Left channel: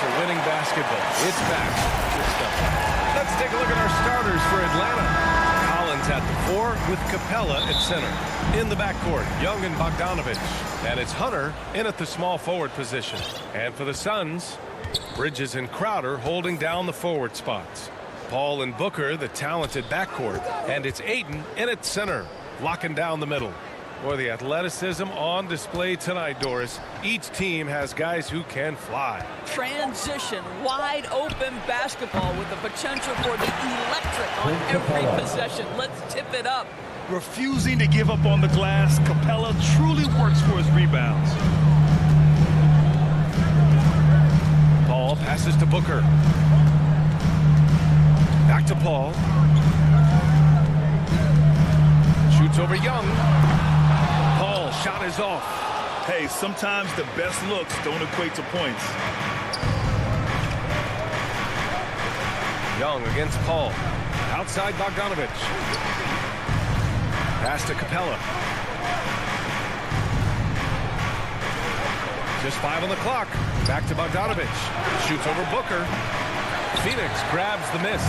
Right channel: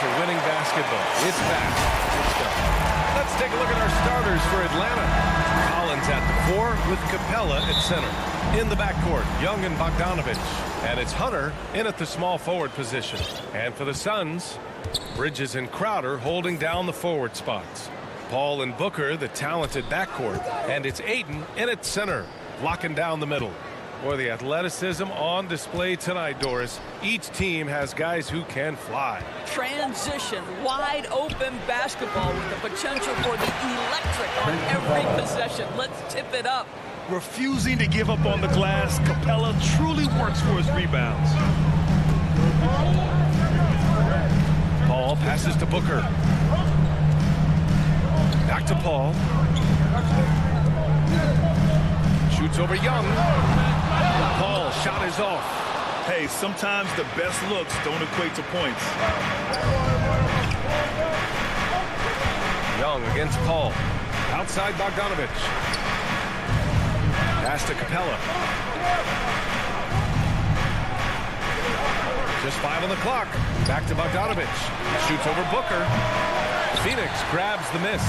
For winning basketball. It's back. Let's go. Let's take a look at our starters for Atlanta. Collins at the 4 with Capella at center. In the backcourt, Young and Bogdanovich. And it's Hunter in at the small forward position. And for the Suns, Bridges and Crowder holding down the forward spots. Paul and Booker, the talented backcourt. And it's Ayton in at center, locking down the middle. Boy, the athleticism on display tonight, Doris. Each team has guys who can fly. Transition, wide open basketball with the potential for the electric on every possession. Let's tip it up. Refusing to give up on the glass, Capella truly works for his rebounds. Paul passes to Booker. Back to Paul. Shoots over Young. Paul, shot is off. Hey, sometimes the best looks don't equate to points. Young against Paul. Outside Bogdanovich. Pass to Capella. Just 5 on the clock. Back to Bogdanovich. Shoots over Booker. Phoenix grabs the miss.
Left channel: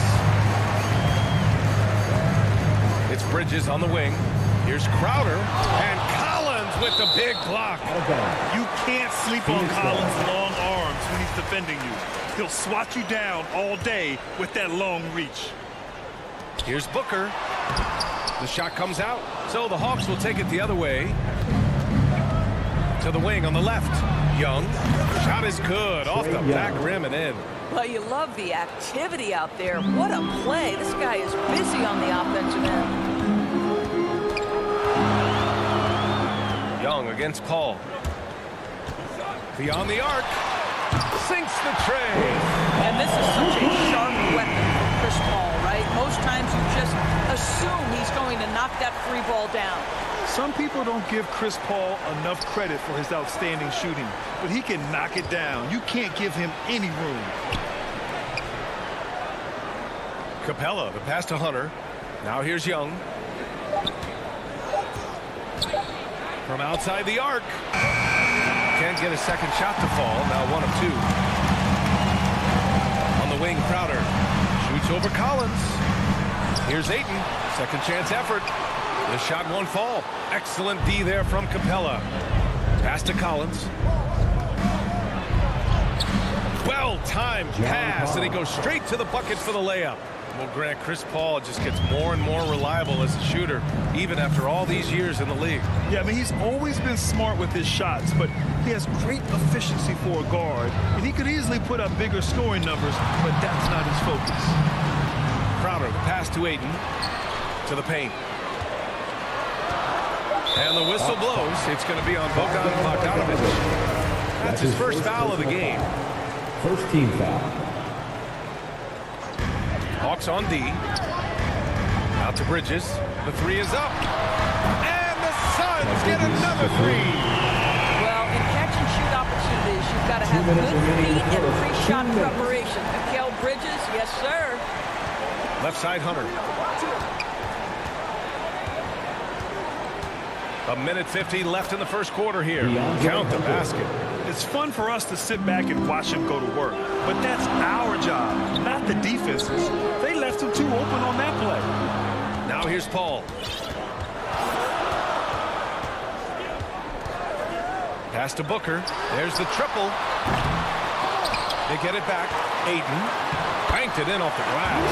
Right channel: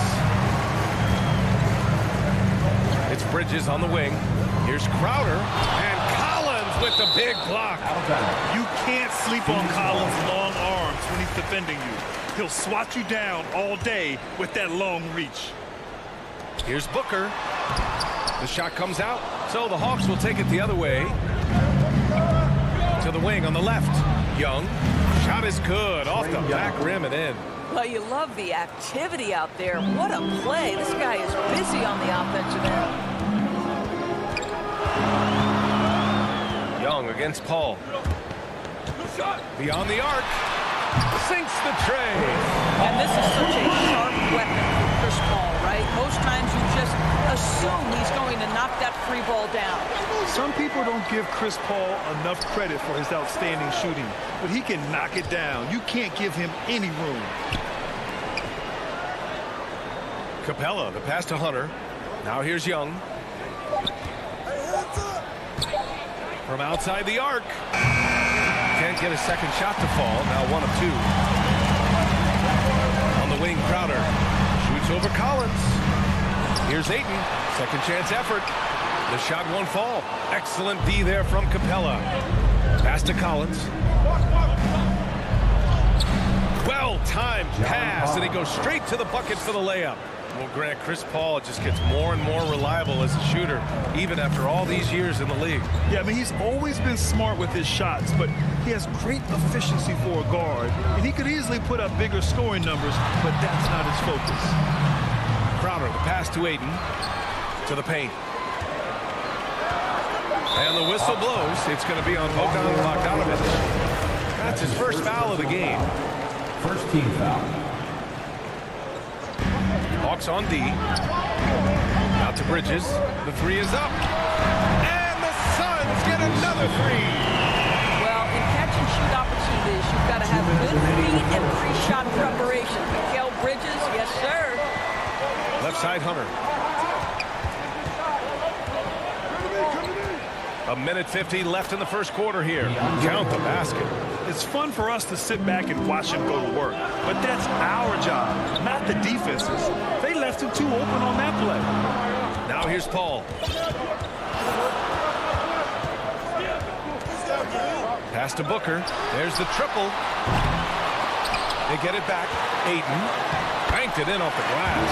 It's Bridges on the wing. Here's Crowder. And Collins with the big block. You can't sleep on Collins' long arms when he's defending you. He'll swat you down all day with that long reach. Here's Booker. The shot comes out. So the Hawks will take it the other way. To the wing on the left. Young. Shot is good. Off the back rim and in. Well, you love the activity out there. What a play. This guy is busy on the offensive end. Young against Paul. Beyond the arc. Sinks the tray. And this is such a sharp weapon for Chris Paul, right? Most times you just assume he's going to knock that free ball down. Some people don't give Chris Paul enough credit for his outstanding shooting, but he can knock it down. You can't give him any room. Capella, the pass to Hunter. Now here's Young. From outside the arc. Can't get a second shot to fall. Now 1 of 2. On the wing, Crowder. Shoots over Collins. Here's Ayton. Second chance effort. The shot won't fall. Excellent D there from Capella. Pass to Collins. Well-timed pass, and he goes straight to the bucket for the layup. Well, Grant, Chris Paul just gets more and more reliable as a shooter, even after all these years in the league. Yeah, I mean, he's always been smart with his shots, but he has great efficiency for a guard, and he could easily put up bigger scoring numbers, but that's not his focus. Crowder, the pass to Ayton, to the paint. And the whistle blows. It's going to be on Bogdan Bogdanovic. That's his first foul of the game. First team foul. Hawks on D. Out to Bridges. The 3 is up. And the Suns get another 3. Well, in catch-and-shoot opportunities, you've got to have good feet and pre-shot preparation. Mikal Bridges, yes, sir. Left side, Hunter. A minute 50 left in the first quarter here. Count the basket. It's fun for us to sit back and watch him go to work, but that's our job, not the defense's. They left him too open on that play. Now here's Paul. Pass to Booker. There's the triple. They get it back. Ayton banked it in off the glass.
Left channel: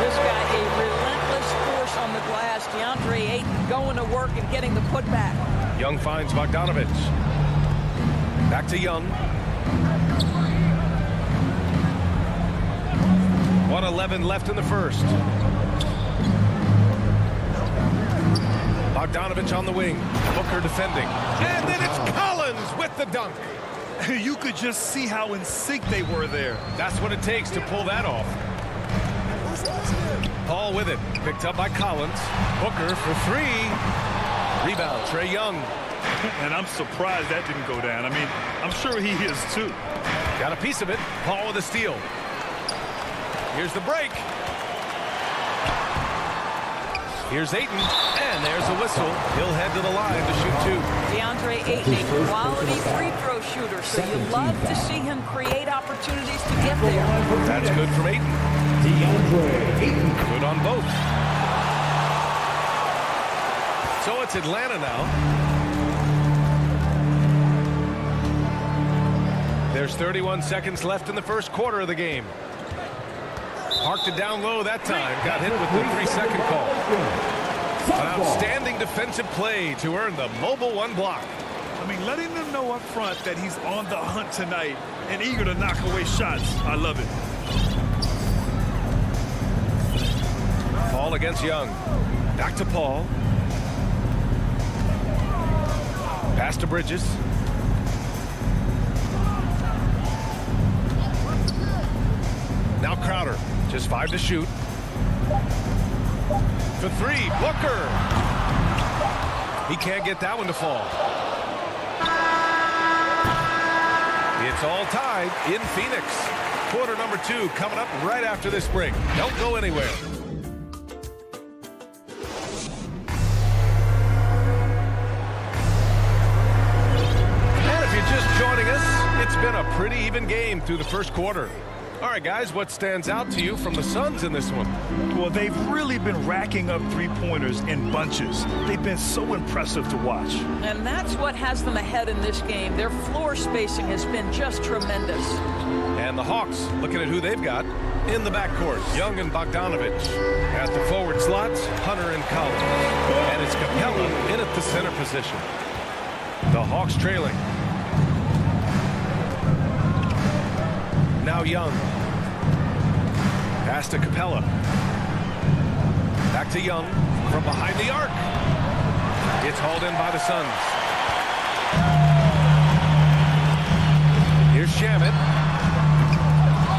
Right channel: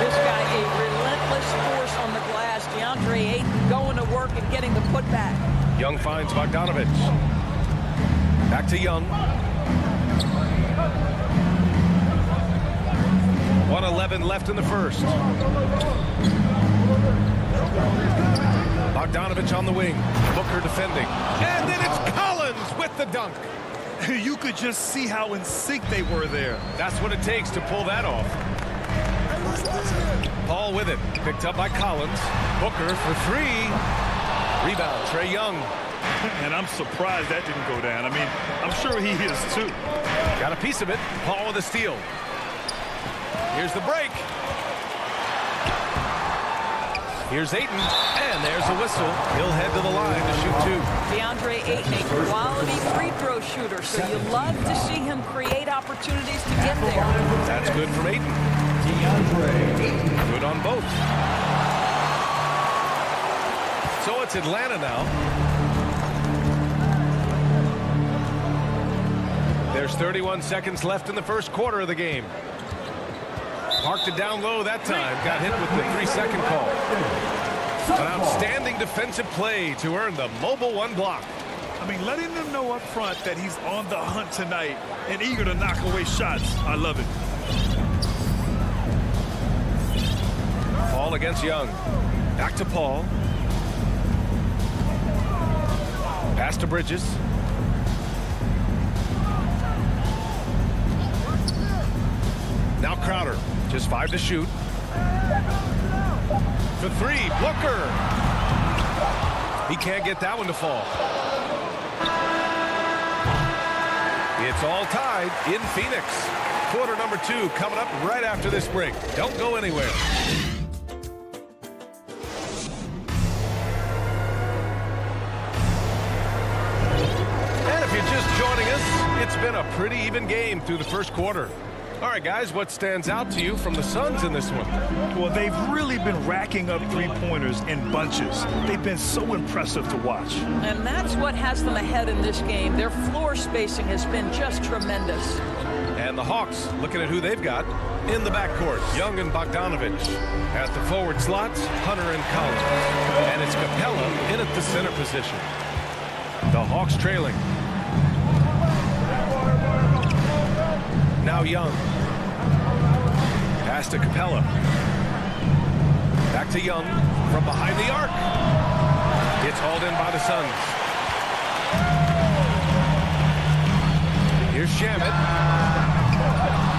This guy, a relentless force on the glass. DeAndre Ayton going to work and getting the putback. Young finds Bogdanovic. Back to Young. 1:11 left in the first. Bogdanovic on the wing. Booker defending. And then it's Collins with the dunk. You could just see how in sync they were there. That's what it takes to pull that off. Paul with it. Picked up by Collins. Booker for 3. Rebound, Trae Young. And I'm surprised that didn't go down. I mean, I'm sure he is too. Got a piece of it. Paul with a steal. Here's the break. Here's Ayton, and there's a whistle. He'll head to the line to shoot 2. DeAndre Ayton, a quality free throw shooter, so you love to see him create opportunities to get there. That's good from Ayton. DeAndre Ayton. Good on both. So it's Atlanta now. There's 31 seconds left in the first quarter of the game. Parked it down low that time. Got hit with the 3-second call. An outstanding defensive play to earn the mobile 1 block. I mean, letting them know up front that he's on the hunt tonight and eager to knock away shots. I love it. Paul against Young. Back to Paul. Pass to Bridges. Now Crowder. Just 5 to shoot. For 3, Booker. He can't get that one to fall. It's all tied in Phoenix. Quarter number 2 coming up right after this break. Don't go anywhere. And if you're just joining us, it's been a pretty even game through the first quarter. All right, guys, what stands out to you from the Suns in this one? Well, they've really been racking up three-pointers in bunches. They've been so impressive to watch. And that's what has them ahead in this game. Their floor spacing has been just tremendous. And the Hawks, looking at who they've got in the backcourt. Young and Bogdanovic. At the forward slots, Hunter and Collins. And it's Capella in at the center position. The Hawks trailing. Now Young. Pass to Capella. Back to Young from behind the arc. It's hauled in by the Suns. Here's Shamet.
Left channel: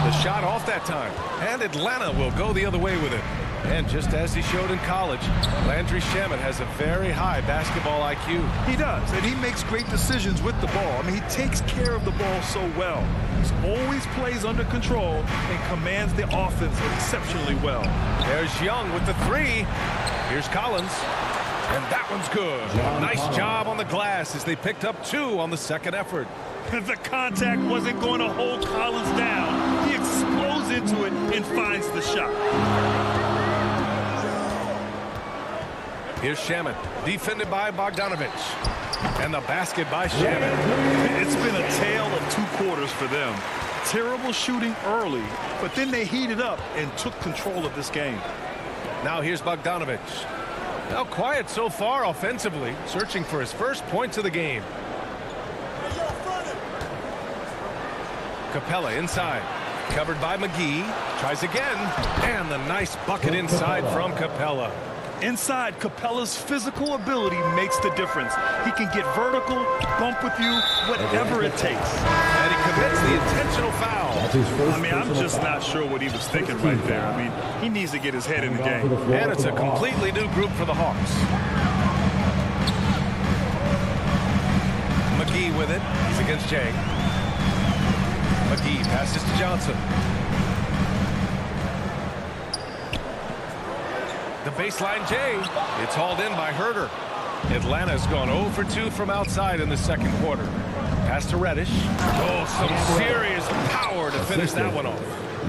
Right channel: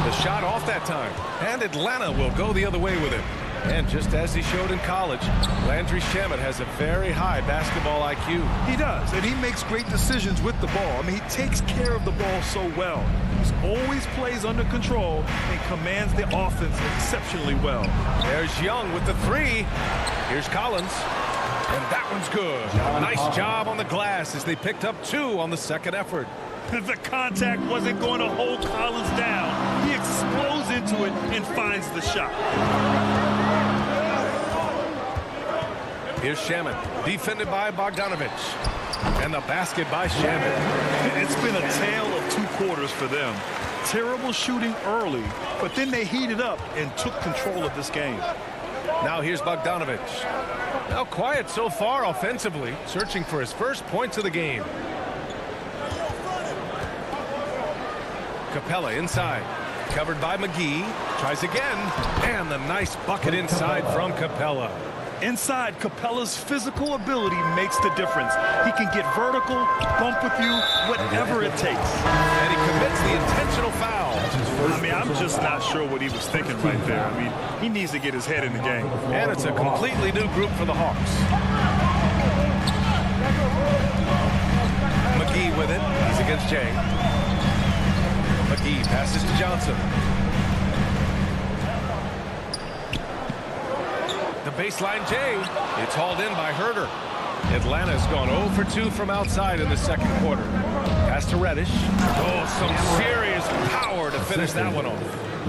The shot off that time. And Atlanta will go the other way with it. And just as he showed in college, Landry Shamet has a very high basketball IQ. He does, and he makes great decisions with the ball. I mean, he takes care of the ball so well. He's always plays under control and commands the offense exceptionally well. There's Young with the three. Here's Collins. And that one's good. A nice job on the glass as they picked up 2 on the second effort. The contact wasn't going to hold Collins down. He explodes into it and finds the shot. Here's Shamet, defended by Bogdanovich. And the basket by Shamet. It's been a tale of 2 quarters for them. Terrible shooting early, but then they heated up and took control of this game. Now here's Bogdanovich. Now quiet so far offensively, searching for his first points of the game. Capella inside, covered by McGee, tries again, and the nice bucket inside from Capella. Inside, Capella's physical ability makes the difference. He can get vertical, bump with you, whatever it takes. And he commits the intentional foul. I mean, I'm just not sure what he was thinking right there. I mean, he needs to get his head in the game. And it's a completely new group for the Hawks. McGee with it. He's against Jay. McGee passes to Johnson. The baseline Jay. It's hauled in by Herter. Atlanta's gone 0 for 2 from outside in the second quarter. Pass to Reddish. Oh, some serious power to finish that one off.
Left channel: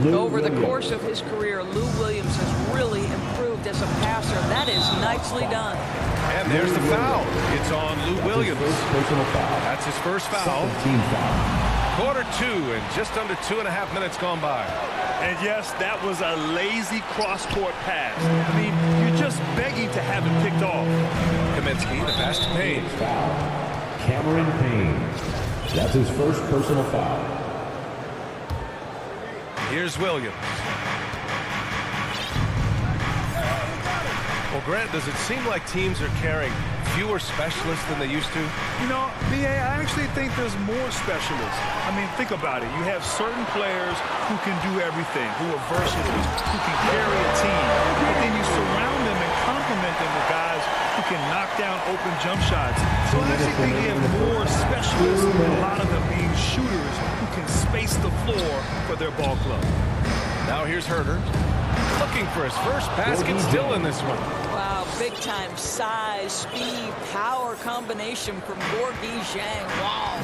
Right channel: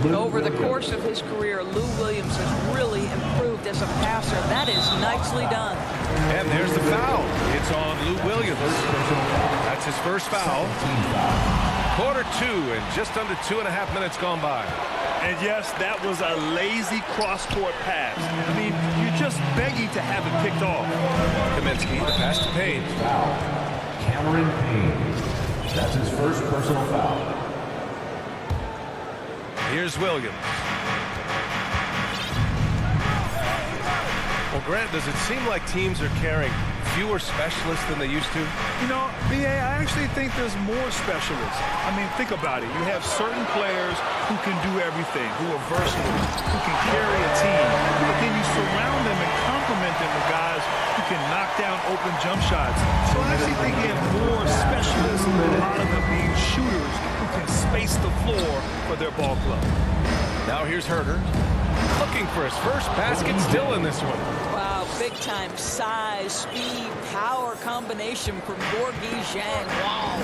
Over the course of his career, Lou Williams has really improved as a passer. That is nicely done. And there's the foul. It's on Lou Williams. That's his first foul. Quarter 2 and just under 2.5 minutes gone by. And yes, that was a lazy cross-court pass. I mean, you're just begging to have it picked off. Kaminsky, the pass to Payne. Foul. Cameron Payne. That's his first personal foul. Here's Williams. Well, Grant, does it seem like teams are carrying fewer specialists than they used to? You know, B.A., I actually think there's more specialists. I mean, think about it. You have certain players who can do everything, who are versatile, who can carry a team. But then you surround them and complement them with guys who can knock down open jump shots. So I actually think you have more specialists, a lot of them being shooters who can space the floor for their ball club. Now here's Herter. Looking for his first basket, still in this one. Wow, big-time size, speed, power combination from Gorgui Dieng. Wow.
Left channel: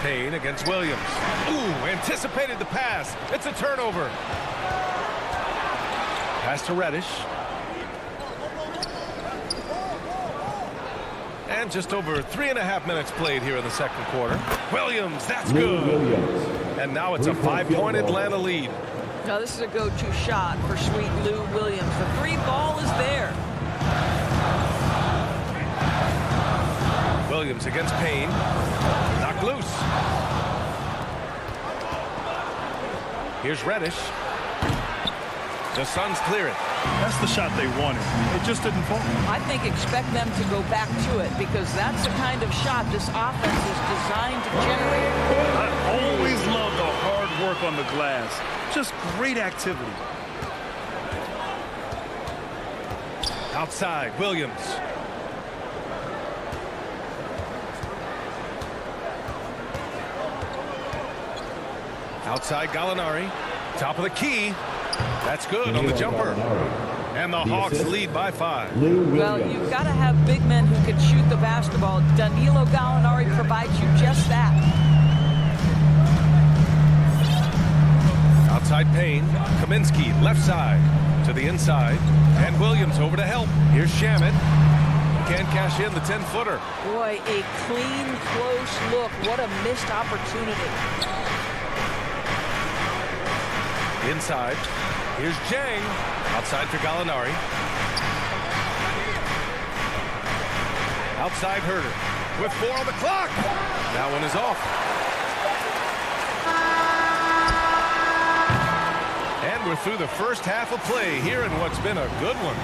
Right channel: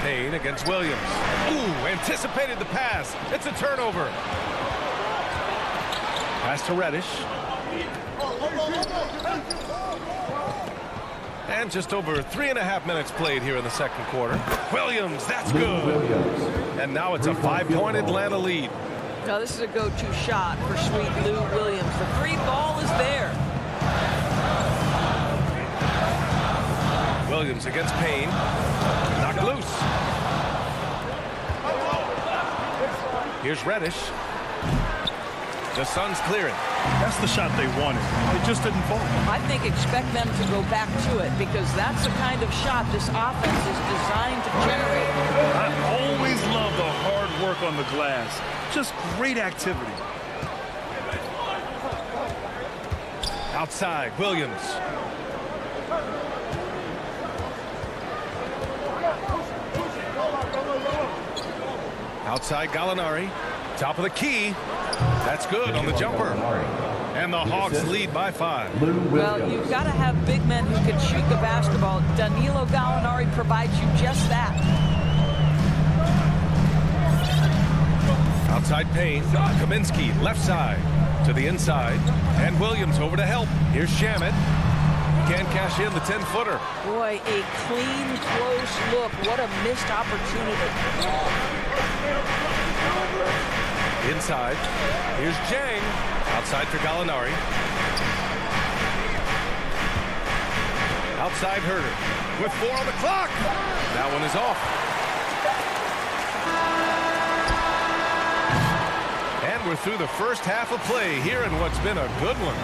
Payne against Williams. Ooh, anticipated the pass. It's a turnover. Pass to Reddish. And just over 3.5 minutes played here in the second quarter. Williams, that's good. And now it's a 5-point Atlanta lead. Now this is a go-to shot for sweet Lou Williams. The 3 ball is there. Williams against Payne. Knocked loose. Here's Reddish. The Suns clear it. That's the shot they wanted. It just didn't fall. I think expect them to go back to it because that's the kind of shot this offense is designed to generate. I always love the hard work on the glass. Just great activity. Outside, Williams. Outside, Gallinari. Top of the key. That's good on the jumper. And the Hawks lead by 5. Well, you've got to have big men who can shoot the basketball. Danilo Gallinari provides you just that. Outside Payne. Kaminsky, left side. To the inside. And Williams over to help. Here's Shamet. Can't cash in the 10-footer. Boy, a clean, close look. What a missed opportunity. Inside. Here's Jang. Outside for Gallinari. Outside Herter. With 4 on the clock. That one is off. And we're through the first half of play here in what's been a good one.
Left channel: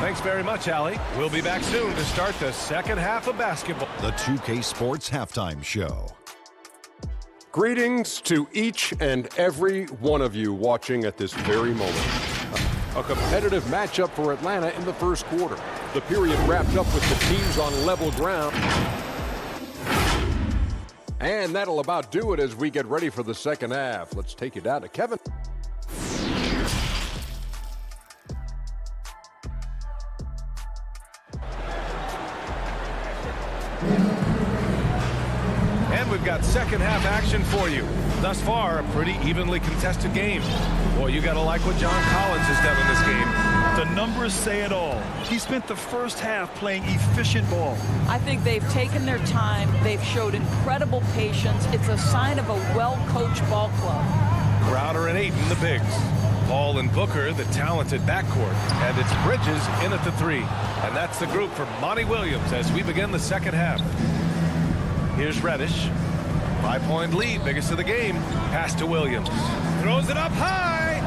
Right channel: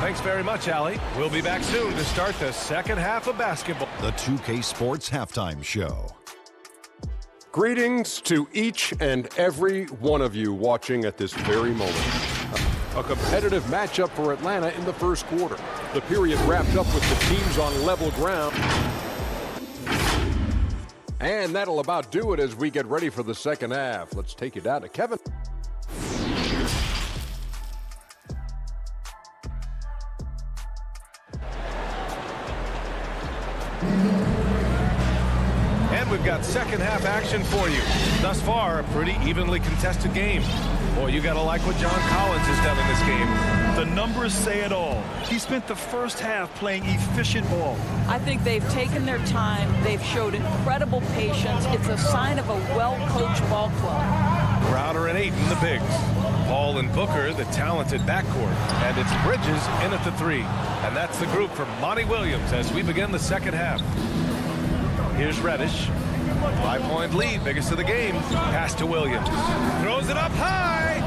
Thanks very much, Allie. We'll be back soon to start the second half of basketball. The 2K Sports Halftime Show. Greetings to each and every one of you watching at this very moment. A competitive matchup for Atlanta in the first quarter. The period wrapped up with the teams on level ground. And that'll about do it as we get ready for the second half. Let's take you down to Kevin. And we've got second half action for you. Thus far, a pretty evenly contested game. Boy, you gotta like what John Collins has done in this game. The numbers say it all. He spent the first half playing efficient ball. I think they've taken their time. They've showed incredible patience. It's a sign of a well-coached ball club. Crowder and Ayton, the bigs. Paul and Booker, the talented backcourt. And it's Bridges in at the three. And that's the group for Monty Williams as we begin the second half. Here's Reddish. 5-point lead, biggest of the game. Pass to Williams. Throws it up high.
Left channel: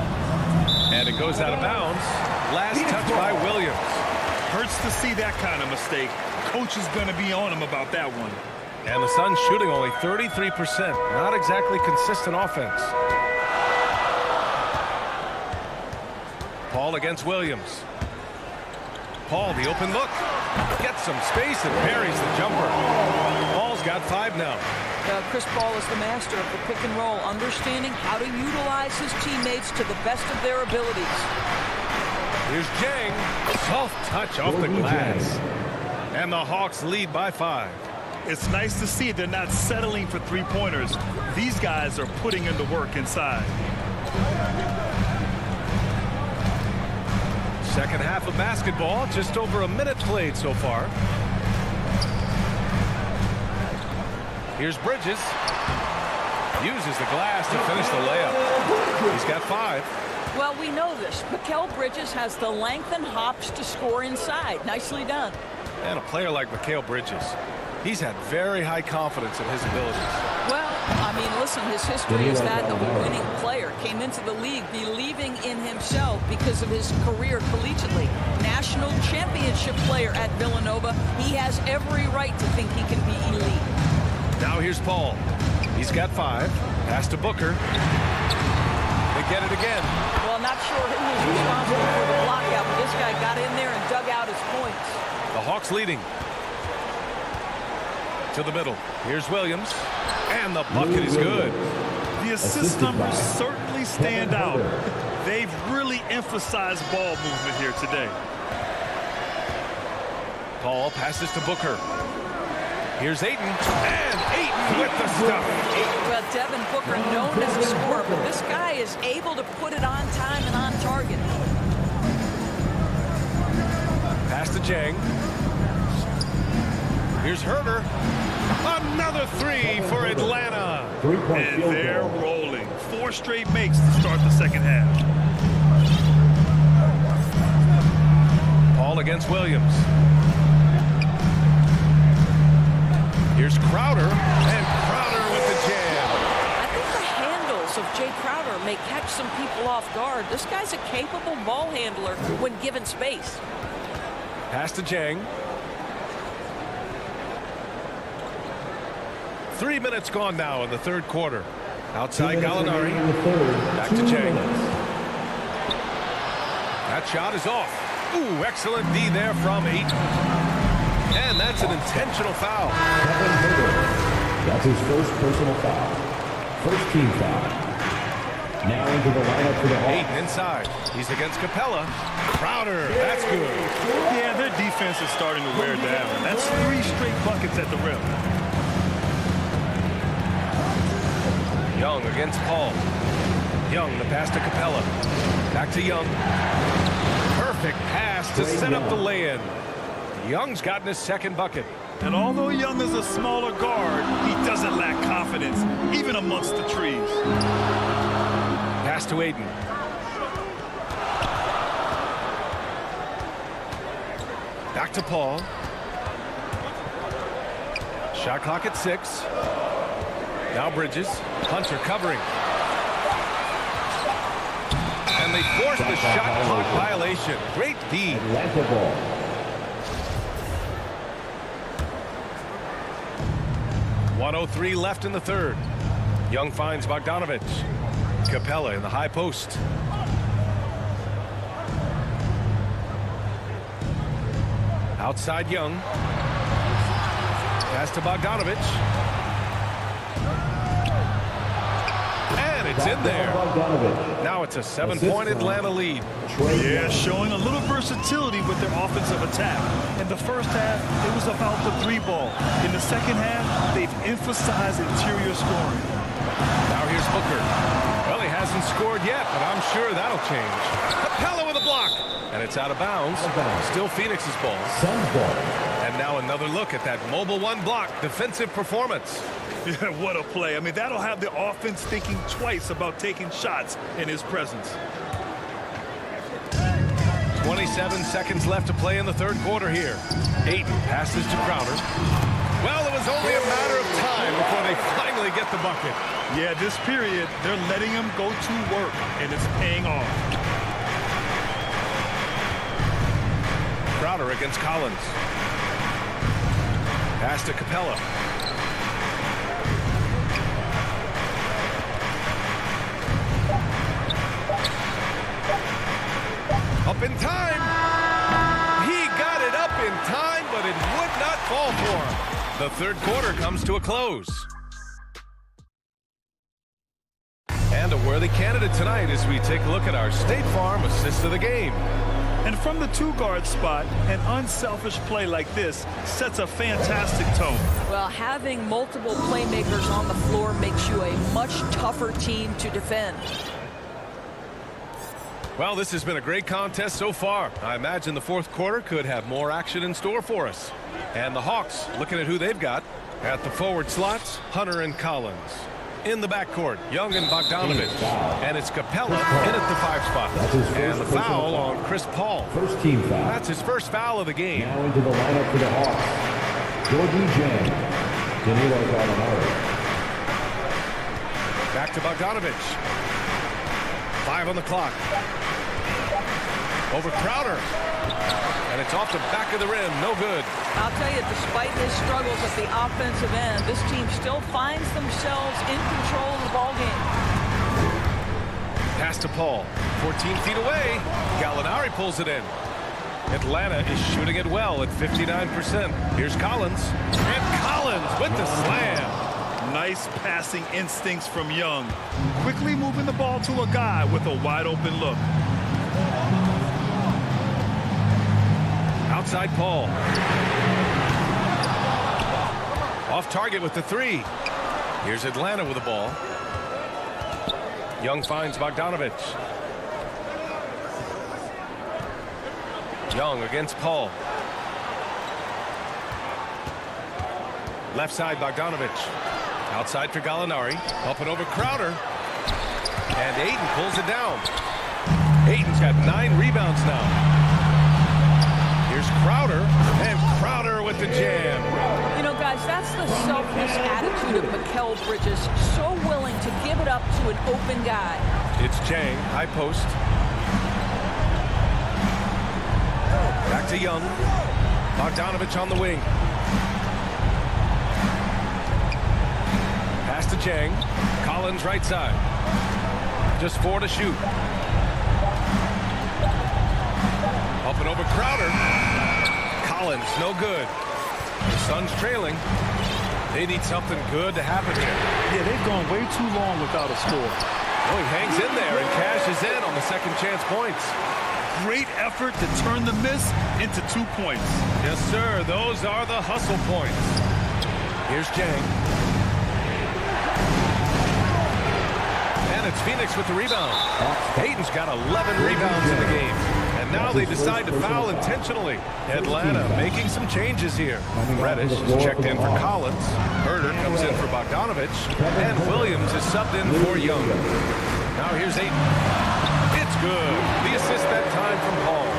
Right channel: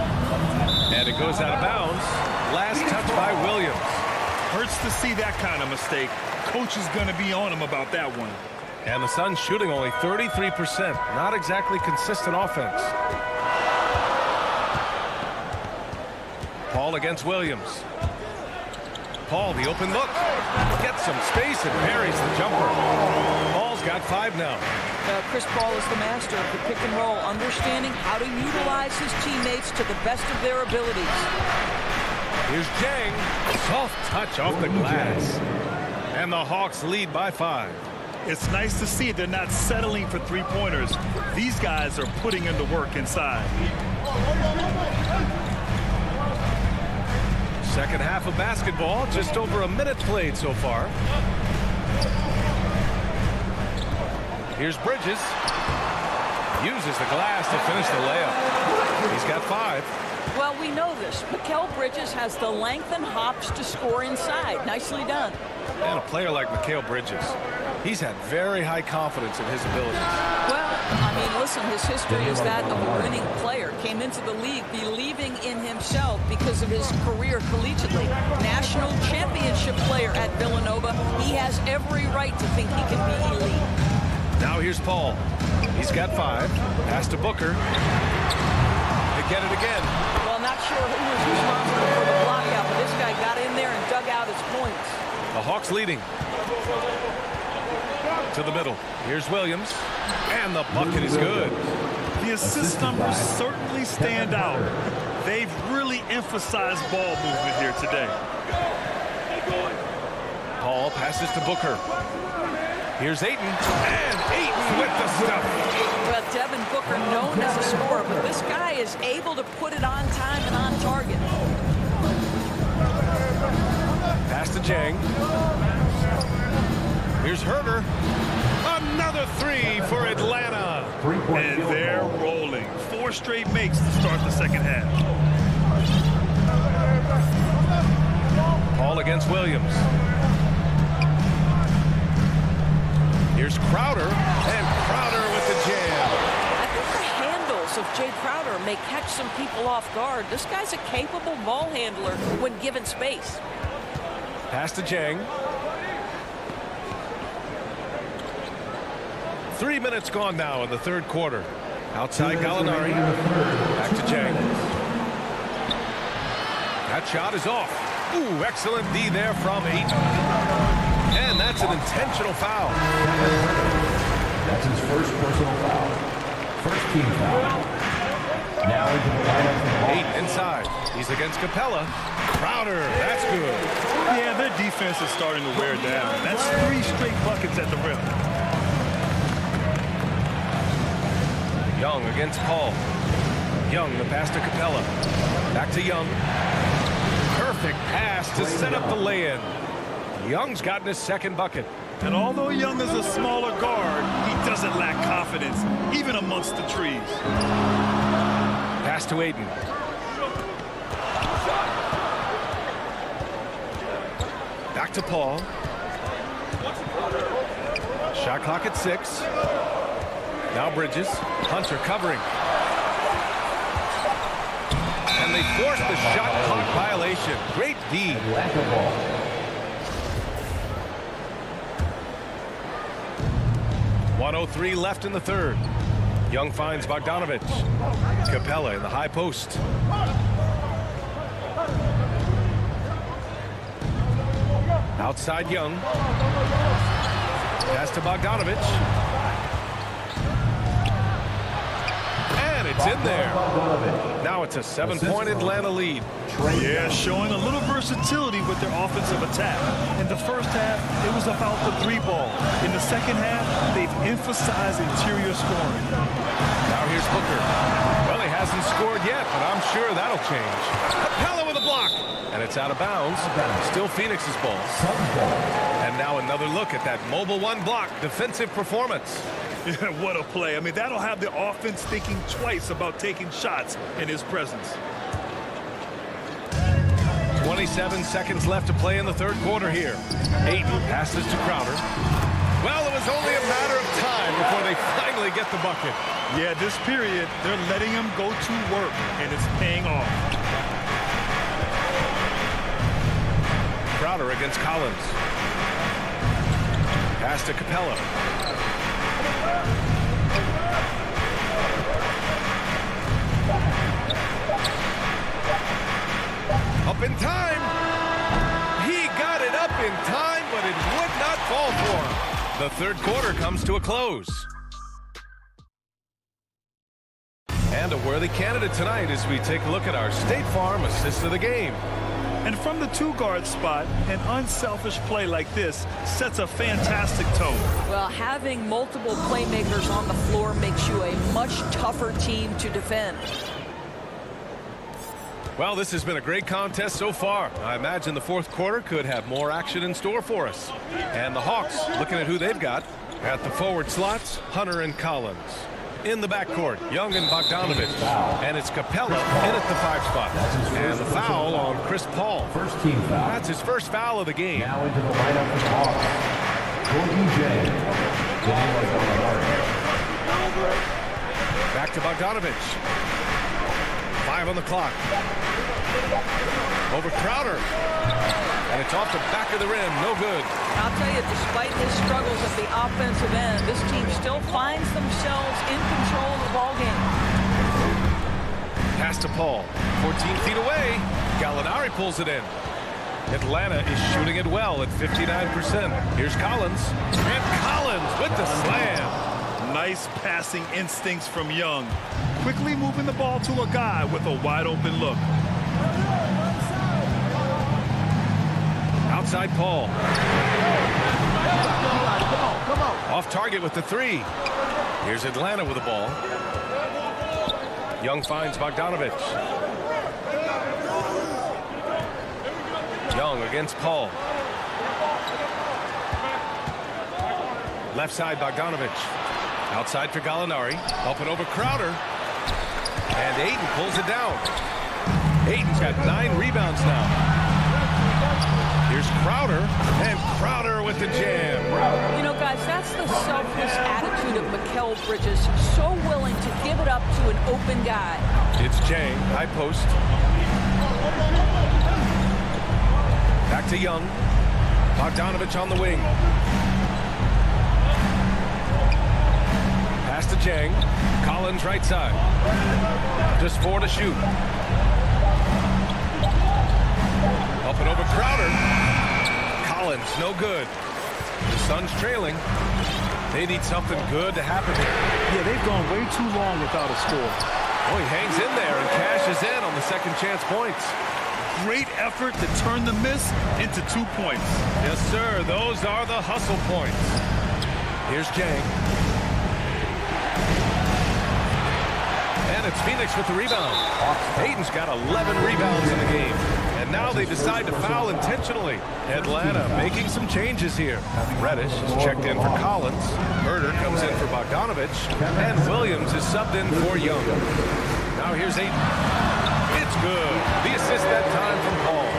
And it goes out of bounds. Last touch by Williams. Hurts to see that kind of mistake. Coach is going to be on him about that one. And the Suns shooting only 33%. Not exactly consistent offense. Paul against Williams. Paul, the open look. Gets some space and buries the jumper. Paul's got 5 now. Chris Paul is the master of the pick and roll, understanding how to utilize his teammates to the best of their abilities. Here's Jang. Soft touch off the glass. And the Hawks lead by 5. It's nice to see they're not settling for three-pointers. These guys are putting in the work inside. Second half of basketball, just over a minute played so far. Here's Bridges. Uses the glass to finish the layup. He's got 5. Well, we know this. Mikal Bridges has the length and hops to score inside. Nicely done. And a player like Mikal Bridges, he's had very high confidence in his abilities. Well, I mean, listen, his history is that of a winning player. Came into the league believing in himself because of his career collegiately. National championship player at Villanova. He has every right to think he can be elite. Now here's Paul. He's got 5. Pass to Booker. They get it again. Well, not sure who was responsible for the block out, but this guy got in there and dug out his points. The Hawks leading. To the middle. Here's Williams. And the bucket is good. The assist numbers certainly stand out. They've really emphasized ball movement here today. Paul passes to Booker. Here's Ayton. And Ayton with the stuff. Well, Devin Booker known as a scorer, but this guy is able to put it on time and on target. Pass to Jang. Here's Herter. Another 3 for Atlanta. And they're rolling. 4 straight makes to start the second half. Paul against Williams. Here's Crowder. And Crowder with the jam. I think the handles of Jay Crowder may catch some people off guard. This guy's a capable ball handler when given space. Pass to Jang. 3 minutes gone now in the third quarter. Outside Gallinari. Back to Jang. That shot is off. Ooh, excellent D there from Ayton. And that's an intentional foul. That's his first personal foul. First team foul. Now into the lineup for the Hawks. Ayton inside. He's against Capella. Crowder, that's good. Yeah, their defense is starting to wear down. That's 3 straight buckets at the rim. Young against Paul. Young, the pass to Capella. Back to Young. Perfect pass to set up the lay-in. Young's gotten his second bucket. And although Young is a smaller guard, he doesn't lack confidence, even amongst the trees. Pass to Ayton. Back to Paul. Shot clock at 6. Now Bridges. Hunter covering. And they force the shot clock violation. Great D. Atlanta ball. .103 left in the third. Young finds Bogdanovich. Capella in the high post. Outside Young. Pass to Bogdanovich. And it's in there. Now it's a 7-point Atlanta lead. Yeah, showing a little versatility with their offensive attack. In the first half, it was about the 3-ball. In the second half, they've emphasized interior scoring. Now here's Booker. Well, he hasn't scored yet, but I'm sure that'll change. Capella with a block. And it's out of bounds. Still Phoenix's ball. And now another look at that mobile one block defensive performance. Yeah, what a play. I mean, that'll have the offense thinking twice about taking shots in his presence. 27 seconds left to play in the third quarter here. Ayton passes to Crowder. Well, it was only a matter of time before they finally get the bucket. Yeah, this period, they're letting him go to work, and it's paying off. Crowder against Collins. Pass to Capella. Up in time. He got it up in time, but it would not fall for him. The third quarter comes to a close. And a worthy candidate tonight as we take a look at our State Farm assist of the game. And from the 2-guard spot, an unselfish play like this sets a fantastic tone. Well, having multiple playmakers on the floor makes you a much tougher team to defend. Well, this has been a great contest so far. I imagine the fourth quarter could have more action in store for us. And the Hawks, looking at who they've got. At the forward slots, Hunter and Collins. In the backcourt, Young and Bogdanovich. And it's Capella in at the 5 spot. And the foul on Chris Paul. First team foul. That's his first foul of the game. Now into the lineup for the Hawks. Georgie Jang. Danilo Gallinari. Back to Bogdanovich. 5 on the clock. Over Crowder. And it's off the back of the rim. No good. I'll tell you, despite his struggles at the offensive end, this team still finds themselves in control of the ball game. Pass to Paul. 14 feet away. Gallinari pulls it in. Atlanta is shooting it well at 59%. Here's Collins. And Collins with the slam. Nice passing instincts from Young. Quickly moving the ball to a guy with a wide open look. Outside Paul. Off target with the 3. Here's Atlanta with the ball. Young finds Bogdanovich. Young against Paul. Left side Bogdanovich. Outside for Gallinari. Up and over Crowder. And Ayton pulls it down. Ayton's got 9 rebounds now. Here's Crowder, and Crowder with the jam. You know, guys, that's the selfless attitude of Mikal Bridges. So willing to give it up to an open guy. It's Jang, high post. Back to Young. Bogdanovich on the wing. Pass to Jang. Collins right side. Just 4 to shoot. Up and over Crowder. Collins, no good. The Suns trailing. They need something good to happen here. Yeah, they've gone way too long without a score. Oh, he hangs in there and cashes in on the second chance points. Great effort to turn the miss into 2 points. Yes, sir. Those are the hustle points. Here's Jang. And it's Phoenix with the rebound. Ayton's got 11 rebounds in the game. And now they decide to foul intentionally. Atlanta making some changes here. Reddish is checked in for Collins. Herder comes in for Bogdanovich. And Williams is subbed in for Young. Now here's Ayton. It's good. The assist that time from Paul.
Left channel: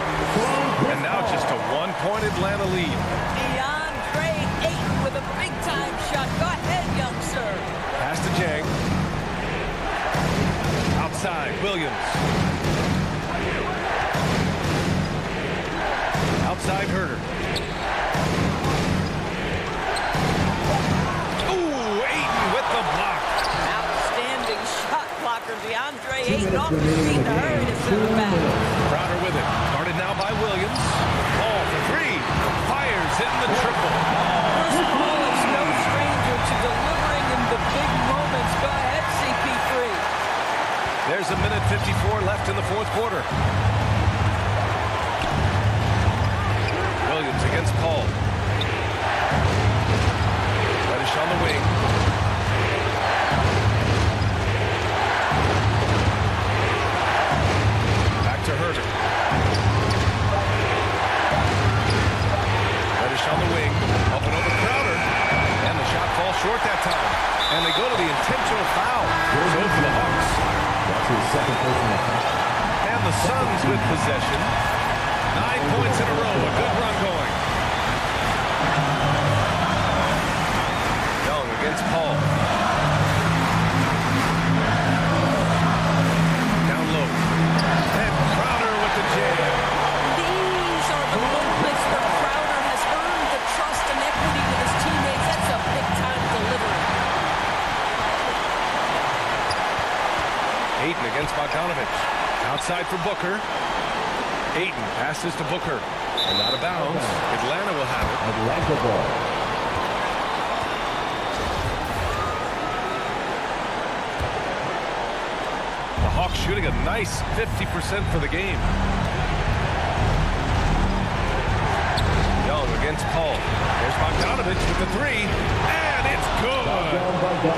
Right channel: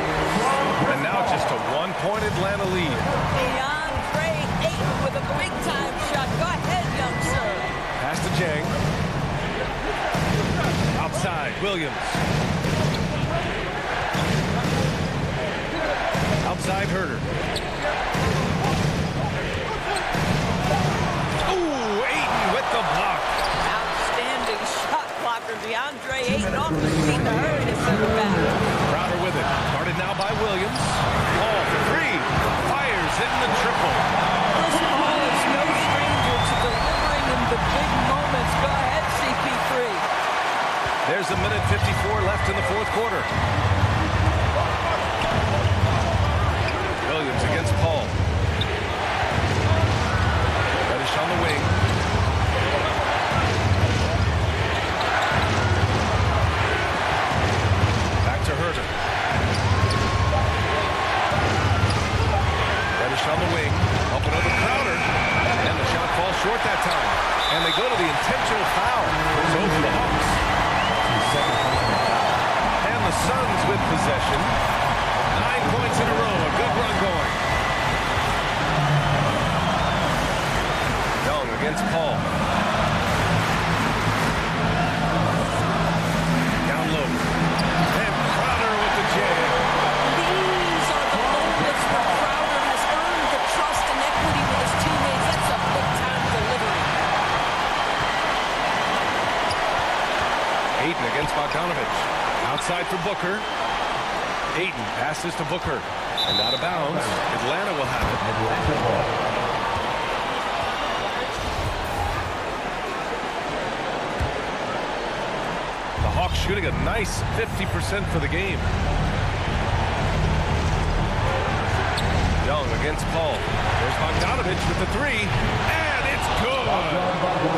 And now just a 1-point Atlanta lead. DeAndre Ayton with a big-time shot. Go ahead, young sir. Pass to Jang. Outside, Williams. Outside, Herder. Ooh, Ayton with the block. for DeAndre Ayton off his feet to hurry to center back. Crowder with it. Guarded now by Williams. Paul for three. Fires in the triple. Chris Paul is no stranger to delivering in the big moments. Go ahead, CP3. There's a minute 54 left in the fourth quarter. Williams against Paul. Reddish on the wing. Back to Herter. Reddish on the wing. Up and over Crowder. And the shot falls short that time. And they go to the intentional foul. So for the Hawks. That's his second personal foul. And the Suns with possession. 9 points in a row. A good run going. Young against Paul. Down low. And Crowder with the jam. These are the moments where Crowder has earned the trust and equity with his teammates. That's a big-time delivery. Ayton against Bogdanovich. Outside for Booker. Ayton passes to Booker. And out of bounds. Atlanta will have it. Atlanta ball. The Hawks shooting a nice 50% for the game. Young against Paul. There's Bogdanovich with the three. And it's good.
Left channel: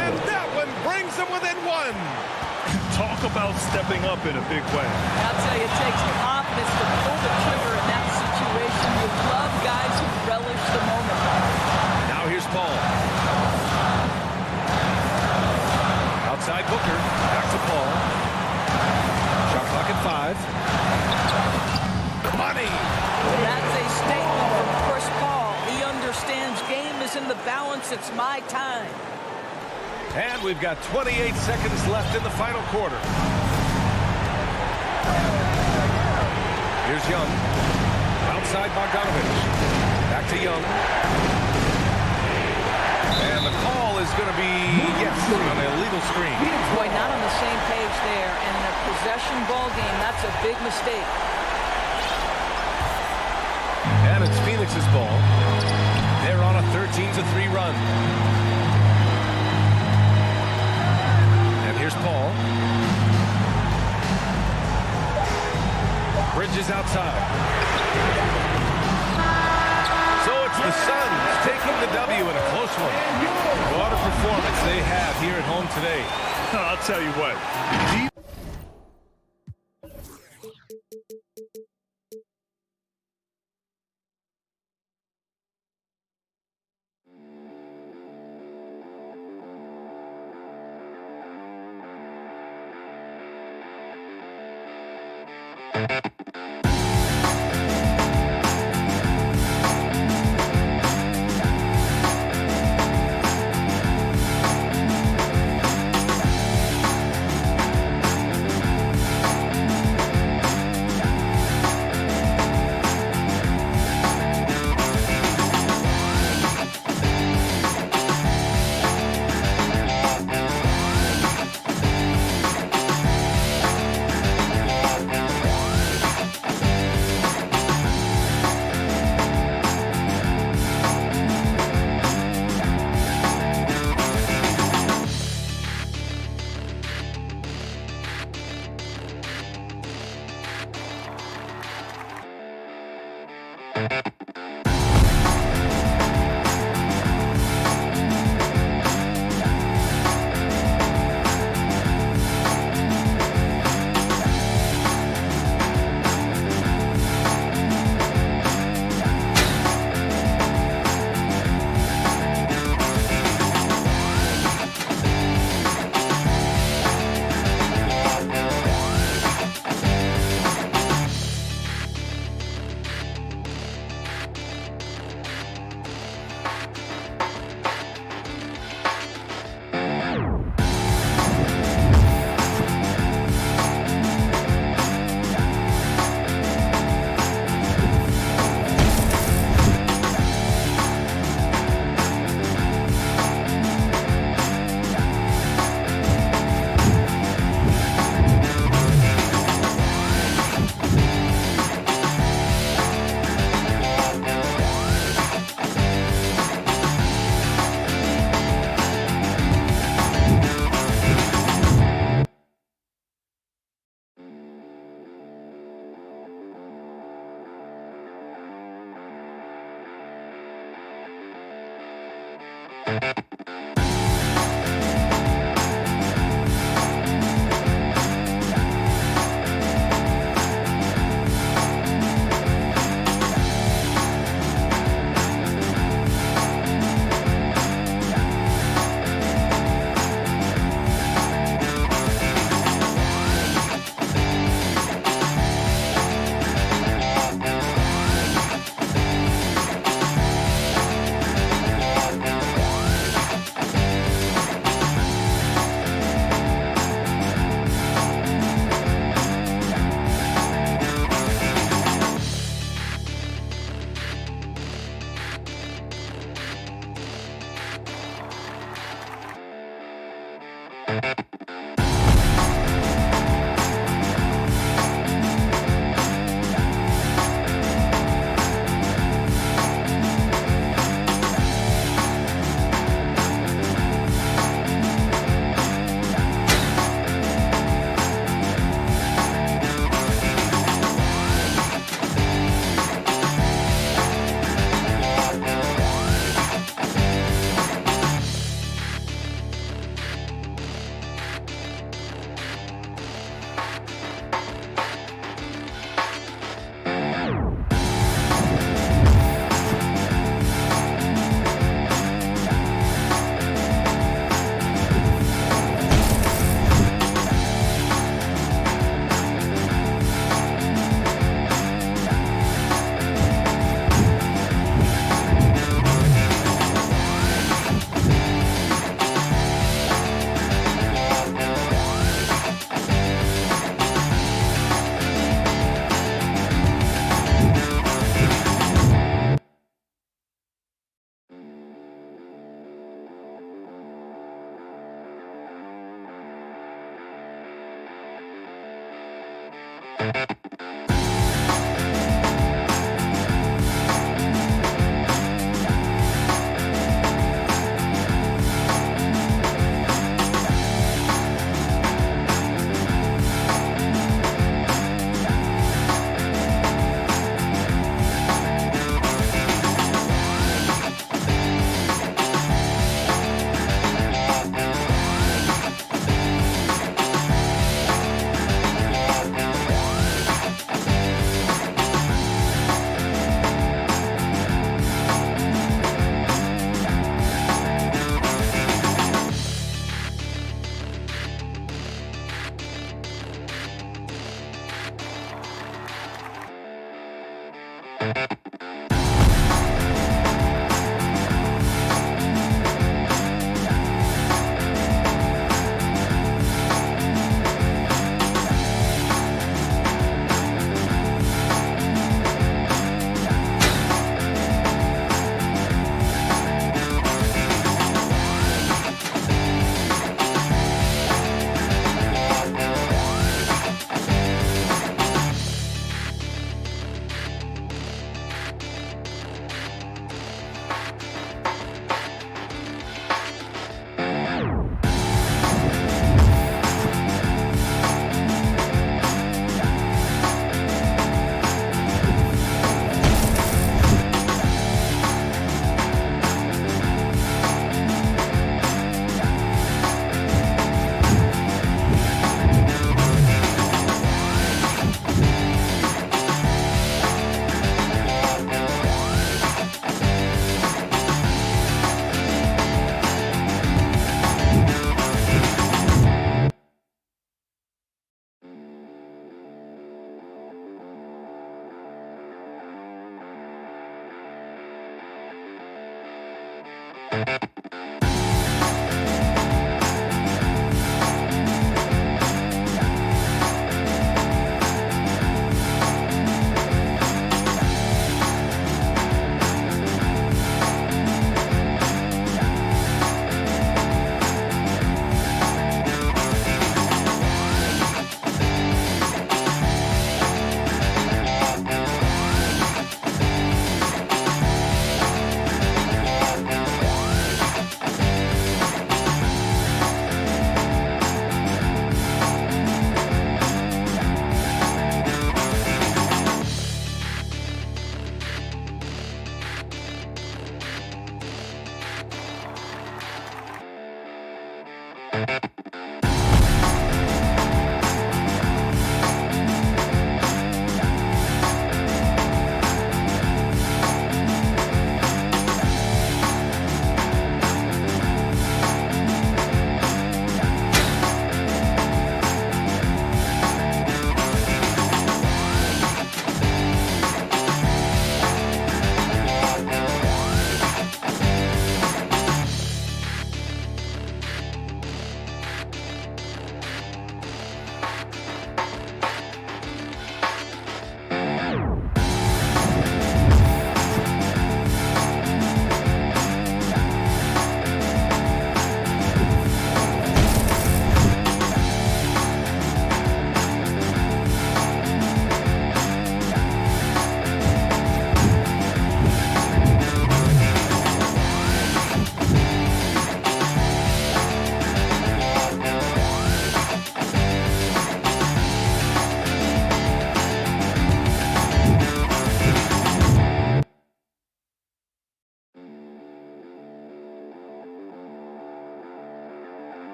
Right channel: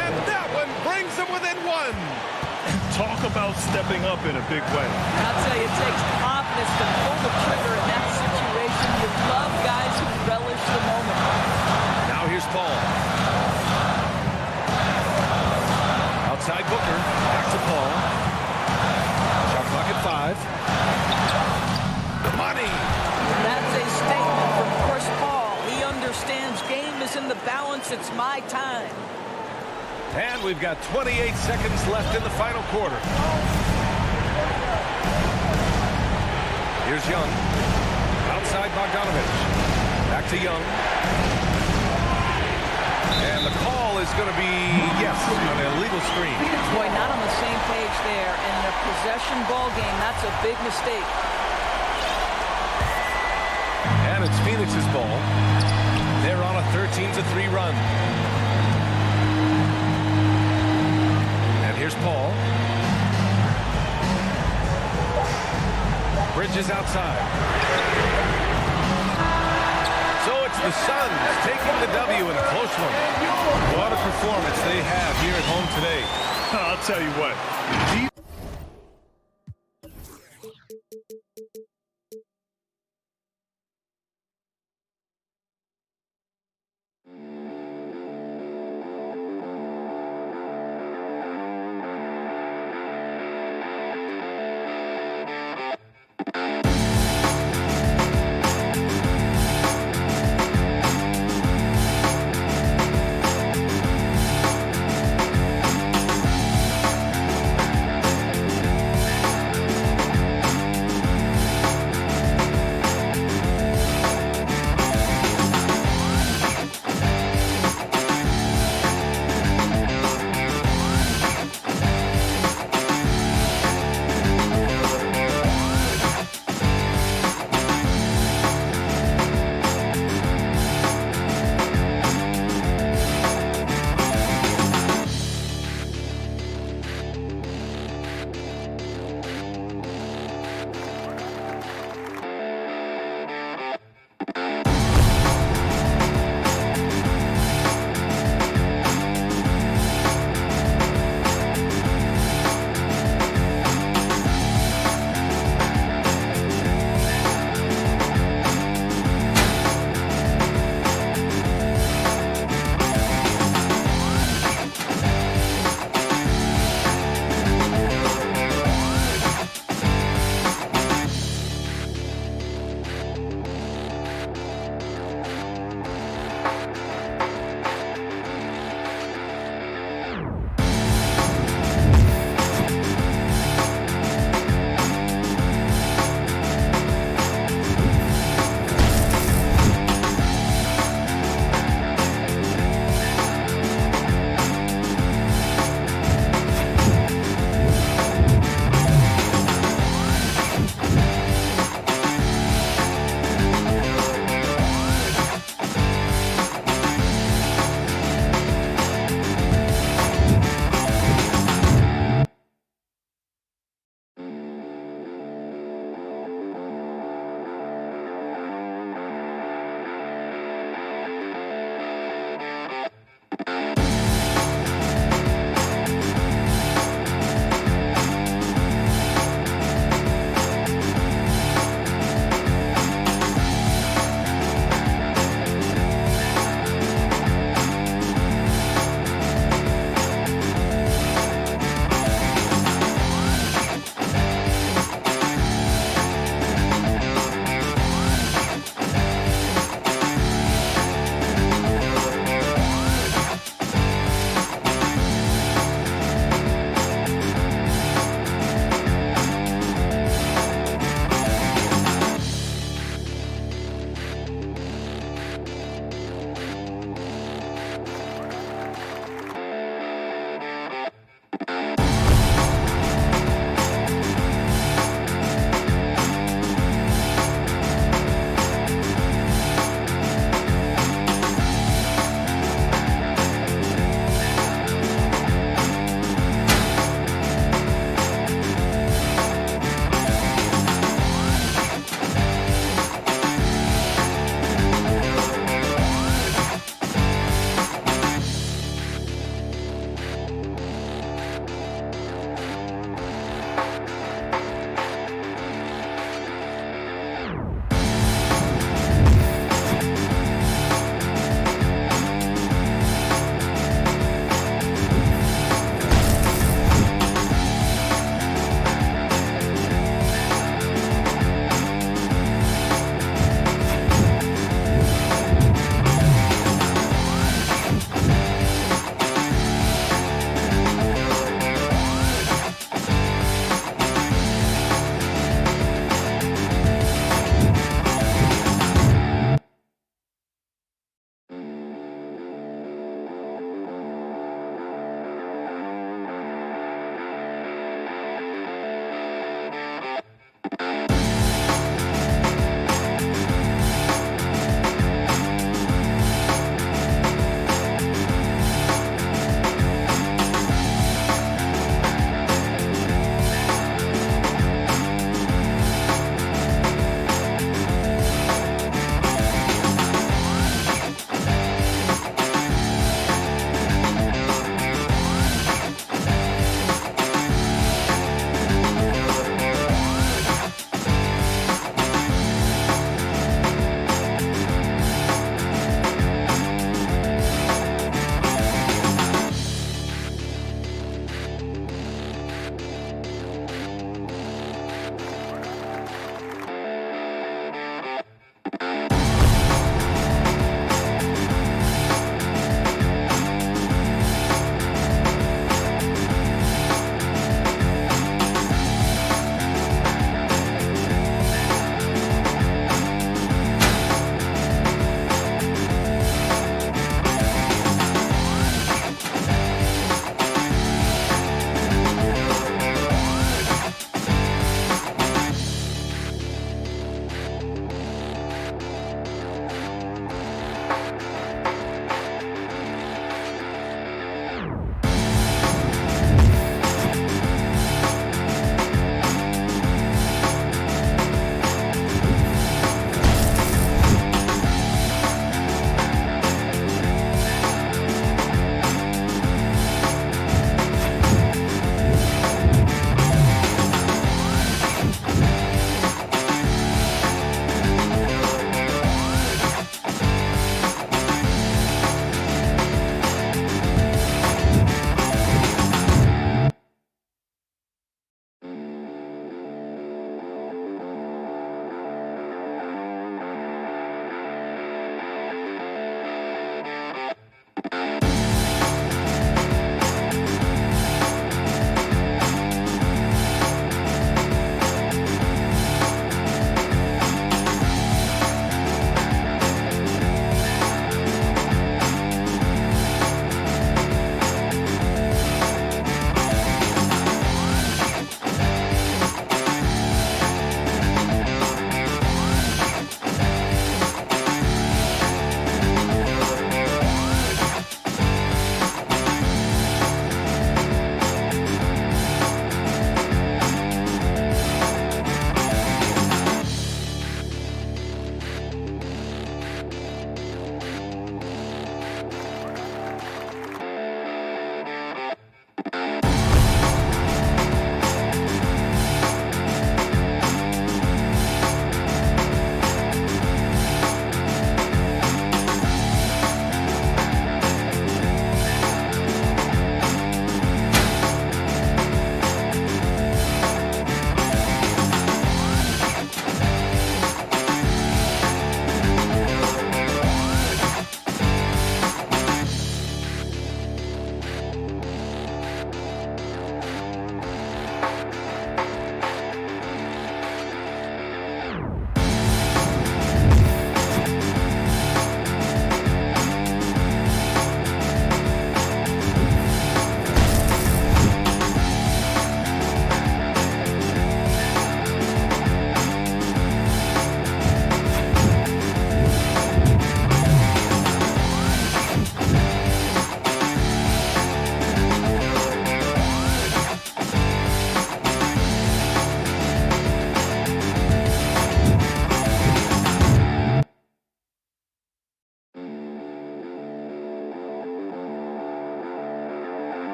And that one brings them within one. Talk about stepping up in a big way. I'll tell you, it takes confidence to pull the trigger in that situation. You love guys who relish the moment. Now here's Paul. Outside Booker. Back to Paul. Shot clock at 5. Money. And that's a statement from Chris Paul. He understands game is in the balance. It's my time. And we've got 28 seconds left in the final quarter. Here's Young. Outside Bogdanovich. Back to Young. And the call is going to be, yes, on an illegal screen. Boy, not on the same page there. And in a possession ball game, that's a big mistake. And it's Phoenix's ball. They're on a 13-3 run. And here's Paul. Bridges outside. So it's the Suns taking the W in a close one. What a performance they have here at home today. I'll tell you what.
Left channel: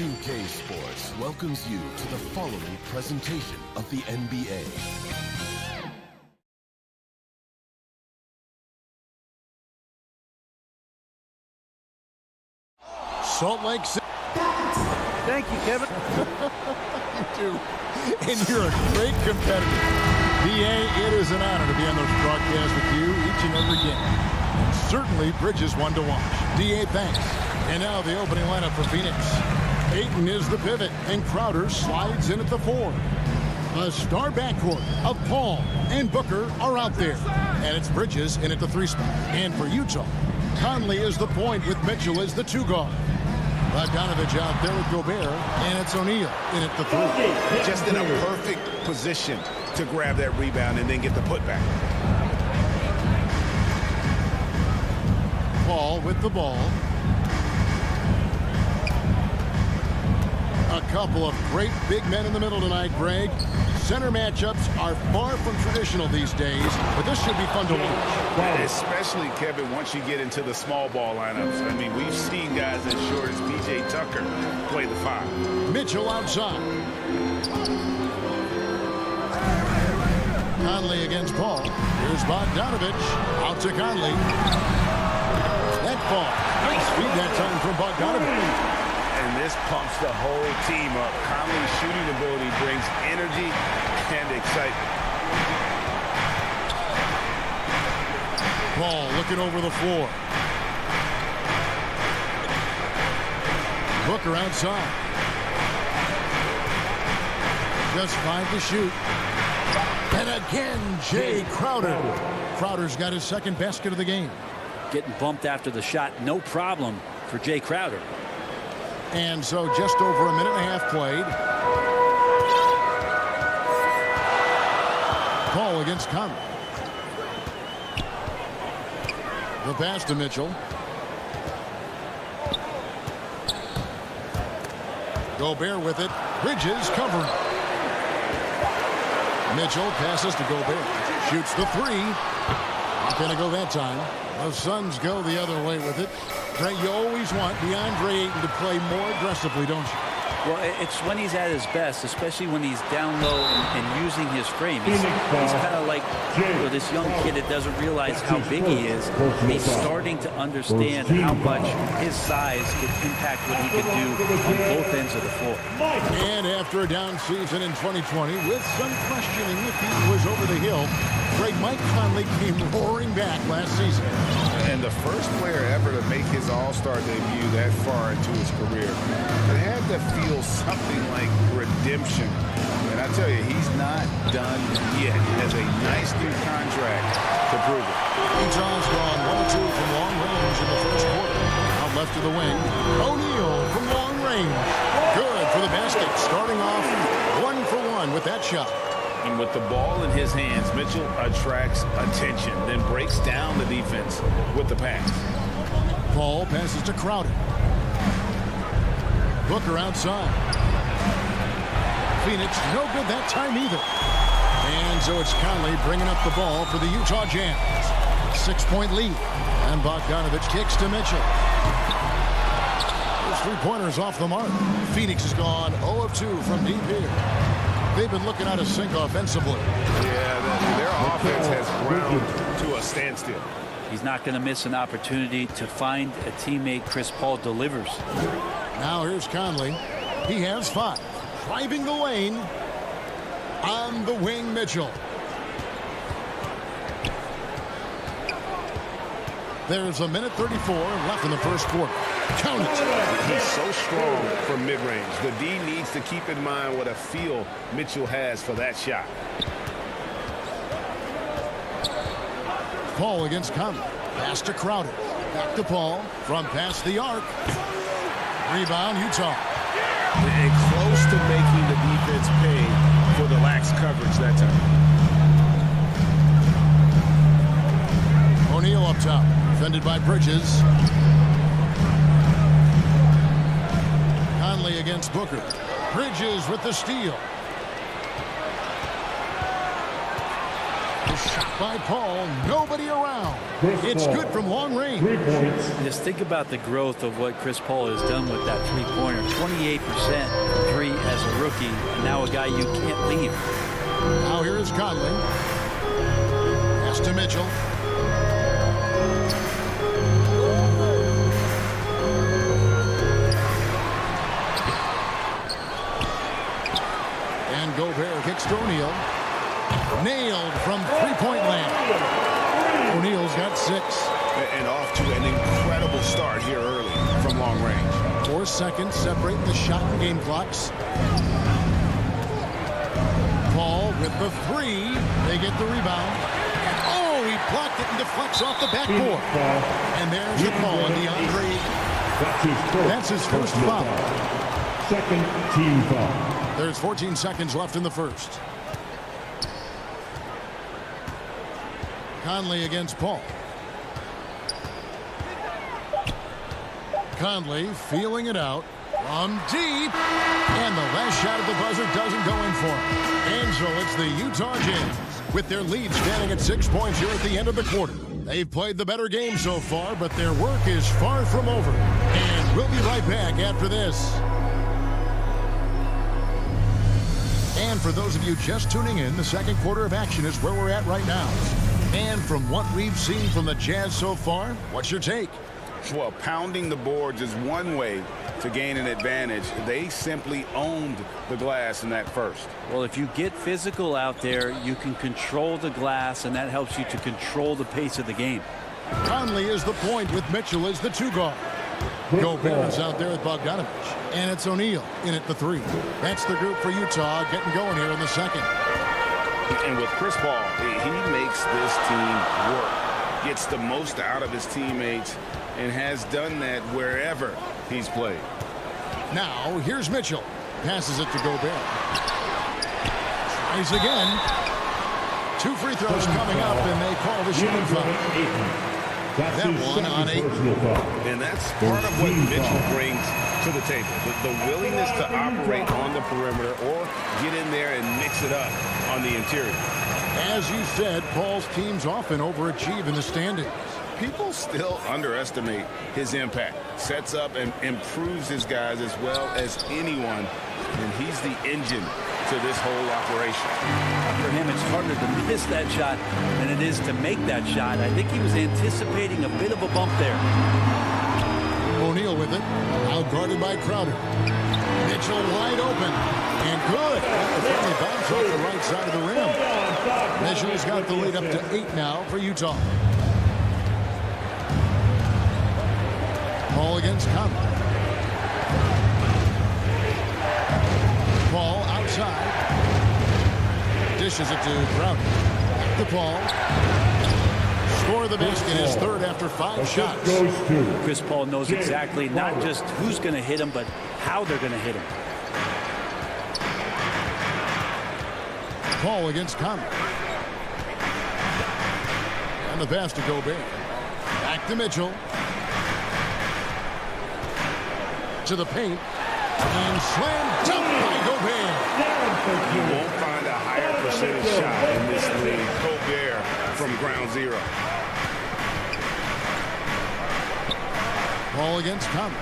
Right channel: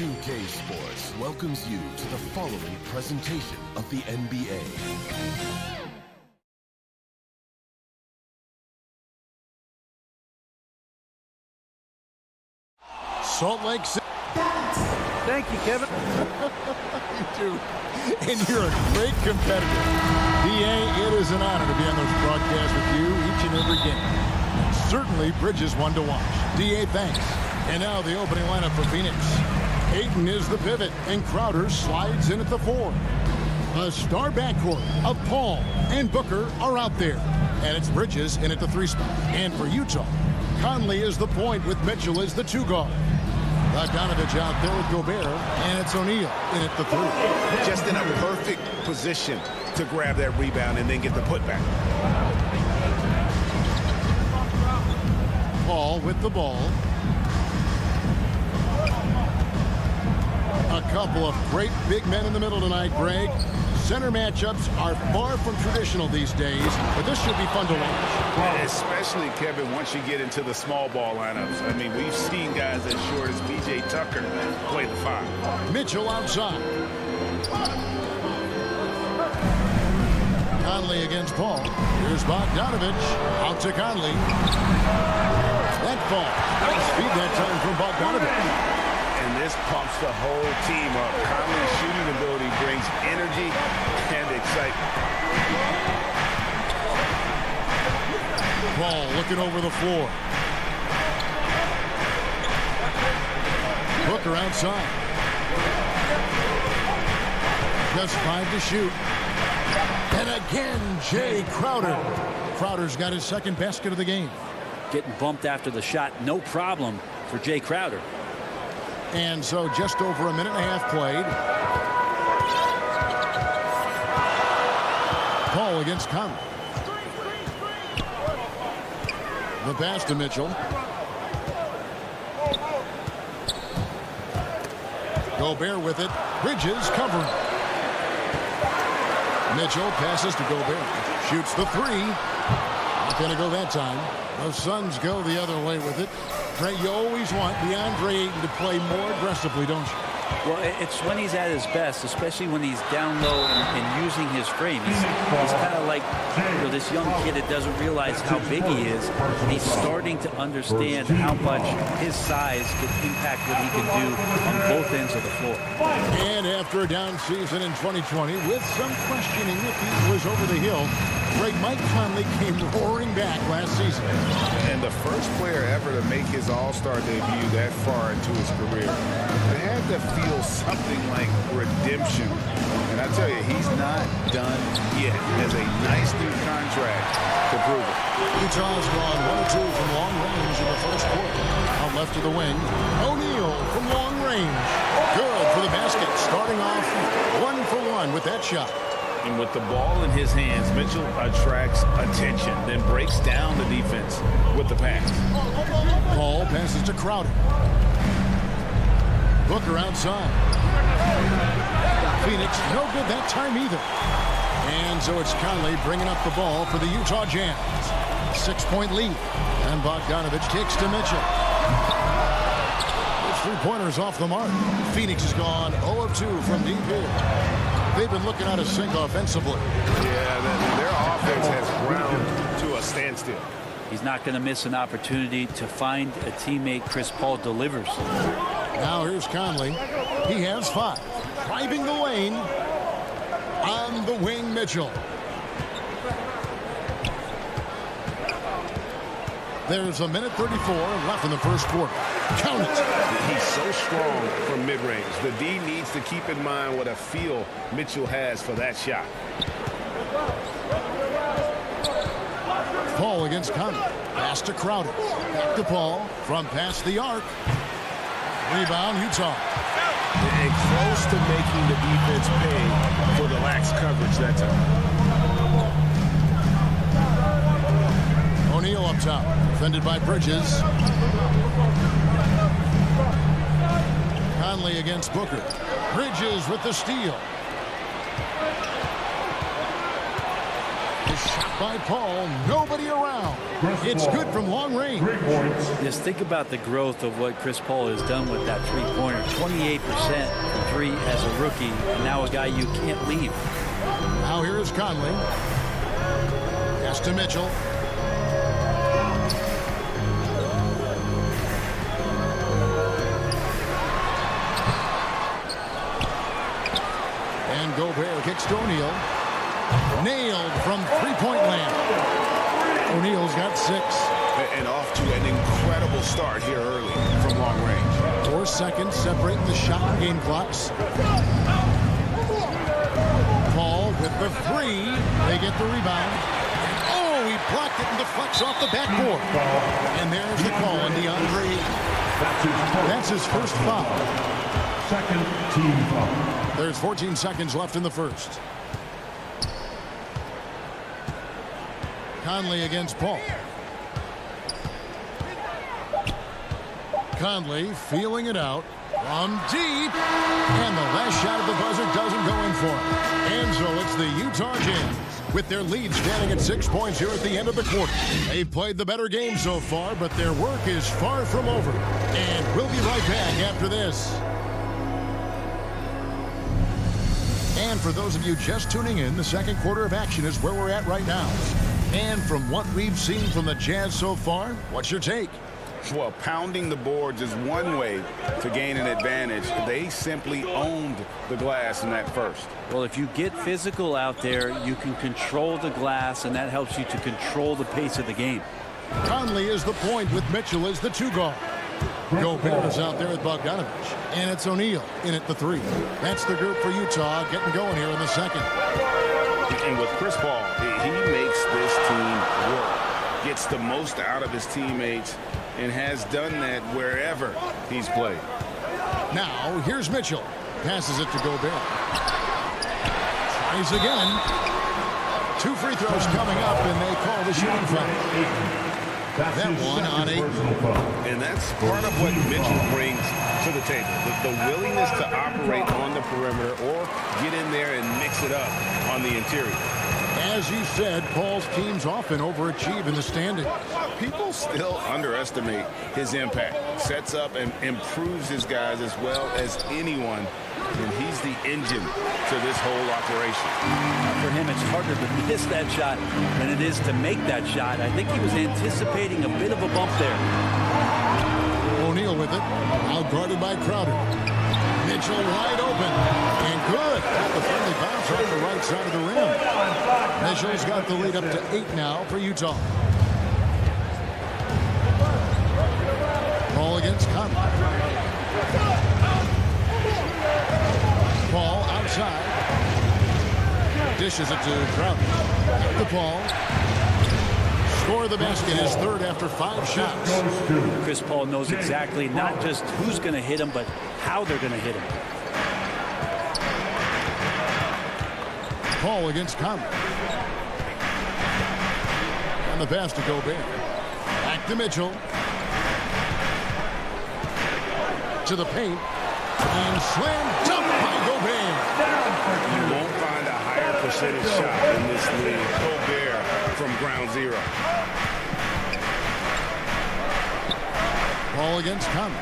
2K Sports welcomes you to the following presentation of the NBA. Salt Lake City. Thank you, Kevin. You do. And you're a great competitor. DA, it is an honor to be on those broadcasts with you each and every game. And certainly Bridges one to watch. DA, thanks. And now the opening lineup for Phoenix. Ayton is the pivot, and Crowder slides in at the 4. A star backcourt of Paul and Booker are out there. And it's Bridges in at the 3 spot. And for Utah, Conley is the point with Mitchell as the 2 guard. Bogdanovich out there with Gobert, and it's O'Neal in at the 3. Just in a perfect position to grab that rebound and then get the putback. Paul with the ball. A couple of great big men in the middle tonight, Greg. Center matchups are far from traditional these days, but this should be fun to watch. Wow. Especially, Kevin, once you get into the small ball lineups. I mean, we've seen guys as short as P.J. Tucker play the 5. Mitchell outside. Conley against Paul. Here's Bogdanovich. Out to Conley. That fall. Nice feed that time from Bogdanovich. And and this pumps the whole team up. Conley's shooting ability brings energy and excitement. Paul looking over the floor. Booker outside. Just 5 to shoot. And again, Jay Crowder. Crowder's got his second basket of the game. Getting bumped after the shot, no problem for Jay Crowder. And so just over a minute and a half played. Paul against Conley. The pass to Mitchell. Gobert with it. Bridges covering. Mitchell passes to Gobert. Shoots the three. Not going to go that time. The Suns go the other way with it. Trey, you always want DeAndre Ayton to play more aggressively, don't you? Well, it's when he's at his best, especially when he's down low and using his frame. He's kind of like this young kid that doesn't realize how big he is. He's starting to understand how much his size can impact what he can do on both ends of the floor. And after a down season in 2020, with some questioning if he was over the hill, great Mike Conley came roaring back last season. And the first player ever to make his All-Star debut that far into his career, it had to feel something like redemption. And I tell you, he's not done yet. He has a nice new contract to prove it. Utah's gone 1-2 from long range in the first quarter. Out left of the wing, O'Neal from long range. Good for the basket. Starting off 1 for 1 with that shot. And with the ball in his hands, Mitchell attracts attention, then breaks down the defense with the pass. Paul passes to Crowder. Booker outside. Phoenix no good that time either. And so it's Conley bringing up the ball for the Utah Jazz. 6-point lead. And Bogdanovich kicks to Mitchell. Those three-pointers off the mark. Phoenix has gone 0 of 2 from deep here. They've been looking out of sync offensively. Yeah, their offense has ground to a standstill. He's not going to miss an opportunity to find a teammate. Chris Paul delivers. Now here's Conley. He has 5. Driving the lane. On the wing, Mitchell. There's a minute 34 left in the first quarter. Count it. He's so strong from mid-range. The D needs to keep in mind what a feel Mitchell has for that shot. Paul against Conley. Pass to Crowder. Back to Paul. From past the arc. Rebound, Utah. And close to making the defense pay for the lax coverage that time. O'Neal up top. Defended by Bridges. Conley against Booker. Bridges with the steal. The shot by Paul. Nobody around. It's good from long range. 3 points. Just think about the growth of what Chris Paul has done with that three-pointer. 28% from 3 as a rookie, and now a guy you can't leave. Now here is Conley. Pass to Mitchell. And Gobert kicks to O'Neal. Nailed from three-point land. O'Neal's got 6. And off to an incredible start here early from long range. 4 seconds separating the shot and game clocks. Paul with the 3. They get the rebound. Oh, he blocked it and deflects off the backboard. And there's the call on DeAndre. That's his first foul. Second team foul. There's 14 seconds left in the first. Conley against Paul. Conley feeling it out from deep. And the last shot of the buzzer doesn't go in for him. And so it's the Utah Jazz with their lead standing at 6 points here at the end of the quarter. They've played the better game so far, but their work is far from over. And we'll be right back after this. And for those of you just tuning in, the second quarter of action is where we're at right now. And from what we've seen from the Jazz so far, what's your take? Well, pounding the boards is one way to gain an advantage. They simply owned the glass in that first. Well, if you get physical out there, you can control the glass, and that helps you to control the pace of the game. Conley is the point with Mitchell as the 2 guard. Gobert is out there with Bogdanovich. And it's O'Neal in at the 3. That's the group for Utah getting going here in the second. And with Chris Paul, he makes this team work. Gets the most out of his teammates and has done that wherever he's played. Now, here's Mitchell. Passes it to Gobert. Tries again. 2 free throws coming up, and they call the shooting foul. That one on 8. And that's part of what Mitchell brings to the table. The willingness to operate on the perimeter or get in there and mix it up on the interior. As you said, Paul's teams often overachieve in the standings. People still underestimate his impact. Sets up and improves his guys as well as anyone. And he's the engine to this whole operation. For him, it's harder to miss that shot than it is to make that shot. I think he was anticipating a bit of a bump there. O'Neal with it. Now guarded by Crowder. Mitchell wide open. And good. Got the friendly bounce off the right side of the rim. Mitchell's got the lead up to 8 now for Utah. Paul against Conley. Paul outside. Dishes it to Crowder. At the Paul. Score the basket, his 3rd after 5 shots. Chris Paul knows exactly not just who's going to hit him, but how they're going to hit him. Paul against Conley. And the pass to Gobert. Back to Mitchell. To the paint. And slam dunk by Gobert. You won't find a higher percentage shot in this league. Gobert from ground zero. Paul against Conley.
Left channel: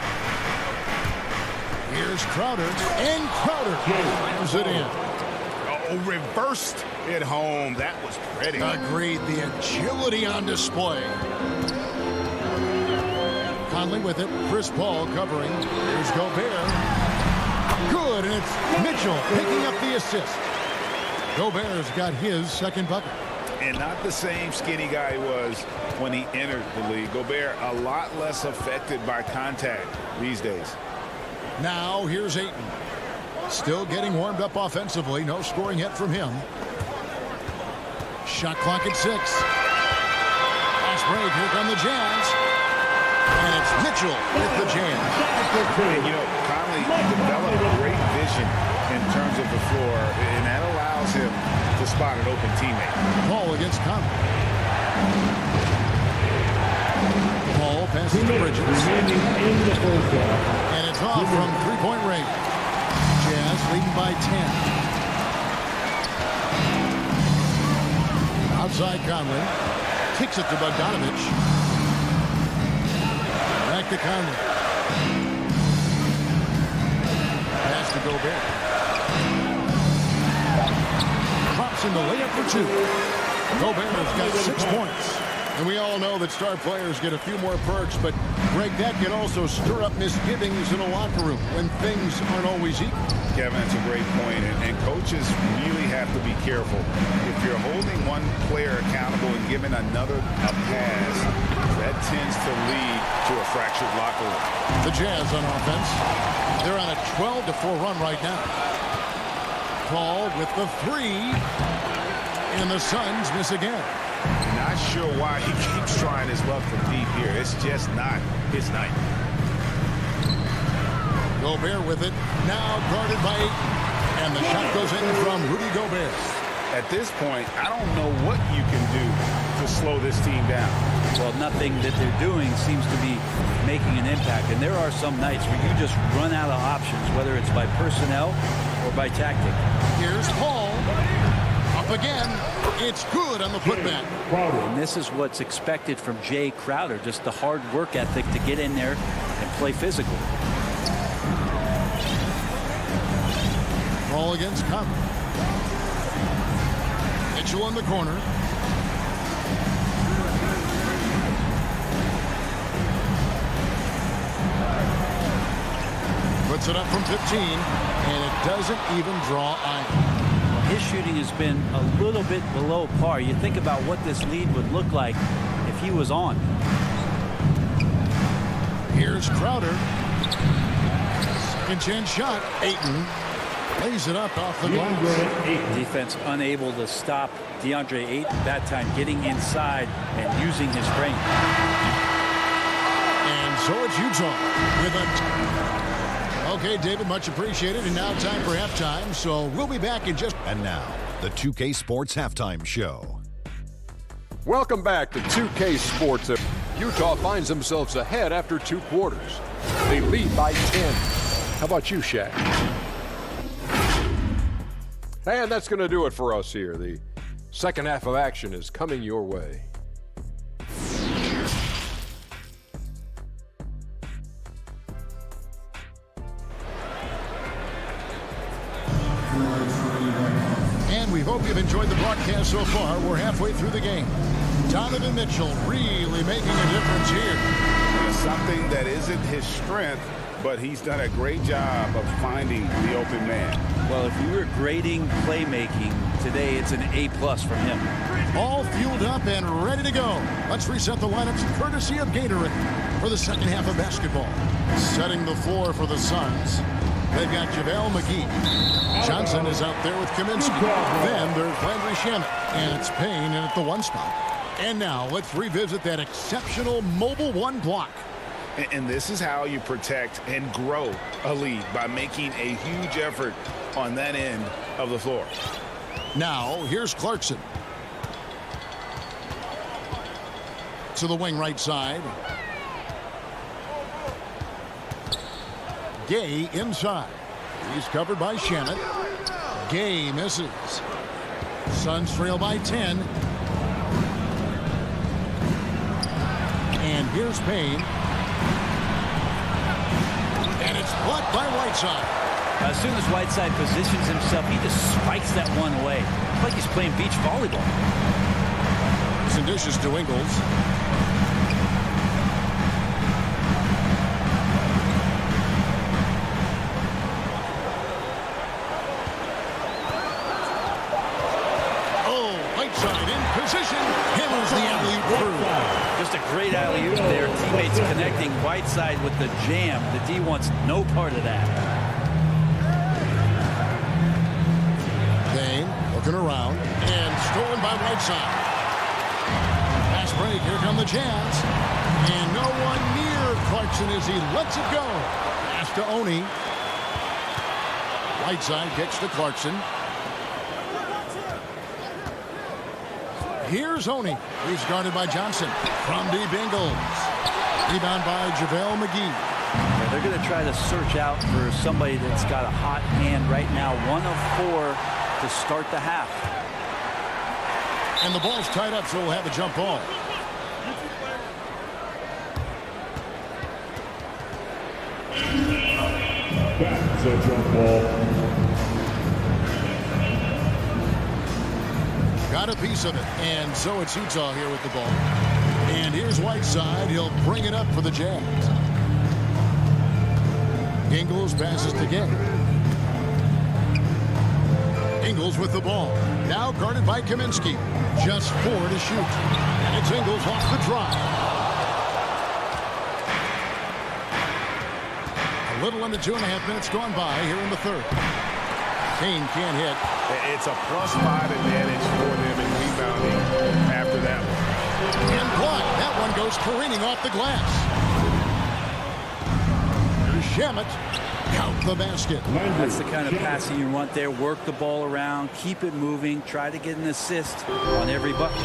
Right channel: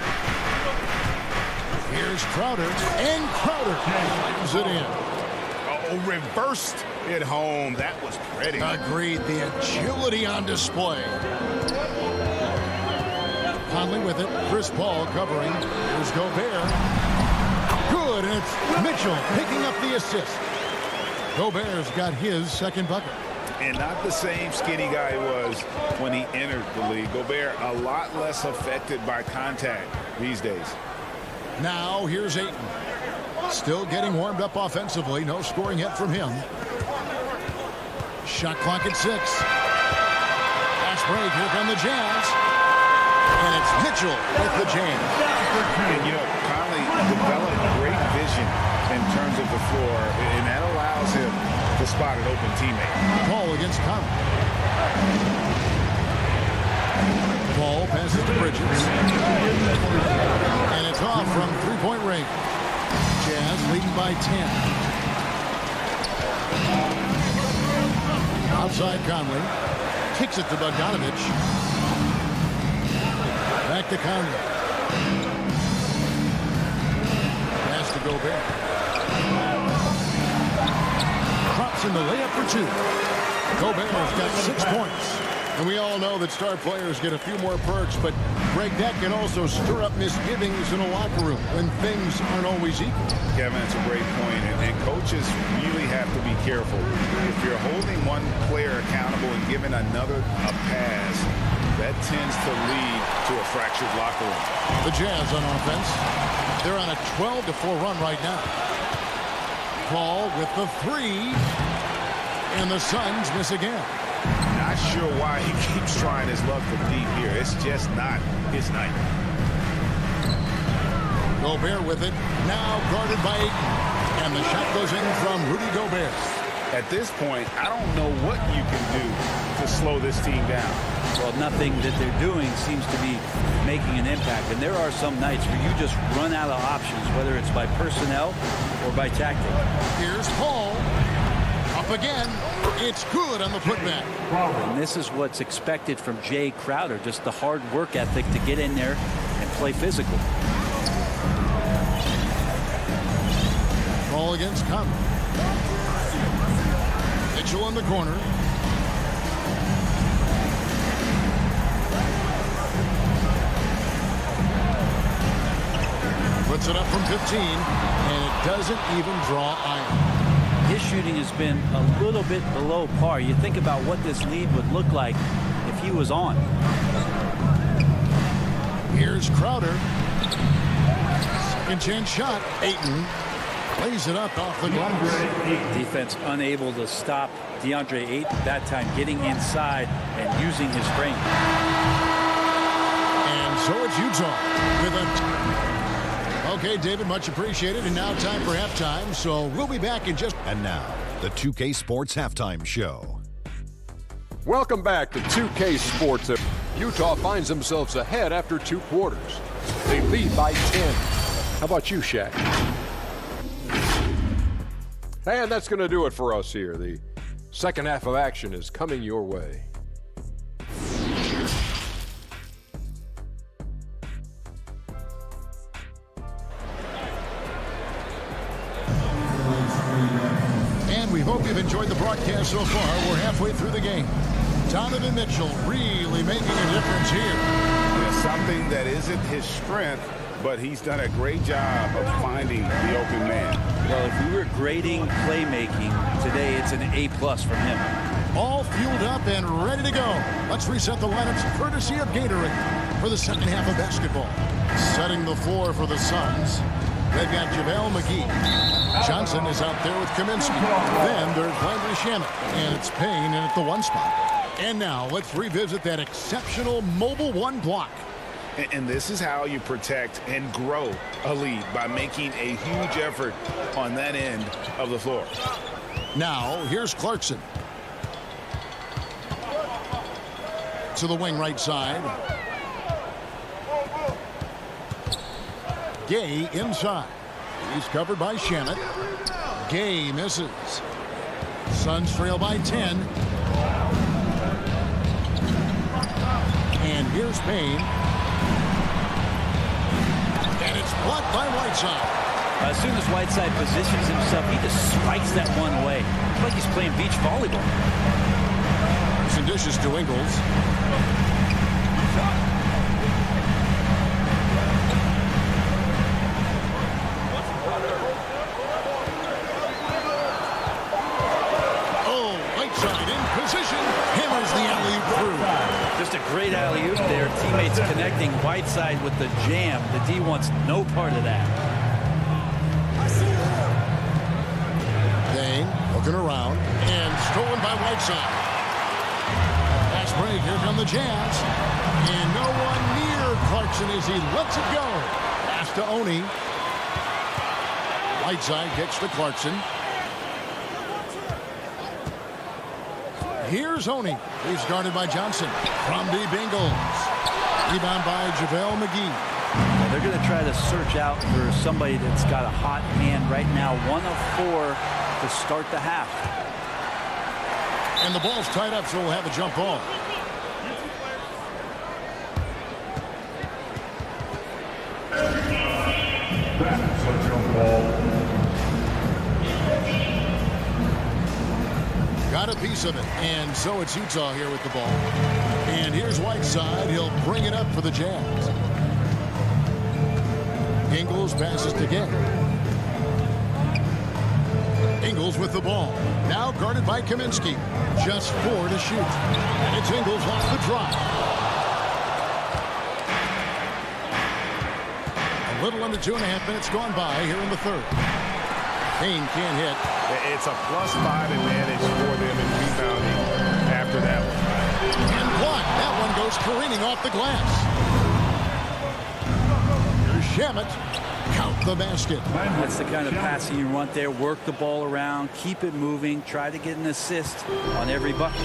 Here's Crowder. And Crowder slams it in. Oh, reversed it home. That was pretty. Agreed. The agility on display. Conley with it. Chris Paul covering. Here's Gobert. Good, and it's Mitchell picking up the assist. Gobert's got his 2nd bucket. And not the same skinny guy he was when he entered the league. Gobert a lot less affected by contact these days. Now here's Ayton. Still getting warmed up offensively. No scoring yet from him. Shot clock at 6. Fast break. Here come the Jazz. And it's Mitchell with the jam. And, you know, Conley developed great vision in terms of the floor, and that allows him to spot an open teammate. Paul against Conley. Paul passes to Bridges. And it's off from 3-point range. Jazz leading by 10. Outside Conley. Kicks it to Bogdanovich. Back to Conley. Pass to Gobert. Drops in the layup for 2. Gobert's got 6 points. And we all know that star players get a few more perks, but Greg, that can also stir up misgivings in a locker room when things aren't always equal. Kevin, that's a great point, and coaches really have to be careful. If you're holding one player accountable and giving another a pass, that tends to lead to a fractured locker room. The Jazz on offense. They're on a 12-4 run right now. Paul with the 3. And the Suns miss again. Not sure why he keeps trying his luck from deep here. It's just not his night. Gobert with it. Now guarded by Ayton. And the shot goes in from Rudy Gobert. At this point, I don't know what you can do to slow this team down. Well, nothing that they're doing seems to be making an impact. And there are some nights where you just run out of options, whether it's by personnel or by tactic. Here's Paul. Up again. It's good on the putback. And this is what's expected from Jay Crowder, just the hard work ethic to get in there and play physical. Paul against Conley. Mitchell in the corner. Puts it up from 15, and it doesn't even draw iron. His shooting has been a little bit below par. You think about what this lead would look like if he was on. Here's Crowder. Second chance shot. Ayton lays it up off the glass. Defense unable to stop DeAndre Ayton that time, getting inside and using his frame. And so it's Utah with a... Okay, David, much appreciated. And now time for halftime. So we'll be back in just... And now, the 2K Sports Halftime Show. Welcome back to 2K Sports. Utah finds themselves ahead after 2 quarters. They lead by 10. How about you, Shaq? And that's going to do it for us here. The second half of action is coming your way. And we hope you've enjoyed the broadcast so far. We're halfway through the game. Donovan Mitchell really making a difference here. Something that isn't his strength, but he's done a great job of finding the open man. Well, if we were grading playmaking today, it's an A+ from him. All fueled up and ready to go. Let's reset the lineups courtesy of Gatorade for the second half of basketball. Setting the floor for the Suns. They've got JaVale McGee. Johnson is out there with Kaminsky. Then there's Landry Shamet. And it's Payne in at the 1 spot. And now let's revisit that exceptional mobile 1 block. And this is how you protect and grow a lead, by making a huge effort on that end of the floor. Now here's Clarkson. To the wing right side. Gay inside. He's covered by Shamet. Gay misses. Suns trail by 10. And here's Payne. And it's blocked by Whiteside. As soon as Whiteside positions himself, he just spikes that one away. It's like he's playing beach volleyball. Some dishes to Ingles. Whiteside in position, hammers the alley-oop through. Just a great alley-oop there. Teammates connecting. Whiteside with the jam. The D wants no part of that. Payne looking around and stolen by Whiteside. Fast break. Here come the Jazz. And no one near Clarkson as he lets it go. Pass to Oni. Whiteside kicks to Clarkson. Here's Oni. He's guarded by Johnson. From deep Ingles. Rebound by JaVale McGee. Yeah, they're going to try to search out for somebody that's got a hot hand right now. 1 of 4 to start the half. And the ball's tied up, so we'll have a jump ball. That's a jump ball. Got a piece of it, and so it's Utah here with the ball. And here's Whiteside. He'll bring it up for the Jazz. Ingles passes to Gay. Ingles with the ball. Now guarded by Kaminsky. Just 4 to shoot. And it's Ingles off the drive. A little under 2.5 minutes gone by here in the third. Payne can't hit. It's a +5 advantage for them in rebounding after that one. And blocked. That one goes careening off the glass. Here's Shamet. Count the basket. That's the kind of passing you want there. Work the ball around. Keep it moving. Try to get an assist on every bucket.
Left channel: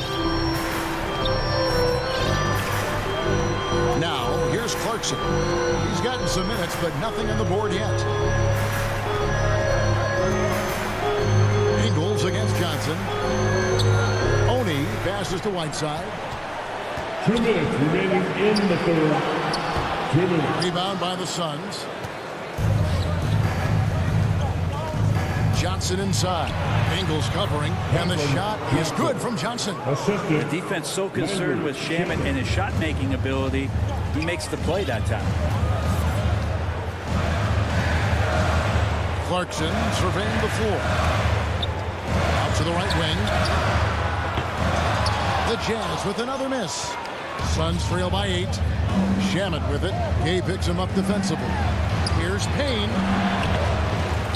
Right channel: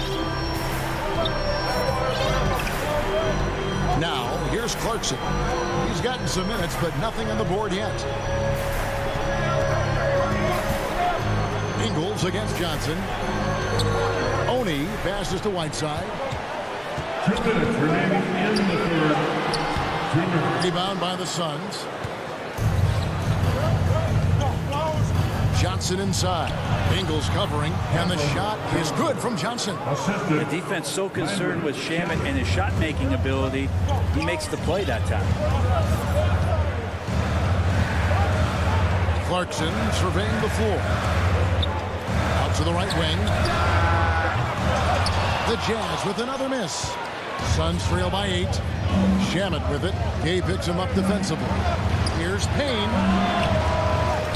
Now, here's Clarkson. He's gotten some minutes, but nothing on the board yet. Ingles against Johnson. Oni passes to Whiteside. 2 minutes remaining in the third. 2 minutes. Rebound by the Suns. Johnson inside. Ingles covering, and the shot is good from Johnson. The defense so concerned with Shamet and his shot-making ability, he makes the play that time. Clarkson surveying the floor. Out to the right wing. The Jazz with another miss. Suns trail by 8. Shamet with it. Gay picks him up defensively. Here's Payne.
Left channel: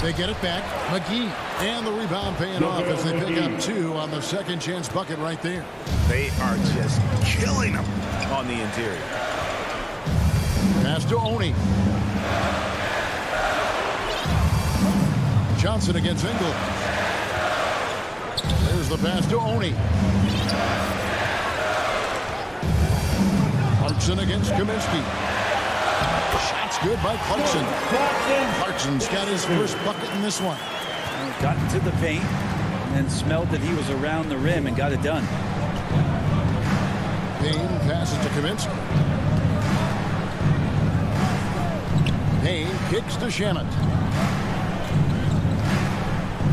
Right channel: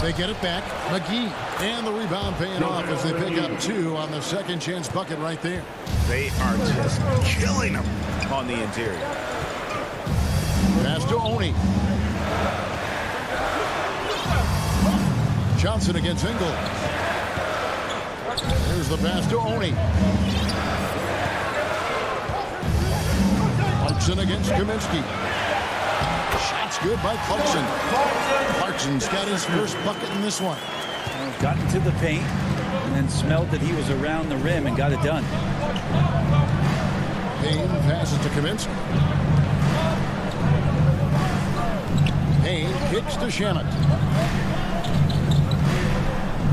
They get it back. McGee. And the rebound paying off as they pick up 2 on the second chance bucket right there. They are just killing them on the interior. Pass to Oni. Johnson against Ingles. There's the pass to Oni. Clarkson against Kaminsky. Shots good by Clarkson. Clarkson's got his first bucket in this one. Got into the paint and then smelled that he was around the rim and got it done. Payne passes to Kaminsky. Payne kicks to Shamet.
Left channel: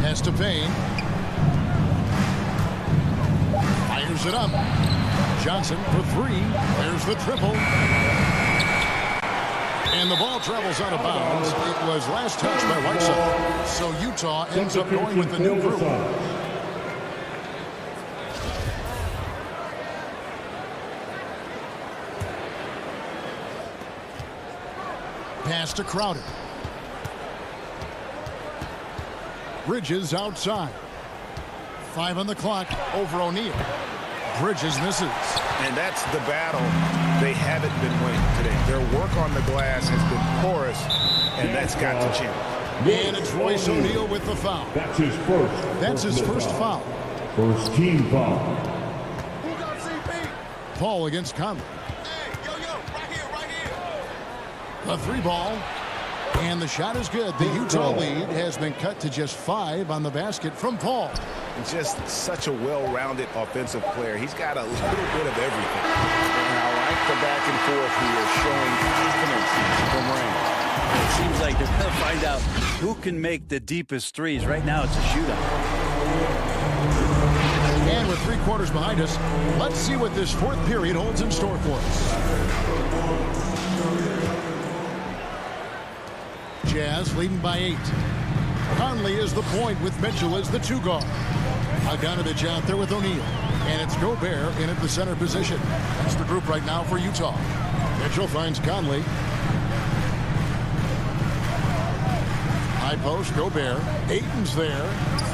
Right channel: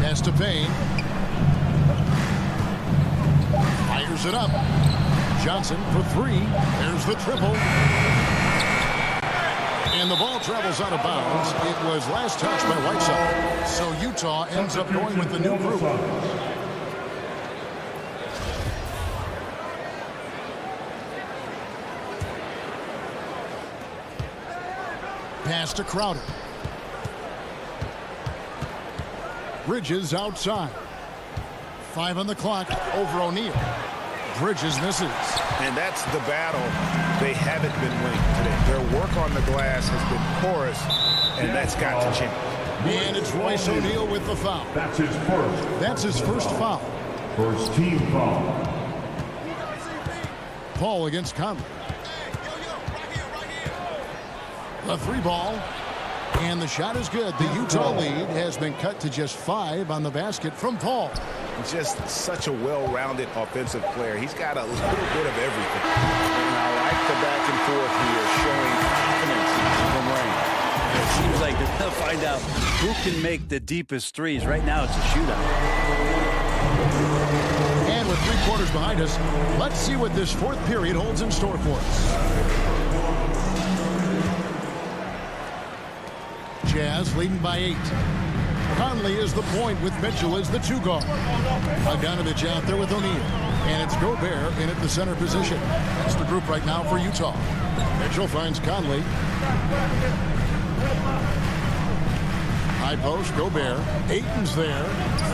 Pass to Payne. Fires it up. Johnson for 3. There's the triple. And the ball travels out of bounds. It was last touched by Whiteside. So Utah ends up going with the new group. Pass to Crowder. Bridges outside. 5 on the clock over O'Neal. Bridges misses. And that's the battle they haven't been winning today. Their work on the glass has been porous, and that's got to change. And it's Royce O'Neal with the foul. That's his first. That's his first foul. First team foul. Paul against Conley. The 3 ball. And the shot is good. The Utah lead has been cut to just 5 on the basket from Paul. Just such a well-rounded offensive player. He's got a little bit of everything. And I like the back and forth here, showing confidence from Rain. It seems like they're going to find out who can make the deepest threes. Right now, it's a shootout. And with 3 quarters behind us, let's see what this 4th period holds in store for us. Jazz leading by 8. Conley is the point with Mitchell as the 2 guard. Bogdanovich out there with O'Neal. And it's Gobert in at the center position. That's the group right now for Utah. Mitchell finds Conley. High post, Gobert. Ayton's there.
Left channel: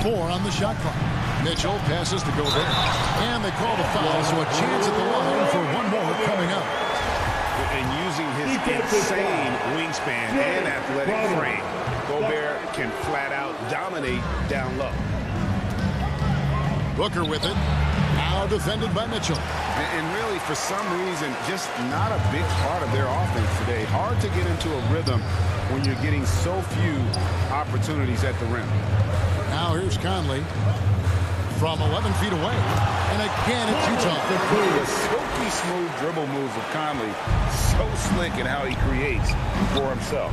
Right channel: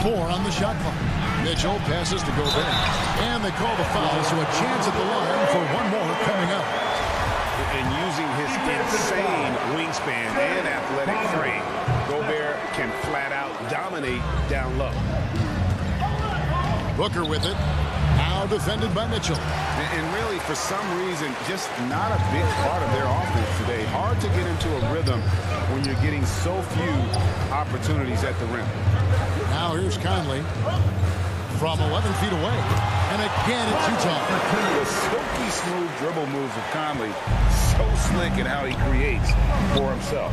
4 on the shot clock. Mitchell passes to Gobert. And they call the foul, so a chance at the line for one more coming up. And using his insane wingspan and athletic frame, Gobert can flat out dominate down low. Booker with it. Now defended by Mitchell. And really, for some reason, just not a big part of their offense today. Hard to get into a rhythm when you're getting so few opportunities at the rim. Now here's Conley from 11 feet away. And again, it's Utah. The silky smooth dribble moves of Conley, so slick in how he creates for himself.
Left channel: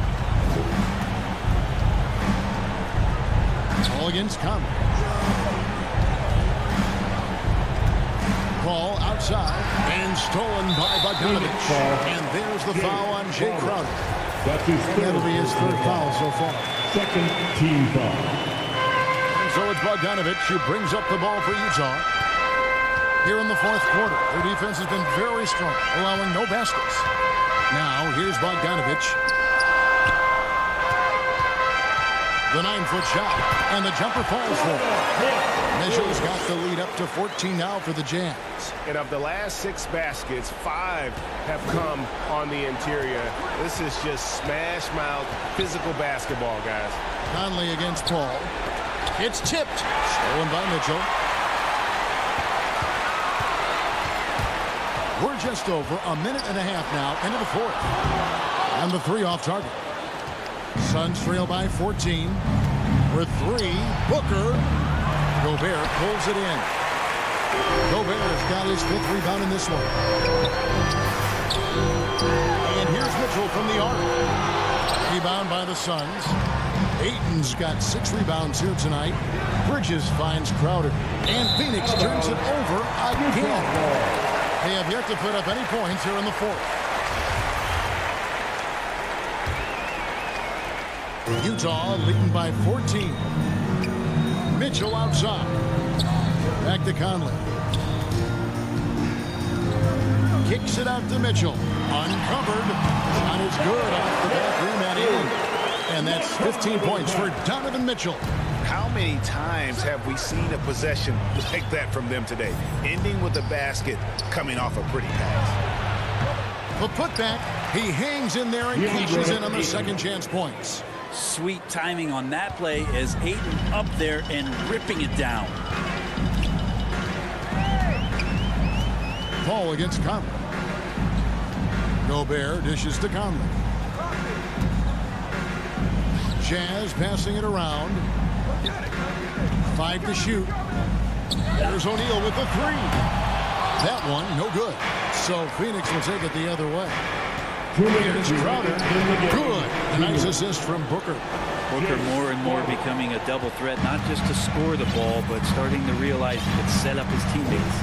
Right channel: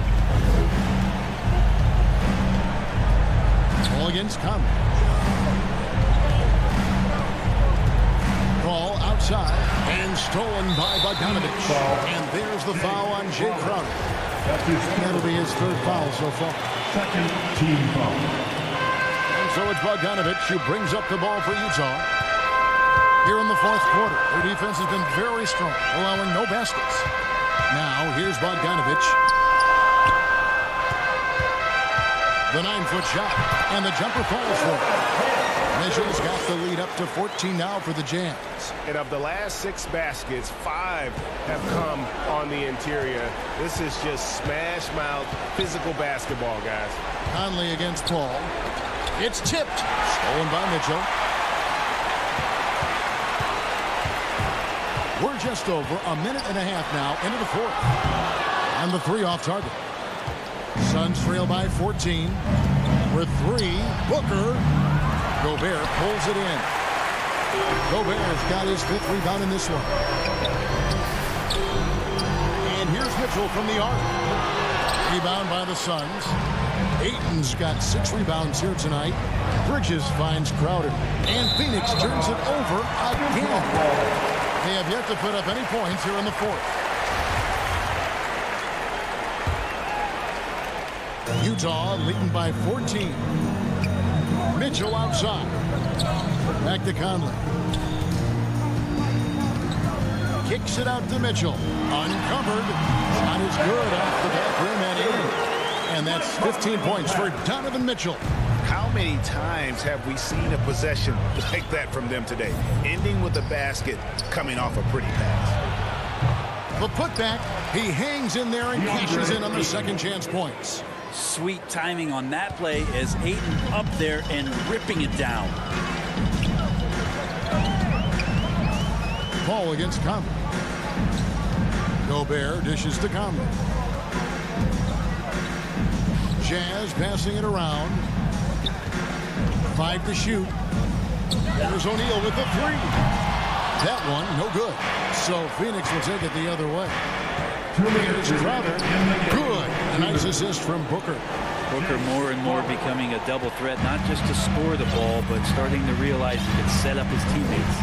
Ball against Conley. Ball outside and stolen by Bogdanovich. And there's the foul on Jay Crowder. That'll be his 3rd foul so far. Second team foul. And so it's Bogdanovich who brings up the ball for Utah. Here in the 4th quarter, their defense has been very strong, allowing no baskets. Now, here's Bogdanovich. The 9-foot shot, and the jumper falls for him. Mitchell's got the lead up to 14 now for the Jazz. And of the last 6 baskets, 5 have come on the interior. This is just smash-mouth physical basketball, guys. Conley against Paul. It's tipped. Stolen by Mitchell. We're just over a minute and a half now into the 4th. And the 3 off target. Suns trail by 14. With 3, Booker. Gobert pulls it in. Gobert has got his 5th rebound in this one. And here's Mitchell from the arc. Rebound by the Suns. Ayton's got 6 rebounds here tonight. Bridges finds Crowder. And Phoenix turns it over again. They have yet to put up any points here in the 4th. Utah leading by 14. Mitchell outside. Back to Conley. Kicks it out to Mitchell. Uncovered. Shot is good off the back rim and in. And that's 15 points for Donovan Mitchell. How many times have we seen a possession like that from them today? Ending with a basket, coming off a pretty pass. The putback. He hangs in there and cashes in on the second chance points. Sweet timing on that play as Ayton up there and ripping it down. Paul against Conley. Gobert dishes to Conley. Jazz passing it around. 5 to shoot. There's O'Neal with the 3. That one, no good. So Phoenix will take it the other way. Here's Crowder. Good. A nice assist from Booker. Booker more and more becoming a double threat, not just to score the ball, but starting to realize he can set up his teammates.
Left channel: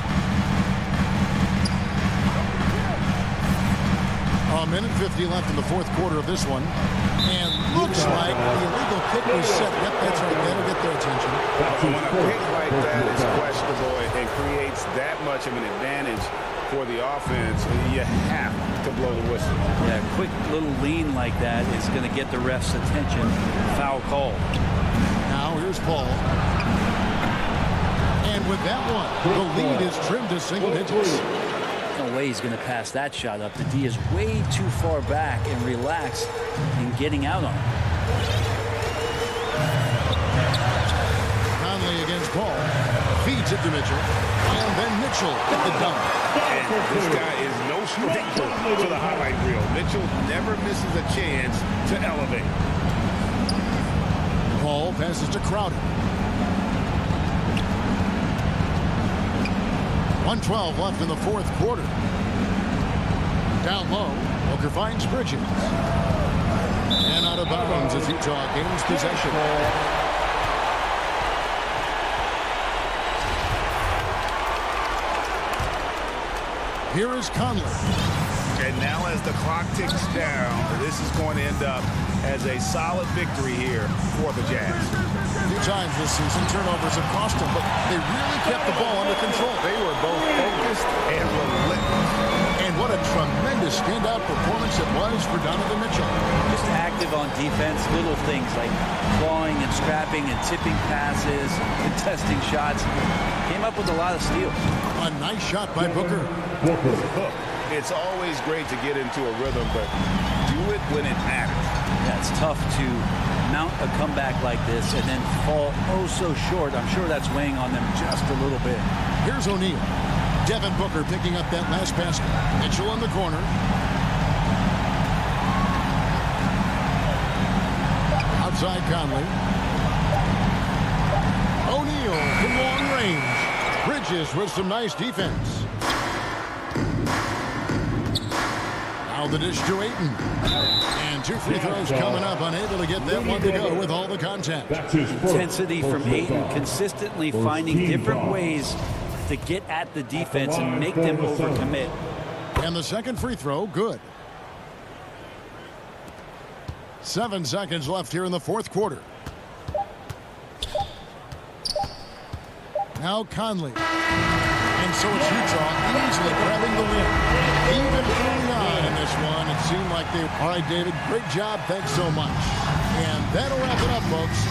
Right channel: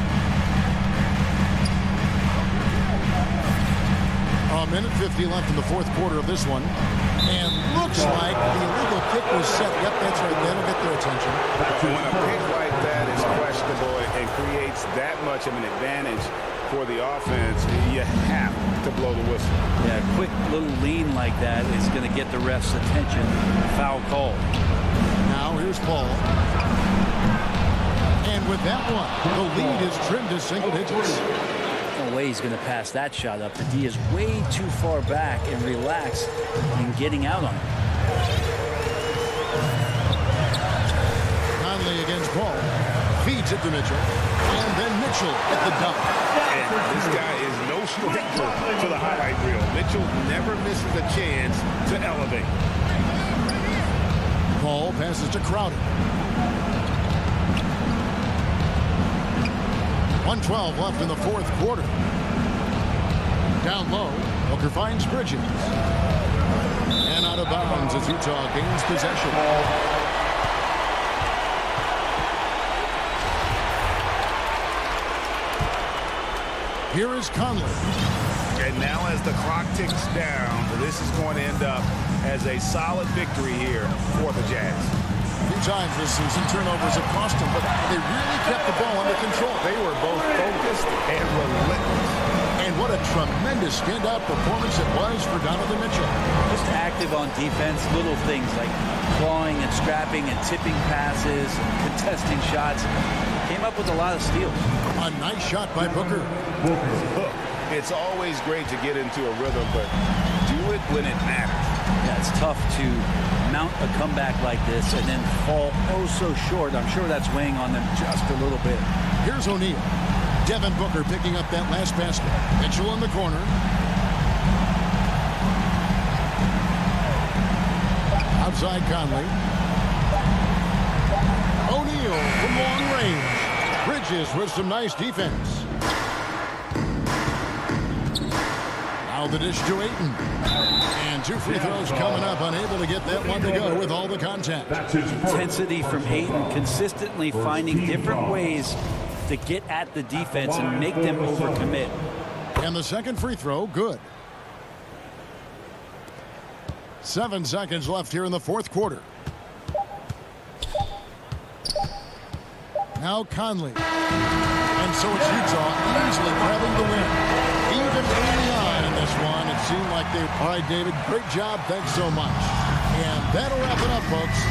A minute 50 left in the fourth quarter of this one. And looks like the illegal pick was set. Yep, that's right. That'll get their attention. When a pick like that is questionable and creates that much of an advantage for the offense, you have to blow the whistle. Yeah, a quick little lean like that is going to get the ref's attention. Foul call. Now here's Paul. And with that one, the lead is trimmed to single digits. No way he's going to pass that shot up. The D is way too far back and relaxed in getting out on it. Conley against Paul. Feeds it to Mitchell. And then Mitchell at the dunk. And this guy is no stranger to the highlight reel. Mitchell never misses a chance to elevate. Paul passes to Crowder. 1:12 left in the fourth quarter. Down low, Booker finds Bridges. And out of bounds as Utah gains possession. Here is Conley. And now as the clock ticks down, this is going to end up as a solid victory here for the Jazz. A few times this season, turnovers have cost them, but they really kept the ball under control. They were both focused and relentless. And what a tremendous standout performance it was for Donovan Mitchell. Just active on defense, little things like clawing and scrapping and tipping passes and contesting shots. Came up with a lot of steals. A nice shot by Booker. It's always great to get into a rhythm, but do it when it matters. Yeah, it's tough to mount a comeback like this and then fall oh so short. I'm sure that's weighing on them just a little bit. Here's O'Neal. Devin Booker picking up that last basket. Mitchell in the corner. Outside Conley. O'Neal from long range. Bridges with some nice defense. Now the dish to Ayton. And 2 free throws coming up. Unable to get that one to go with all the contact. Intensity from Ayton, consistently finding different ways to get at the defense and make them overcommit. And the second free throw, good. 7 seconds left here in the fourth quarter. Now Conley. And so it's Utah easily grabbing the win. Even early on in this one, it seemed like they... All right, David, great job. Thanks so much. And that'll wrap it up, folks.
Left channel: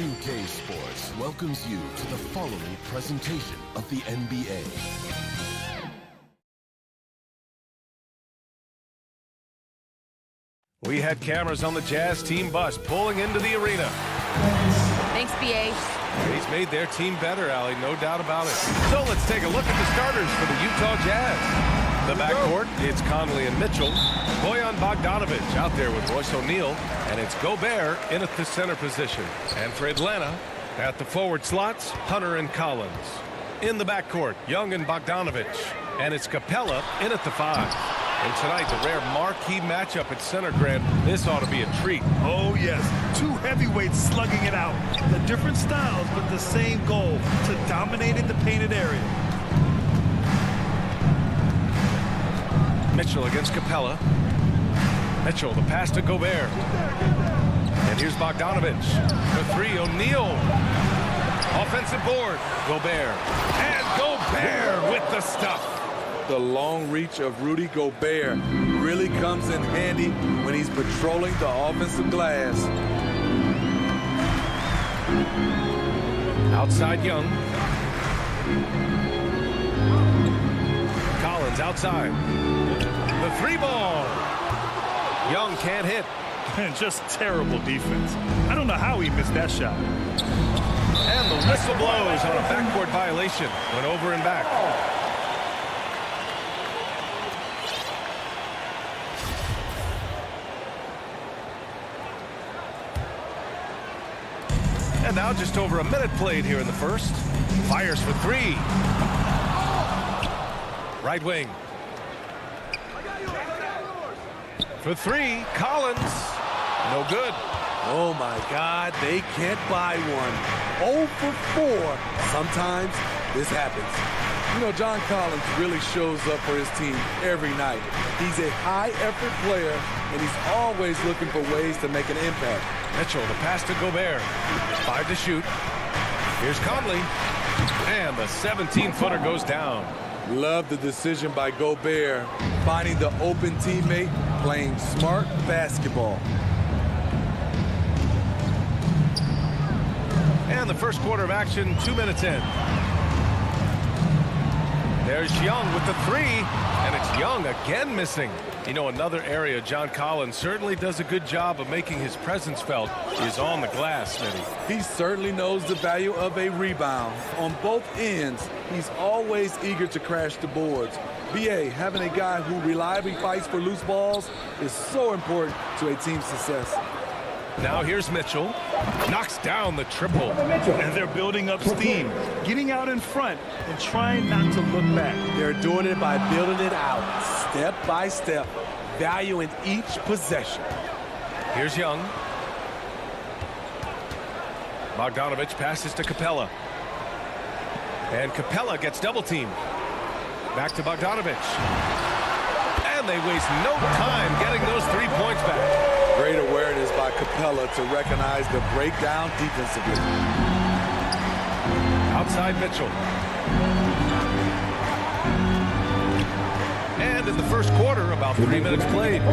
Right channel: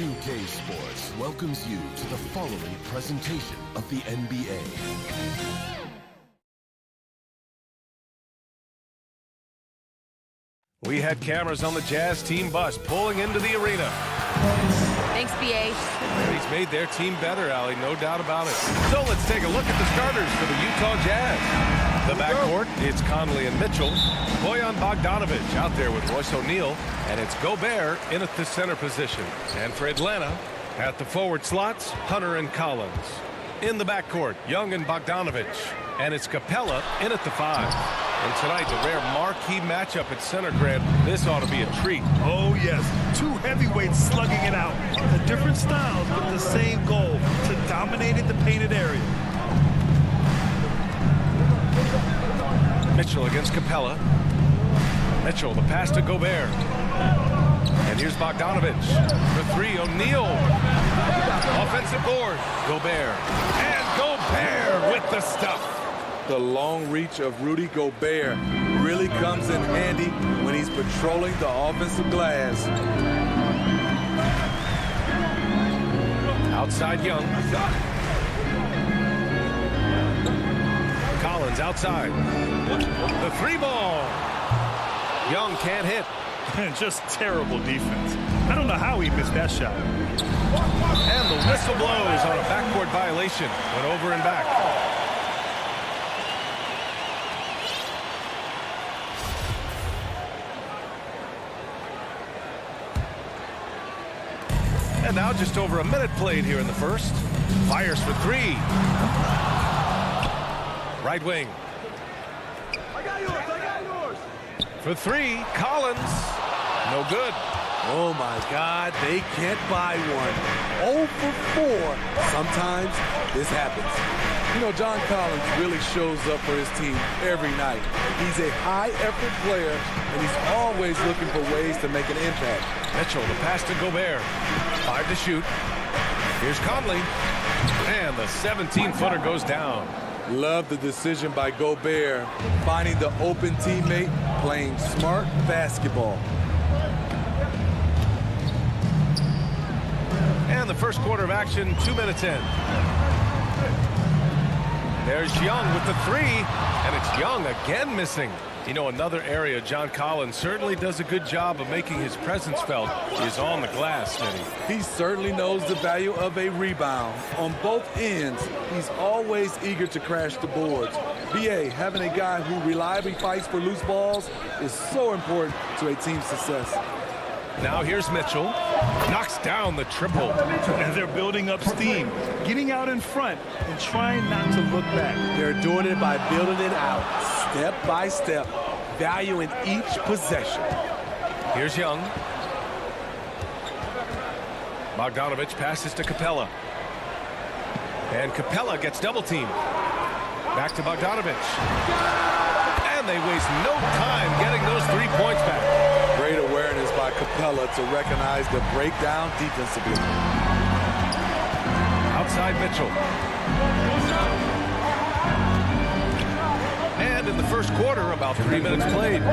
2K Sports welcomes you to the following presentation of the NBA. We had cameras on the Jazz team bus pulling into the arena. Thanks, BA. And he's made their team better, Allie, no doubt about it. So let's take a look at the starters for the Utah Jazz. The backcourt, it's Conley and Mitchell. Bojan Bogdanovic out there with Royce O'Neal. And it's Gobert in at the center position. And for Atlanta, at the forward slots, Hunter and Collins. In the backcourt, Young and Bogdanovic. And it's Capella in at the 5. And tonight, the rare marquee matchup at center, Grant. This ought to be a treat. Oh, yes. Two heavyweights slugging it out. The different styles, but the same goal, to dominate in the painted area. Mitchell against Capella. Mitchell, the pass to Gobert. And here's Bogdanovich. The three, O'Neal. Offensive board. Gobert. And Gobert with the stuff. The long reach of Rudy Gobert really comes in handy when he's patrolling the offensive glass. Outside Young. Collins outside. The three ball. Young can't hit. Just terrible defense. I don't know how he missed that shot. And the whistle blows on a backcourt violation. Went over and back. And now just over a minute played here in the first. Fires for three. Right wing. I got yours. For three, Collins. No good. Oh my God, they can't buy one. 0 for 4. Sometimes this happens. You know, John Collins really shows up for his team every night. He's a high-effort player, and he's always looking for ways to make an impact. Mitchell, the pass to Gobert. 5 to shoot. Here's Conley. And the 17-footer goes down. Love the decision by Gobert, finding the open teammate, playing smart basketball. And the first quarter of action, 2 minutes in. There's Young with the three, and it's Young again missing. You know, another area John Collins certainly does a good job of making his presence felt is on the glass, Smitty. He certainly knows the value of a rebound. On both ends, he's always eager to crash the boards. BA, having a guy who reliably fights for loose balls is so important to a team's success. Now here's Mitchell. Knocks down the triple. And they're building up steam, getting out in front and trying not to look back. They're doing it by building it out, step by step, valuing each possession. Here's Young. Bogdanovich passes to Capella. And Capella gets double teamed. Back to Bogdanovich. And they waste no time getting those 3 points back. Great awareness by Capella to recognize the breakdown defensively. Outside Mitchell. And in the first quarter, about 3 minutes played. 2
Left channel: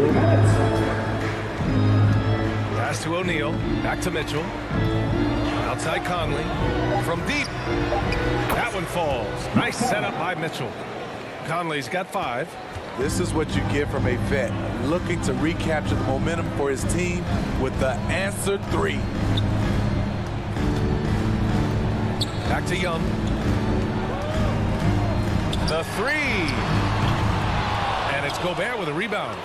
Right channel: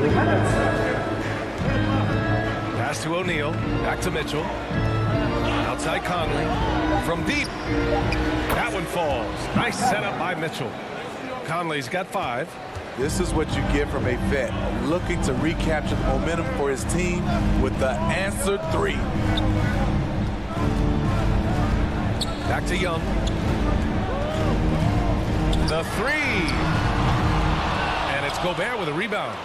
minutes. Pass to O'Neal. Back to Mitchell. Outside Conley. From deep. That one falls. Nice setup by Mitchell. Conley's got 5. This is what you get from a vet looking to recapture the momentum for his team with the answer 3. Back to Young. The 3. And it's Gobert with a rebound.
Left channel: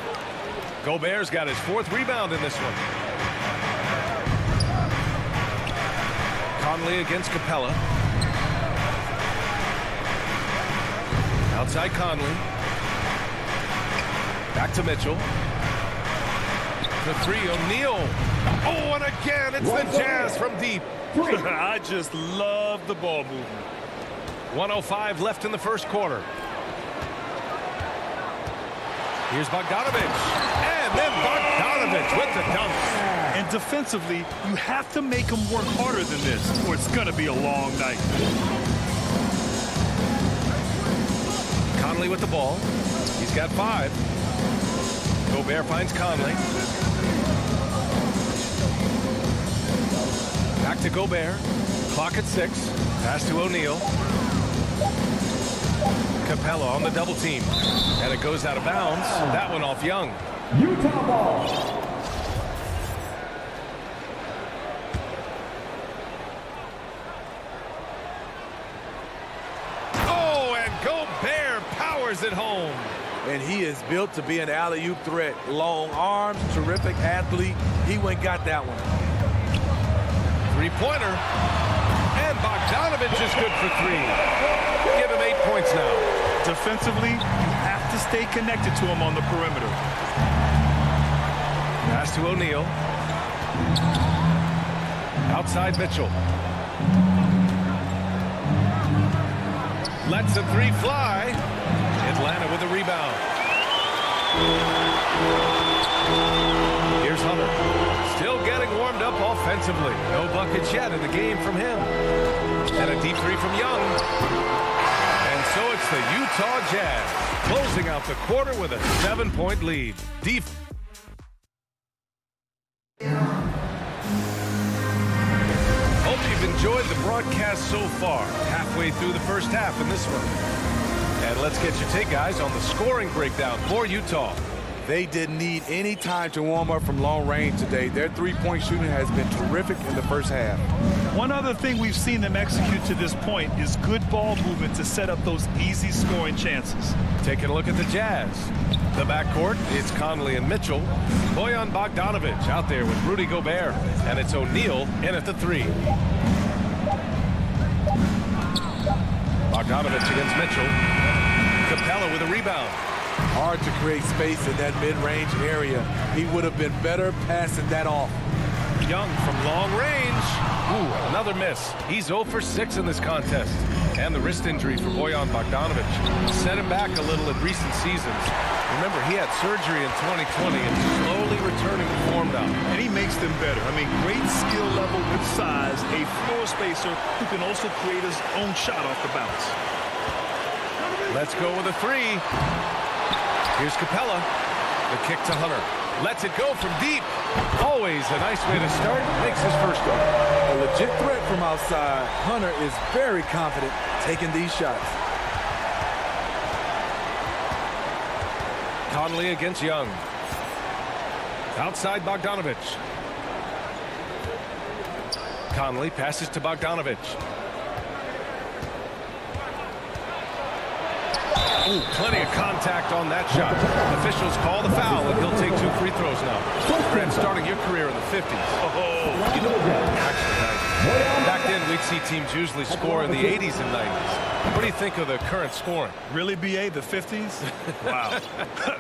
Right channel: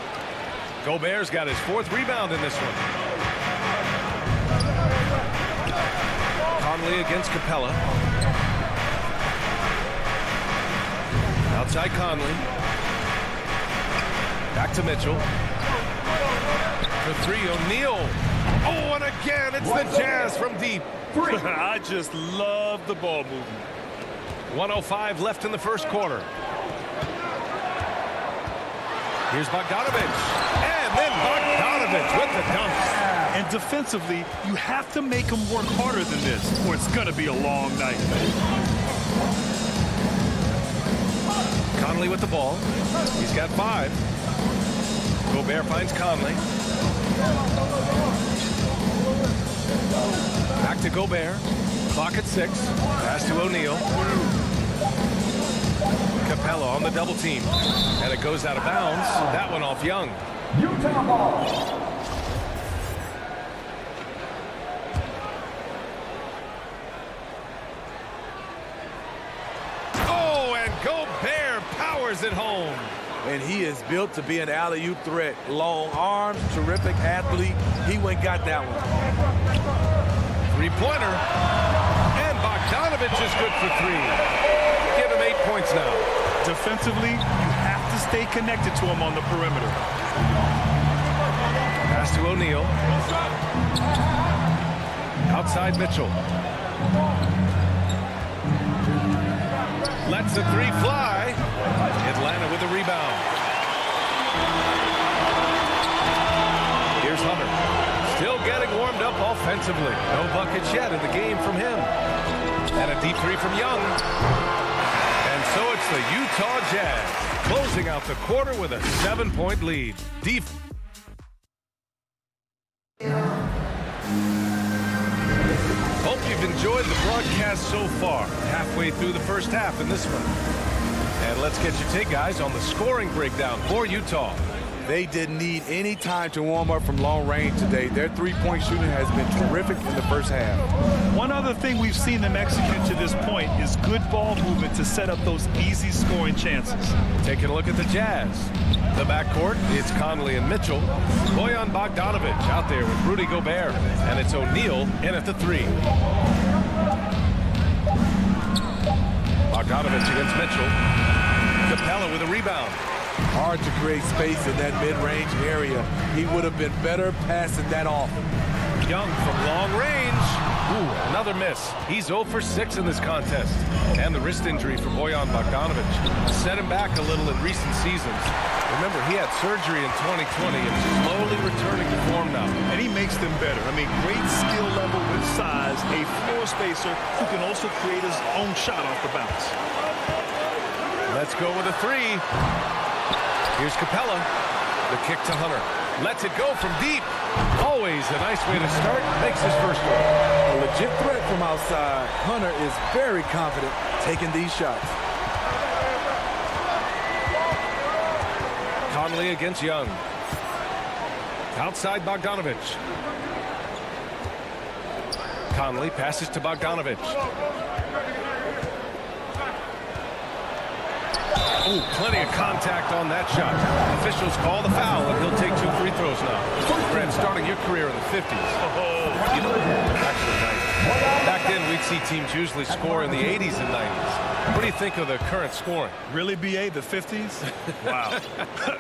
Gobert's got his 4th rebound in this one. Conley against Capella. Outside Conley. Back to Mitchell. The 3, O'Neal. Oh, and again, it's the Jazz from deep. I just love the ball movement. 1:05 left in the first quarter. Here's Bogdanovich. And then Bogdanovich with the dunks. And defensively, you have to make him work harder than this, or it's going to be a long night. Conley with the ball. He's got 5. Gobert finds Conley. Back to Gobert. Clock at 6. Pass to O'Neal. Capella on the double team. And it goes out of bounds. That one off Young. Utah ball. Oh, and Gobert powers it home. And he is built to be an alley-oop threat. Long arms, terrific athlete. He went and got that one. 3-pointer. And Bogdanovich is good for 3. Give him 8 points now. Defensively, you have to stay connected to him on the perimeter. Pass to O'Neal. Outside Mitchell. Lets the 3 fly. Atlanta with a rebound. Here's Hunter. Still getting warmed up offensively. No buckets yet in the game from him. And a deep three from Young. And so it's the Utah Jazz closing out the quarter with a 7-point lead. Hope you've enjoyed the broadcast so far. Halfway through the first half in this one. And let's get your take, guys, on the scoring breakdown for Utah. They didn't need any time to warm up from long range today. Their three-point shooting has been terrific in the first half. One other thing we've seen them execute to this point is good ball movement to set up those easy scoring chances. Taking a look at the Jazz. The backcourt, it's Conley and Mitchell. Bojan Bogdanovic out there with Rudy Gobert. And it's O'Neal in at the 3. Bogdanovic against Mitchell. Capella with a rebound. Hard to create space in that mid-range area. He would have been better passing that off. Young from long range. Ooh, another miss. He's 0 for 6 in this contest. And the wrist injury for Bojan Bogdanovic set him back a little in recent seasons. Remember, he had surgery in 2020 and slowly returning to form now. And he makes them better. I mean, great skill level with size, a floor spacer who can also create his own shot off the bounce. Let's go with a 3. Here's Capella. The kick to Hunter. Lets it go from deep. Always a nice way to start. Makes his first one. A legit threat from outside. Hunter is very confident taking these shots. Conley against Young. Outside Bogdanovic. Conley passes to Bogdanovic. Ooh, plenty of contact on that shot. Officials call the foul, and he'll take 2 free throws now. Grant, starting your career in the 50s. Oh, you know, actually 90s. Back then, we'd see teams usually score in the 80s and 90s. What do you think of the current scoring? Really, BA, the 50s? Wow.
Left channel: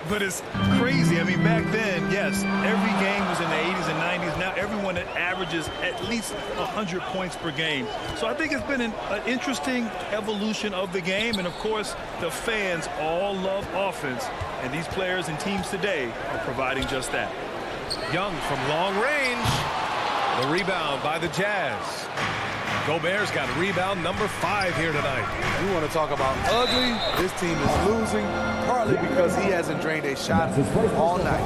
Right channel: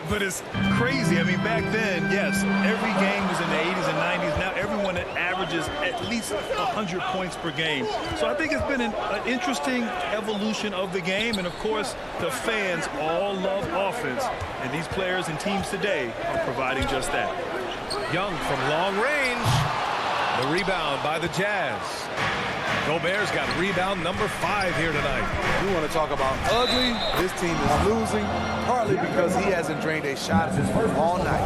But it's crazy. I mean, back then, yes, every game was in the 80s and 90s. Now everyone averages at least 100 points per game. So I think it's been an interesting evolution of the game. And, of course, the fans all love offense. And these players and teams today are providing just that. Young from long range. The rebound by the Jazz. Gobert's got rebound number 5 here tonight. You want to talk about ugly? This team is losing, partly because he hasn't drained a shot all night.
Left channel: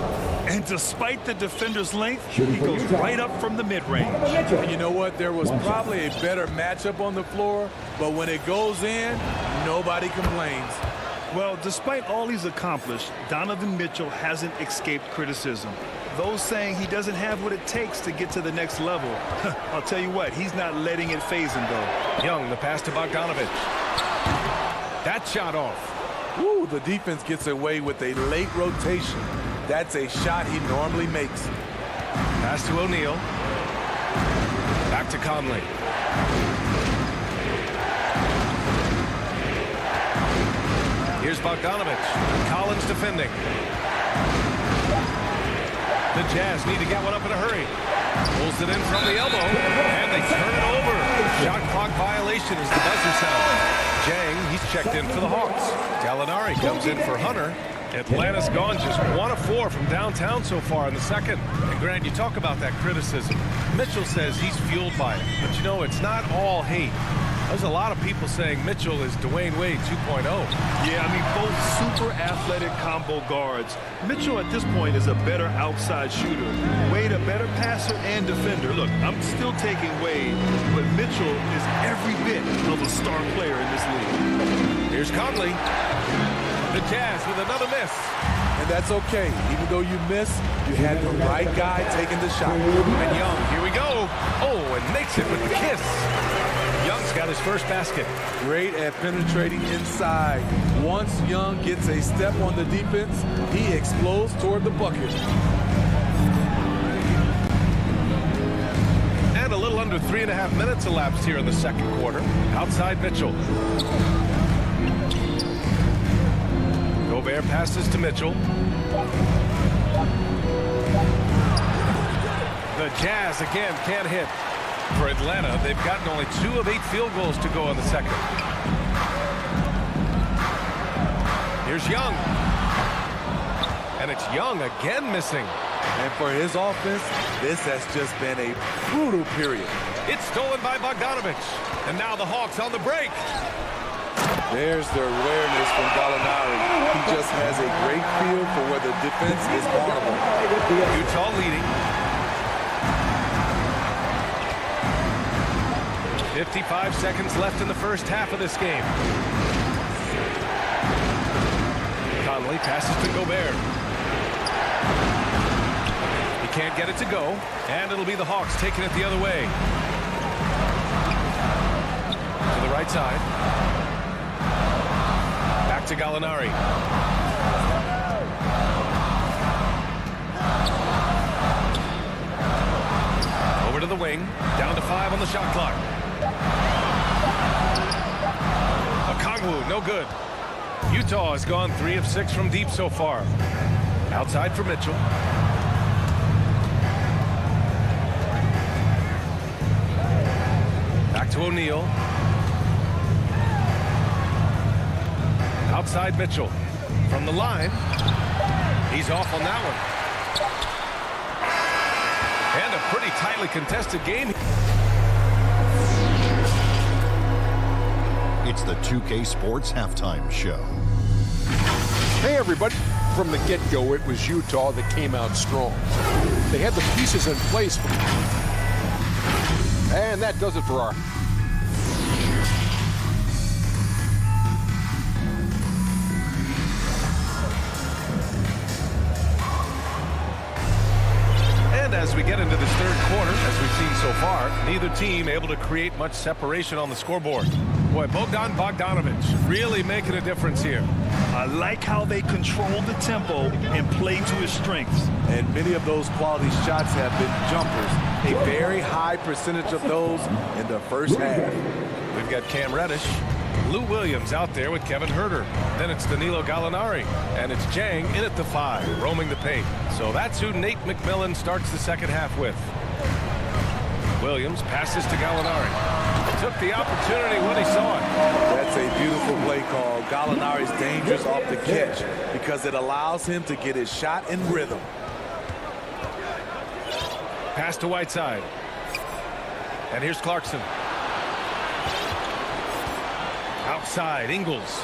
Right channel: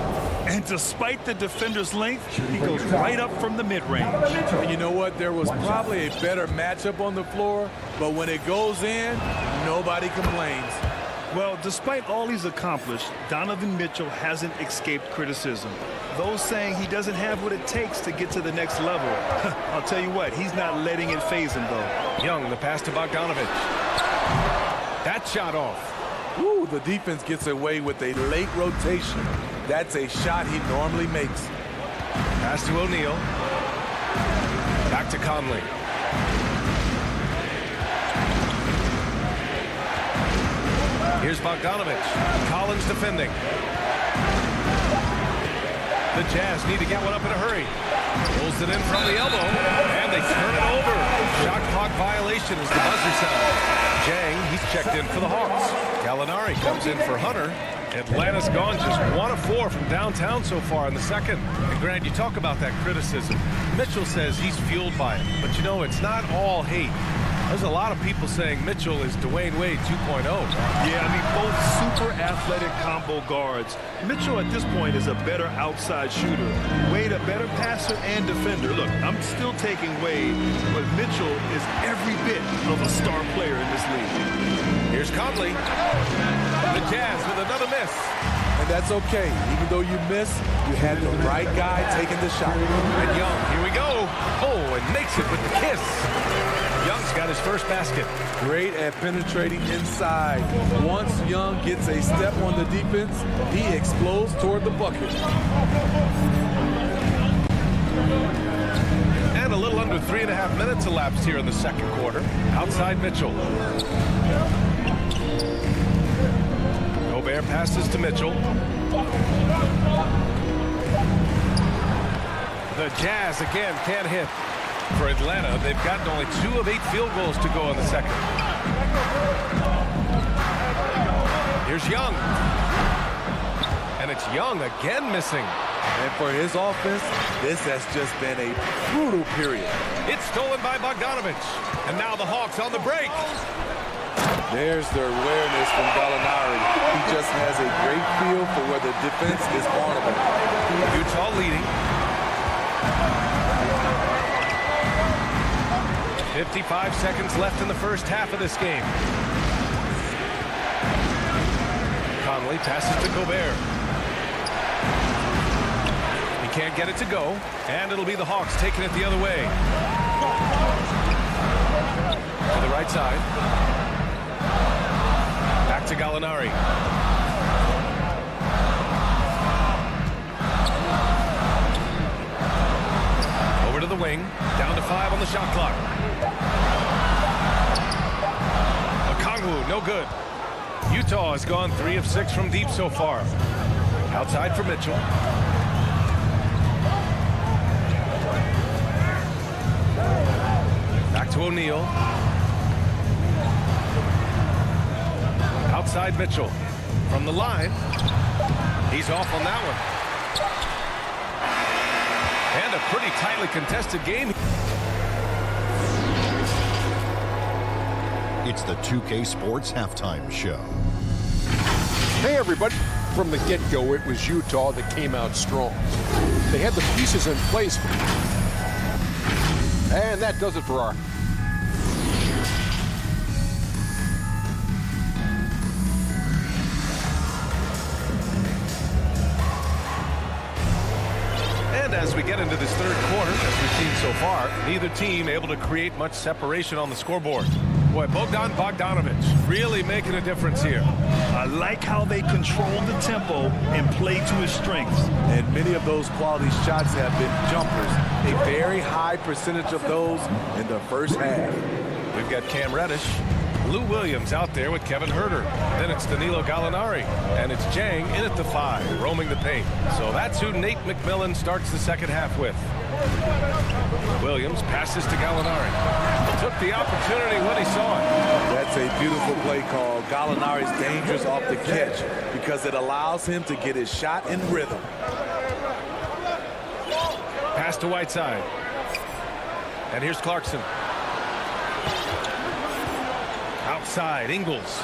And despite the defender's length, he goes right up from the mid-range. And you know what? There was probably a better matchup on the floor, but when it goes in, nobody complains. Well, despite all he's accomplished, Donovan Mitchell hasn't escaped criticism. Those saying he doesn't have what it takes to get to the next level. I'll tell you what, he's not letting it faze him, though. Young, the pass to Bogdanovic. That shot off. Ooh, the defense gets away with a late rotation. That's a shot he normally makes. Pass to O'Neal. Back to Conley. Here's Bogdanovic. Collins defending. The Jazz need to get one up in a hurry. Pulls it in from the elbow, and they turn it over. Shot clock violation as the buzzer sounds. Jang, he's checked in for the Hawks. Gallinari comes in for Hunter. Atlanta's gone just 1 of 4 from downtown so far in the second. And Grant, you talk about that criticism. Mitchell says he's fueled by it. But you know, it's not all hate. There's a lot of people saying Mitchell is Dwayne Wade 2.0. Yeah, I mean, both super athletic combo guards. Mitchell at this point is a better outside shooter. Wade a better passer and defender. Look, I'm still taking Wade, but Mitchell is every bit of a star player in this league. Here's Conley. The Jazz with another miss. And that's okay. Even though you miss, you had the right guy taking the shot. And Young, here we go. Oh, and makes it with the kiss. Young's got his first basket. Great at penetrating inside. Once Young gets a step on the defense, he explodes toward the bucket. And a little under 3.5 minutes elapsed here in the second quarter. Outside Mitchell. Gobert passes to Mitchell. The Jazz again can't hit. For Atlanta, they've gotten only 2 of 8 field goals to go in the second. Here's Young. And it's Young again missing. And for his offense, this has just been a brutal period. It's stolen by Bogdanovich. And now the Hawks on the break. There's their awareness from Gallinari. He just has a great feel for where the defense is vulnerable. Utah leading. 55 seconds left in the first half of this game. Conley passes to Gobert. He can't get it to go, and it'll be the Hawks taking it the other way. To the right side. Back to Gallinari. Over to the wing. Down to 5 on the shot clock. Okongwu, no good. Utah has gone 3 of 6 from deep so far. Outside for Mitchell. Back to O'Neal. Outside Mitchell. From the line. He's off on that one. And a pretty tightly contested game. It's the 2K Sports Halftime Show. Hey, everybody. From the get-go, it was Utah that came out strong. They had the pieces in place. And that does it for our... And as we get into this third quarter, as we've seen so far, neither team able to create much separation on the scoreboard. Boy, Bogdanovich really making a difference here. I like how they control the tempo and play to his strengths. And many of those quality shots have been jumpers. A very high percentage of those in the first half. We've got Cam Reddish. Lou Williams out there with Kevin Huerter. Then it's Danilo Gallinari. And it's Jang in at the 5, roaming the paint. So that's who Nate McMillan starts the second half with. Williams passes to Gallinari. Took the opportunity when he saw it. That's a beautiful play call. Gallinari's dangerous off the catch because it allows him to get his shot in rhythm. Pass to Whiteside. And here's Clarkson. Outside, Ingles.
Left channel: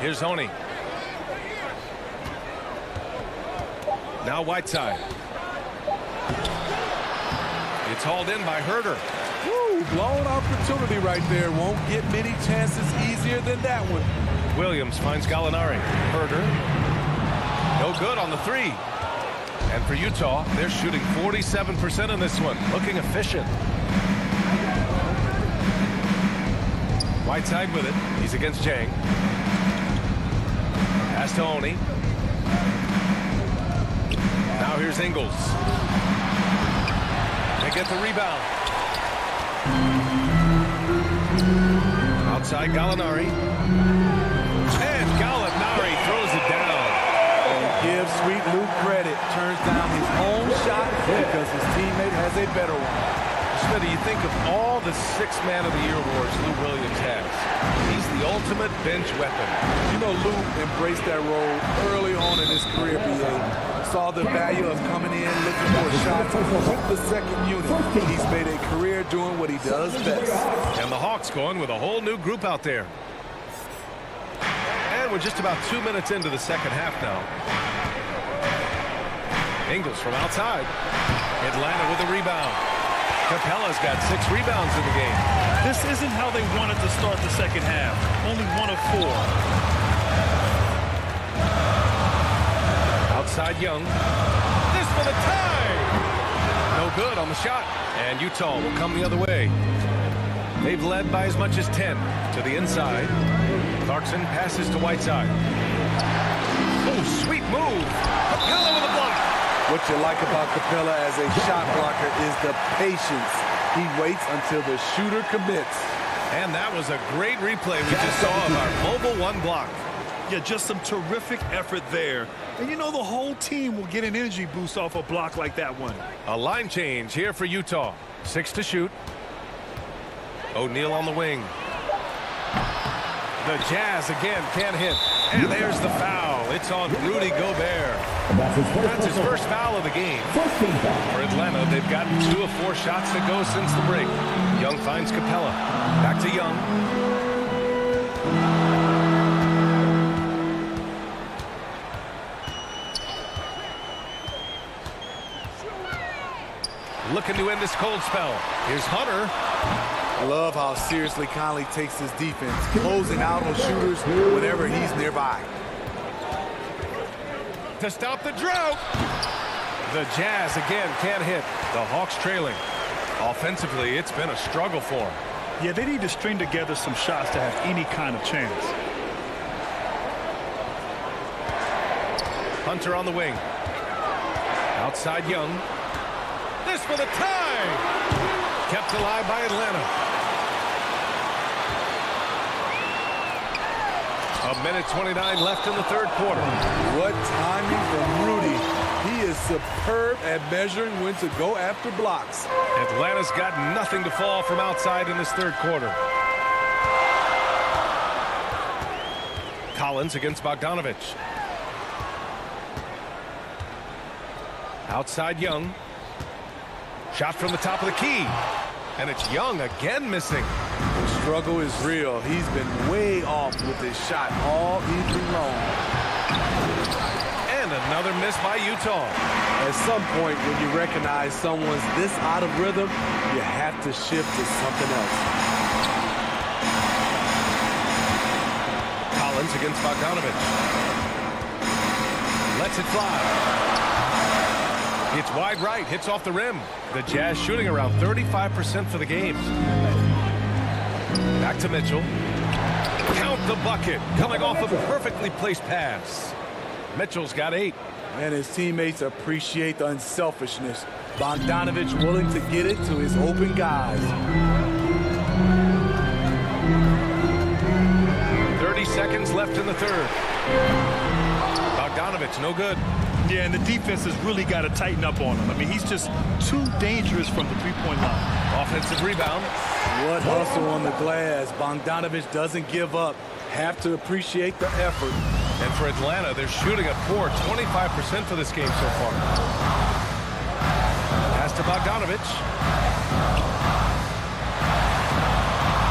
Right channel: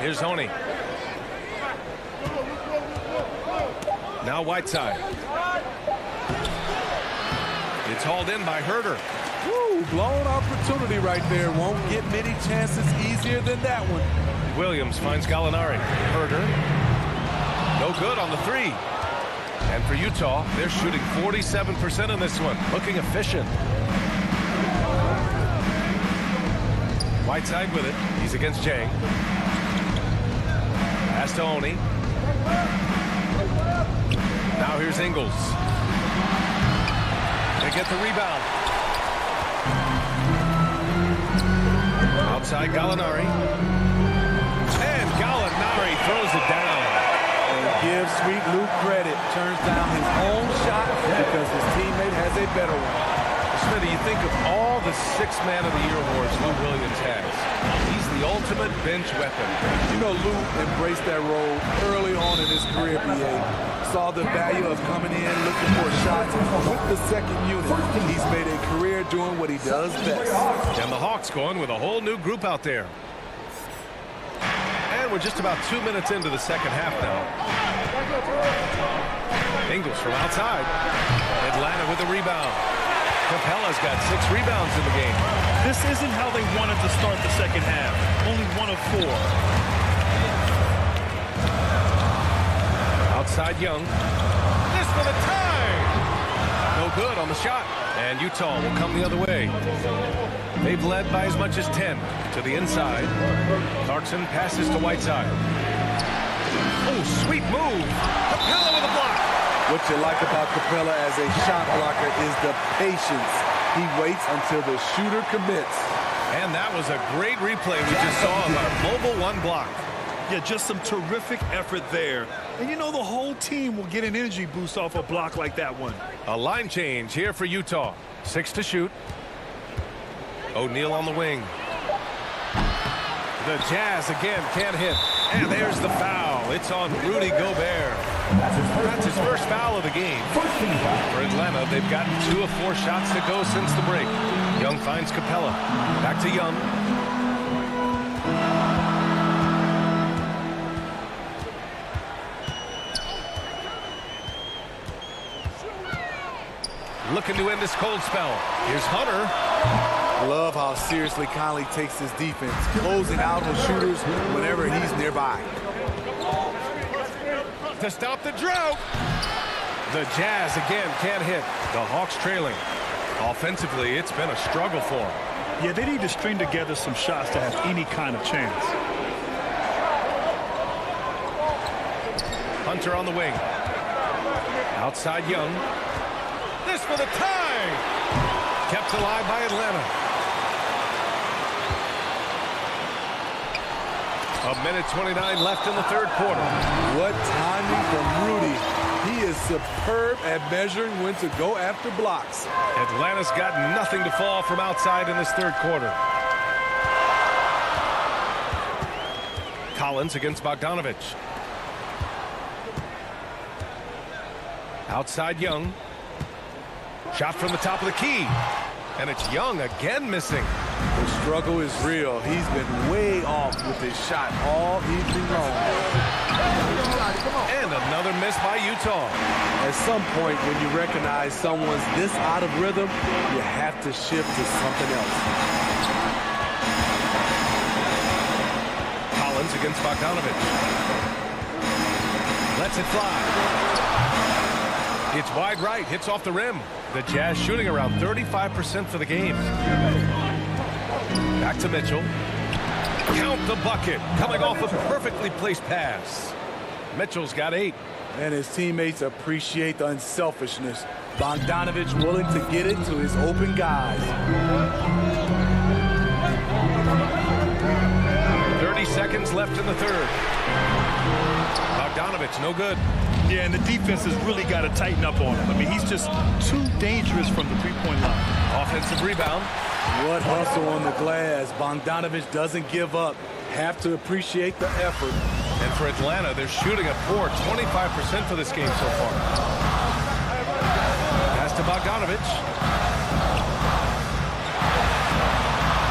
Here's Honey. Now Whiteside. It's hauled in by Huerter. Woo, blown opportunity right there. Won't get many chances easier than that one. Williams finds Gallinari. Huerter. No good on the 3. And for Utah, they're shooting 47% in this one. Looking efficient. Whiteside with it. He's against Jang. Pass to Oni. Now here's Ingles. They get the rebound. Outside Gallinari. And Gallinari throws it down. And give Sweet Luke credit. Turns down his own shot because his teammate has a better one. Smitty, you think of all the 6th Man of the Year awards Lou Williams has. He's the ultimate bench weapon. You know, Lou embraced that role early on in his career, BA. Saw the value of coming in, looking for shots with the second unit. He's made a career doing what he does best. And the Hawks going with a whole new group out there. And we're just about 2 minutes into the second half now. Ingles from outside. Atlanta with a rebound. Capella's got 6 rebounds in the game. This isn't how they wanted to start the second half. Only 1 of 4. Outside Young. This for the tie. No good on the shot. And Utah will come the other way. They've led by as much as 10 to the inside. Clarkson passes to Whiteside. Oh, sweet move. Capella with a block. What you like about Capella as a shot blocker is the patience. He waits until the shooter commits. And that was a great replay we just saw of our mobile 1 block. Yeah, just some terrific effort there. And you know the whole team will get an energy boost off a block like that one. A line change here for Utah. 6 to shoot. O'Neal on the wing. The Jazz again can't hit. And there's the foul. It's on Rudy Gobert. That's his first foul of the game. For Atlanta, they've gotten 2 of 4 shots to go since the break. Young finds Capella. Back to Young. Looking to end this cold spell. Here's Hunter. I love how seriously Conley takes his defense, closing out on shooters whenever he's nearby. To stop the drought. The Jazz again can't hit. The Hawks trailing. Offensively, it's been a struggle for them. Yeah, they need to string together some shots to have any kind of chance. Hunter on the wing. Outside Young. This for the tie. Kept alive by Atlanta. A minute 29 left in the third quarter. What timing from Rudy. He is superb at measuring when to go after blocks. Atlanta's got nothing to fall from outside in this third quarter. Collins against Bogdanovich. Outside Young. Shot from the top of the key. And it's Young again missing. The struggle is real. He's been way off with his shot all evening long. And another miss by Utah. At some point, when you recognize someone's this out of rhythm, you have to shift to something else. Collins against Bogdanovich. Lets it fly. It's wide right, hits off the rim. The Jazz shooting around 35% for the game. Back to Mitchell. Count the bucket. Coming off a perfectly placed pass. Mitchell's got 8. And his teammates appreciate the unselfishness. Bogdanovich willing to get it to his open guys. 30 seconds left in the third. Bogdanovich, no good. Yeah, and the defense has really got to tighten up on him. I mean, he's just too dangerous from the three-point line. Offensive rebound. What hustle on the glass. Bogdanovich doesn't give up. Have to appreciate the effort. And for Atlanta, they're shooting a poor 25% for this game so far. Pass to Bogdanovich.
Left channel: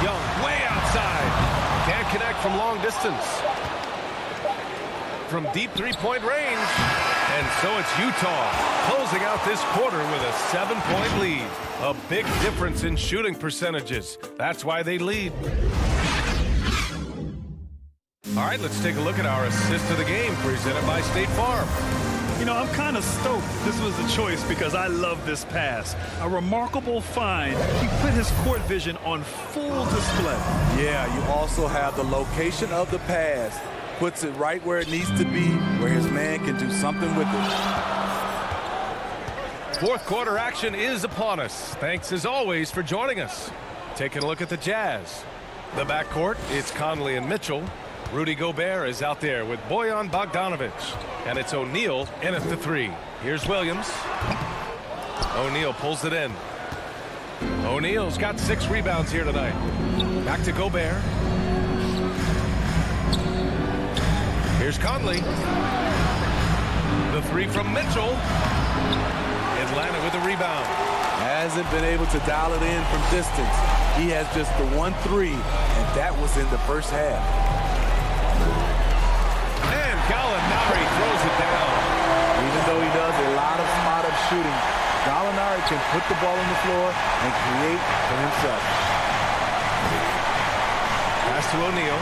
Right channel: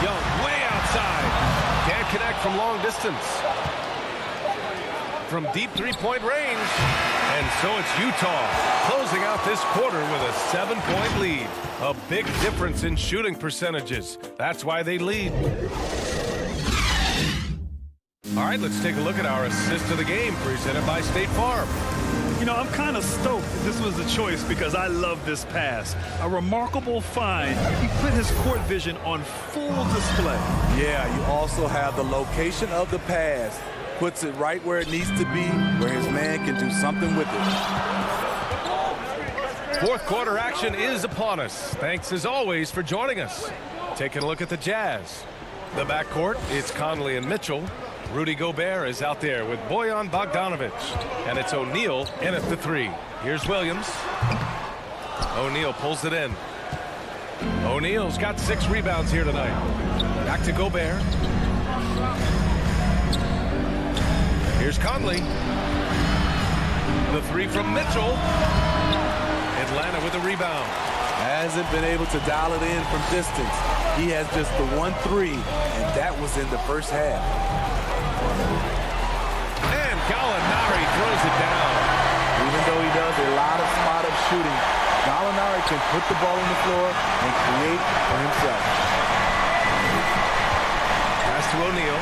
Young way outside. Can't connect from long distance. From deep three-point range. And so it's Utah closing out this quarter with a 7-point lead. A big difference in shooting percentages. That's why they lead. All right, let's take a look at our assist of the game presented by State Farm. You know, I'm kind of stoked this was the choice because I love this pass. A remarkable find. He put his court vision on full display. Yeah, you also have the location of the pass. Puts it right where it needs to be, where his man can do something with it. Fourth quarter action is upon us. Thanks as always for joining us. Taking a look at the Jazz. The backcourt, it's Conley and Mitchell. Rudy Gobert is out there with Bojan Bogdanovich. And it's O'Neal in at the 3. Here's Williams. O'Neal pulls it in. O'Neal's got 6 rebounds here tonight. Back to Gobert. Here's Conley. The 3 from Mitchell. Atlanta with a rebound. Hasn't been able to dial it in from distance. He has just the 1-3, and that was in the first half. And Gallinari throws it down. Even though he does a lot of spot-up shooting, Gallinari can put the ball on the floor and create for himself. Pass to O'Neal.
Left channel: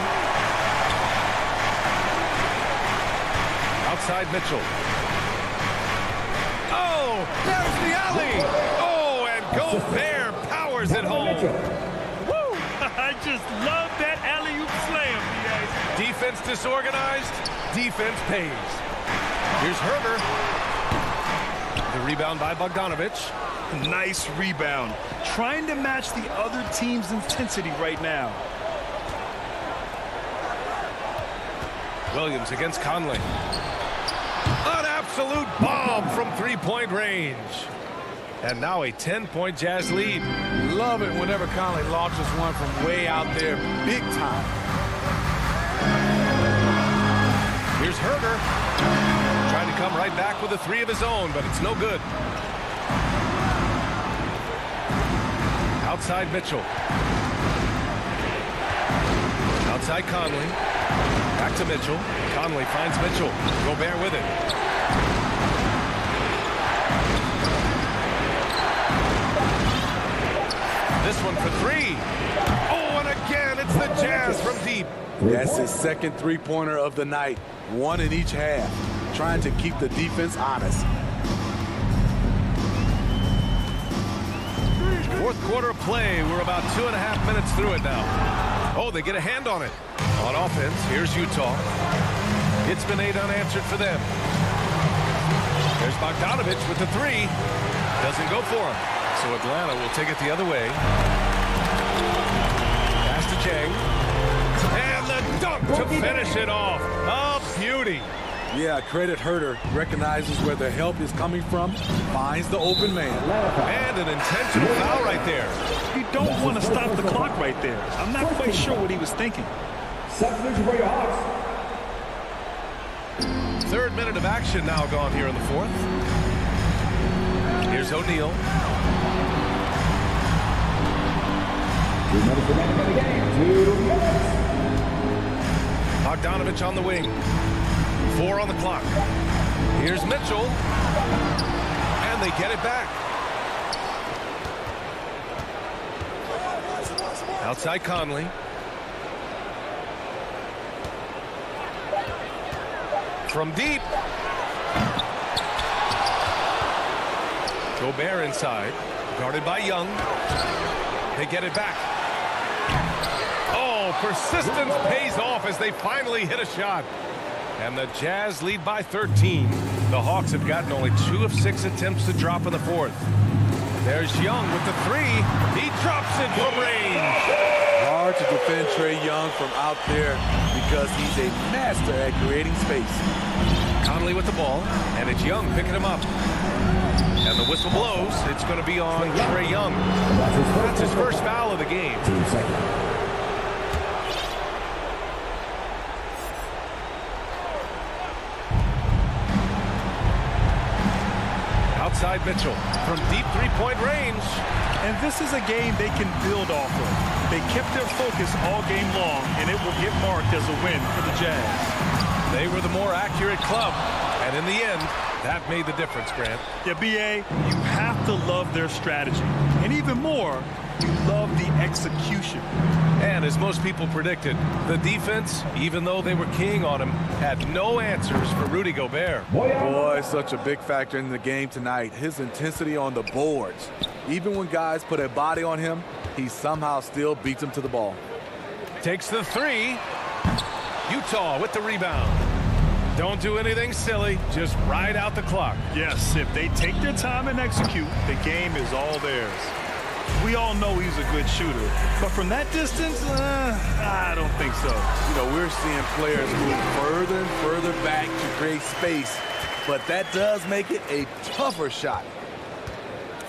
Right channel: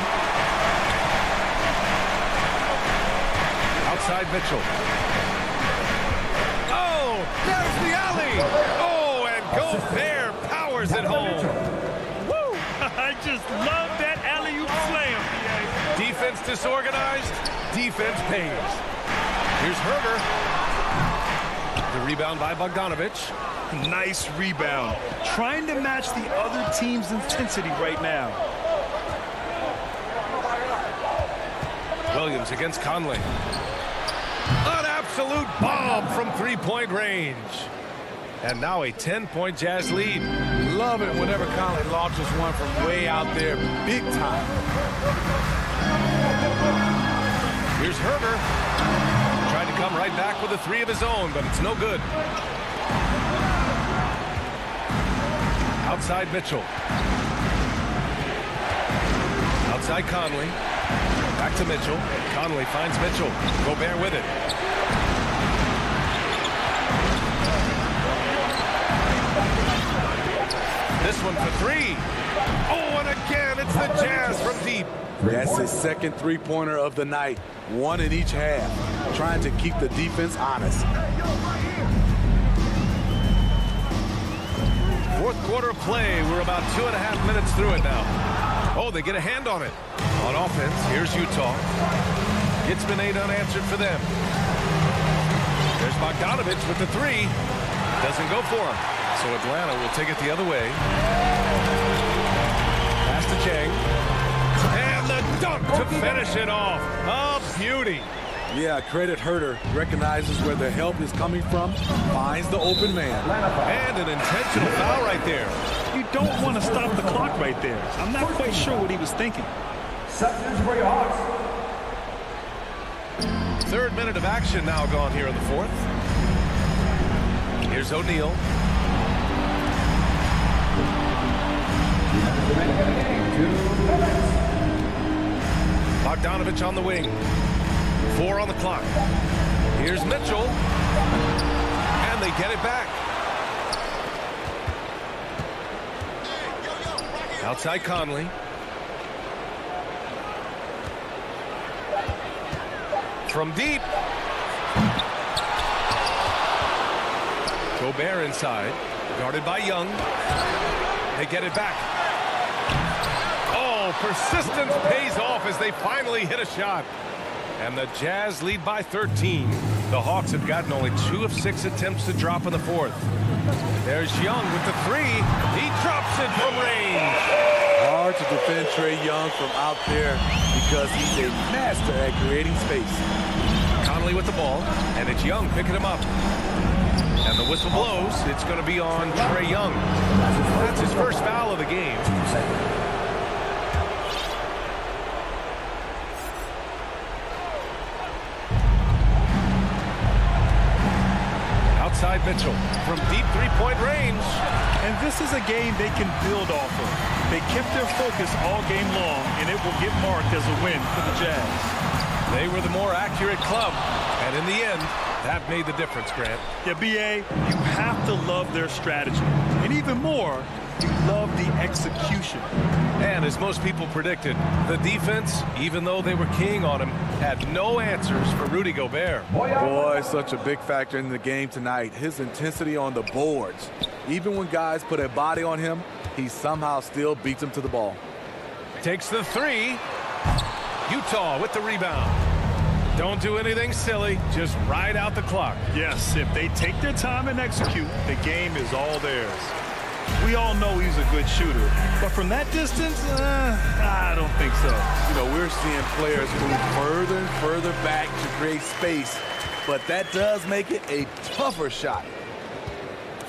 Outside Mitchell. Oh, there's the alley. Oh, and Gobert powers it home. Woo! I just love that alley-oop slam, B.A. Defense disorganized. Defense pays. Here's Herder. The rebound by Bogdanovich. Nice rebound. Trying to match the other team's intensity right now. Williams against Conley. An absolute bomb from three-point range. And now a 10-point Jazz lead. Love it whenever Conley launches one from way out there, big time. Here's Herder. Trying to come right back with a three of his own, but it's no good. Outside Mitchell. Outside Conley. Back to Mitchell. Conley finds Mitchell. Gobert with it. This one for three. Oh, and again, it's the Jazz from deep. That's his second three-pointer of the night. One in each half. Trying to keep the defense honest. Fourth quarter of play. We're about 2.5 minutes through it now. Oh, they get a hand on it. On offense, here's Utah. It's been 8 unanswered for them. There's Bogdanovich with the three. Doesn't go for him. So Atlanta will take it the other way. Pass to Chang. And the dunk to finish it off. A beauty. Yeah, credit Herder. Recognizes where the help is coming from. Finds the open man. And an intentional foul right there. You don't want to stop the clock right there. I'm not quite sure what he was thinking. Substitution for your Hawks. Third minute of action now gone here in the fourth. Here's O'Neal. 2 minutes remaining in the game. 2 minutes. Bogdanovich on the wing. 4 on the clock. Here's Mitchell. And they get it back. Outside Conley. From deep. Gobert inside. Guarded by Young. They get it back. Oh, persistence pays off as they finally hit a shot. And the Jazz lead by 13. The Hawks have gotten only 2 of 6 attempts to drop in the fourth. There's Young with the three. He drops it from range. Hard to defend Trae Young from out there because he's a master at creating space. Conley with the ball, and it's Young picking him up. And the whistle blows. It's going to be on Trae Young. That's his first foul of the game. 2 seconds. Outside Mitchell from deep three-point range. And this is a game they can build off of. They kept their focus all game long, and it will get marked as a win for the Jazz. They were the more accurate club, and in the end, that made the difference, Grant. Yeah, B.A., you have to love their strategy. And even more, you love the execution. And as most people predicted, the defense, even though they were keying on him, had no answers for Rudy Gobert. Boy, such a big factor in the game tonight. His intensity on the boards. Even when guys put a body on him, he somehow still beats them to the ball. Takes the three. Utah with the rebound. Don't do anything silly. Just ride out the clock. Yes, if they take their time and execute, the game is all theirs. We all know he's a good shooter, but from that distance, I don't think so. You know, we're seeing players move further and further back to create space, but that does make it a tougher shot.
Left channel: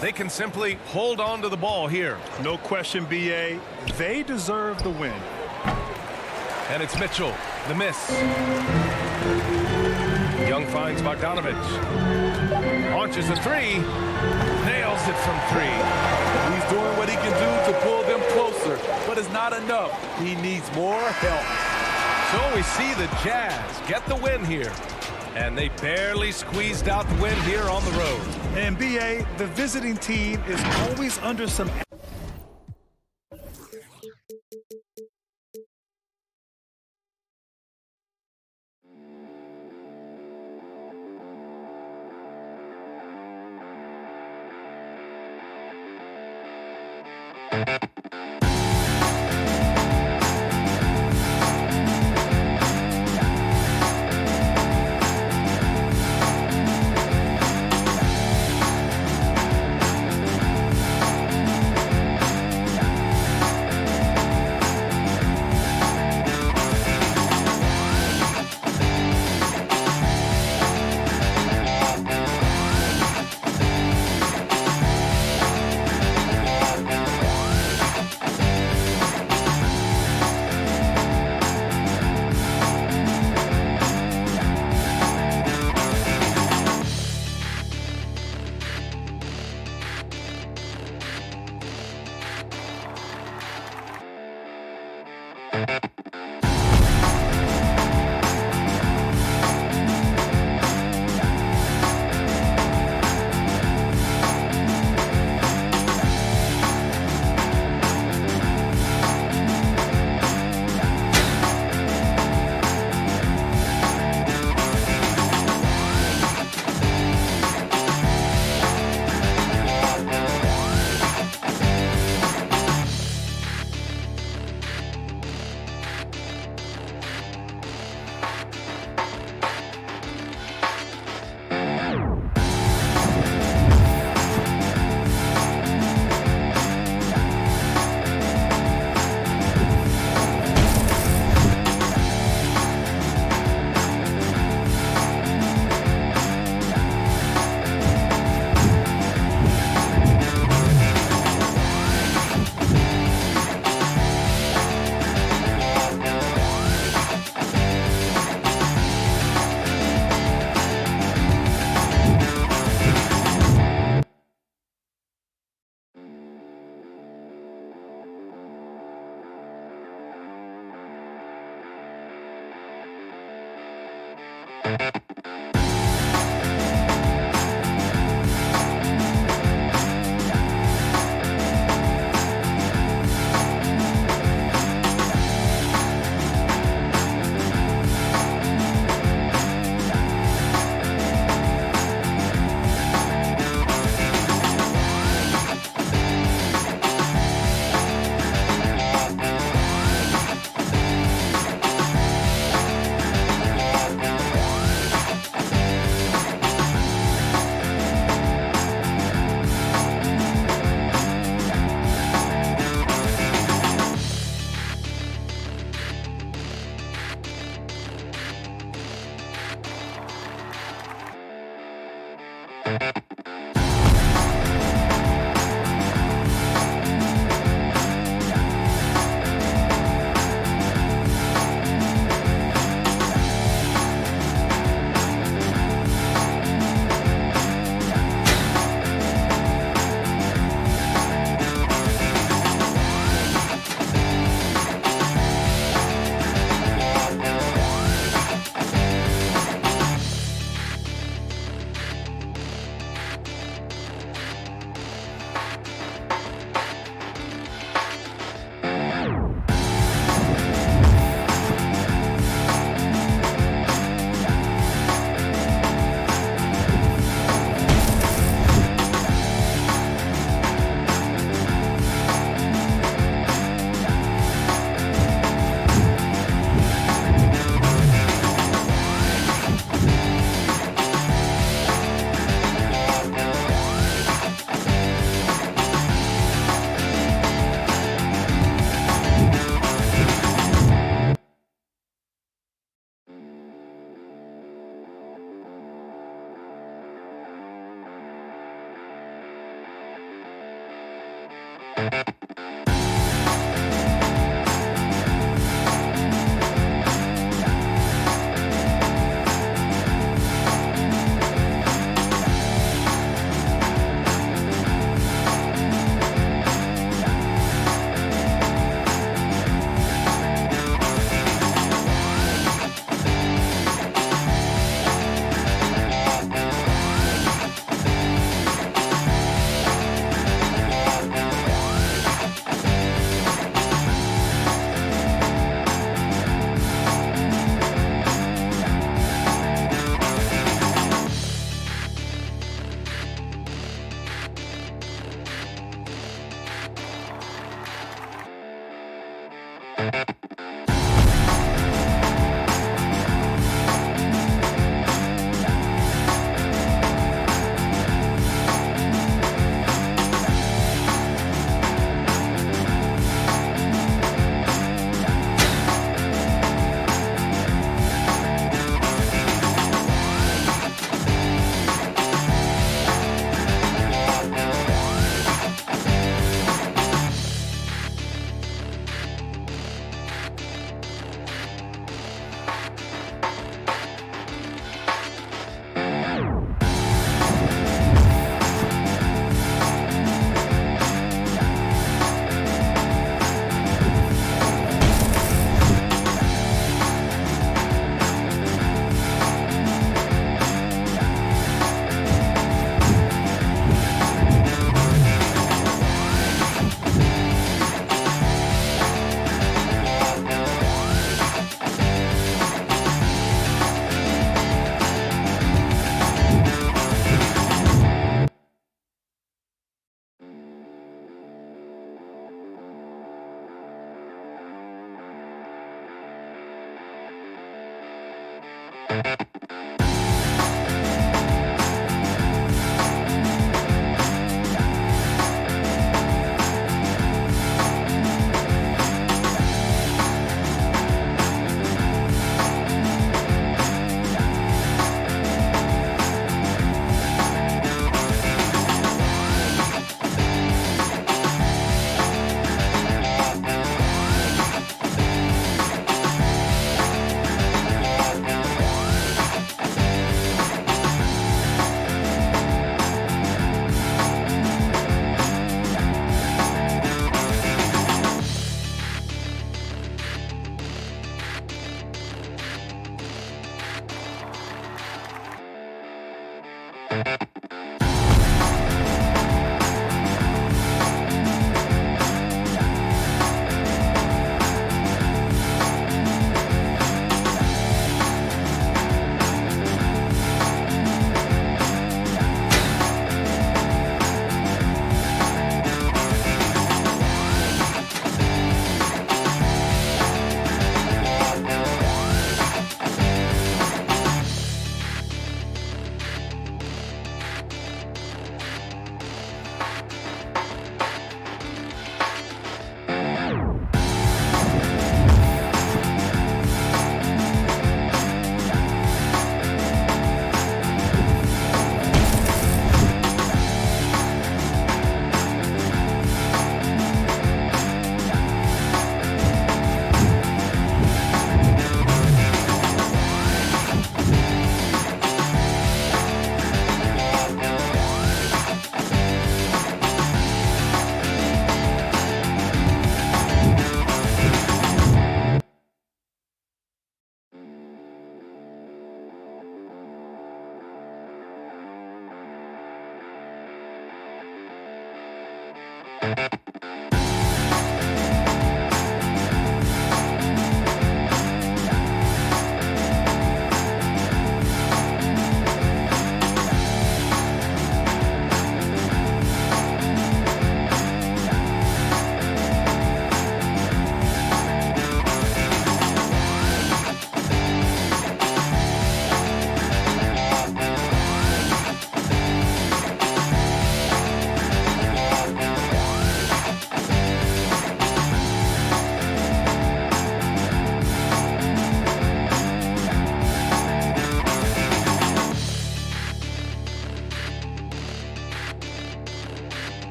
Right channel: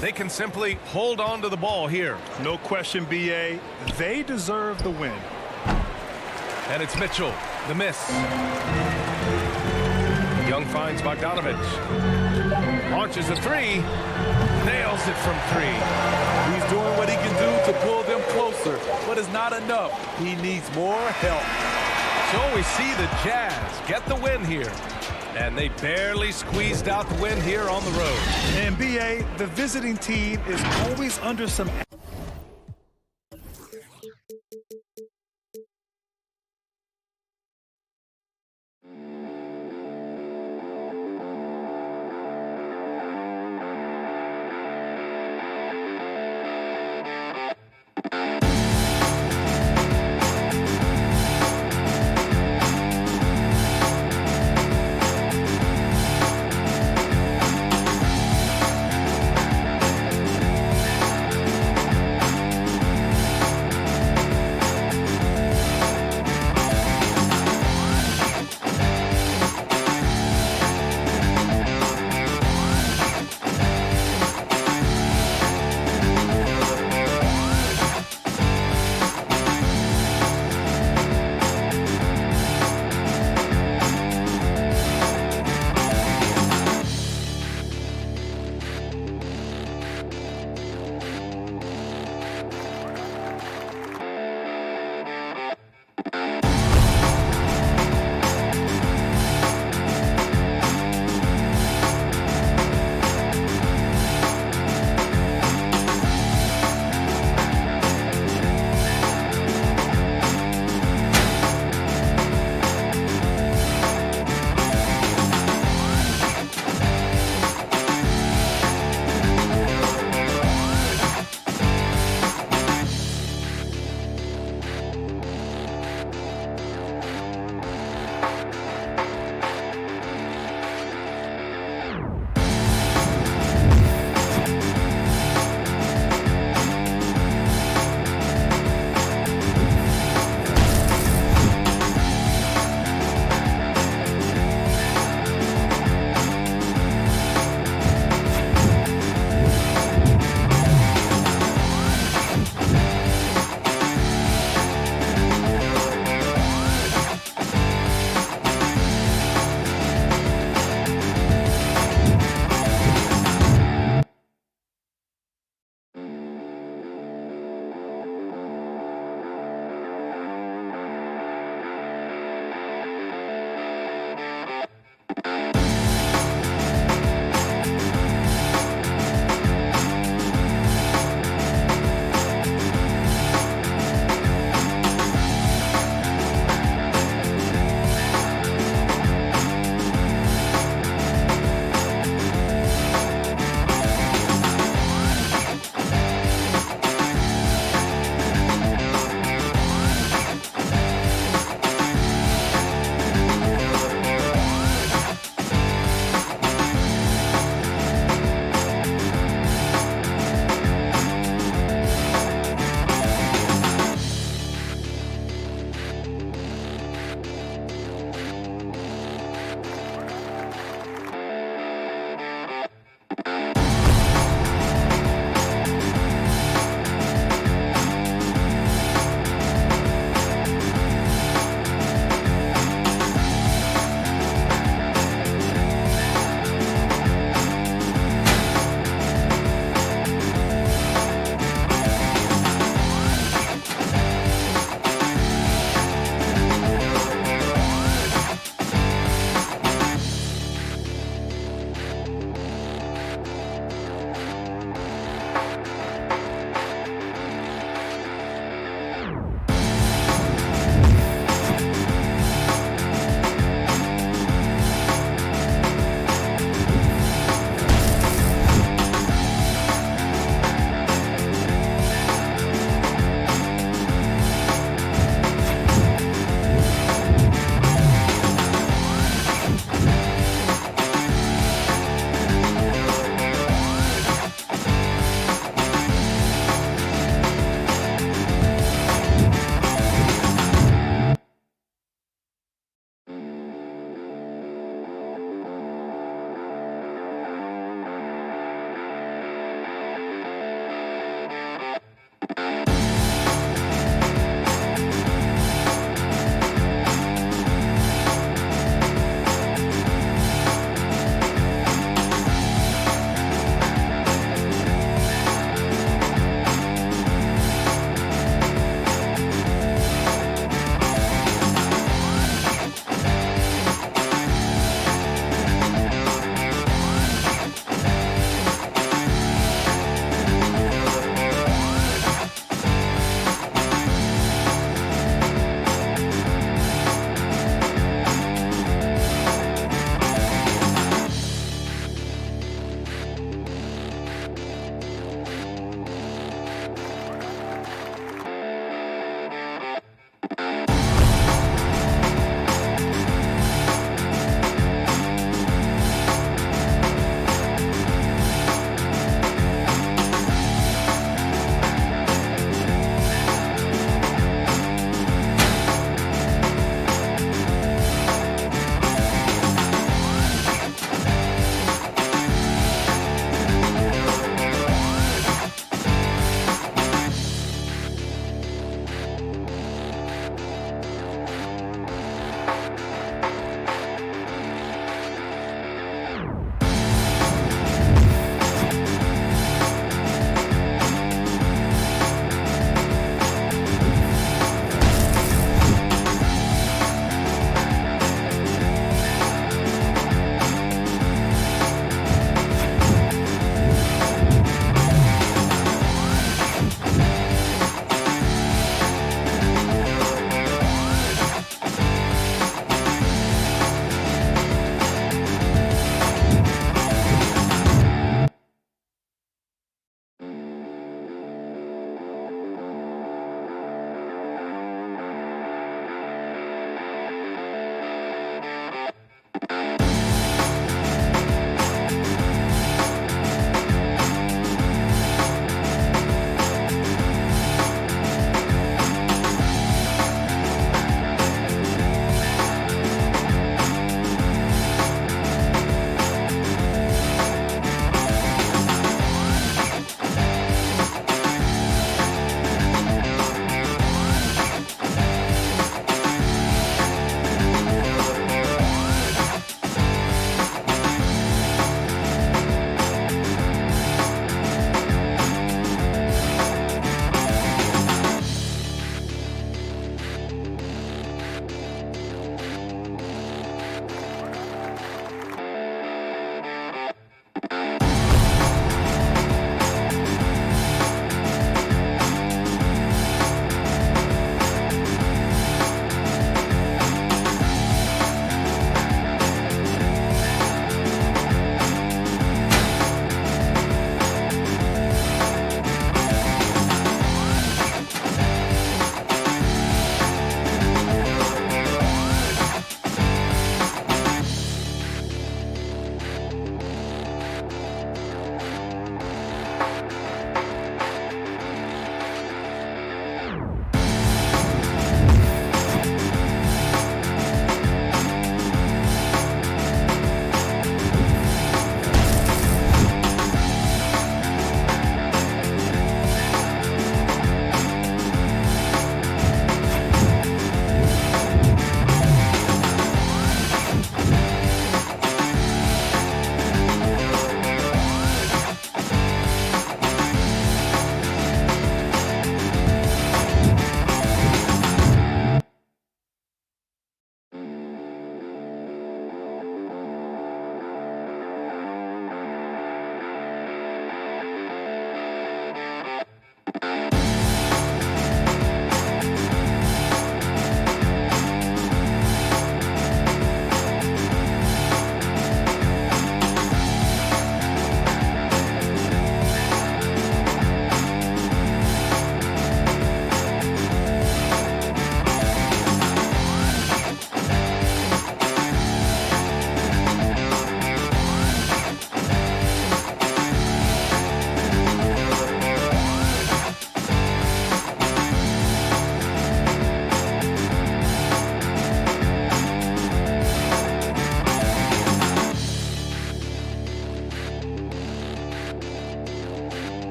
They can simply hold on to the ball here. No question, B.A. They deserve the win. And it's Mitchell, the miss. Young finds Bogdanovich. Launches a three. Nails it from 3. He's doing what he can do to pull them closer, but it's not enough. He needs more help. So we see the Jazz get the win here. And they barely squeezed out the win here on the road. And B.A., the visiting team is always under some...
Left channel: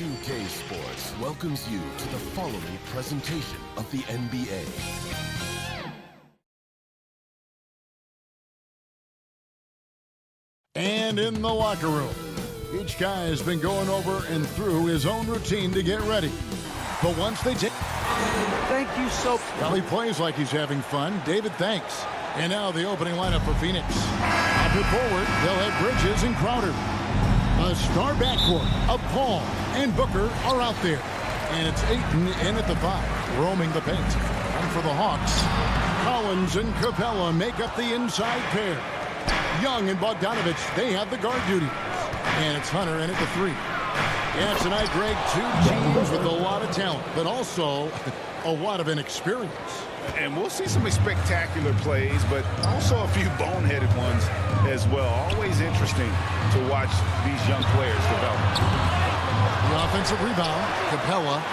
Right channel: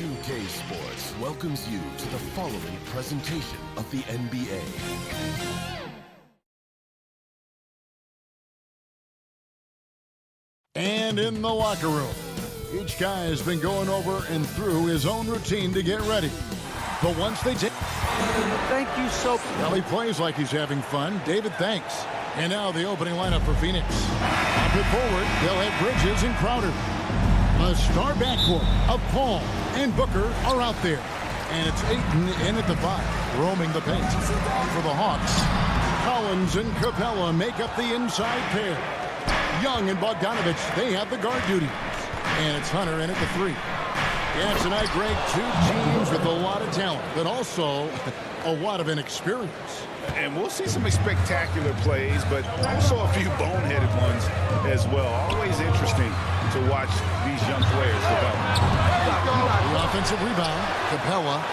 2K Sports welcomes you to the following presentation of the NBA. And in the locker room, each guy has been going over and through his own routine to get ready. But once they take... Thank you so... Well, he plays like he's having fun. David, thanks. And now the opening lineup for Phoenix. Up it forward, they'll have Bridges and Crowder. The star backcourt of Paul and Booker are out there. And it's Ayton in at the 5, roaming the paint. And for the Hawks, Collins and Capella make up the inside pair. Young and Bogdanovich, they have the guard duties. And it's Hunter in at the 3. Yeah, tonight, Greg, two teams with a lot of talent, but also a lot of inexperience. And we'll see some spectacular plays, but also a few boneheaded ones as well. Always interesting to watch these young players develop. The offensive rebound, Capella.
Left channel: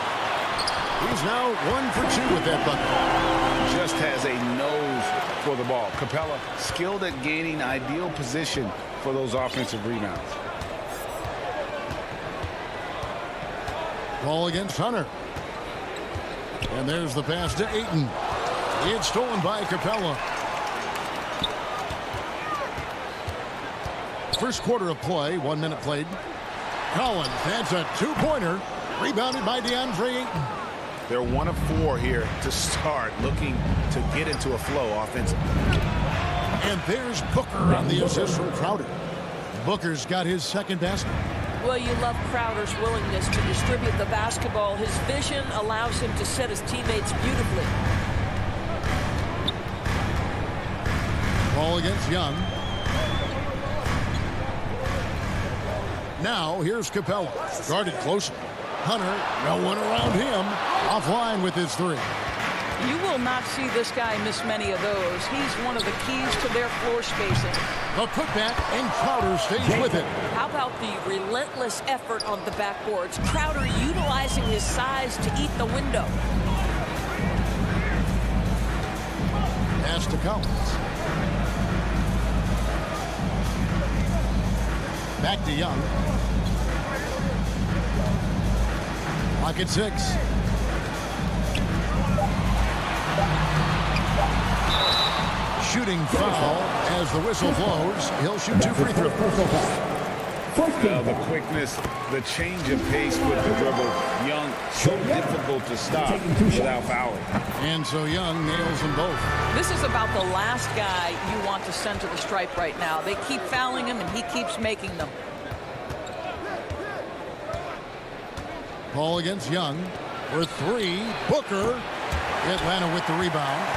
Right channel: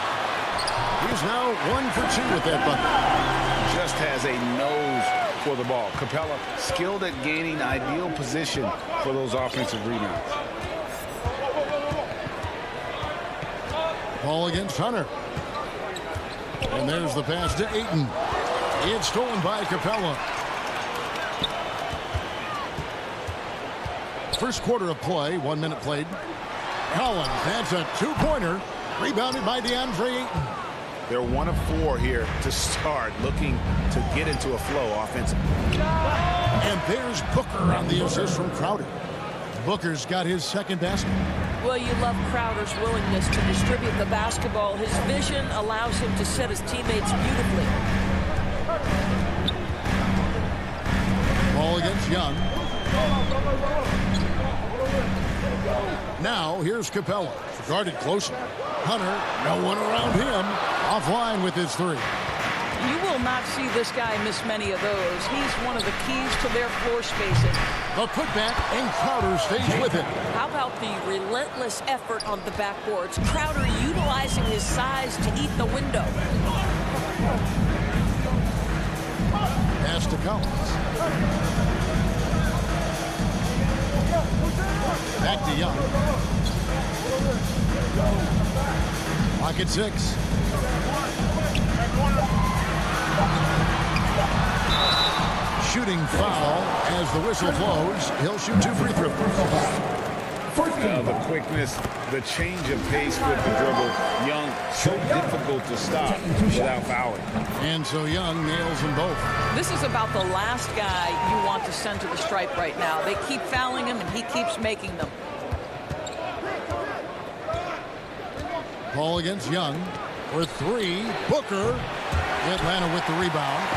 He's now 1 for 2 with that bucket. Just has a nose for the ball. Capella skilled at gaining ideal position for those offensive rebounds. Ball against Hunter. And there's the pass to Ayton. It's stolen by Capella. First quarter of play, 1 minute played. Collins, that's a two-pointer. Rebounded by DeAndre Ayton. They're 1 of 4 here to start, looking to get into a flow offensively. And there's Booker on the assist from Crowder. Booker's got his second basket. Well, you love Crowder's willingness to distribute the basketball. His vision allows him to set his teammates beautifully. Ball against Young. Now, here's Capella. Guarded closely. Hunter, no one around him. Offline with his three. You will not see this guy miss many of those. He's one of the keys to their floor spacing. The putback, and Crowder stays with it. How about the relentless effort on the backboards? Crowder utilizing his size to eat the window. Pass to Collins. Back to Young. Lock at 6. Shooting foul as the whistle blows. He'll shoot 2 free throws. The quickness, the change of pace with the dribble. Young, so difficult to stop without fouling. And so Young nails them both. This is about the last guy you want to send to the stripe right now. They keep fouling him, and he keeps making them. Ball against Young for 3. Booker. Atlanta with the rebound.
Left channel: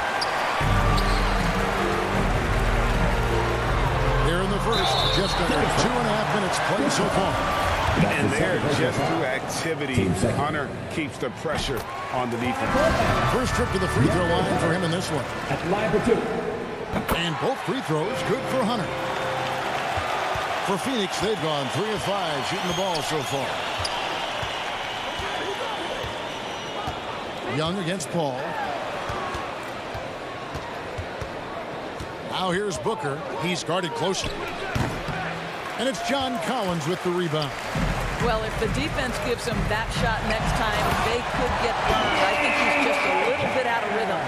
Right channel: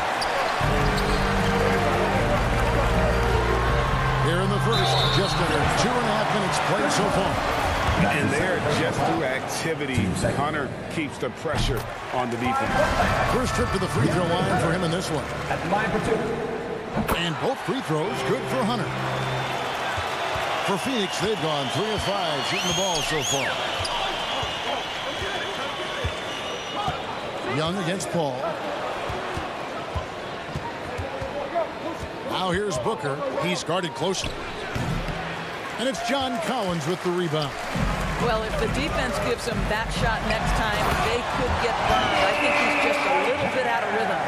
Here in the first, just under 2.5 minutes played so far. And there, just through activity, Hunter keeps the pressure on the defense. First trip to the free throw line for him in this one. At line for 2. And both free throws good for Hunter. For Phoenix, they've gone 3 of 5 shooting the ball so far. Young against Paul. Now here's Booker. He's guarded closely. And it's John Collins with the rebound. Well, if the defense gives him that shot next time, they could get burned. I think he's just a little bit out of rhythm.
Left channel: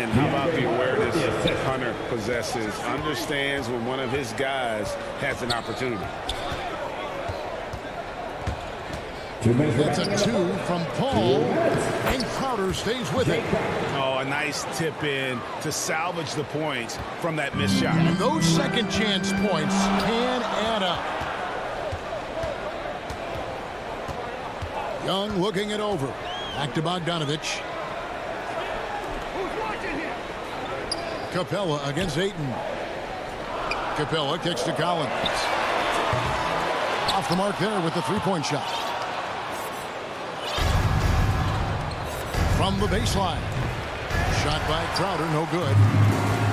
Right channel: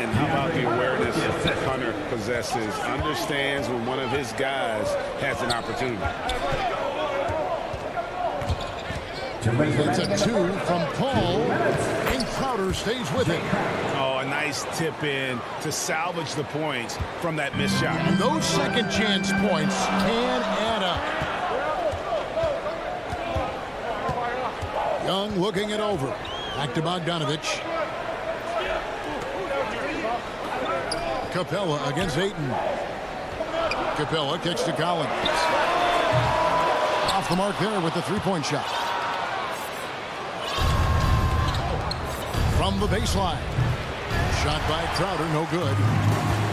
And how about the awareness Hunter possesses? Understands when one of his guys has an opportunity. That's a 2 from Paul, and Crowder stays with it. Oh, a nice tip in to salvage the points from that missed shot. And those second chance points can add up. Young looking it over. Back to Bogdanovich. Capella against Ayton. Capella kicks to Collins. Off the mark there with the three-point shot. From the baseline. Shot by Crowder, no good.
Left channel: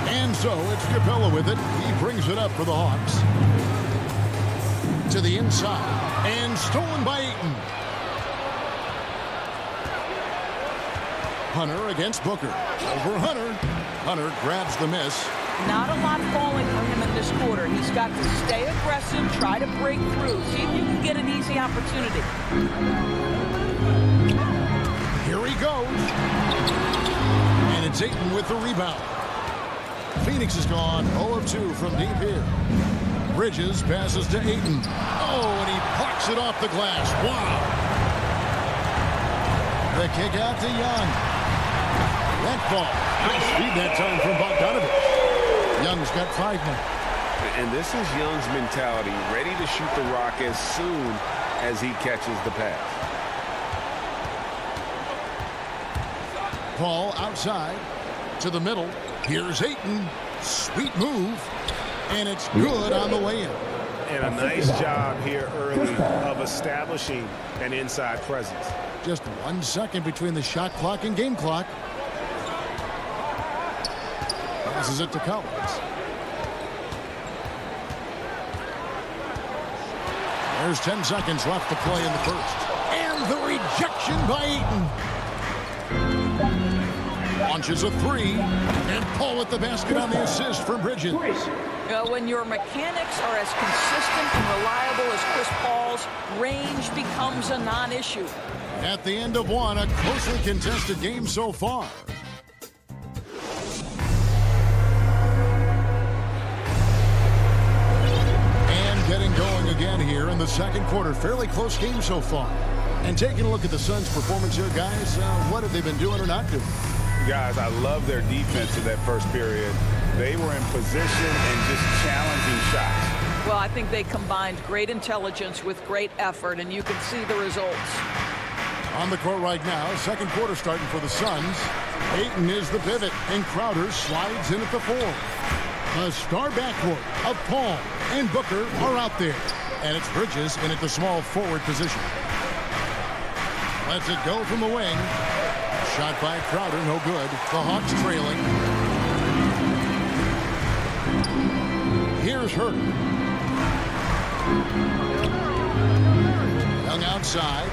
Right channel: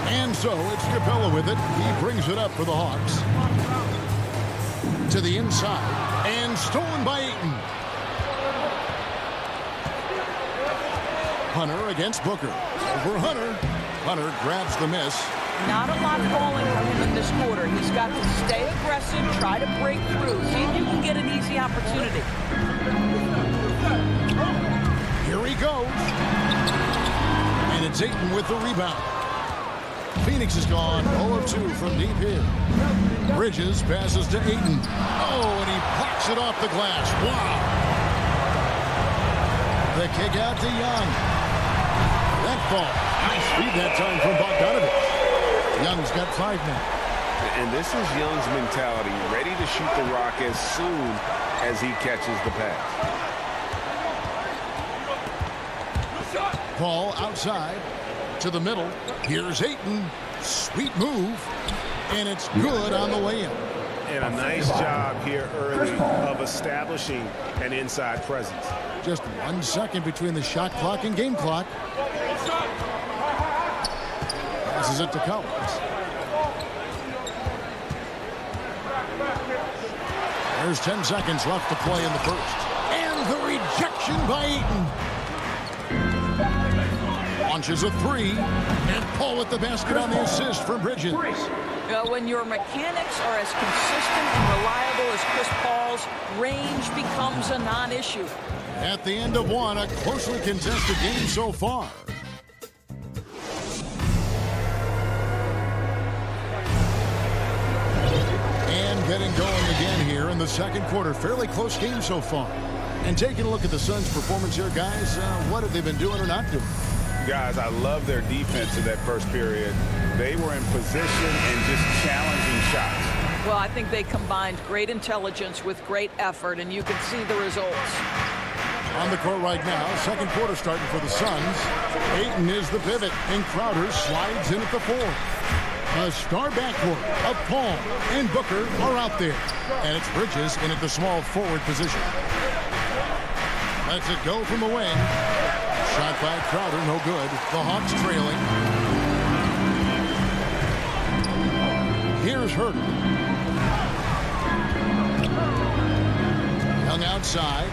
And so it's Capella with it. He brings it up for the Hawks. To the inside. And stolen by Ayton. Hunter against Booker. Over Hunter. Hunter grabs the miss. Not a lot falling for him in this quarter. He's got to stay aggressive, try to break through. See if you can get an easy opportunity. Here he goes. And it's Ayton with the rebound. Phoenix is gone 0 of 2 from deep here. Bridges passes to Ayton. Oh, and he pucks it off the glass. Wow. The kick out to Young. That ball. Nice feed that time from Bogdanovich. Young's got 5 now. And this is Young's mentality, ready to shoot the rock as soon as he catches the pass. Paul outside to the middle. Here's Ayton. Sweet move. And it's good on the way in. And a nice job here early of establishing an inside presence. Just 1 second between the shot clock and game clock. Passes it to Collins. There's 10 seconds left to play in the first. And the rejection by Eaton. Launches a three. And Paul at the basket on the assist from Bridges. When your mechanics are as consistent and reliable as Chris Paul's, range becomes a non-issue. At the end of one, a closely contested game so far. And getting going again here in the second quarter. Fairly close game so far. And taking a look at the Suns' performance here, guys, what have they been doing or not doing? Guys, I love their defense in that first period. They were in position and just challenging shots. Well, I think they combined great intelligence with great effort, and you can see the results. On the court right now, second quarter starting for the Suns. Ayton is the pivot, and Crowder slides in at the 4. A star backcourt of Paul and Booker are out there. And it's Bridges in at the small forward position. Lets it go from the wing. Shot by Crowder, no good. The Hawks trailing. Here's Hurd. Young outside.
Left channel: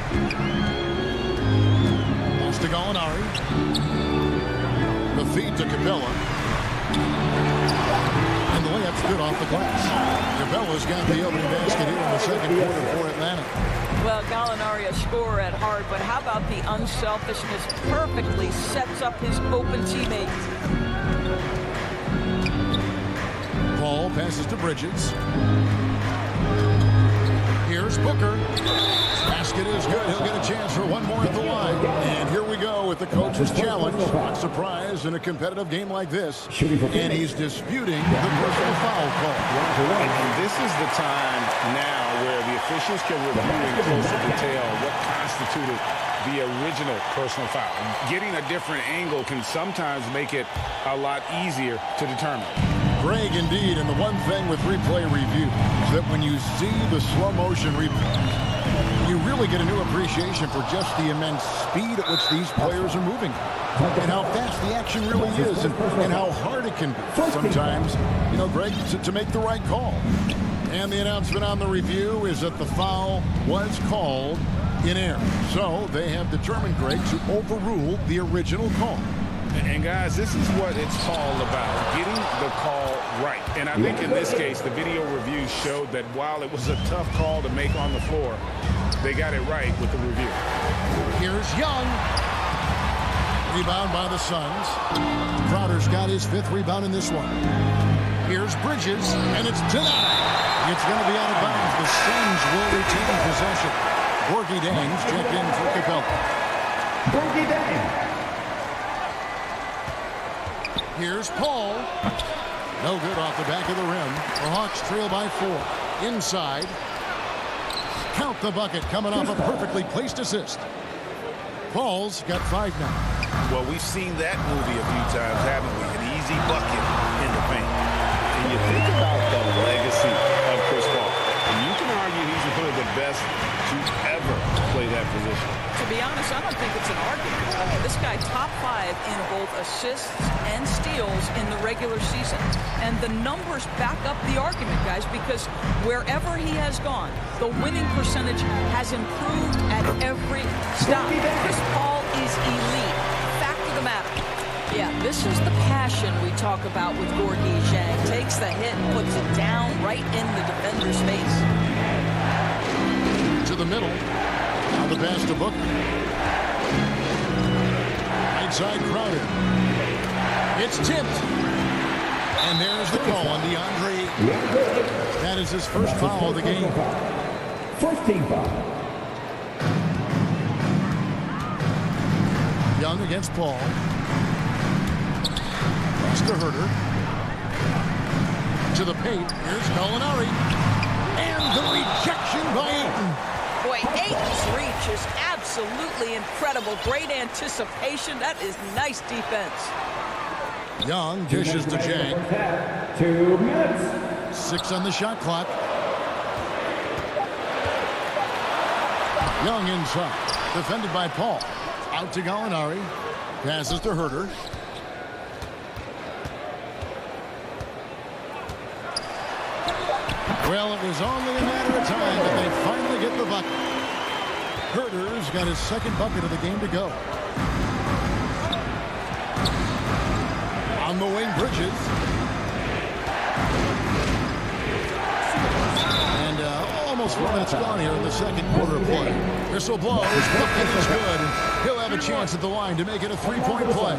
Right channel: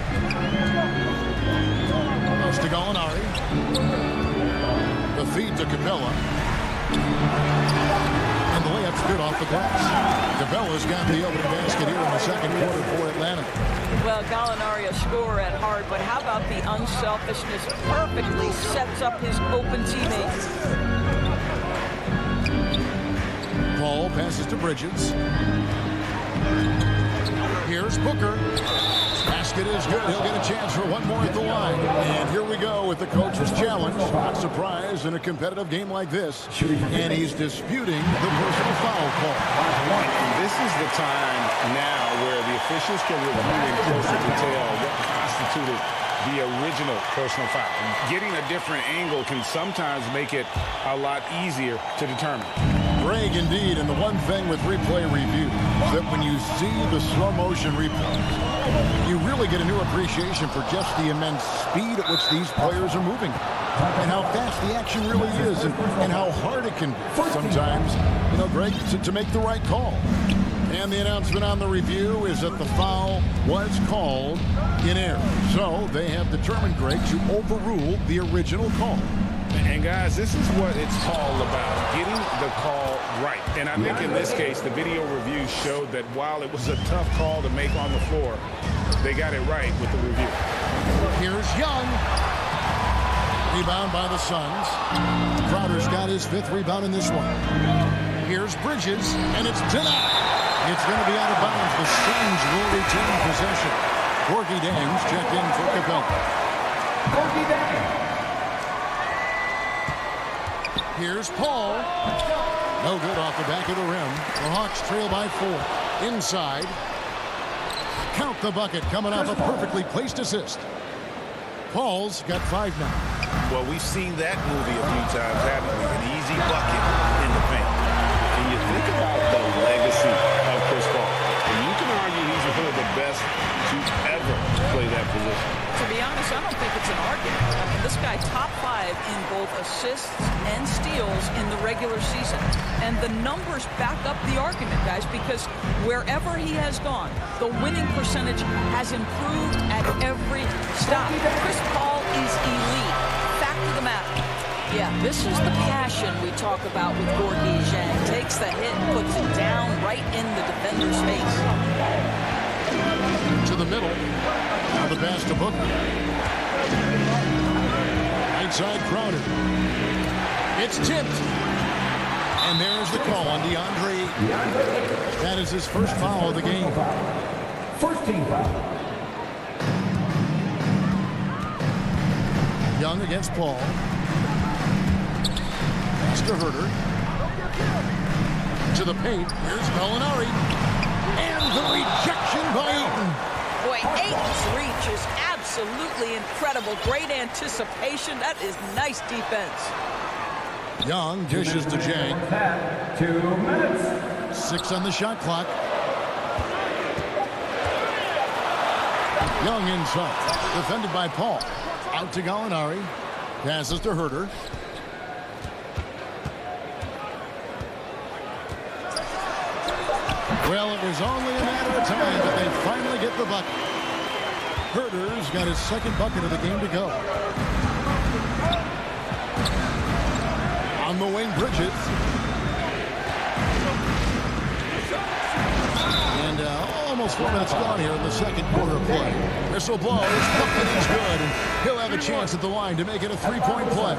Pass to Gallinari. The feed to Capella. And the layup's good off the glass. Capella's got the opening basket here in the second quarter for Atlanta. Well, Gallinari a scorer at heart, but how about the unselfishness? Perfectly sets up his open teammates. Paul passes to Bridges. Here's Booker. Basket is good. He'll get a chance for one more at the line. And here we go with the coach's challenge. Not surprised in a competitive game like this. And he's disputing the personal foul call. And this is the time now where the officials can review in closer detail what constituted the original personal foul. Getting a different angle can sometimes make it a lot easier to determine. Greg, indeed, and the one thing with replay review is that when you see the slow motion replays, you really get a new appreciation for just the immense speed at which these players are moving and how fast the action really is and how hard it can be sometimes, you know, Greg, to make the right call. And the announcement on the review is that the foul was called in error. So they have determined, Greg, to overrule the original call. And guys, this is what it's all about, getting the call right. And I think in this case, the video review showed that while it was a tough call to make on the floor, they got it right with the review. Here's Young. Rebound by the Suns. Crowder's got his 5th rebound in this one. Here's Bridges, and it's denied. It's going to be out of bounds. The Suns will retain possession. Gorgie Dang's checked in for Capella. Gorgie Dang. Here's Paul. No good off the back of the rim. The Hawks trail by 4. Inside. Count the bucket coming off a perfectly placed assist. Paul's got 5 now. Well, we've seen that movie a few times, haven't we? An easy bucket in the paint. And you think about the legacy of Chris Paul, and you can argue he's one of the best to ever play that position. To be honest, I don't think it's an argument. I mean, this guy top 5 in both assists and steals in the regular season. And the numbers back up the argument, guys, because wherever he has gone, the winning percentage has improved at every stop. Chris Paul is elite. Fact of the matter. Yeah, this is the passion we talk about with Gorgie Dang. Takes the hit, puts it down right in the defender's face. To the middle. Now the pass to Booker. Right side Crowder. It's tipped. And there's the call on DeAndre Ayton. That is his first foul of the game. First team foul. Young against Paul. Pass to Herter. To the paint. Here's Gallinari. And the rejection by Ayton. Boy, Ayton's reach is absolutely incredible. Great anticipation. That is nice defense. Young dishes to Jang. 2 minutes. 6 on the shot clock. Young inside. Defended by Paul. Out to Gallinari. Passes to Herter. Well, it was only a matter of time, but they finally get the bucket. Herter's got his second bucket of the game to go. On the wing, Bridges. And almost 4 minutes gone here in the second quarter of play. Whistle blows, bucket is good, and he'll have a chance at the line to make it a three-point play.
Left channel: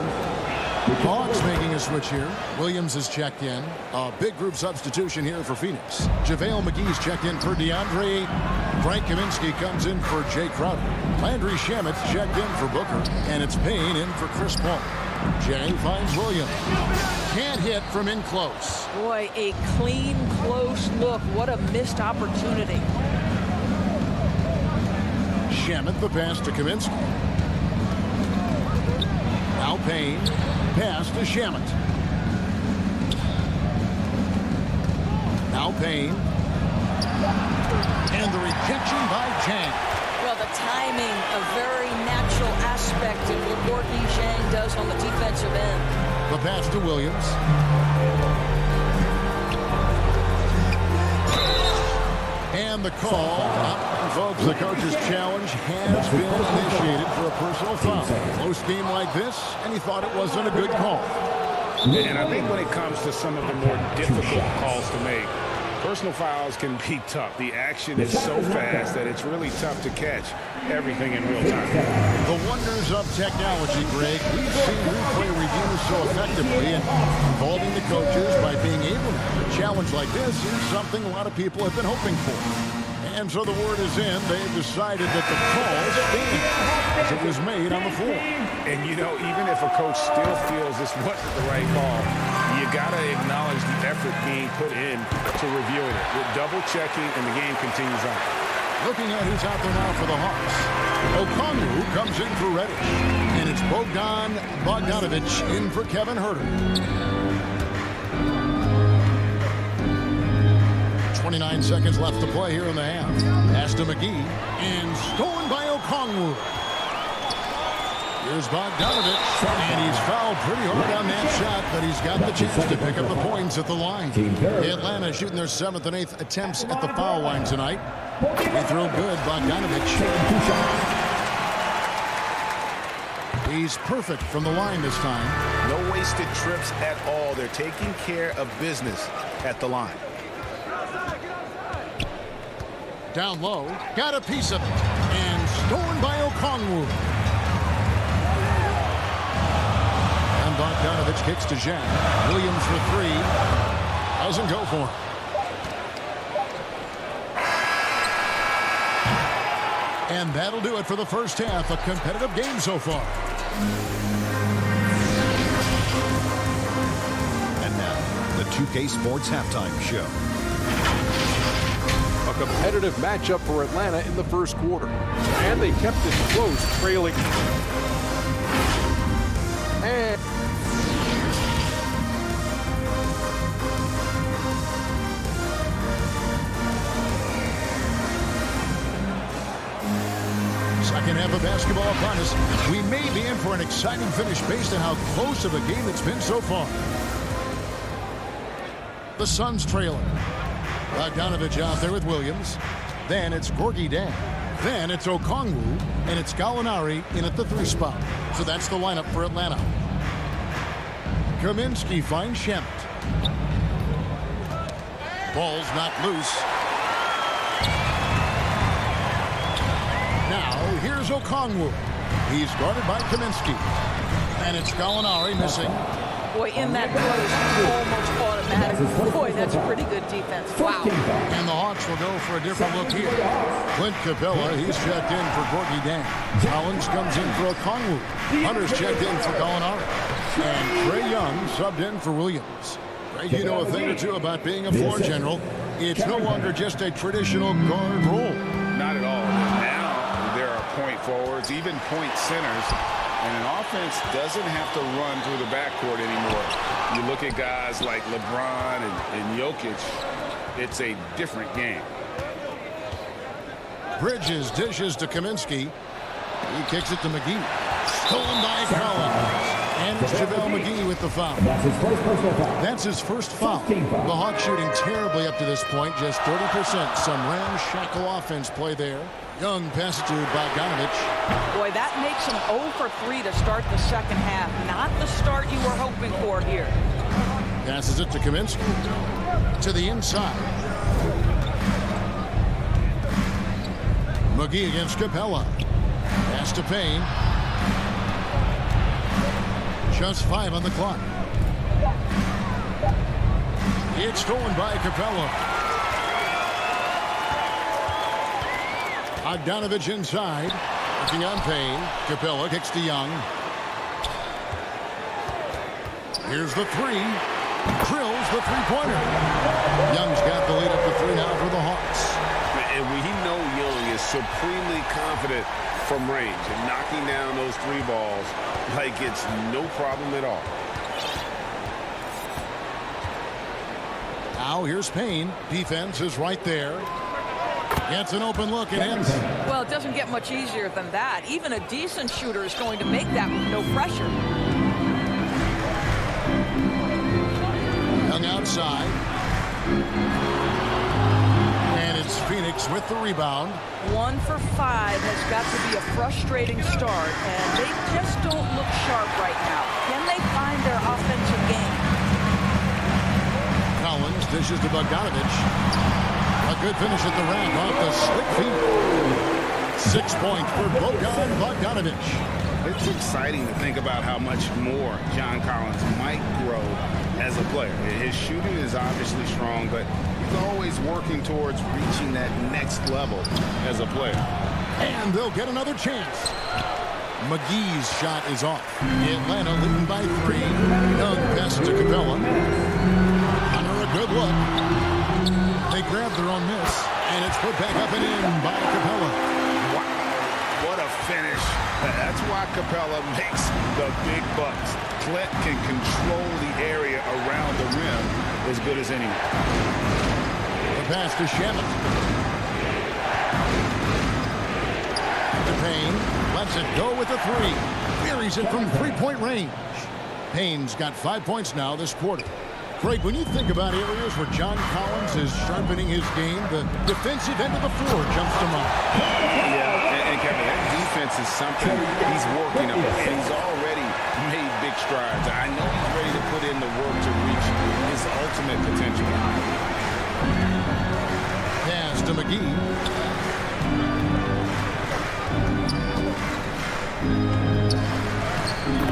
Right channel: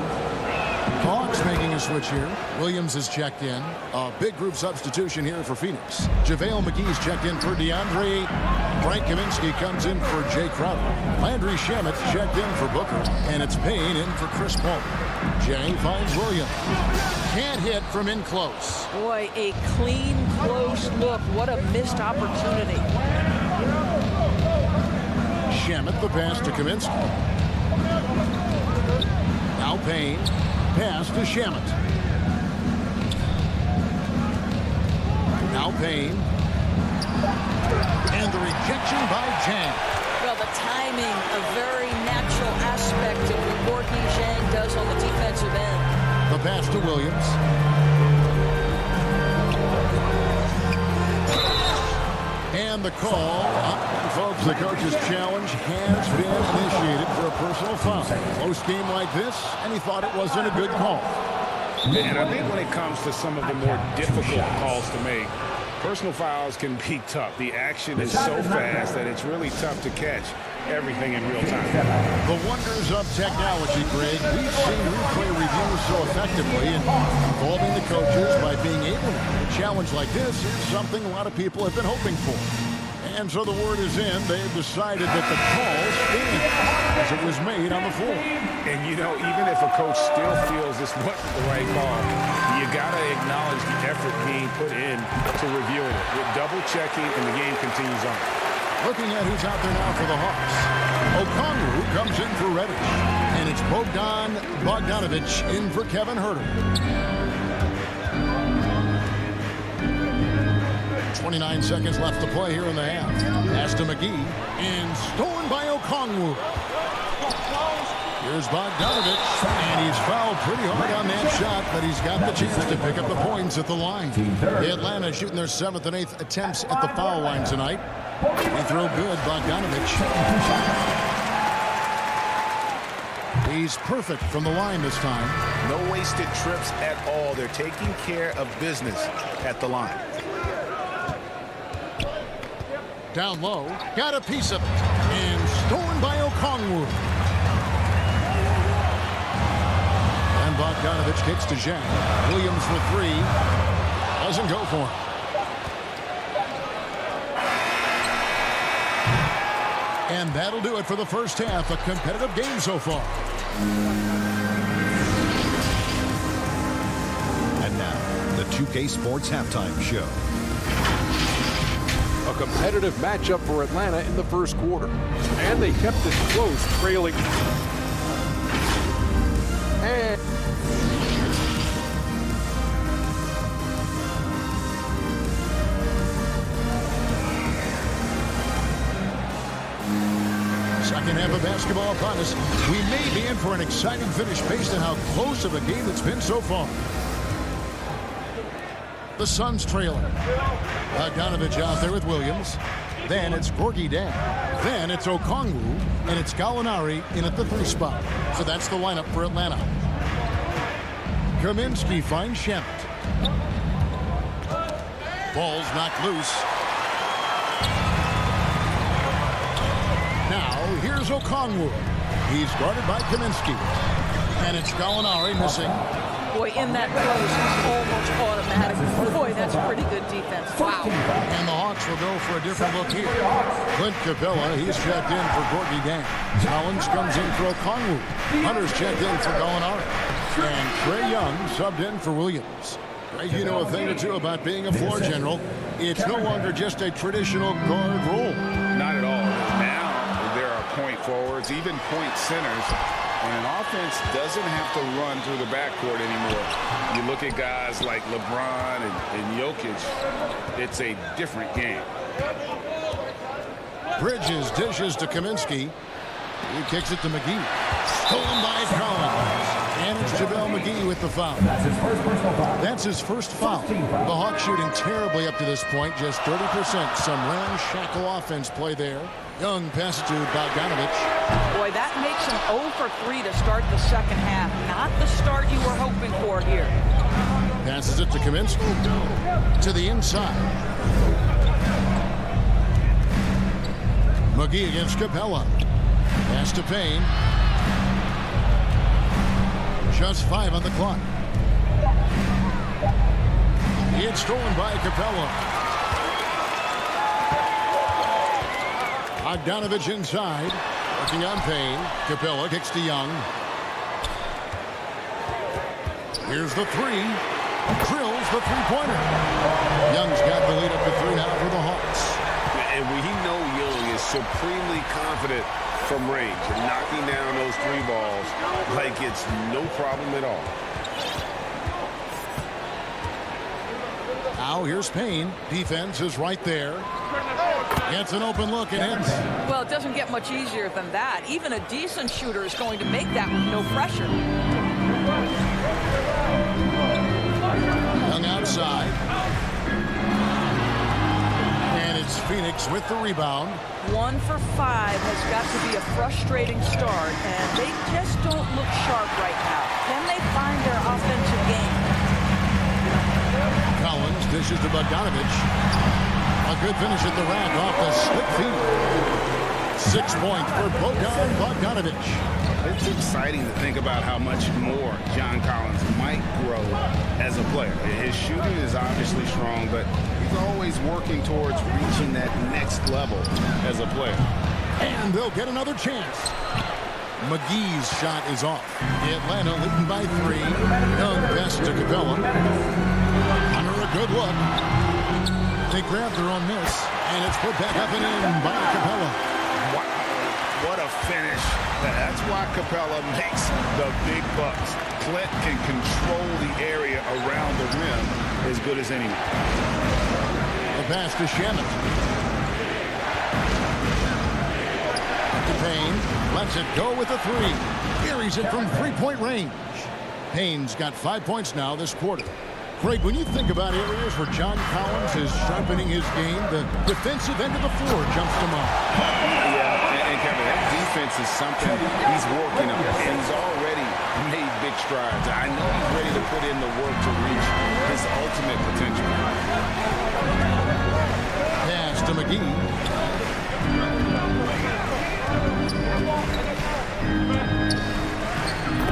Hawks making a switch here. Williams is checked in. A big group substitution here for Phoenix. JaVale McGee's checked in for DeAndre. Frank Kaminsky comes in for Jay Crowder. Landry Shamet checked in for Booker. And it's Payne in for Chris Paul. Jay finds Williams. Can't hit from in close. Boy, a clean, close look. What a missed opportunity. Shamet the pass to Kaminsky. Now Payne. Pass to Shamet. Now Payne. And the rejection by Zhang. Well, the timing, a very natural aspect of what Gorgui Zhang does on the defensive end. The pass to Williams. And the call. And folks, the coach's challenge has been initiated for a personal foul. Close game like this, and he thought it wasn't a good call. And I think when it comes to some of the more difficult calls to make, personal fouls can be tough. The action is so fast that it's really tough to catch everything in real time. The wonders of technology, Greg. We've seen replay reviews so effectively and involving the coaches by being able now. A challenge like this is something a lot of people have been hoping for. And so the word is in. They've decided that the call stands as it was made on the floor. And, you know, even if a coach still feels this wasn't the right call, you got to acknowledge the effort being put in to reviewing it. With double-checking, and the game continues on. Looking at who's out there now for the Hawks. Okongwu comes in for Reddish. And it's Bogdanovich in for Kevin Herter. 29 seconds left to play here in the half. Pass to McGee. And stolen by Okongwu. Here's Bogdanovich. And he's fouled pretty hard on that shot, but he's got the chance to pick up the points at the line. Atlanta shooting their 7th and 8th attempts at the foul line tonight. Free throw good, Bogdanovich. He's perfect from the line this time. No wasted trips at all. They're taking care of business at the line. Down low, got a piece of it. And stolen by Okongwu. And Bogdanovich kicks to Zhang. Williams for three. Doesn't go for him. And that'll do it for the first half. A competitive game so far. And now, the 2K Sports Halftime Show. A competitive matchup for Atlanta in the first quarter. And they kept it close, trailing. And second half of basketball upon us. We may be in for an exciting finish based on how close of a game it's been so far. The Suns trailing. Bogdanovich out there with Williams. Then it's Gorgui Zhang. Then it's Okongwu. And it's Gallinari in at the 3 spot. So that's the lineup for Atlanta. Kaminsky finds Shamet. Ball's knocked loose. Now, here's Okongwu. He's guarded by Kaminsky. And it's Gallinari missing. Boy, in that close, almost automatic. Boy, that's pretty good defense. Wow. And the Hawks will go for a different look here. Clint Capella, he's checked in for Gorgui Zhang. Collins comes in for Okongwu. Hunter's checked in for Gallinari. And Trae Young subbed in for Williams. Greg, you know a thing or two about being a floor general. It's no longer just a traditional guard role. Not at all. Now there are point forwards, even point centers. And an offense doesn't have to run through the backcourt anymore. You look at guys like LeBron and Jokic, it's a different game. Bridges dishes to Kaminsky. He kicks it to McGee. Stolen by Collins. And it's JaVale McGee with the foul. That's his first personal foul. That's his first foul. The Hawks shooting terribly up to this point, just 30%. Some ramshackle offense play there. Young passes to Bogdanovich. Boy, that makes him 0 for 3 to start the second half. Not the start you were hoping for here. Passes it to Kaminsky. To the inside. McGee against Capella. Pass to Payne. Just 5 on the clock. It's stolen by Capella. Bogdanovich inside. Working on Payne. Capella kicks to Young. Here's the three. Drills the three-pointer. Young's got the lead up to 3 now for the Hawks. And we know Young is supremely confident from range and knocking down those 3 balls like it's no problem at all. Now here's Payne. Defense is right there. Gets an open look and hits. Well, it doesn't get much easier than that. Even a decent shooter is going to make that with no pressure. Young outside. And it's Phoenix with the rebound. 1 for 5 has got to be a frustrating start, and they just don't look sharp right now. Can they find their offensive game? Collins dishes to Bogdanovich. A good finish at the rack off the slick feet. 6 points for Bogdanovich. It's exciting to think about how much more John Collins might grow as a player. His shooting is obviously strong, but he's always working towards reaching that next level as a player. And they'll get another chance. McGee's shot is off. Atlanta leading by 3. Young pass to Capella. Under a good look. They grab their own miss, and it's put back up and in by Capella. Wow, what a finish. That's why Capella makes the big bucks. Clint can control the area around the rim as good as anyone. The pass to Shamet. To Payne. Lets it go with a 3. Buries it from 3-point range. Payne's got 5 points now this quarter. Craig, when you think about areas where John Collins is sharpening his game, the defensive end of the floor jumps to mind. Yeah, and Kevin, that defense is something he's working on, and he's already made big strides. I know he's ready to put in the work to reach his ultimate potential. Pass to McGee.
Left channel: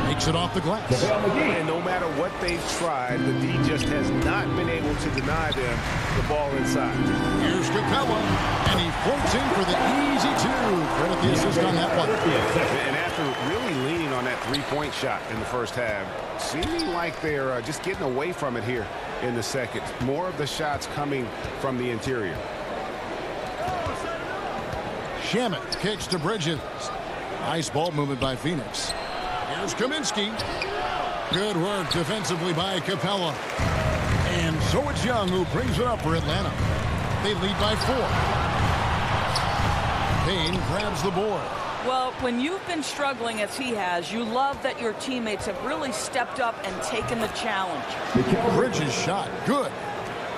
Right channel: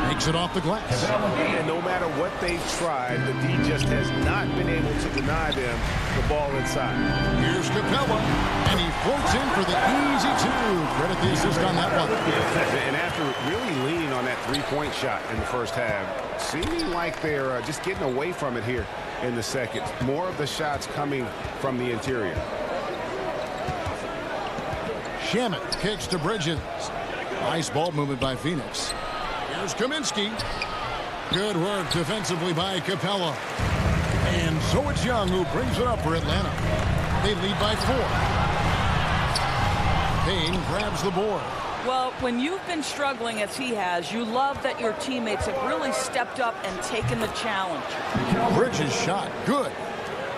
Takes it off the glass. And no matter what they've tried, the D just has not been able to deny them the ball inside. Here's Capella, and he floats in for the easy 2. Credit the assist on that one. And after really leaning on that 3-point shot in the first half, seeming like they're just getting away from it here in the second. More of the shots coming from the interior. Shamet kicks to Bridges. Nice ball movement by Phoenix. Here's Kaminsky. Good work defensively by Capella. And so it's Young who brings it up for Atlanta. They lead by 4. Payne grabs the board. Well, when you've been struggling as he has, you love that your teammates have really stepped up and taken the challenge. Bridges shot. Good.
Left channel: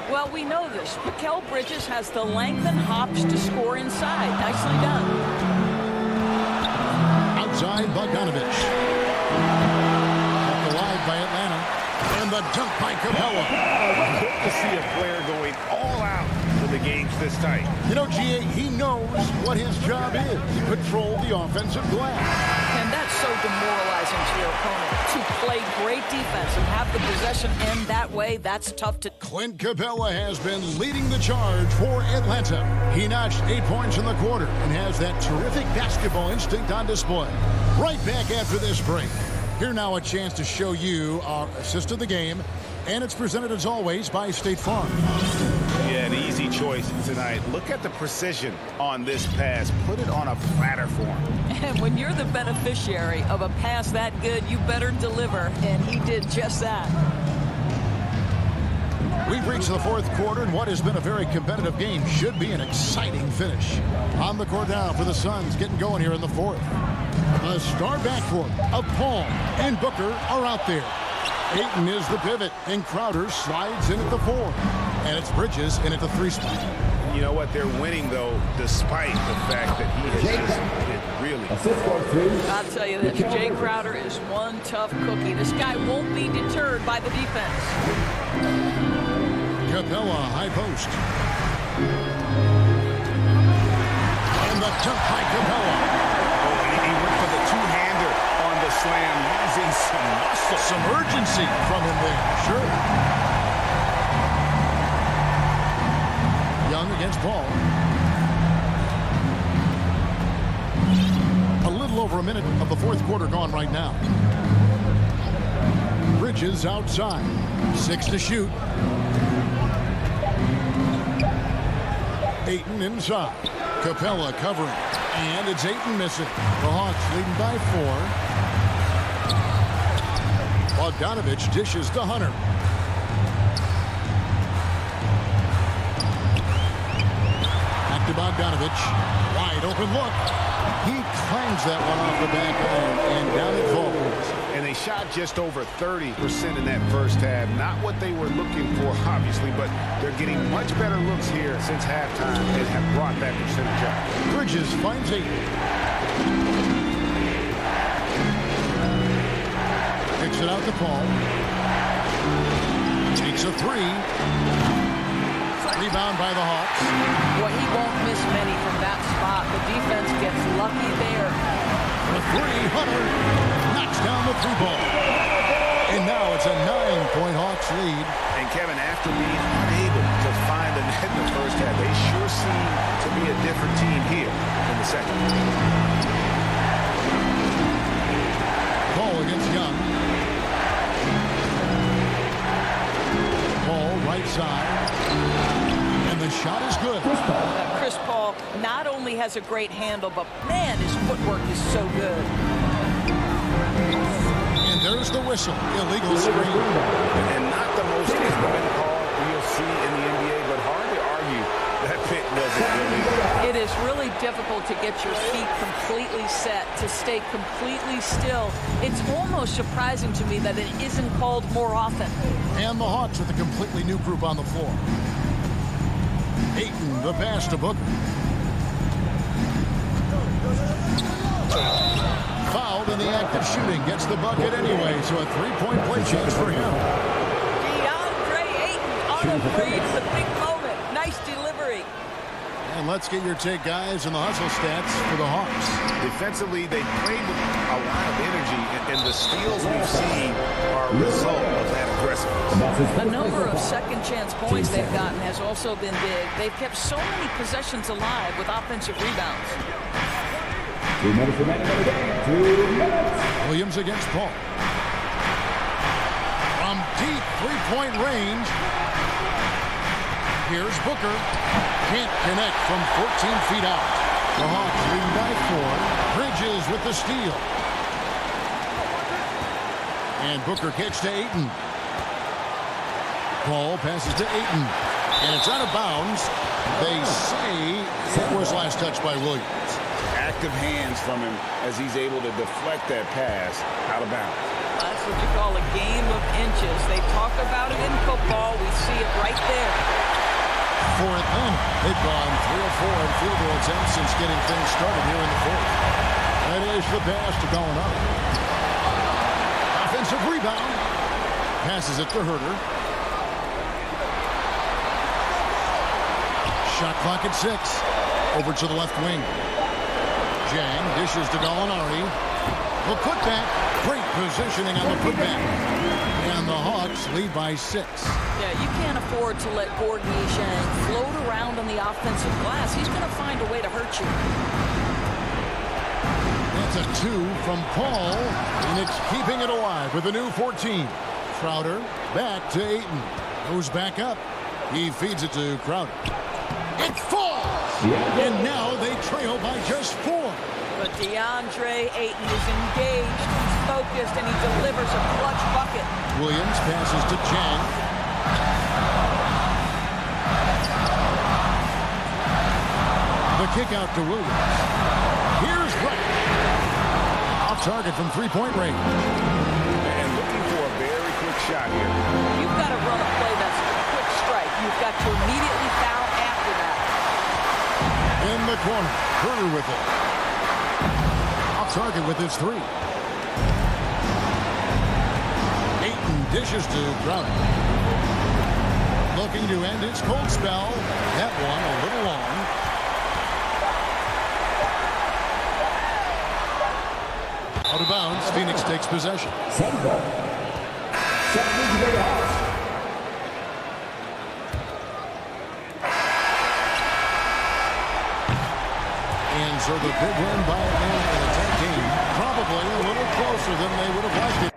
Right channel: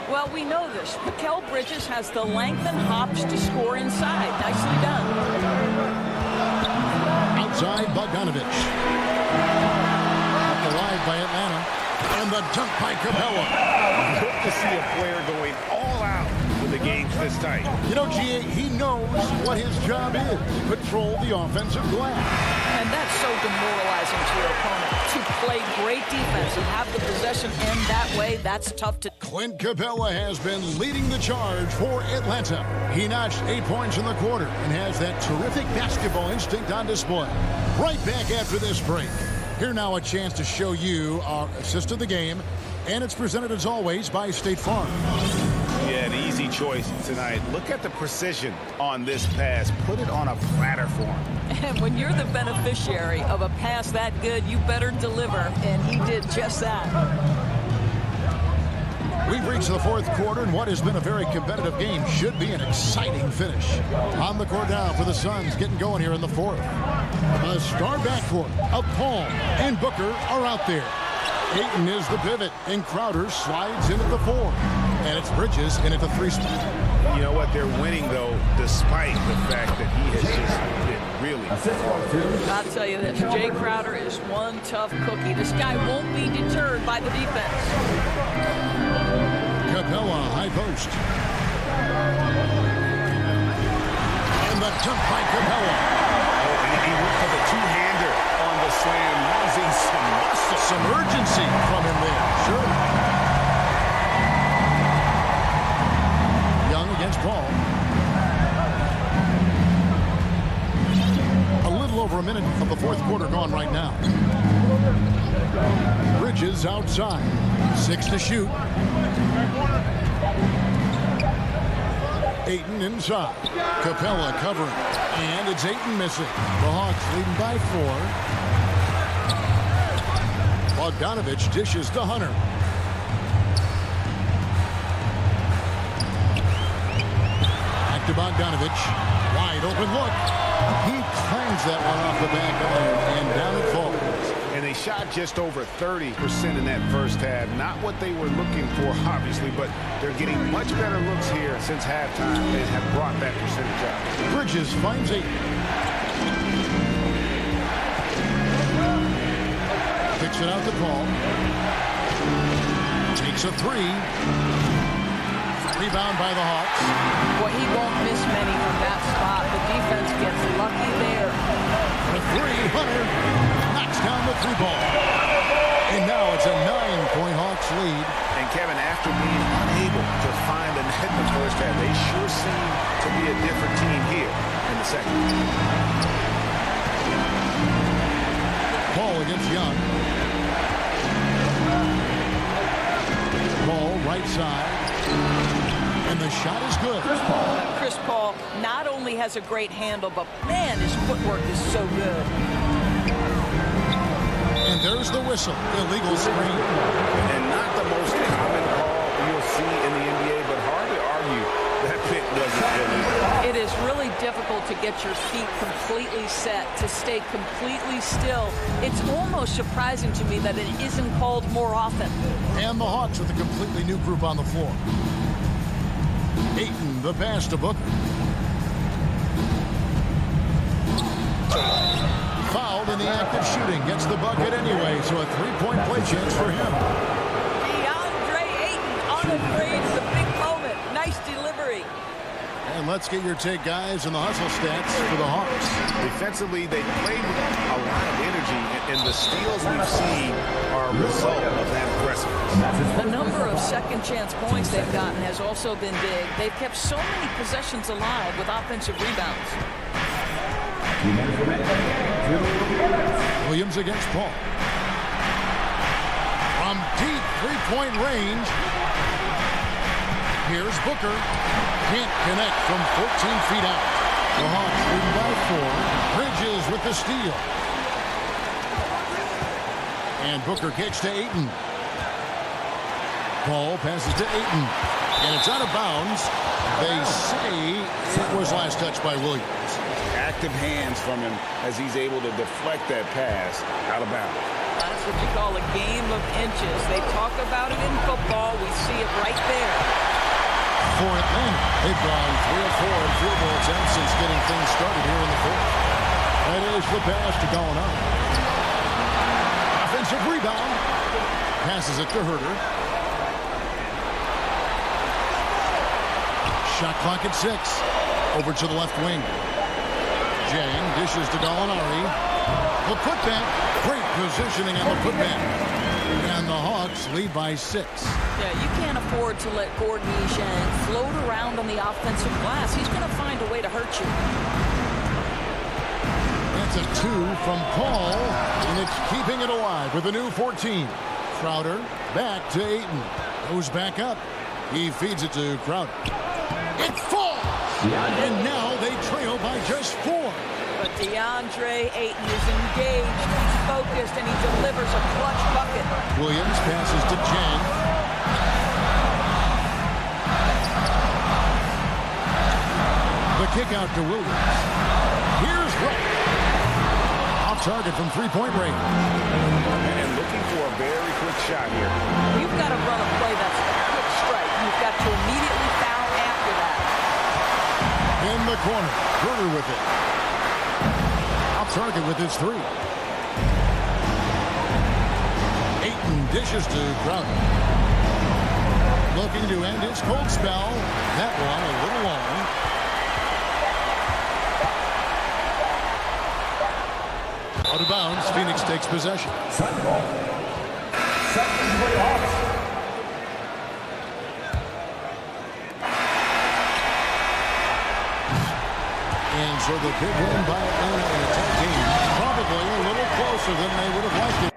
Well, we know this. Mikal Bridges has the length and hops to score inside. Nicely done. Outside Bogdanovich. Kept alive by Atlanta. And the dunk by Capella. Good to see a player going all out when the game's this tight. You know, GA, he knows what his job is. Control the offensive glass. And that's so demoralizing to your opponent. To play great defense and have the possession end that way, that's tough to... Clint Capella has been leading the charge for Atlanta. He notched 8 points in the quarter and has that terrific basketball instinct on display. Right back after this break. Here now a chance to show you our assist of the game. And it's presented as always by State Farm. Yeah, an easy choice tonight. Look at the precision on this pass. Put it on a platter for him. And when you're the beneficiary of a pass that good, you better deliver. And he did just that. We've reached the fourth quarter, and what has been a very competitive game should be an exciting finish. On the court now for the Suns, getting going here in the fourth. The star backcourt of Paul and Booker are out there. Ayton is the pivot, and Crowder slides in at the 4. And it's Bridges in at the 3 spot. You know what? They're winning, though, despite the fact that he has just been really hard. I'll tell you this, Jay Crowder is one tough cookie. This guy won't be deterred by the defense. Capella, high post. And the dunk by Capella. Oh, and he went for the two-hander on the slam, using some muscle. Some urgency from him there, sure. Young against Paul. A little over a minute of the fourth quarter gone right now. Bridges outside. 6 to shoot. Ayton inside. Capella covering. And it's Ayton missing. The Hawks leading by 4. Bogdanovich dishes to Hunter. Back to Bogdanovich. Wide open look. He clangs that one off the back iron, and down it falls. And they shot just over 30% in that first half. Not what they were looking for, obviously, but they're getting much better looks here since halftime and have brought that percentage up. Bridges finds Ayton. Kicks it out to Paul. Takes a 3. Rebound by the Hawks. Boy, he won't miss many from that spot. The defense gets lucky there. For 3, Hunter knocks down the 3 ball. And now it's a 9-point Hawks lead. And Kevin, after being unable to find the net in the first half, they sure seem to be a different team here in the second. Paul against Young. Paul right side. And the shot is good. Chris Paul not only has a great handle, but man, his footwork is so good. And there's the whistle. Illegal screen. And not the most common call you'll see in the NBA, but hard to argue that pick wasn't illegal. It is really difficult to get your feet completely set, to stay completely still. It's almost surprising to me that it isn't called more often. And the Hawks with a completely new group on the floor. Ayton, the pass to Booker. Fouled in the act of shooting. Gets the bucket anyway, so a 3-point play chance for him. DeAndre Ayton, unafraid. It's a big moment. Nice delivery. And let's get your take, guys, on the hustle stats for the Hawks. Defensively, they played with a lot of energy, and the steals we've seen are a result of that aggressiveness. The number of second chance points they've gotten has also been big. They've kept so many possessions alive with offensive rebounds. 2 minutes remaining in the game. 2 minutes. Williams against Paul. From deep 3-point range. Here's Booker. Can't connect from 14 feet out. The Hawks leading by 4. Bridges with the steal. And Booker kicks to Ayton. Paul passes to Ayton. And it's out of bounds. They say it was last touched by Williams. Active hands from him as he's able to deflect that pass out of bounds. That's what you call a game of inches. They talk about it in football. We see it right there. For Atlanta, they've gone 3 of 4 in field goal attempts since getting things started here in the fourth. That is the pass to Gallinari. Offensive rebound. Passes it to Herter. Shot clock at 6. Over to the left wing. Jang dishes to Gallinari. The putback. Great positioning on the putback. And the Hawks lead by 6. Yeah, you can't afford to let Gordon Yishang float around on the offensive glass. He's going to find a way to hurt you. That's a 2 from Paul, and it's keeping it alive with a new 14. Crowder back to Ayton. Goes back up. He feeds it to Crowder. It falls! And now they trail by just 4. But DeAndre Ayton is engaged, he's focused, and he delivers a clutch bucket. Williams passes to Jang. The kick out to Williams. Here's Wright. Off target from three-point range. And looking for a very quick shot here. You've got to run a play that's a quick strike. You've got to immediately foul after that. In the corner, Herter with it. Off target with his three. Ayton dishes to Crowder. Looking to end his cold spell. That one a little long. Out of bounds, Phoenix takes possession. Sun ball. Second way off. And so the big win by Atlanta in a tight game. Probably a little closer than they would have liked it.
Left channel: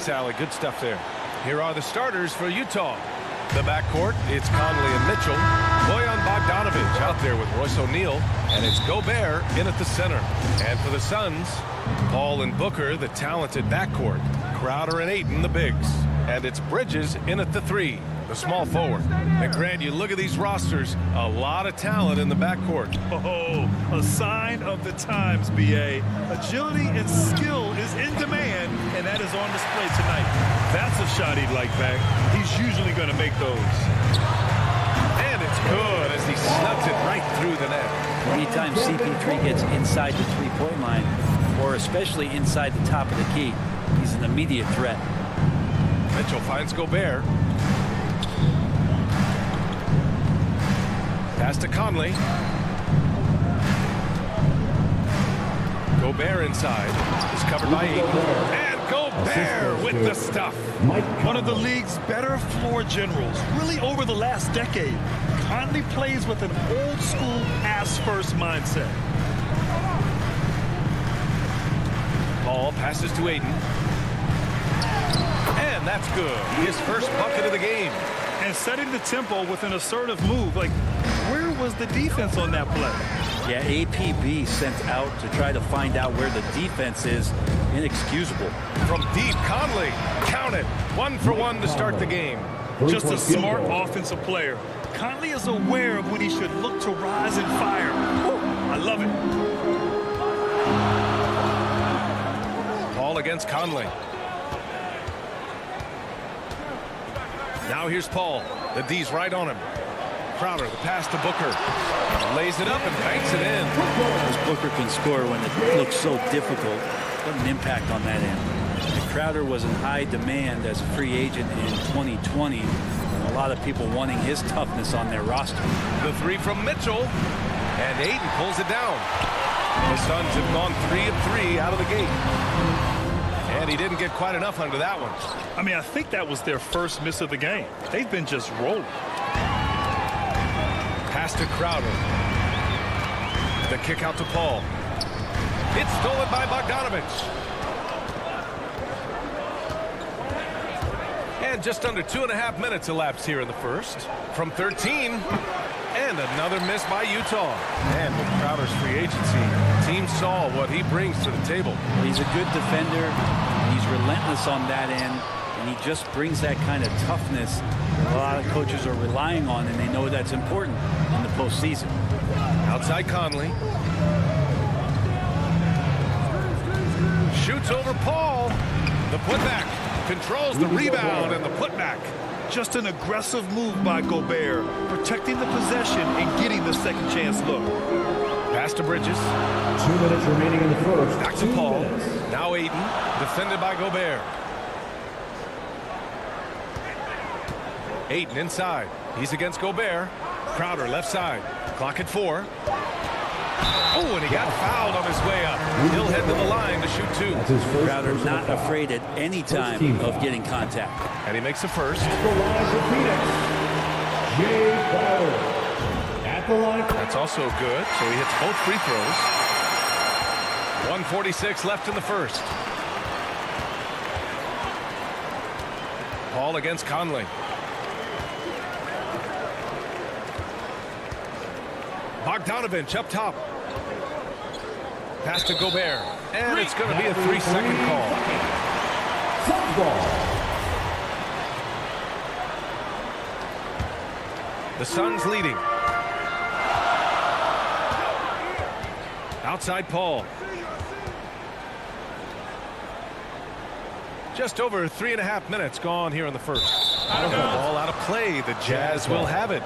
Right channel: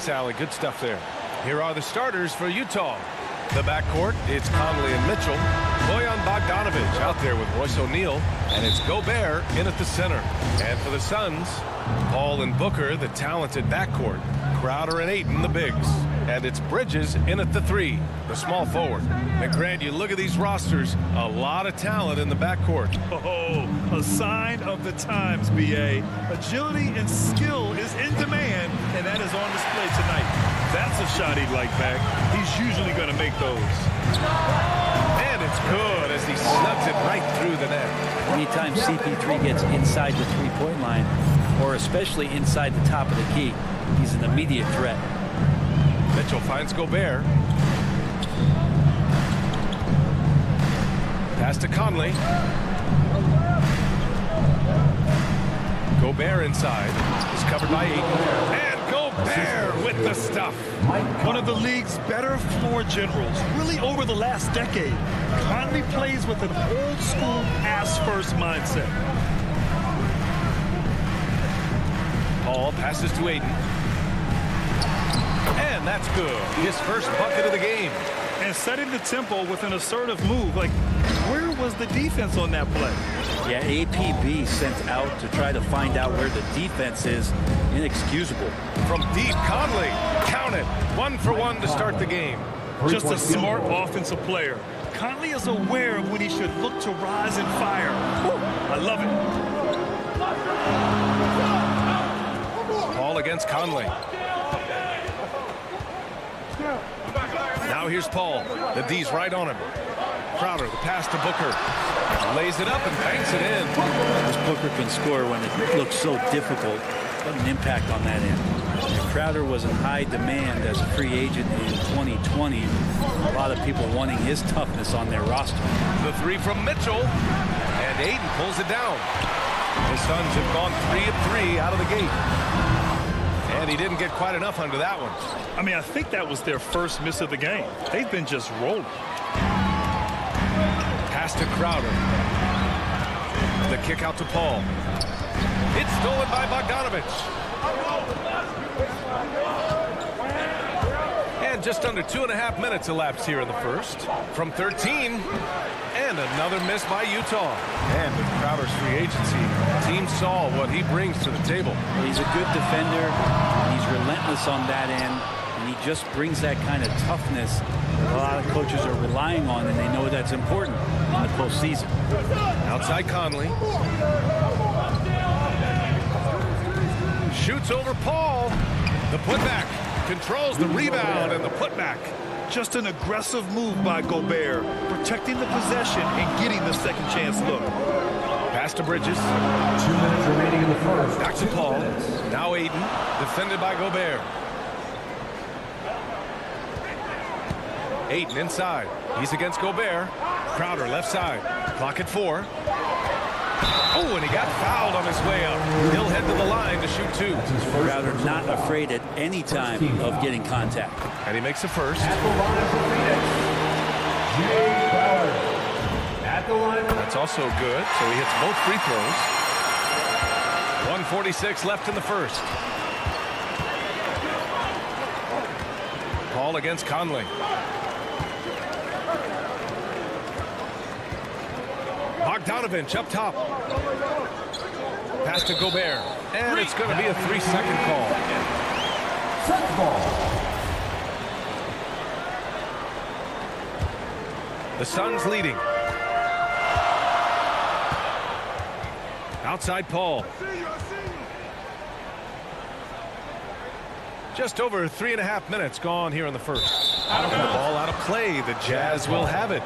Thanks, Allie. Good stuff there. Here are the starters for Utah. The backcourt, it's Conley and Mitchell. Bojan Bogdanovic out there with Royce O'Neal. And it's Gobert in at the center. And for the Suns, Paul and Booker, the talented backcourt. Crowder and Ayton, the bigs. And it's Bridges in at the 3, the small forward. And Grant, you look at these rosters, a lot of talent in the backcourt. Oh, a sign of the times, B.A. Agility and skill is in demand, and that is on display tonight. That's a shot he'd like back. He's usually going to make those. And it's good as he snugs it right through the net. Anytime CP3 gets inside the three-point line, or especially inside the top of the key, he's an immediate threat. Mitchell finds Gobert. Pass to Conley. Gobert inside. Is covered by Ayton. And Gobert with the stuff. One of the league's better floor generals, really over the last decade. Conley plays with an old-school pass-first mindset. Paul passes to Ayton. And that's good. His first bucket of the game. And setting the tempo with an assertive move. Like, where was the defense on that play? Yeah, APB sent out to try to find out where the defense is. Inexcusable. From deep, Conley. Count it. 1 for 1 to start the game. Just a smart offensive player. Conley is aware of when he should look to rise and fire. Woo, I love it. Paul against Conley. Now here's Paul. The D's right on him. Crowder, the pass to Booker. Lays it up and banks it in. This Booker can score when it looks so difficult. What an impact on that end. And Crowder was in high demand as a free agent in 2020. A lot of people wanting his toughness on their roster. The 3 from Mitchell. And Ayton pulls it down. The Suns have gone 3 of 3 out of the gate. And he didn't get quite enough under that one. I mean, I think that was their first miss of the game. They've been just rolling. Pass to Crowder. The kick out to Paul. It's stolen by Bogdanovic. And just under 2.5 minutes elapsed here in the first. From 13. And another miss by Utah. And with Crowder's free agency, team saw what he brings to the table. Well, he's a good defender. He's relentless on that end. And he just brings that kind of toughness that a lot of coaches are relying on, and they know that's important in the postseason. Outside Conley. Shoots over Paul. The putback. Controls the rebound and the putback. Just an aggressive move by Gobert, protecting the possession and getting the second chance look. Pass to Bridges. 2 minutes remaining in the first. Back to Paul. Now Ayton, defended by Gobert. Ayton inside. He's against Gobert. Crowder left side. Clock at 4. Oh, and he got fouled on his way up. He'll head to the line to shoot 2. Crowder not afraid at any time of getting contact. And he makes the first. At the line for Phoenix, Jay Crowder. At the line. That's also good, so he hits both free throws. 1:46 left in the first. Paul against Conley. Bogdanovic up top. Pass to Gobert. And it's going to be a 3-second call. Suns ball. The Suns leading. Outside Paul. Just over 3.5 minutes gone here in the first. Ball out of play. The Jazz will have it.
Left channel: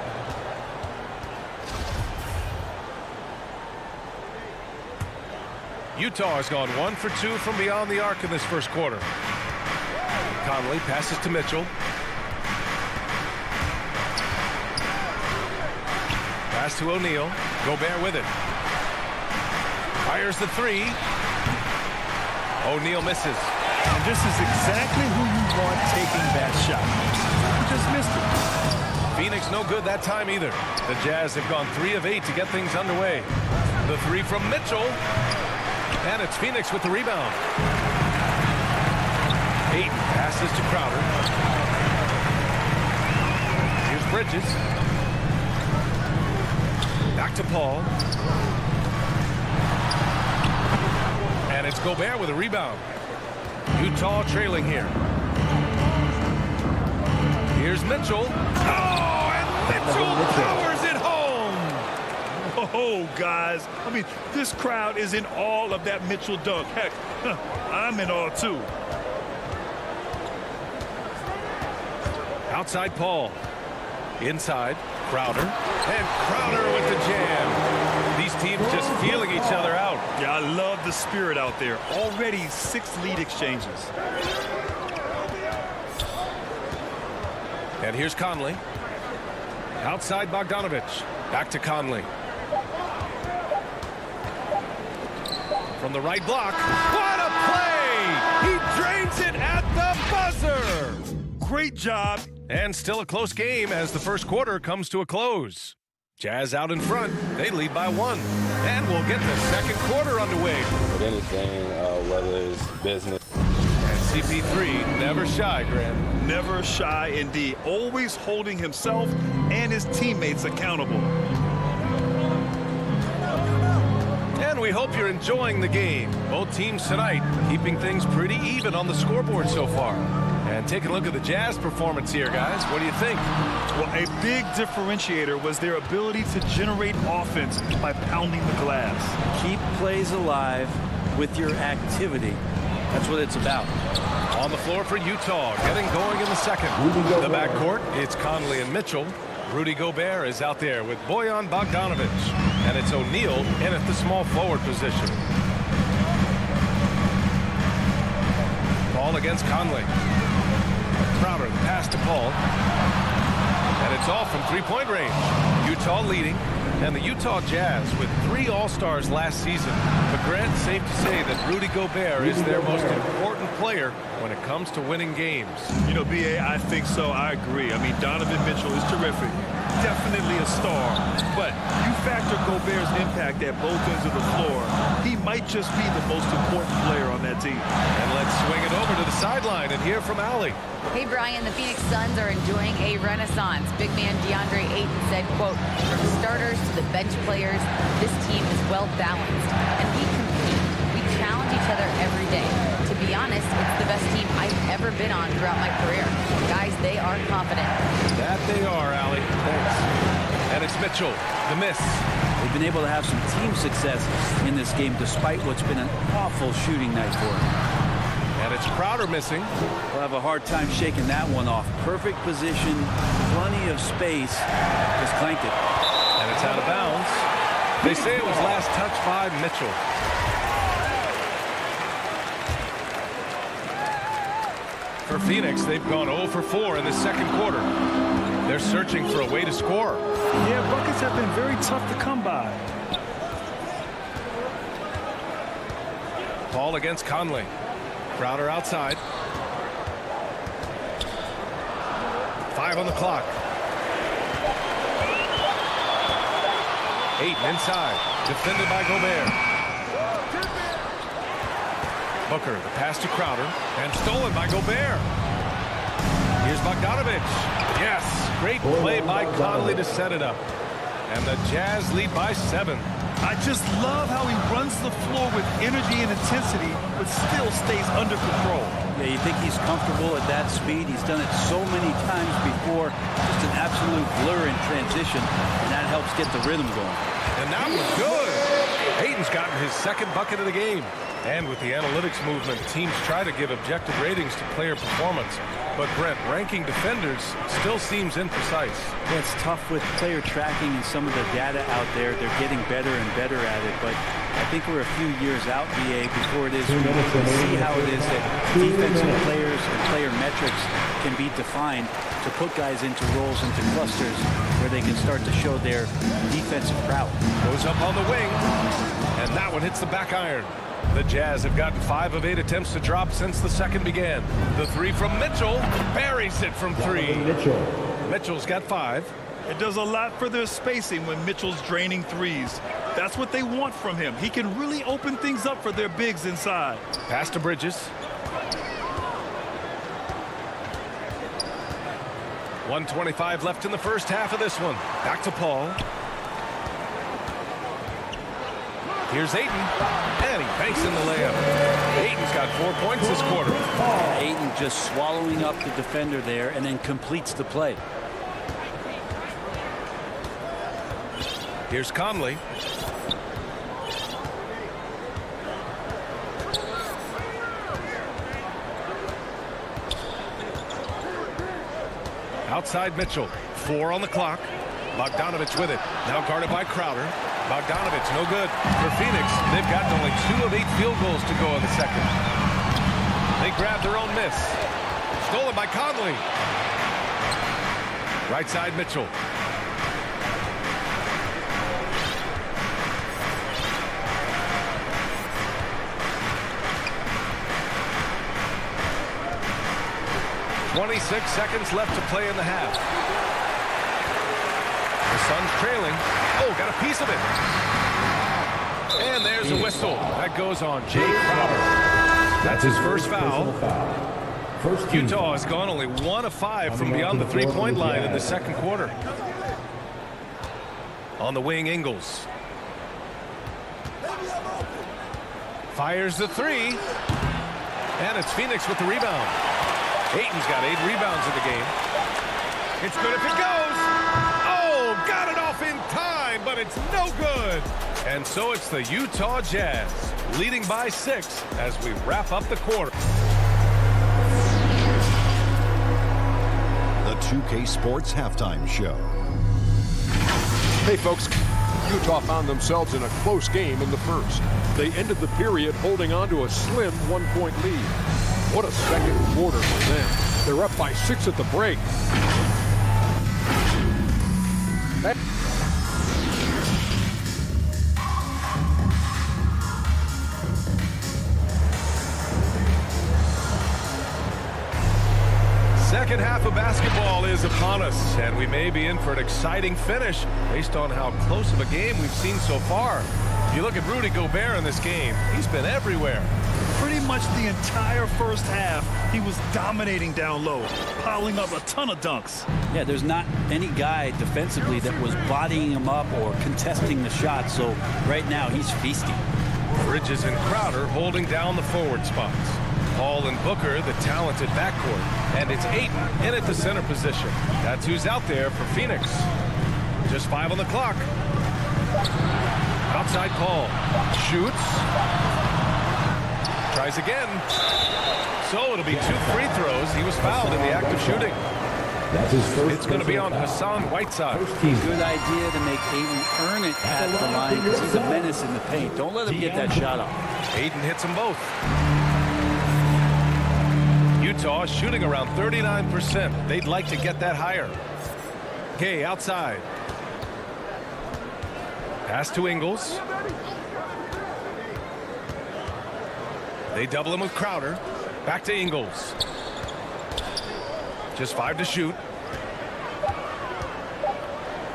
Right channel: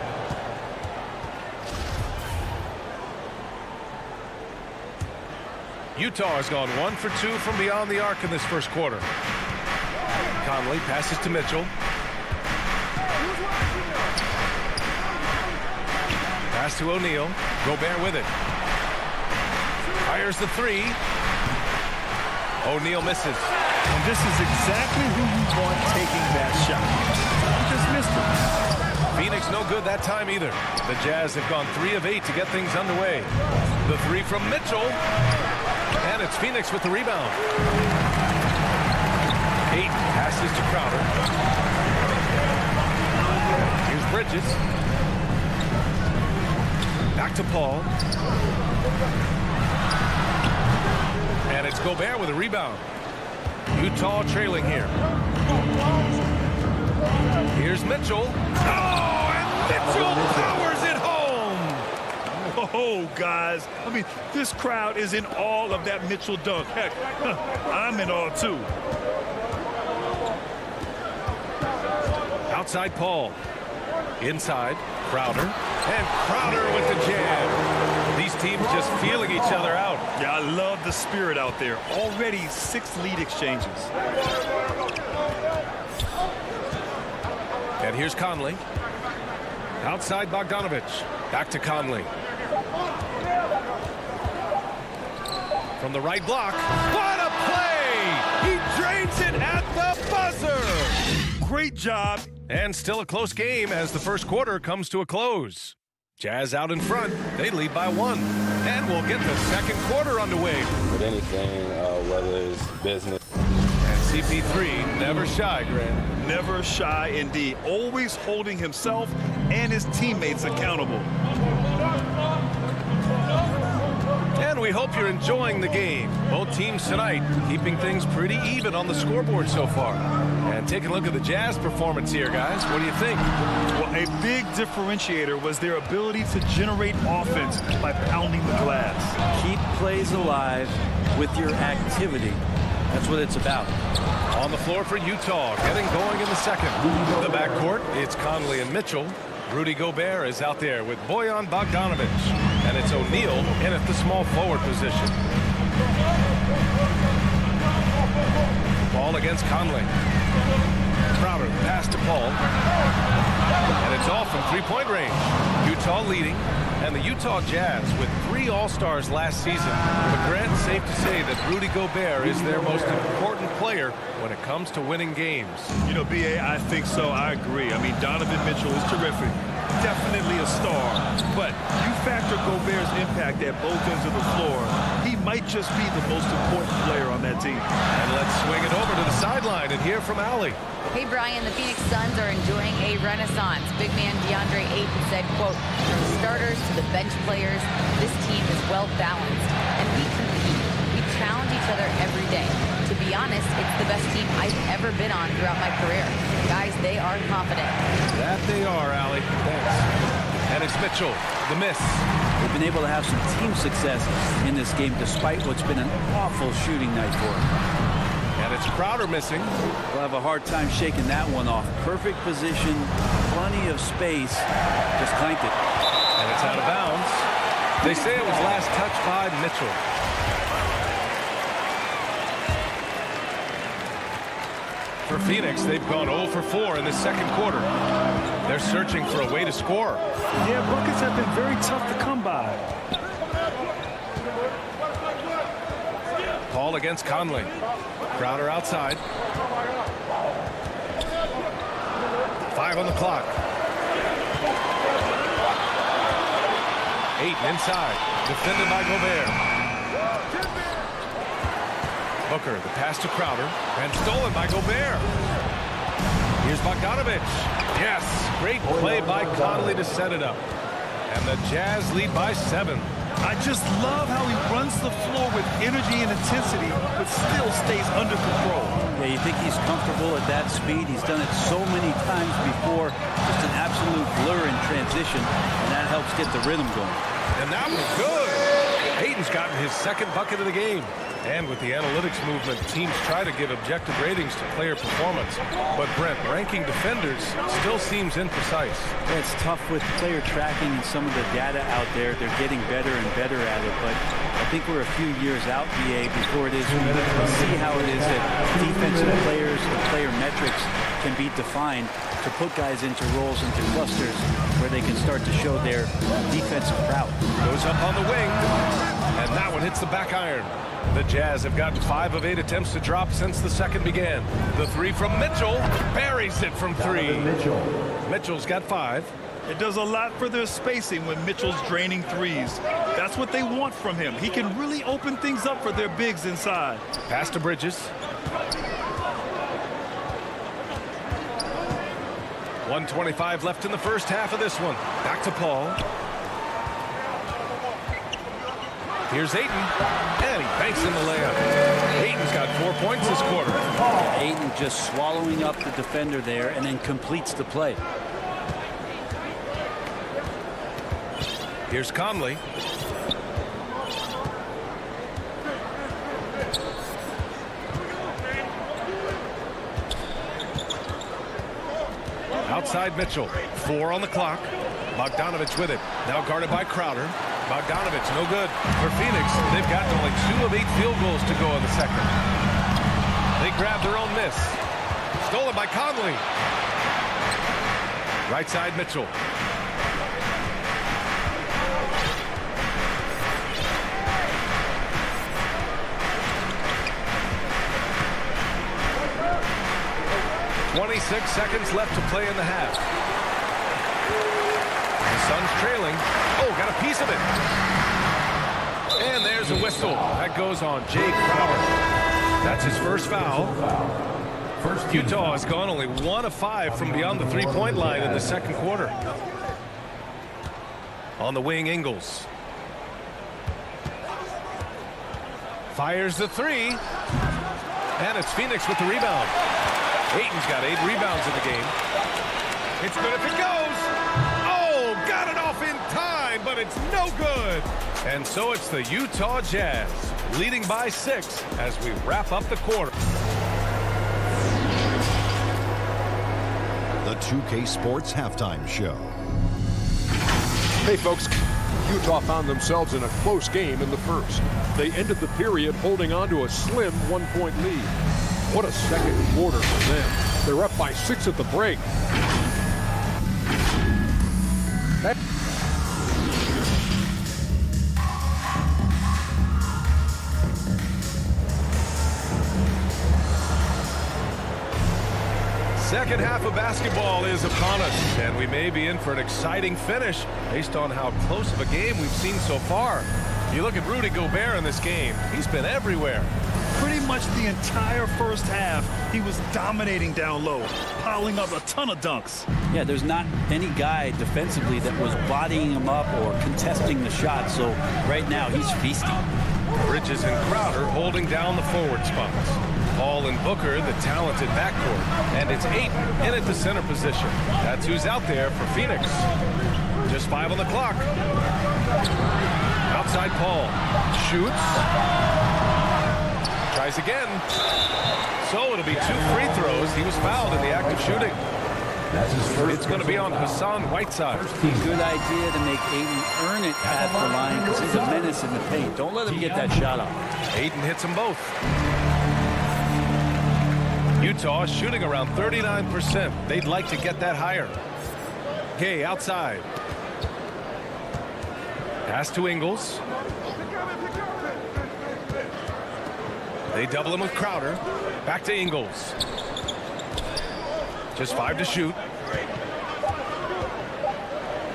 Utah has gone 1 for 2 from beyond the arc in this first quarter. Conley passes to Mitchell. Pass to O'Neal. Gobert with it. Fires the 3. O'Neal misses. And this is exactly who you want taking that shot. He just missed it. Phoenix no good that time either. The Jazz have gone 3 of 8 to get things underway. The 3 from Mitchell. And it's Phoenix with the rebound. Ayton passes to Crowder. Bridges. Back to Paul. And it's Gobert with a rebound. Utah trailing here. Here's Mitchell. Oh, and Mitchell powers it home. Whoa, guys. I mean, this crowd is in awe of that Mitchell dunk. Heck, I'm in awe, too. Outside Paul. Inside, Crowder. And Crowder with the jam. These teams just feeling each other out. Yeah, I love the spirit out there. Already 6 lead exchanges. And here's Conley. Outside Bogdanovich. Back to Conley. From the right block. What a play! He drains it at the buzzer! Great job. And still a close game as the first quarter comes to a close. Jazz out in front. They lead by 1. And we'll get the second quarter underway. With anything, whether it's business. And CP3 never shy, Grant. Never shy indeed. Always holding himself and his teammates accountable. And we hope you're enjoying the game. Both teams tonight keeping things pretty even on the scoreboard so far. And take a look at the Jazz performance here, guys. What do you think? Well, a big differentiator was their ability to generate offense by pounding the glass. Keep plays alive with your activity. That's what it's about. On the floor for Utah, getting going in the second. The backcourt, it's Conley and Mitchell. Rudy Gobert is out there with Bojan Bogdanovich. And it's O'Neal in at the small forward position. Ball against Conley. Crowder, the pass to Paul. And it's all from three-point range. Utah leading. And the Utah Jazz with 3 All-Stars last season. But Grant, safe to say that Rudy Gobert is their most important player when it comes to winning games. You know, B.A., I think so. I agree. I mean, Donovan Mitchell is terrific. Definitely a star. But you factor Gobert's impact at both ends of the floor, he might just be the most important player on that team. And let's swing it over to the sideline and hear from Allie. Hey, Brian, the Phoenix Suns are enjoying a renaissance. Big man DeAndre Ayton said, quote, from starters to the bench players, this team is well balanced, and we compete. We challenge each other every day. To be honest, it's the best team I've ever been on throughout my career. Guys, they are confident. That they are, Allie. Thanks. And it's Mitchell, the miss. They've been able to have some team success in this game despite what's been an awful shooting night for them. And it's Crowder missing. We'll have a hard time shaking that one off. Perfect position, plenty of space. Just clanked it. And it's out of bounds. They say it was last touched by Mitchell. For Phoenix, they've gone 0 for 4 in the second quarter. They're searching for a way to score. Yeah, buckets have been very tough to come by. Paul against Conley. Crowder outside. 5 on the clock. Ayton inside. Defended by Gobert. Booker, the pass to Crowder. And stolen by Gobert. Here's Bogdanovich. Yes, great play by Conley to set it up. And the Jazz lead by 7. I just love how he runs the floor with energy and intensity, but still stays under control. Yeah, you think he's comfortable at that speed. He's done it so many times before. Just an absolute blur in transition, and that helps get the rhythm going. And that was good. Ayton's gotten his second bucket of the game. And with the analytics movement, teams try to give objective ratings to player performance. But Brent, ranking defenders still seems imprecise. Yeah, it's tough with player tracking and some of the data out there. They're getting better and better at it. But I think we're a few years out, BA, before it is we see how it is that defensive players and player metrics can be defined to put guys into roles, into clusters, where they can start to show their defensive prowess. Goes up on the wing, and that one hits the back iron. The Jazz have gotten 5 of 8 attempts to drop since the second began. The 3 from Mitchell buries it from 3. Mitchell's got 5. It does a lot for their spacing when Mitchell's draining threes. That's what they want from him. He can really open things up for their bigs inside. Pass to Bridges. 1:25 left in the first half of this one. Back to Paul. Here's Ayton, and he banks in the layup. Ayton's got 4 points this quarter. Yeah, Ayton just swallowing up the defender there and then completes the play. Here's Conley. Outside Mitchell. 4 on the clock. Bogdanovich with it. Now guarded by Crowder. Bogdanovich, no good. For Phoenix, they've gotten only 2 of 8 field goals to go in the second. They grab their own miss. Stolen by Conley. Right side Mitchell. .26 seconds left to play in the half. The Suns trailing. Oh, got a piece of it. And there's a whistle. That goes on Jay Crowder. That's his first foul. Utah has gone only 1 of 5 from beyond the three-point line in the second quarter. On the wing, Ingles. Fires the 3. And it's Phoenix with the rebound. Ayton's got 8 rebounds in the game. It's good if it goes. Oh, got it off in time, but it's no good. And so it's the Utah Jazz leading by 6 as we wrap up the quarter. The 2K Sports Halftime Show. Hey, folks. Utah found themselves in a close game in the first. They ended the period holding on to a slim 1-point lead. What a second quarter for them. They're up by 6 at the break. Second half of basketball is upon us, and we may be in for an exciting finish based on how close of a game we've seen so far. You look at Rudy Gobert in this game, he's been everywhere. Pretty much the entire first half, he was dominating down low, piling up a ton of dunks. Yeah, there's not any guy defensively that was bodying him up or contesting the shot, so right now he's feasting. Bridges and Crowder holding down the forward spots. Paul and Booker, the talented backcourt, and it's Ayton in at the center position. That's who's out there for Phoenix. Just 5 on the clock. Outside Paul. Shoots. Tries again. So it'll be 2 free throws. He was fouled in the act of shooting. It's going to be on Hassan Whiteside. Good idea to make Ayton earn it at the line because he's a menace in the paint. Don't let him get that shot off. Ayton hits them both. Utah shooting around 39%. They'd like to get that higher. Gay outside. Pass to Ingles. They double him with Crowder. Back to Ingles. Just 5 to shoot.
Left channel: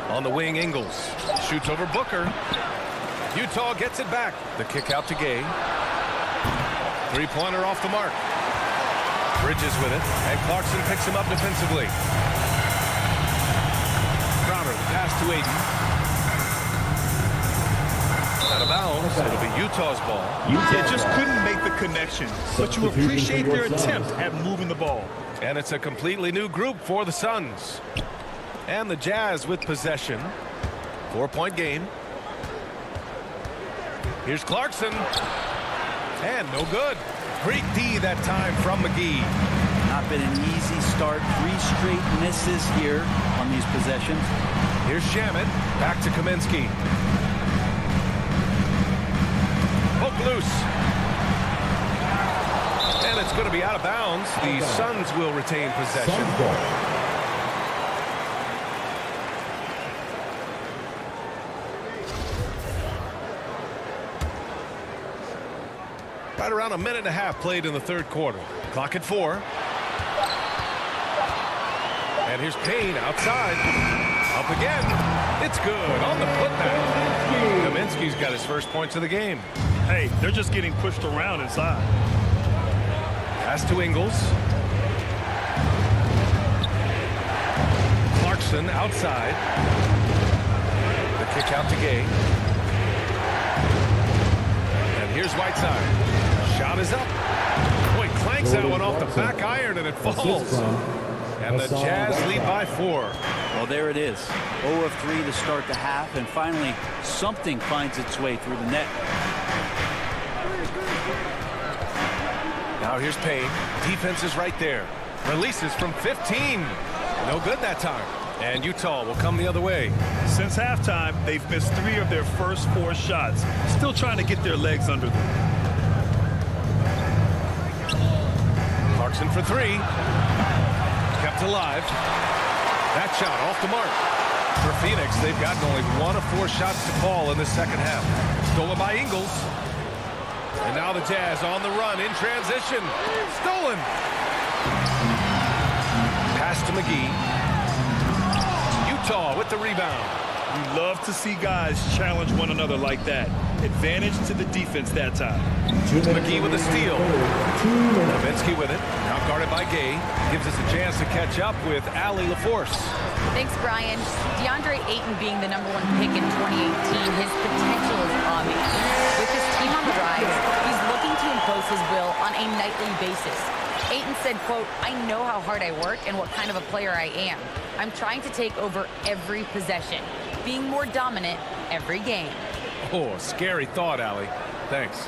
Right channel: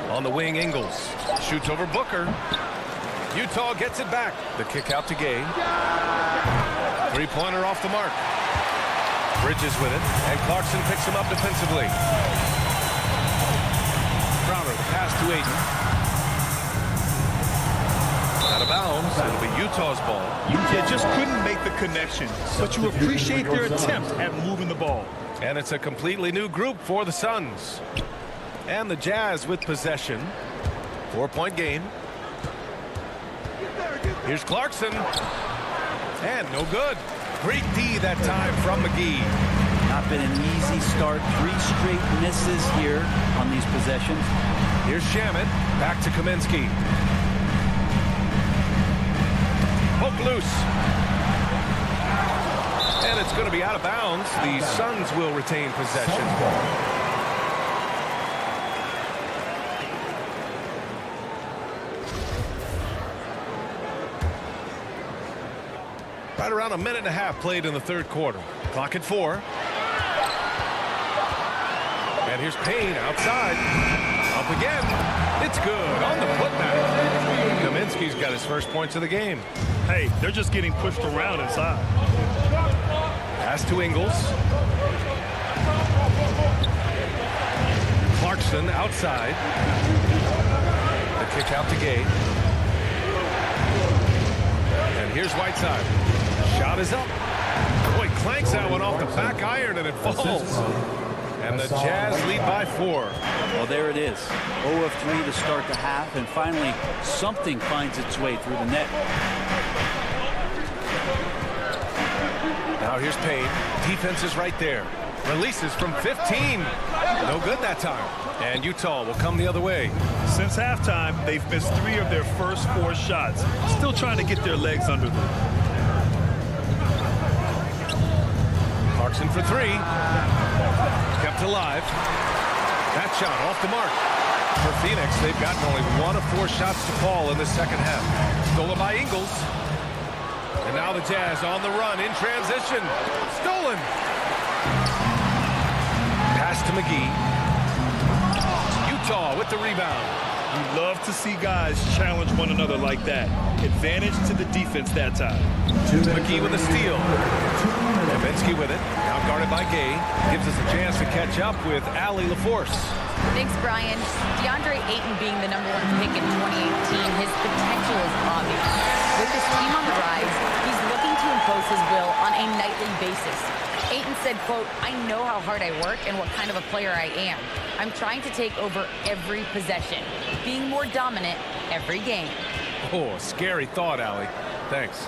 On the wing, Ingles. Shoots over Booker. Utah gets it back. The kick out to Gay. 3-pointer off the mark. Bridges with it, and Clarkson picks him up defensively. Crowder, the pass to Ayton. Out of bounds. It'll be Utah's ball. You just couldn't make the connection, but you appreciate their attempt at moving the ball. And it's a completely new group for the Suns. And the Jazz with possession. 4-point game. Here's Clarkson. And no good. Great D that time from McGee. Not been an easy start. 3 straight misses here on these possessions. Here's Shamet. Back to Kaminsky. Poke loose. And it's going to be out of bounds. The Suns will retain possession. Right around 1.5 minutes played in the third quarter. Clock at 4. And here's Payne outside. Up again. It's good on the putback. Kaminsky's got his first points of the game. Hey, they're just getting pushed around inside. Pass to Ingles. Clarkson outside. The kick out to Gay. And here's Whiteside. Shot is up. Boy, clanks that one off the back iron and it falls. And the Jazz lead by 4. Well, there it is. 0 of 3 to start the half, and finally something finds its way through the net. Now here's Payne. Defense is right there. Releases from 15. No good that time. And Utah will come the other way. Since halftime, they've missed 3 of their first 4 shots. Still trying to get their legs under them. Clarkson for 3. Kept alive. That shot off the mark. For Phoenix, they've gotten only 1 of 4 shots to fall in the second half. Stolen by Ingles. And now the Jazz on the run in transition. Stolen. Pass to McGee. Utah with the rebound. You love to see guys challenge one another like that. Advantage to the defense that time. McGee with a steal. Kaminsky with it. Now guarded by Gay. Gives us a chance to catch up with Allie LaForce. Thanks, Brian. DeAndre Ayton being the #1 pick in 2018, his potential is obvious. With his team on the rise, he's looking to impose his will on a nightly basis. Ayton said, quote, "I know how hard I work and what kind of a player I am. I'm trying to take over every possession, being more dominant every game." Oh, scary thought, Allie. Thanks.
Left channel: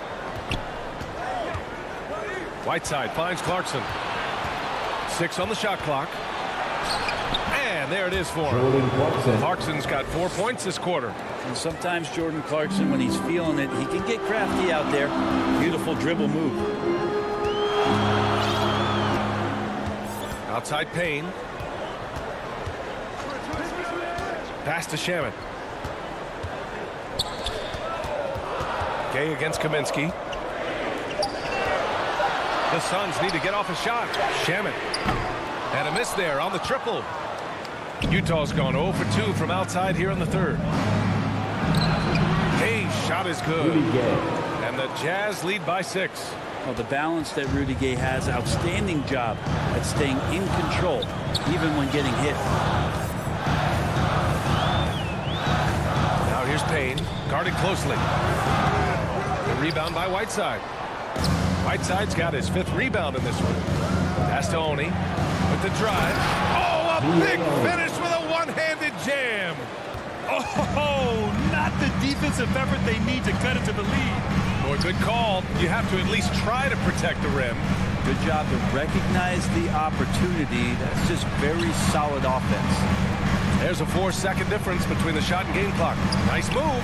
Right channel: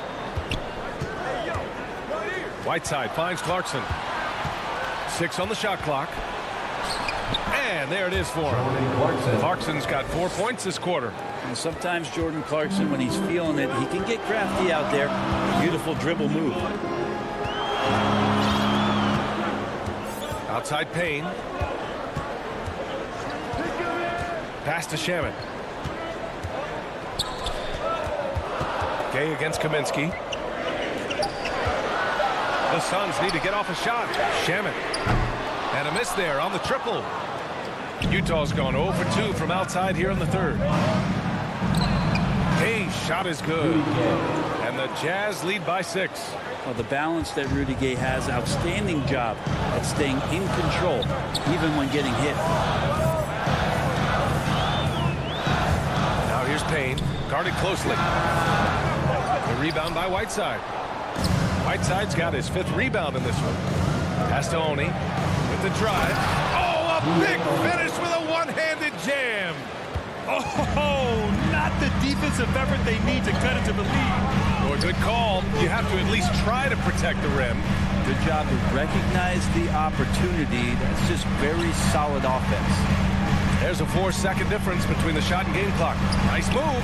Whiteside finds Clarkson. 6 on the shot clock. And there it is for him. Clarkson's got 4 points this quarter. And sometimes Jordan Clarkson, when he's feeling it, he can get crafty out there. Beautiful dribble move. Outside Payne. Pass to Shaman. Gay against Kaminsky. The Suns need to get off a shot. Shaman. And a miss there on the triple. Utah's gone 0 for 2 from outside here in the third. Gay's shot is good. And the Jazz lead by 6. Well, the balance that Rudy Gay has, outstanding job at staying in control, even when getting hit. Now here's Payne, guarded closely. The rebound by Whiteside. Whiteside's got his 5th rebound in this one. Pass to Oni with the drive. Oh, a big finish with a one-handed jam. Oh, not the defensive effort they need to cut into the lead. Boy, good call. You have to at least try to protect the rim. Good job to recognize the opportunity. That's just very solid offense. There's a 4-second difference between the shot and game clock. Nice move.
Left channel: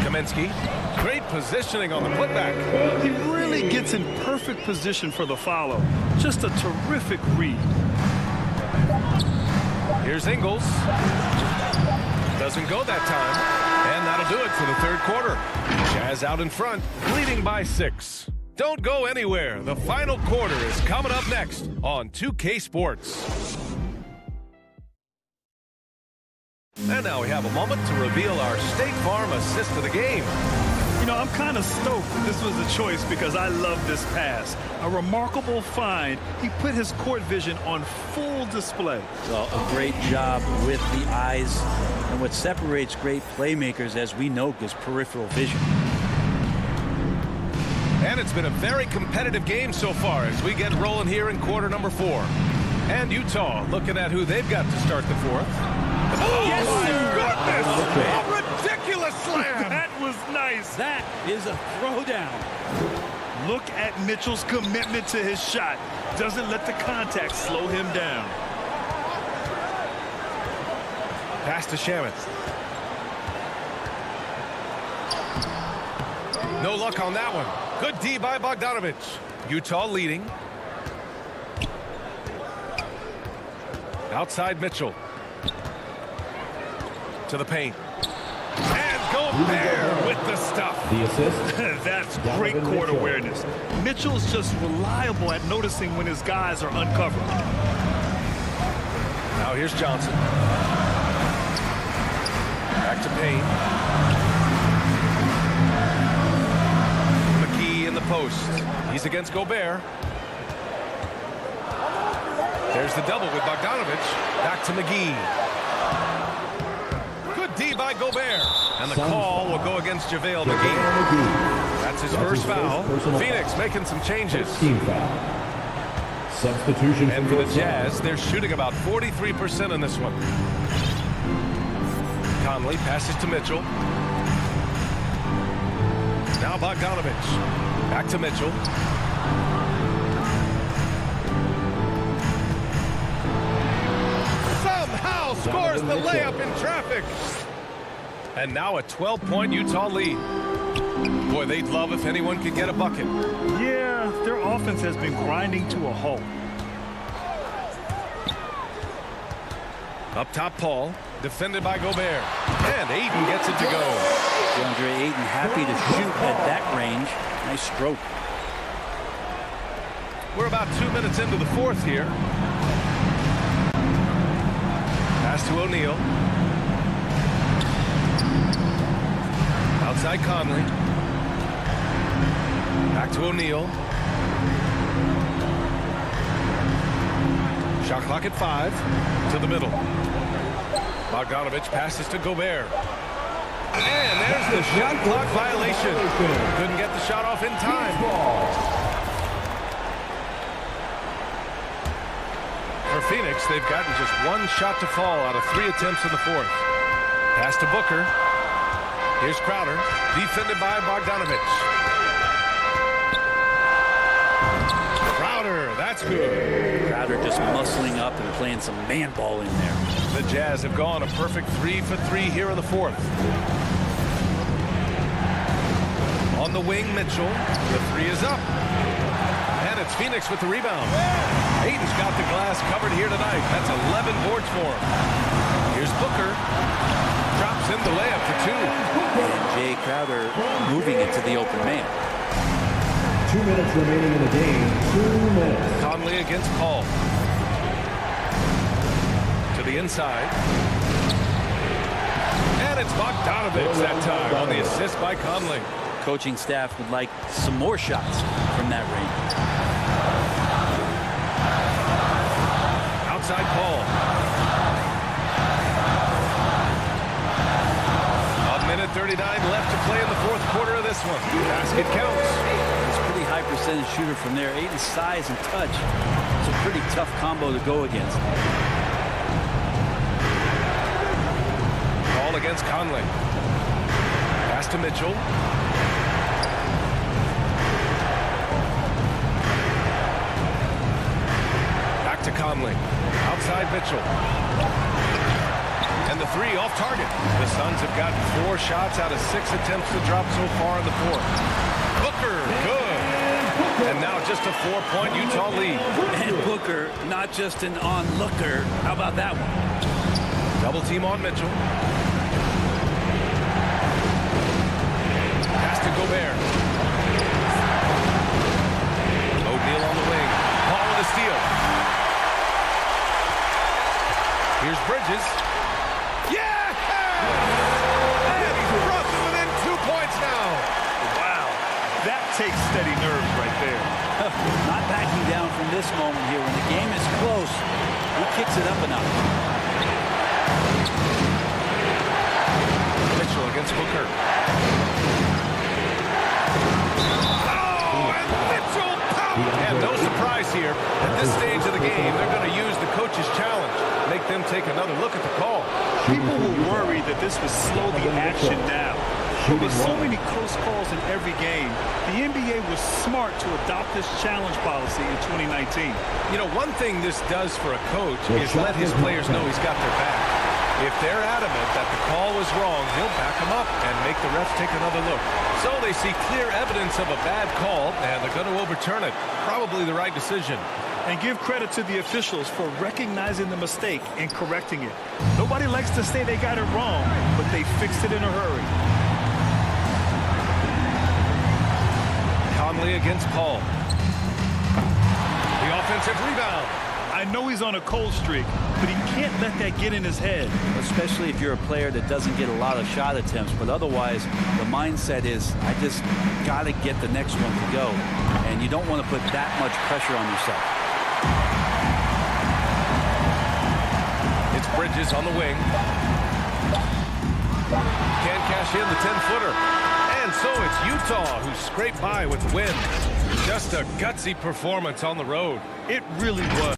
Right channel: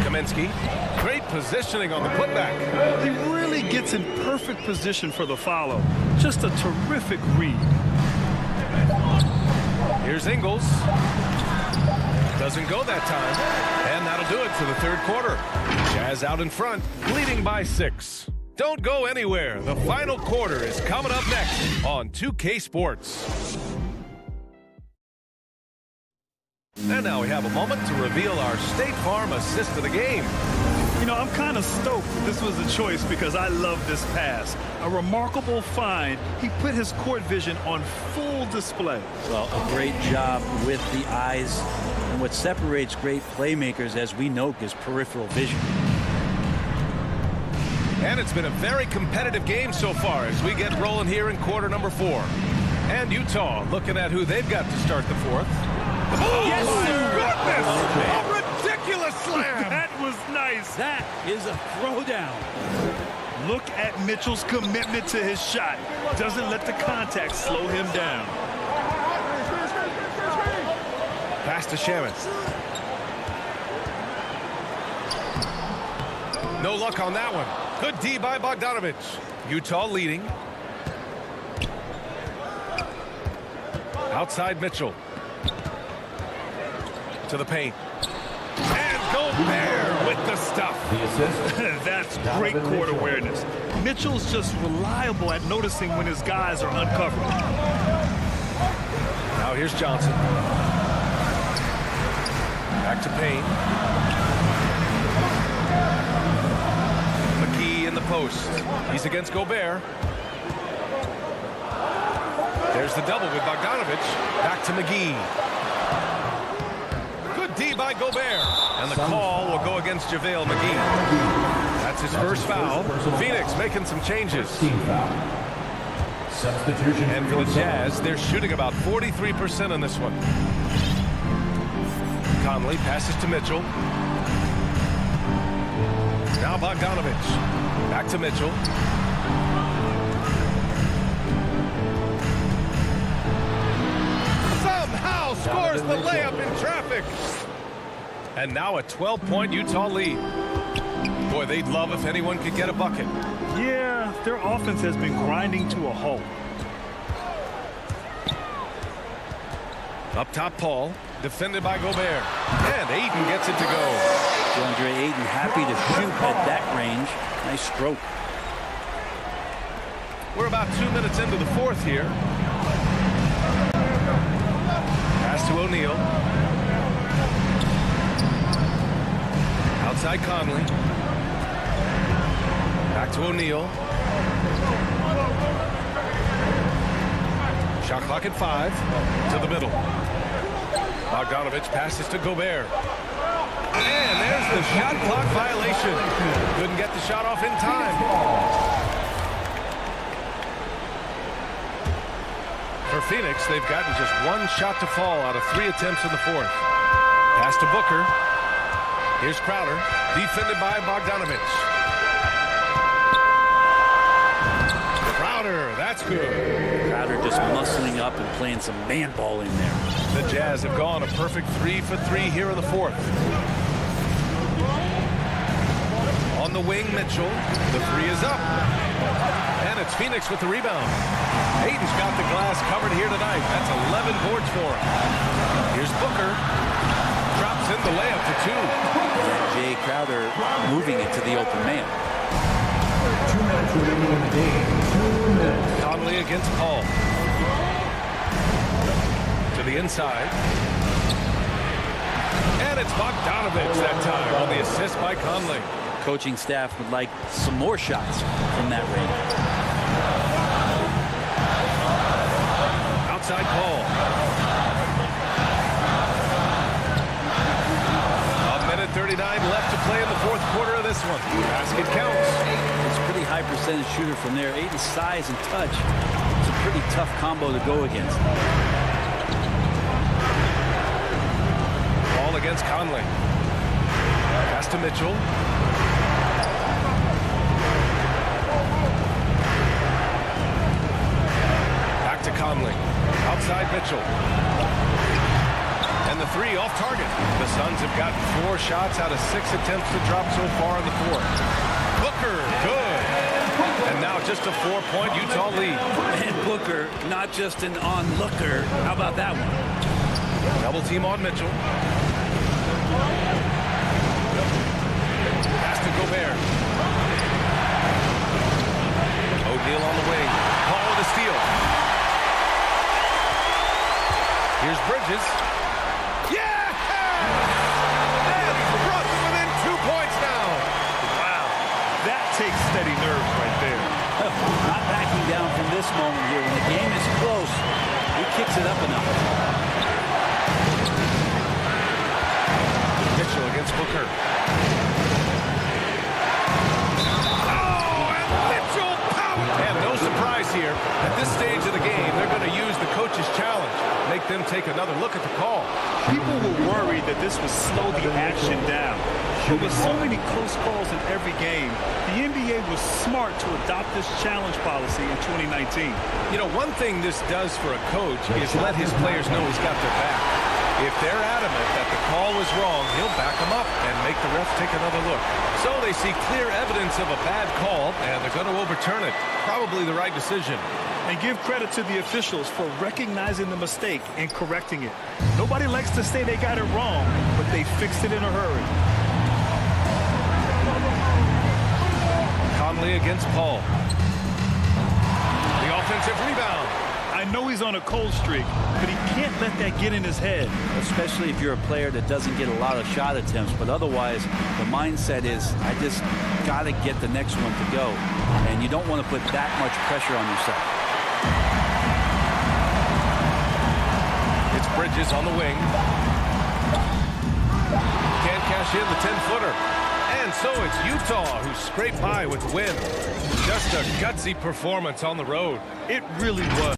Kaminsky. Great positioning on the putback. He really gets in perfect position for the follow. Just a terrific read. Here's Ingles. Doesn't go that time. And that'll do it for the third quarter. Jazz out in front, leading by 6. Don't go anywhere. The final quarter is coming up next on 2K Sports. And now we have a moment to reveal our State Farm assist of the game. You know, I'm kind of stoked that this was a choice because I love this pass. A remarkable find. He put his court vision on full display. Well, a great job with the eyes. And what separates great playmakers, as we know, is peripheral vision. And it's been a very competitive game so far as we get rolling here in quarter number 4. And Utah looking at who they've got to start the 4th. Oh, yes, my goodness! Oh, a ridiculous slam! That was nice. That is a throwdown. Look at Mitchell's commitment to his shot. Doesn't let the contact slow him down. Pass to Shaman. No luck on that one. Good D by Bogdanovich. Utah leading. Outside Mitchell. To the paint. And Gobert with the stuff. The assist. That's great court awareness. Mitchell's just reliable at noticing when his guys are uncovered. Now here's Johnson. Back to Payne. McGee in the post. He's against Gobert. There's the double with Bogdanovich. Back to McGee. Good D by Gobert. And the call will go against JaVale McGee. That's his first foul. Phoenix making some changes. Team foul. Substitution. And for the Jazz, they're shooting about 43% in this one. Conley passes to Mitchell. Now Bogdanovich. Back to Mitchell. Somehow scores the layup in traffic. And now a 12-point Utah lead. Boy, they'd love if anyone could get a bucket. Yeah, their offense has been grinding to a halt. Up top, Paul. Defended by Gobert. And Ayton gets it to go. DeAndre Ayton happy to shoot at that range. Nice stroke. We're about 2 minutes into the fourth here. Pass to O'Neal. Outside Conley. Back to O'Neal. Shot clock at 5. To the middle. Bogdanovich passes to Gobert. And there's the shot clock violation. Couldn't get the shot off in time. For Phoenix, they've gotten just one shot to fall out of 3 attempts in the fourth. Pass to Booker. Here's Crowder, defended by Bogdanovich. Crowder, that's good. Crowder just muscling up and playing some man ball in there. The Jazz have gone a perfect 3 for 3 here in the fourth. On the wing, Mitchell. The 3 is up. And it's Phoenix with the rebound. Ayton's got the glass covered here tonight. That's 11 boards for him. Here's Booker. Drops in the layup for 2. And Jay Crowder moving it to the open man. 2 minutes remaining in the game. 2 minutes. Conley against Paul. To the inside. And it's Bogdanovich that time on the assist by Conley. Coaching staff would like some more shots from that range. Outside Paul. A minute 39 left to play in the fourth quarter of this one. Basket counts. It's a pretty high percentage shooter from there. Ayton's size and touch. It's a pretty tough combo to go against. Paul against Conley. Pass to Mitchell. Back to Conley. Outside Mitchell. And the 3 off target. The Suns have gotten 4 shots out of 6 attempts to drop so far in the fourth. Booker, good. And now just a 4-point Utah lead. And Booker, not just an onlooker. How about that one? Double team on Mitchell. Pass to Gobert. O'Neal on the wing. Paul with a steal. Here's Bridges. Yeah! And he's brought them within 2 points now. Wow. That takes steady nerves right there. Not backing down from this moment here. When the game is close, he kicks it up a notch. Mitchell against Booker. And no surprise here. At this stage of the game, they're going to use the coach's challenge. Make them take another look at the call. People were worried that this would slow the action down. But with so many close calls in every game, the NBA was smart to adopt this challenge policy in 2019. You know, one thing this does for a coach is let his players know he's got their back. If they're adamant that the call was wrong, he'll back them up and make the refs take another look. So they see clear evidence of a bad call, and they're going to overturn it. Probably the right decision. And give credit to the officials for recognizing the mistake and correcting it. Nobody likes to say they got it wrong, but they fixed it in a hurry. Conley against Paul. The offensive rebound. I know he's on a cold streak, but he can't let that get in his head. Especially if you're a player that doesn't get a lot of shot attempts, but otherwise the mindset is, I just got to get the next one to go. And you don't want to put that much pressure on yourself. Bridges on the wing. Can't cash in the 10-footer. And so it's Utah who scraped by with the win. Just a gutsy performance on the road. It really was.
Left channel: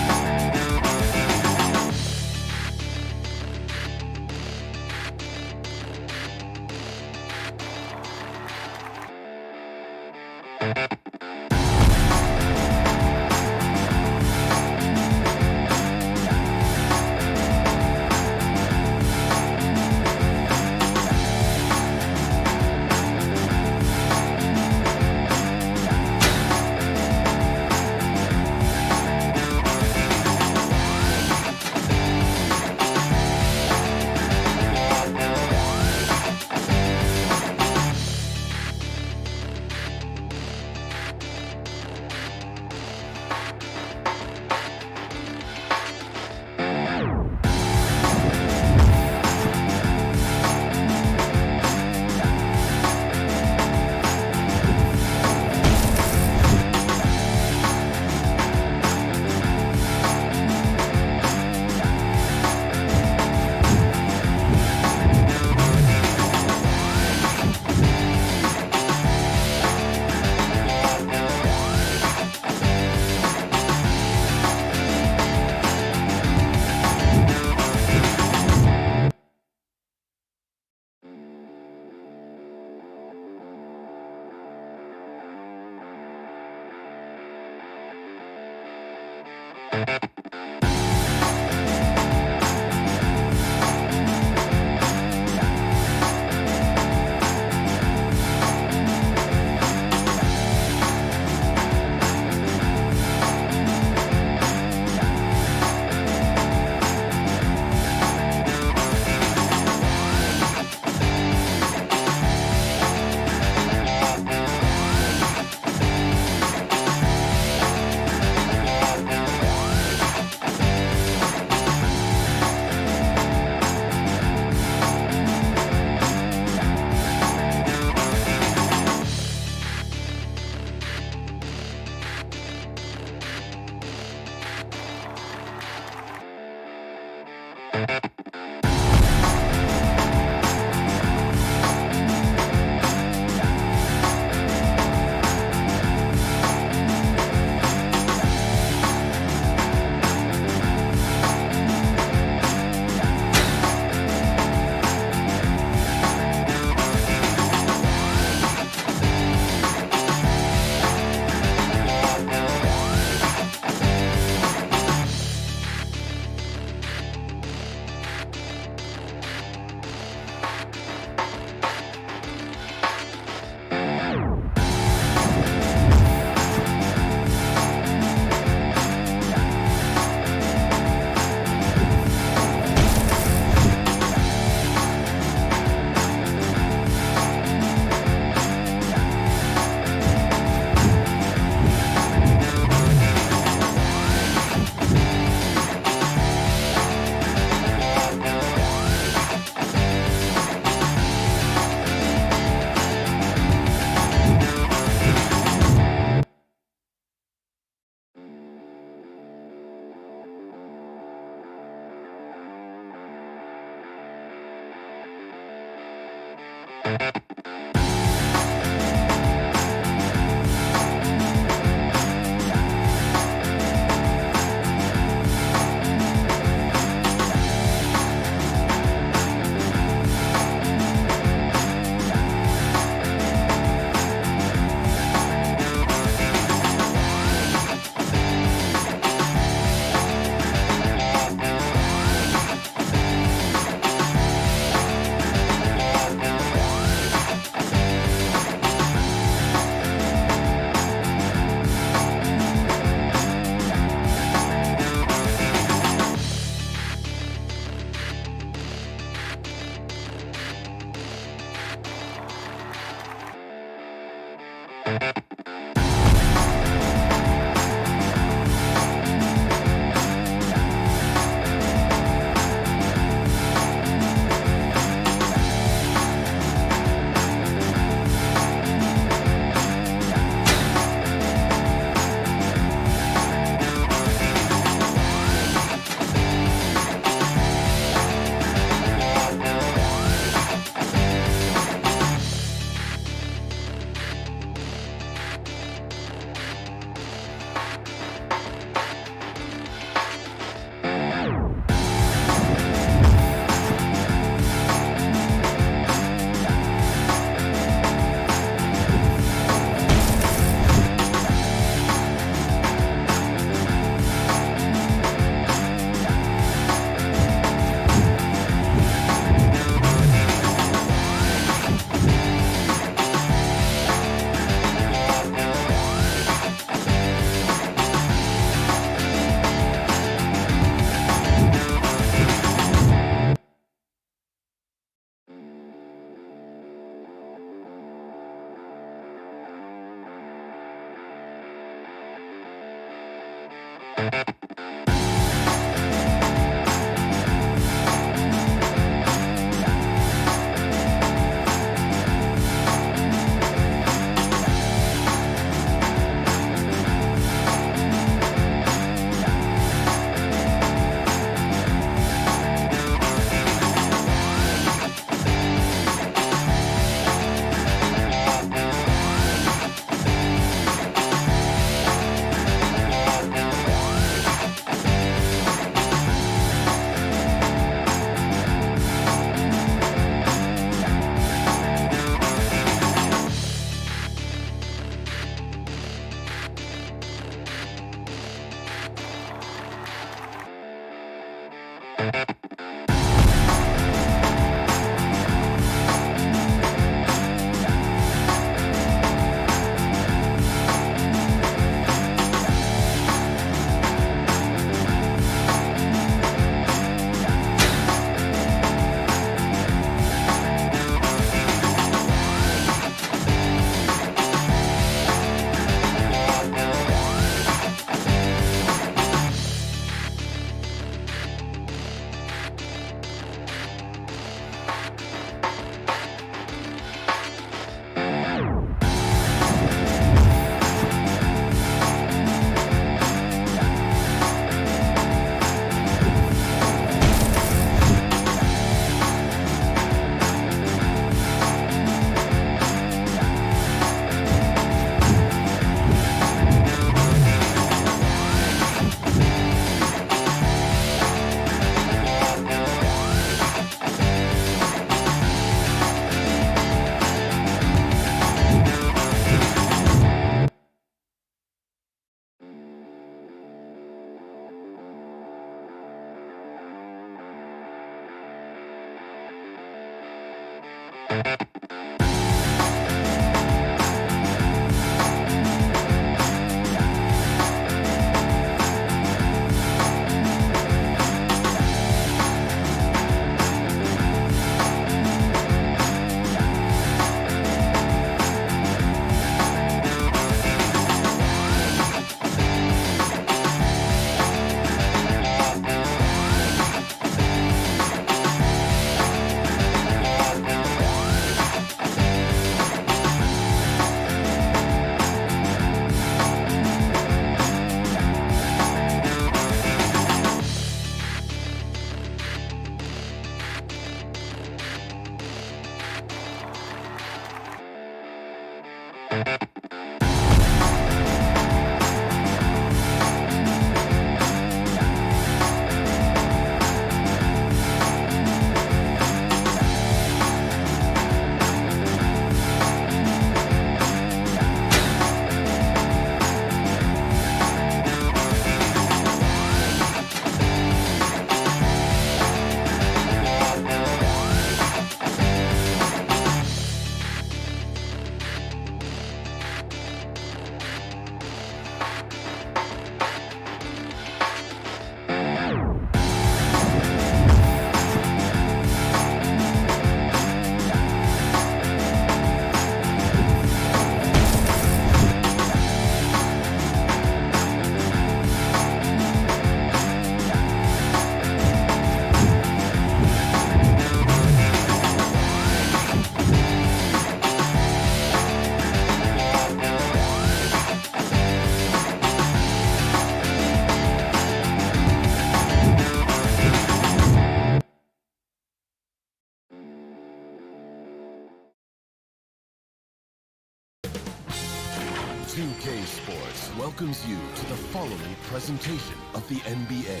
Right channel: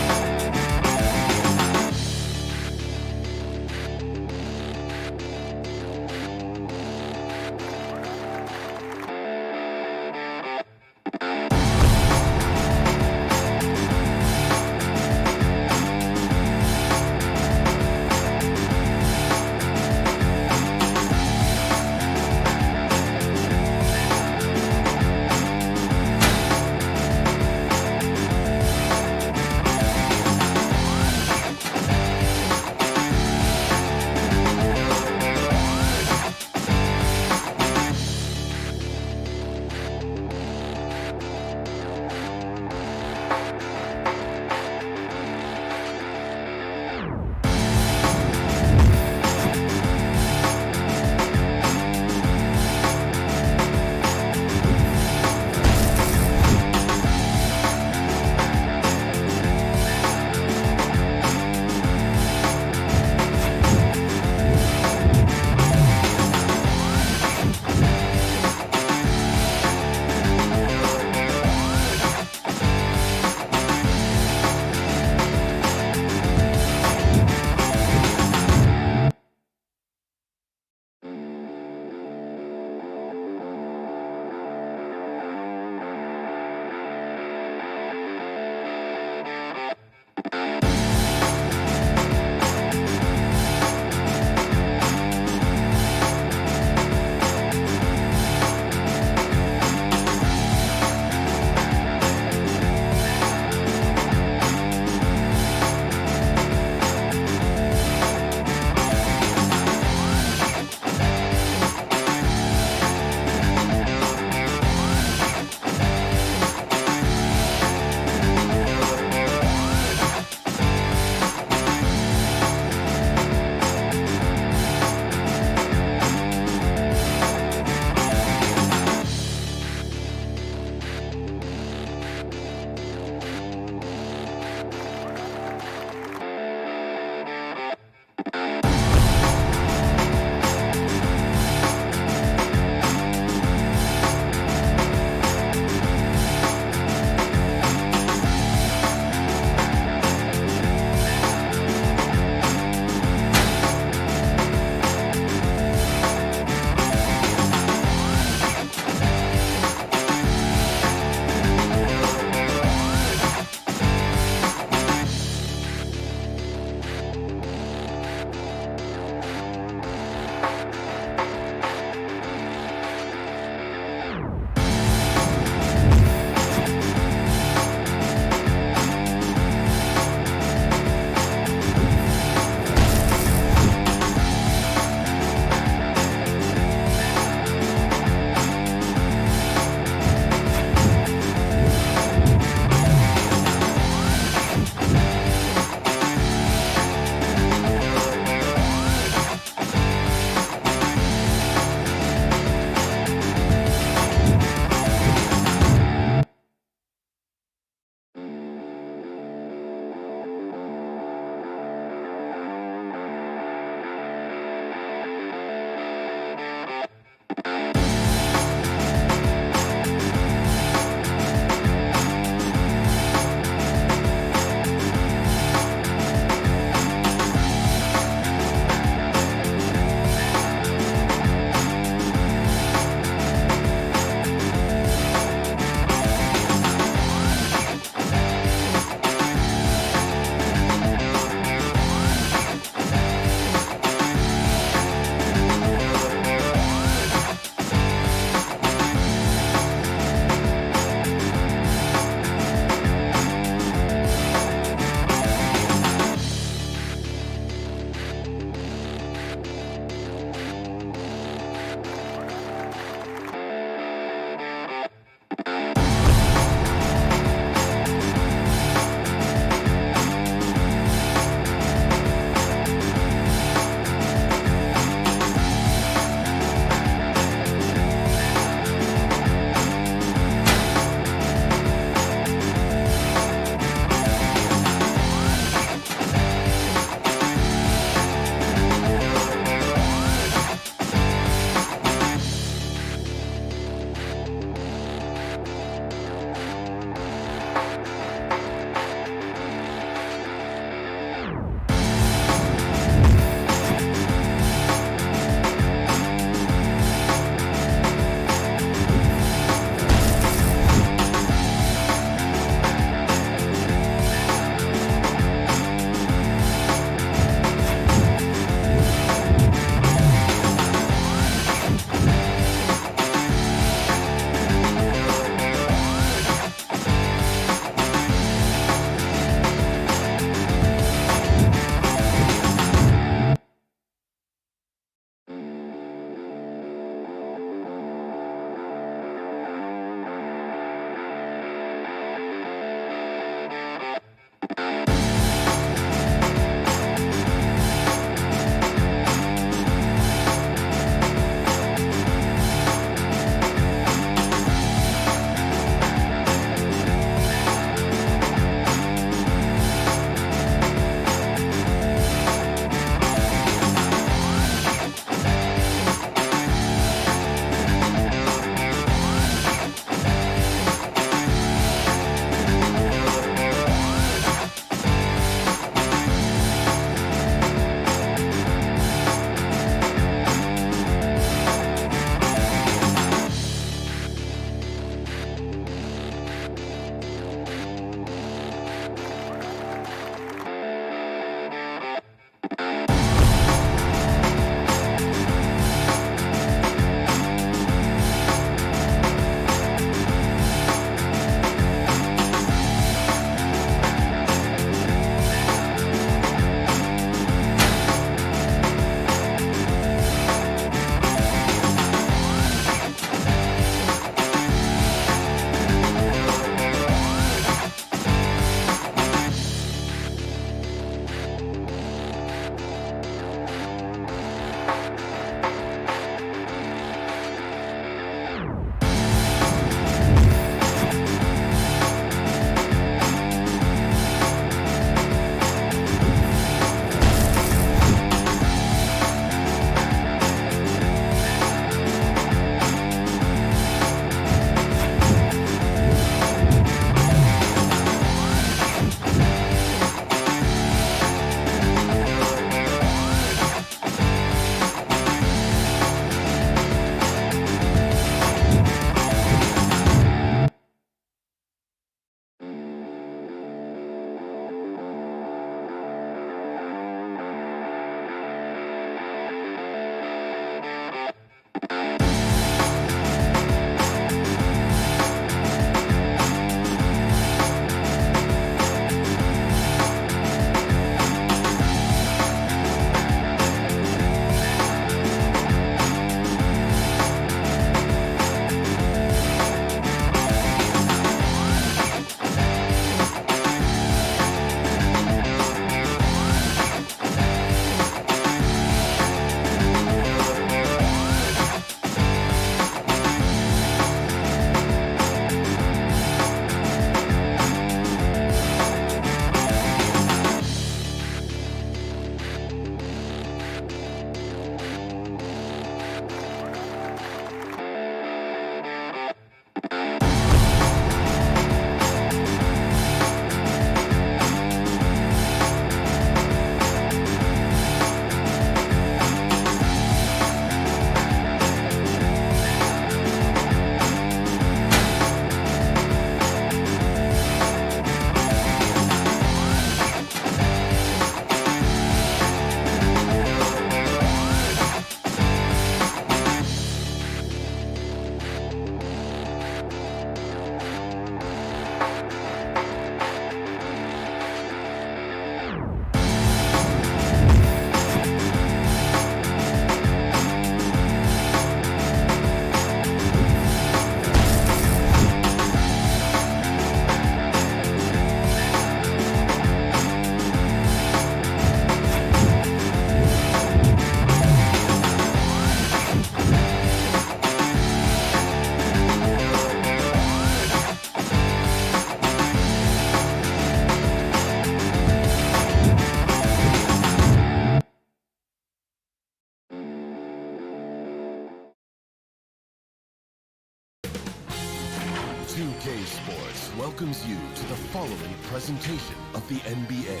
2K Sports welcomes you to the following presentation of the NBA.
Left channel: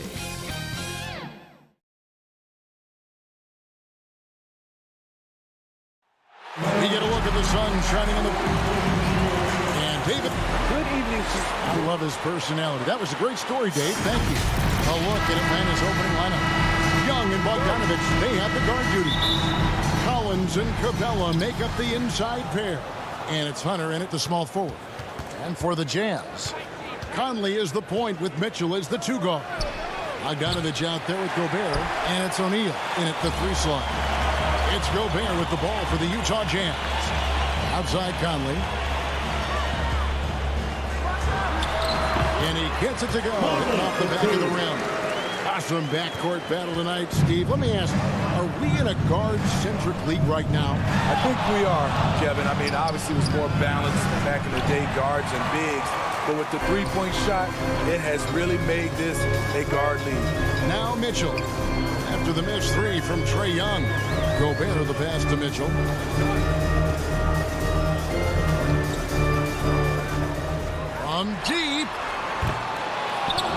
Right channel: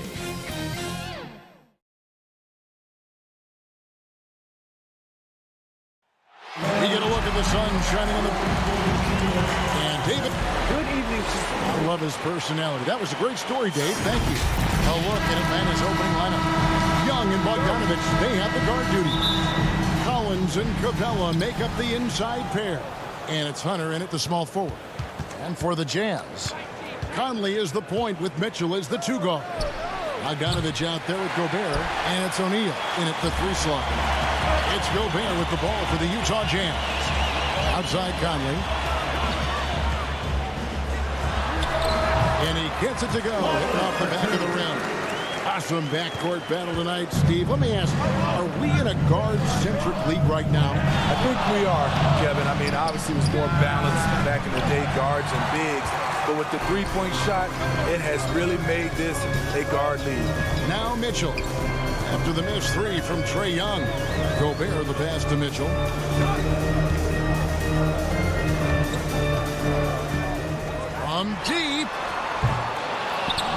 We get a look at the sun shining in the... And David. Good evening. I love his personality. That was a great story, Dave. Thank you. A look at Atlanta's opening lineup. Young and Bogdanovich, they have the guard duties. Collins and Capella make up the inside pair. And it's Hunter in at the small forward. And for the Jazz, Conley is the point with Mitchell as the 2 guard. Bogdanovich out there with Gobert. And it's O'Neal in at the 3 slot. It's Gobert with the ball for the Utah Jazz. Outside Conley. And he gets it to go, hitting off the back of the rim. Awesome backcourt battle tonight, Steve. Let me ask, are we in a guard-centric league right now? I think we are, Kevin. I mean, obviously it was more balanced back in the day, guards and bigs. But with the three-point shot, it has really made this a guard league. Now Mitchell. After the missed 3 from Trae Young. Gobert the pass to Mitchell. From deep.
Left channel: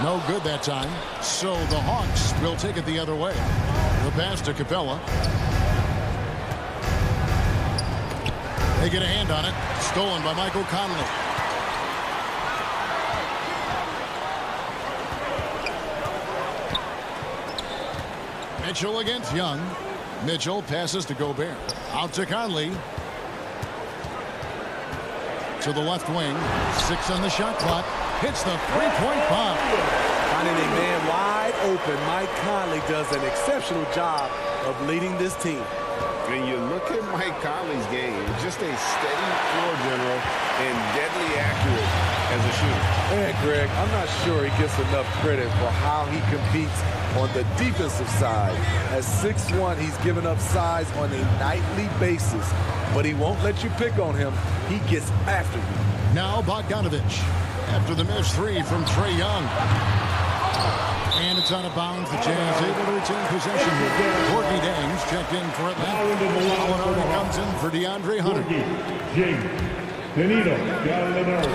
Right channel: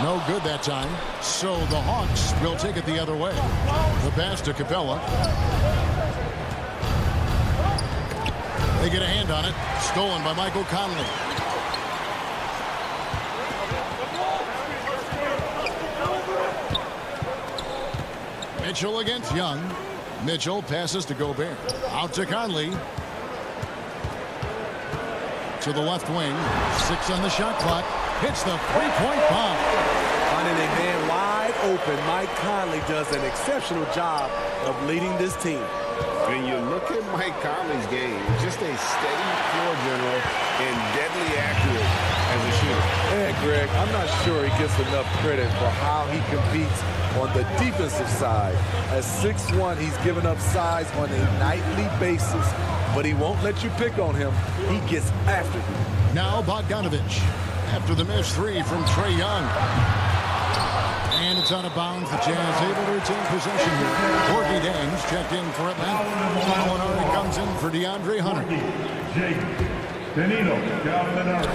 No good that time. So the Hawks will take it the other way. The pass to Capella. They get a hand on it. Stolen by Michael Conley. Mitchell against Young. Mitchell passes to Gobert. Out to Conley. To the left wing. 6 on the shot clock. Hits the 3-point bomb. Finding a man wide open, Mike Conley does an exceptional job of leading this team. When you look at Mike Conley's game, just a steady floor general and deadly accurate as a shooter. And Greg, I'm not sure he gets enough credit for how he competes on the defensive side. At 6'1", he's given up size on a nightly basis, but he won't let you pick on him. He gets after you. Now Bogdanovich. After the missed 3 from Trae Young. And it's out of bounds. The Jazz able to retain possession here. Corky Dangs checked in for Atlanta. Gallinari comes in for DeAndre Hunter.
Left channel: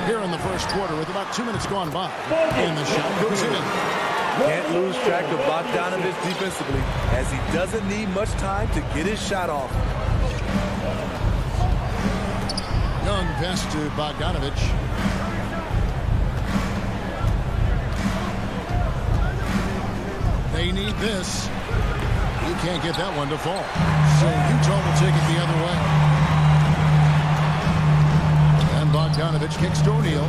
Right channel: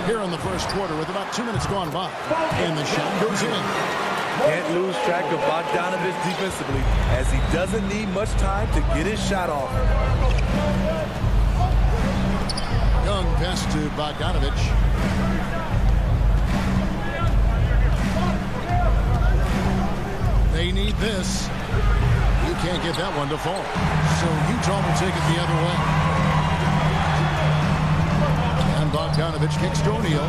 Here in the first quarter with about 2 minutes gone by. And the shot goes in. Can't lose track of Bogdanovich defensively as he doesn't need much time to get his shot off. Young pass to Bogdanovich. They need this. You can't get that one to fall. So Utah will take it the other way. And Bogdanovich kicks to O'Neal.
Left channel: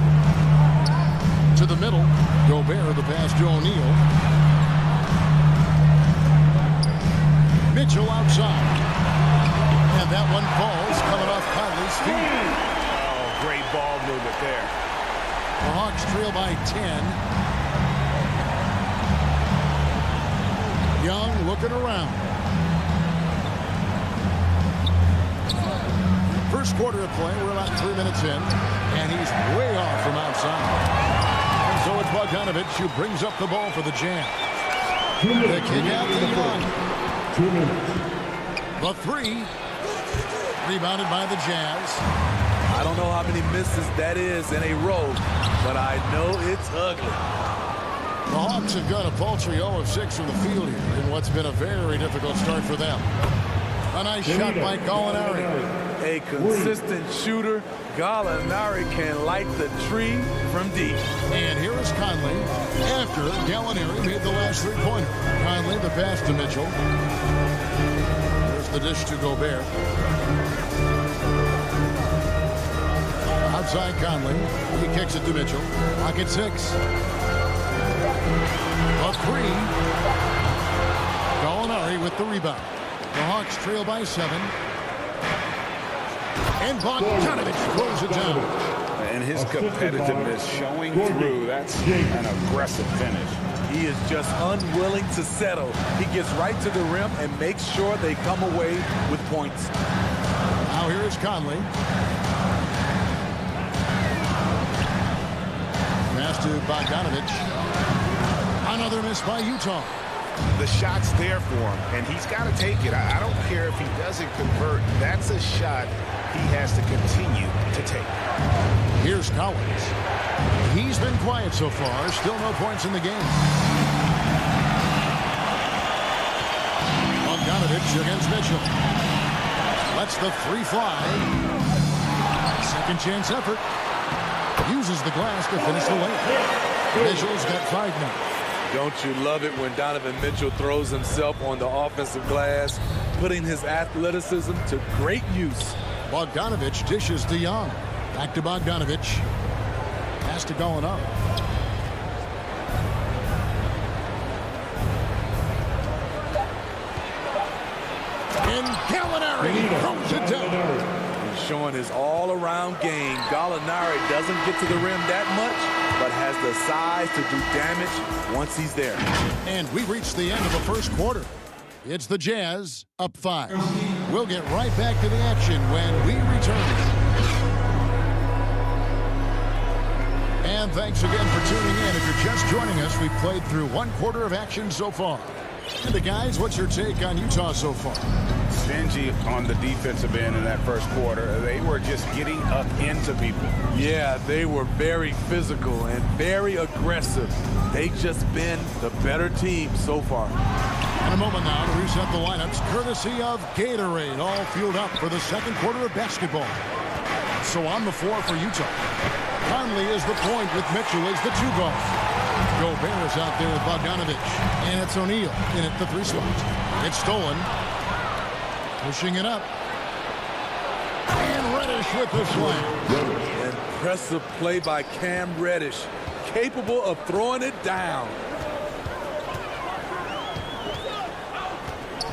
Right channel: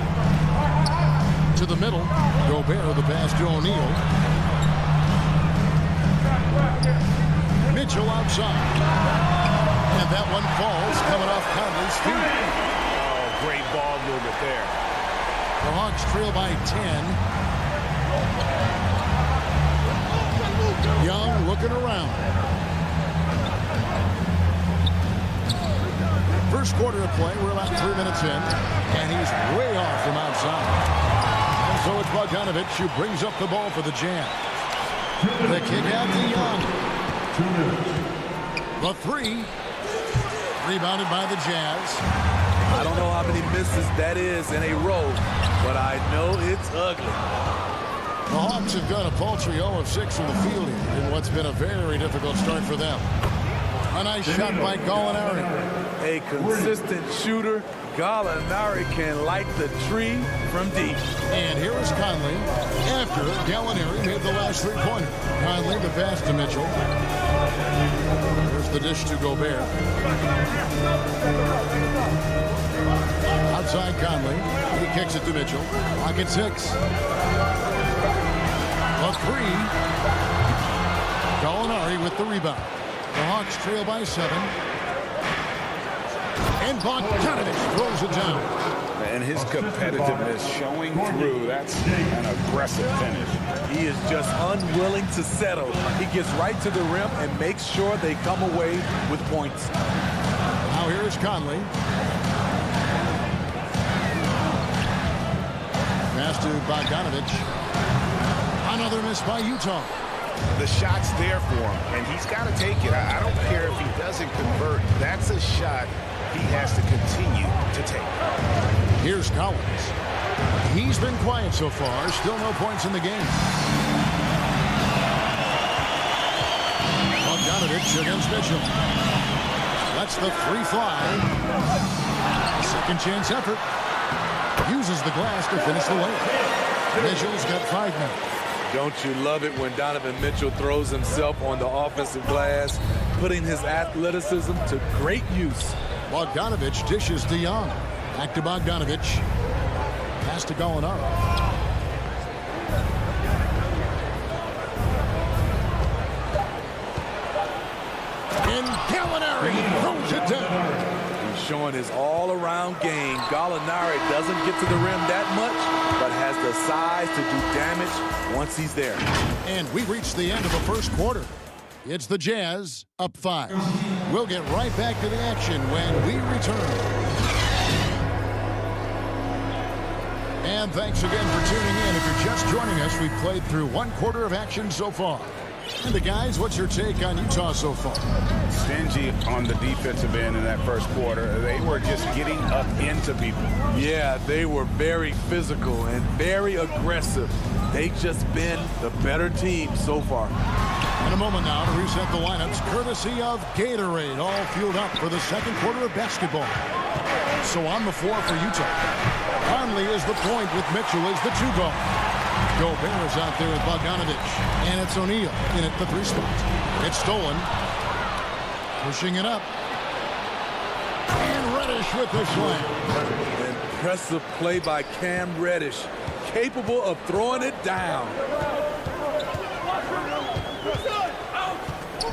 To the middle. Gobert the pass to O'Neal. Mitchell outside. And that one falls coming off Conley's feet. Oh, great ball movement there. The Hawks trail by 10. Young looking around. First quarter of play, we're about 3 minutes in, and he's way off from outside. And so it's Bogdanovich who brings up the ball for the Jazz. The kick out to Young. 2 minutes. The 3. Rebounded by the Jazz. I don't know how many misses that is in a row, but I know it's ugly. The Hawks have got a paltry 0 of 6 from the field here in what's been a very difficult start for them. A nice shot by Gallinari. A consistent shooter. Gallinari can light the tree from deep. And here is Conley after Gallinari made the last 3-pointer. Conley the pass to Mitchell. There's the dish to Gobert. Outside Conley. He kicks it to Mitchell. Clock at 6. A 3. Gallinari with the rebound. The Hawks trail by 7. And Bogdanovich throws it down. And his competitiveness showing through. That's an aggressive finish. He is just unwilling to settle. He gets right to the rim and makes sure they come away with points. Now here's Conley. Pass to Bogdanovich. Another miss by Utah. The shot's there for him, and he's got to take it. I don't care if he doesn't convert. That's a shot he has to continue to take. Here's Collins. He's been quiet so far. Still no points in the game. Bogdanovich against Mitchell. Lets the three fly. Second chance effort. Uses the glass to finish the layup. Mitchell's got 5 now. Don't you love it when Donovan Mitchell throws himself on the offensive glass, putting his athleticism to great use. Bogdanovich dishes to Young. Back to Bogdanovich. Pass to Gallinari. And Gallinari throws it down. He's showing his all-around game. Gallinari doesn't get to the rim that much, but has the size to do damage once he's there. And we reached the end of the first quarter. It's the Jazz up 5. We'll get right back to the action when we return. And thanks again for tuning in. If you're just joining us, we've played through 1 quarter of action so far. And the guys, what's your take on Utah so far? Stingy on the defensive end in that first quarter. They were just getting up into people. Yeah, they were very physical and very aggressive. They've just been the better team so far. In a moment now to reset the lineups, courtesy of Gatorade, all fueled up for the second quarter of basketball. So on the floor for Utah, Conley is the point with Mitchell as the 2 guard. Gobert is out there with Bogdanovich, and it's O'Neal in at the 3 spot. It's stolen. Pushing it up. And Reddish with the slam. Impressive play by Cam Reddish, capable of throwing it down.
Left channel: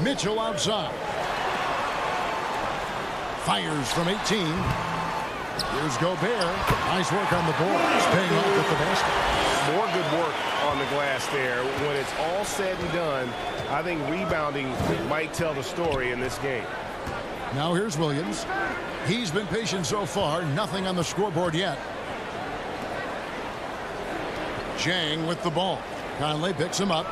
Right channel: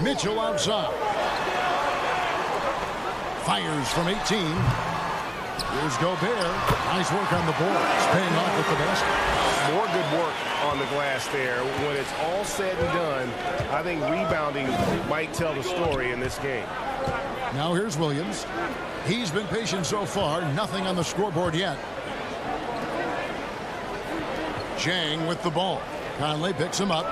Mitchell outside. Fires from 18. Here's Gobert. Nice work on the board. He's paying off with the basket. More good work on the glass there. When it's all said and done, I think rebounding might tell the story in this game. Now here's Williams. He's been patient so far. Nothing on the scoreboard yet. Chang with the ball. Conley picks him up.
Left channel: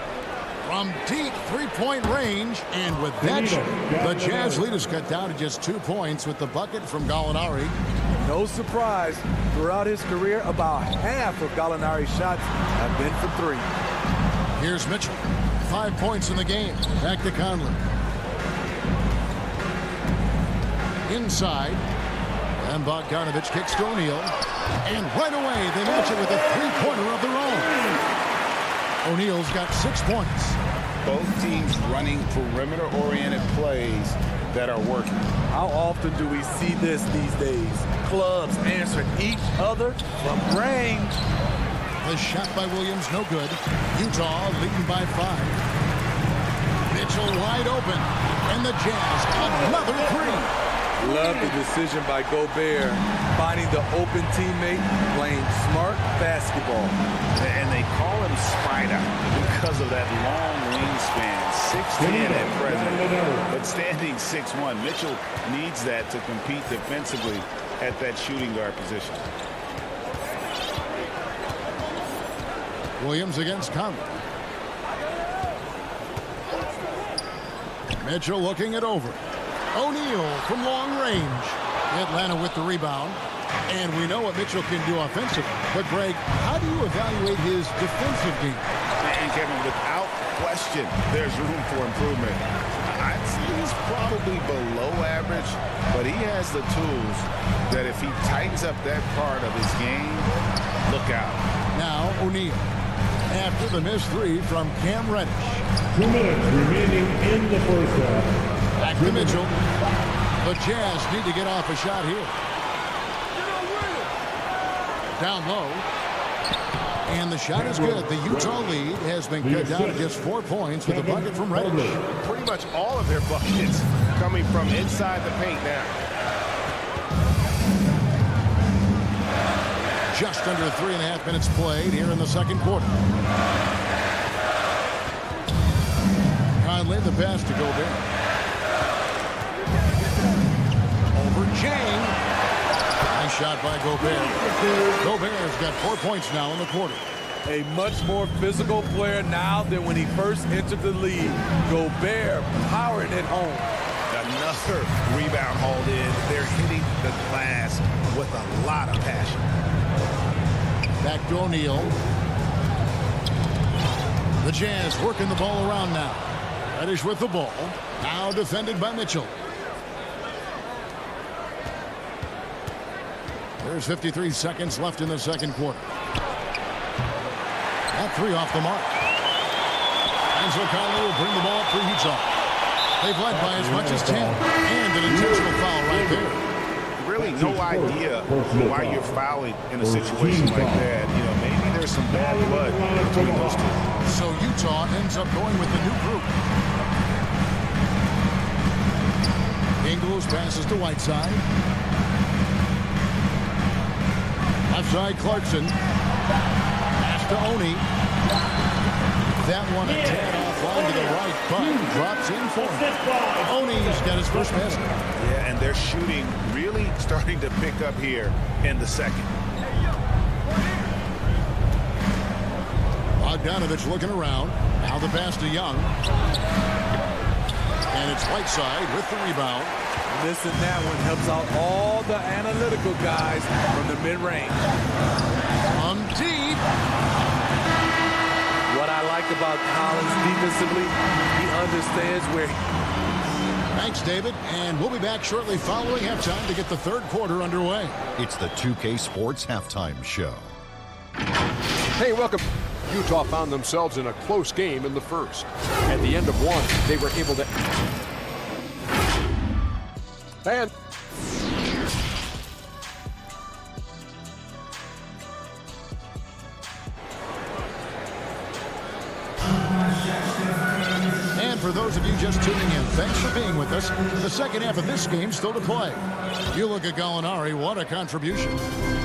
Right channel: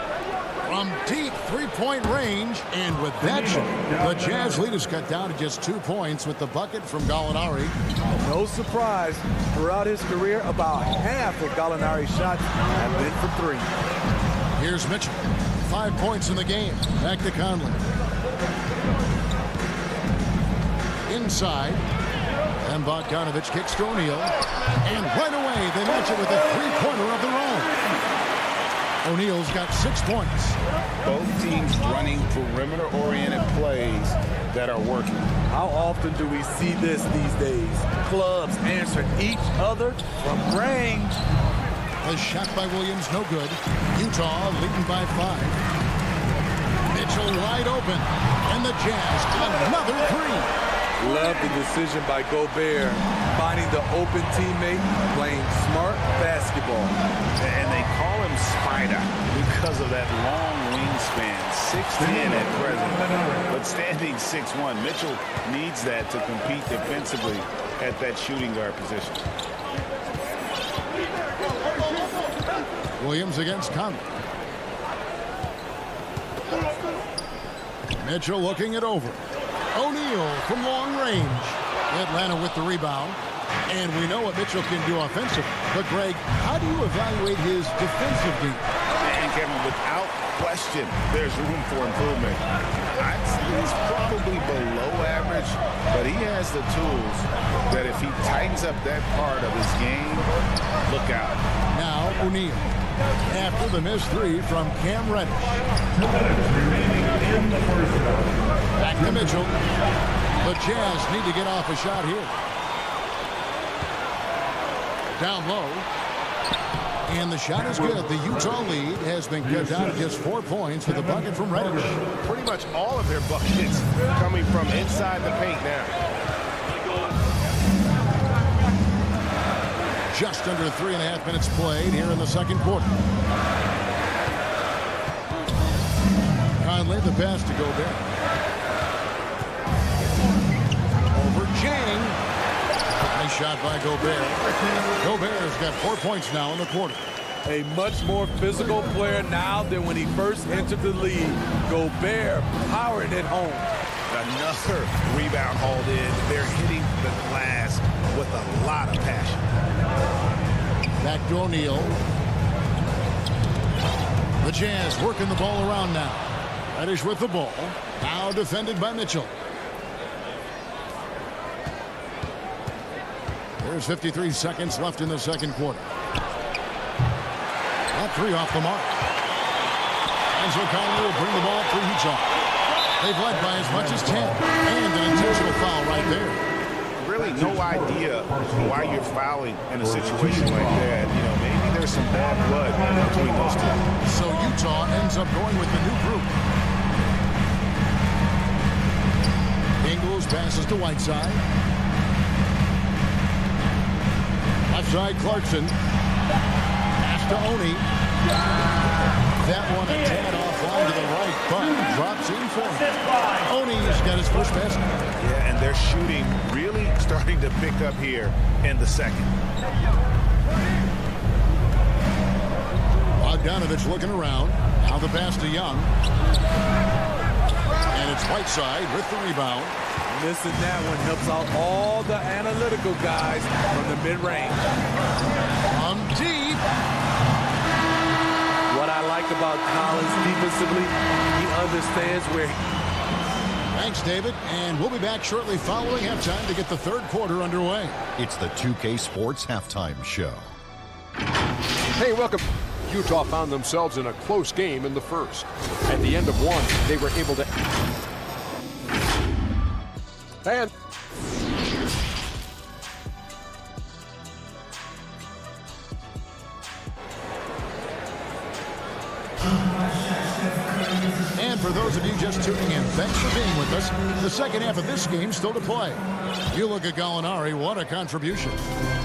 From deep three-point range, and with that shot, the Jazz lead is cut down to just 2 points with the bucket from Gallinari. No surprise, throughout his career, about half of Gallinari's shots have been from 3. Here's Mitchell. 5 points in the game. Back to Conley. Inside. And Bogdanovich kicks to O'Neal. And right away, they match it with a three-pointer of their own. O'Neal's got 6 points. Both teams running perimeter-oriented plays that are working. How often do we see this these days? Clubs answering each other from range. The shot by Williams, no good. Utah leading by 5. Mitchell wide open. And the Jazz another 3. Love the decision by Gobert, finding the open teammate, playing smart basketball. And they call him Spider because of that long wingspan, 6'10" at present, but standing 6'1". Mitchell needs that to compete defensively at that shooting guard position. Williams against Conley. Mitchell looking it over. O'Neal from long range. Atlanta with the rebound. And we know what Mitchell can do offensively. But, Greg, how do you evaluate his defensive game? And, Kevin, without question, there's room for improvement. I'd say he's probably below average, but he has the tools that if he tightens up that part of his game, look out. Now, O'Neal. After the missed 3 from Cam Reddish. 2 minutes remaining in the first half. Back to Mitchell. The Jazz need to get off a shot here. Down low. And the shot is good. The Utah lead has been cut down to just 4 points with a bucket from Reddish. Pretty much all of their buckets coming from inside the paint now. Just under 3.5 minutes played here in the second quarter. Conley the pass to Gobert. Over Chang. Nice shot by Gobert. Gobert's got 4 points now in the quarter. A much more physical player now than when he first entered the league. Gobert powering it home. Another rebound hauled in. They're hitting the glass with a lot of passion. Back to O'Neal. The Jazz working the ball around now. Reddish with the ball. Now defended by Mitchell. There's 53 seconds left in the second quarter. That three off the mark. And so Conley will bring the ball up for Utah. They've led by as much as 10. And an intentional foul right there. Really no idea why you're fouling in a situation like that. You know, maybe there's some bad blood between those two. So Utah ends up going with the new group. Ingles passes to Whiteside. Left side Clarkson. Pass to Oni. That one a tad offline to the right, but drops in for him. Oni's got his first basket. Yeah, and they're shooting really starting to pick up here in the second. Bogdanovich looking around. Now the pass to Young. And it's Whiteside with the rebound. Missing that one helps out all the analytical guys from the mid-range. From deep. What I like about Collins defensively, he understands where he... Thanks, David. And we'll be back shortly following halftime to get the third quarter underway. It's the 2K Sports Halftime Show. Hey, welcome. Utah found themselves in a close game in the first. At the end of one, they were able to... And... And for those of you just tuning in, thanks for being with us. The second half of this game still to play. You look at Gallinari, what a contribution.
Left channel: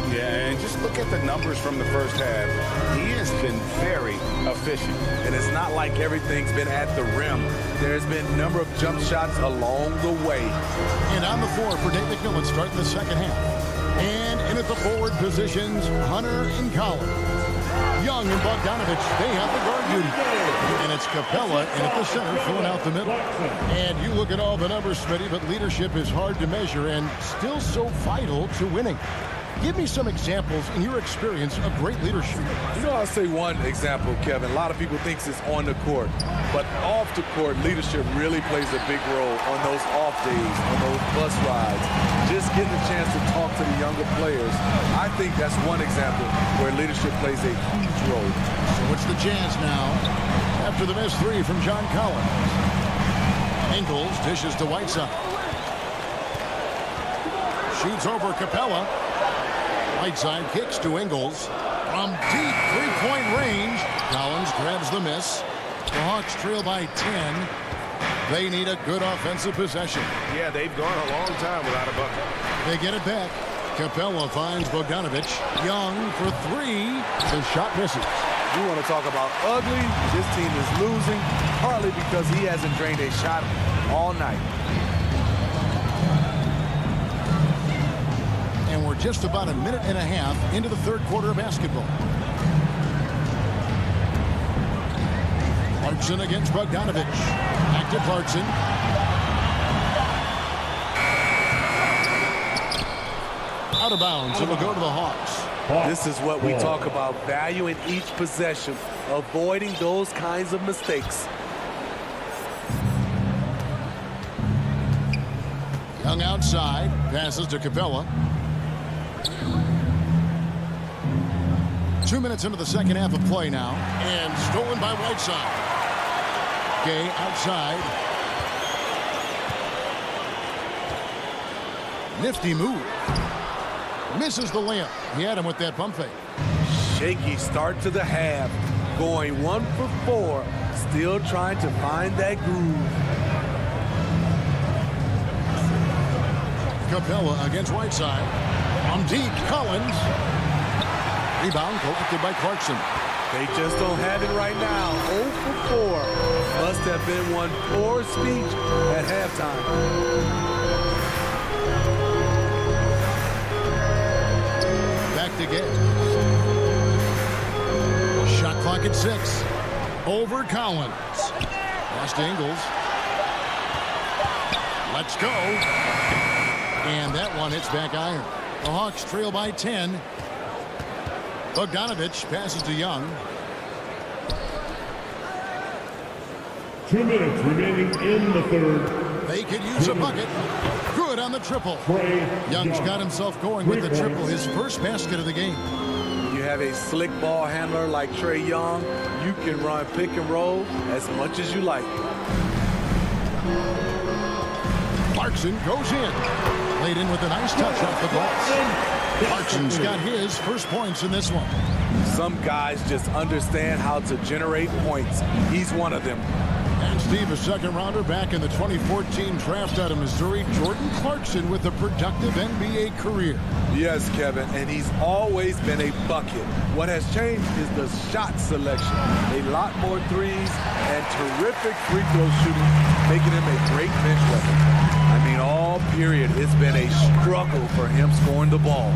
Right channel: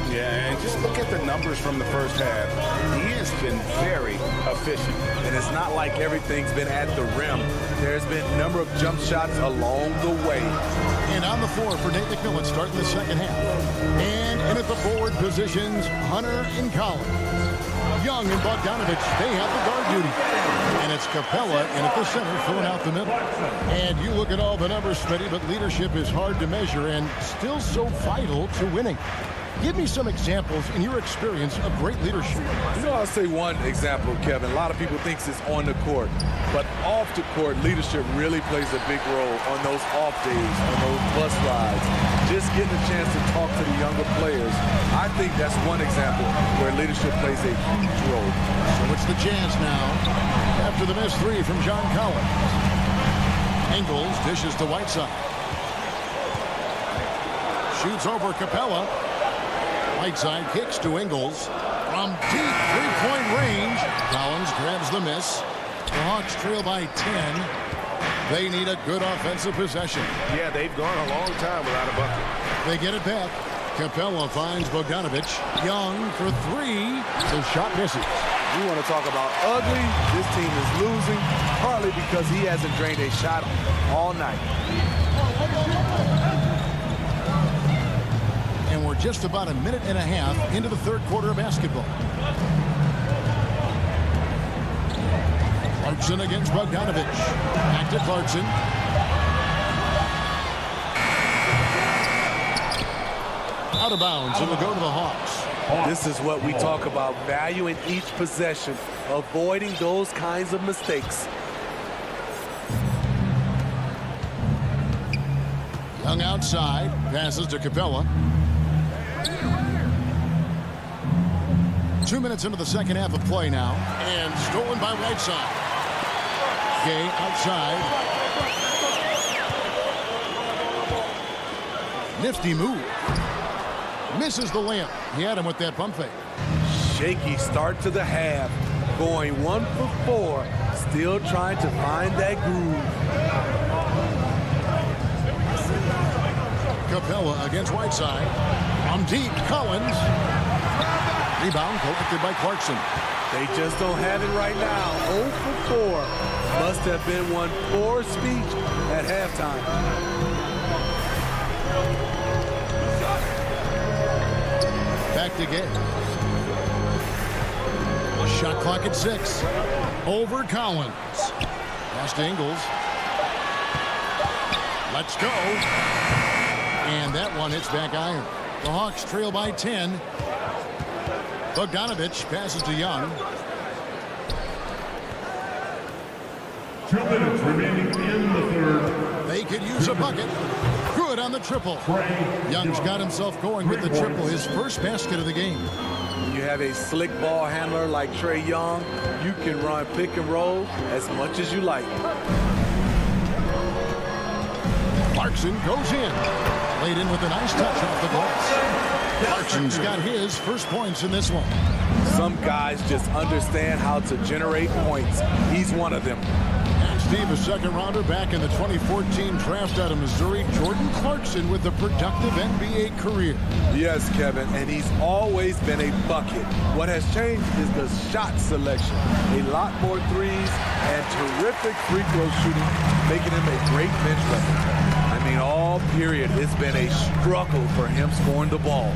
Yeah, and just look at the numbers from the first half. He has been very efficient. And it's not like everything's been at the rim. There's been a number of jump shots along the way. And on the floor for Nate McMillan starting the second half. And in at the forward positions, Hunter and Collins. Young and Bogdanovich, they have the guard duty. And it's Capella in at the center, filling out the middle. And you look at all the numbers, Smitty, but leadership is hard to measure and still so vital to winning. Give me some examples in your experience of great leadership. You know, I'll say one example, Kevin. A lot of people think it's on the court, but off the court, leadership really plays a big role on those off days, on those bus rides. Just getting a chance to talk to the younger players. I think that's one example where leadership plays a huge role. So it's the Jazz now after the missed three from John Collins. Ingles dishes to Whiteside. Shoots over Capella. Whiteside kicks to Ingles. From deep three-point range, Collins grabs the miss. The Hawks trail by 10. They need a good offensive possession. Yeah, they've gone a long time without a bucket. They get it back. Capella finds Bogdanovich. Young for three. The shot misses. You want to talk about ugly? This team is losing, partly because he hasn't drained a shot all night. And we're just about a minute and a half into the third quarter of basketball. Clarkson against Bogdanovich. Back to Clarkson. Out of bounds. It'll go to the Hawks. This is what we talk about, valuing each possession, avoiding those kinds of mistakes. Young outside. Passes to Capella. 2 minutes into the second half of play now. And stolen by Whiteside. Gay outside. Nifty move. Misses the layup. He had him with that pump fake. Shaky start to the half. Going 1 for 4. Still trying to find that groove. Capella against Whiteside. From deep, Collins. Rebound collected by Clarkson. They just don't have it right now. 0 for 4. Must have been one poor speech at halftime. Back to Gay. Shot clock at 6. Over Collins. Pass to Ingles. Let's go. And that one hits back iron. The Hawks trail by 10. Bogdanovich passes to Young. 2 minutes remaining in the third. They could use a bucket. Good on the triple. Young's got himself going with the triple, his first basket of the game. When you have a slick ball handler like Trae Young, you can run pick and roll as much as you like. Clarkson goes in. Laid in with a nice touch off the glass. Clarkson's got his first points in this one. Some guys just understand how to generate points. He's one of them. And Steve, a second rounder back in the 2014 draft out of Missouri, Jordan Clarkson with a productive NBA career. Yes, Kevin, and he's always been a bucket. What has changed is the shot selection. A lot more threes and terrific free throw shooting, making him a great bench weapon. I mean, all period, it's been a struggle for him scoring the ball.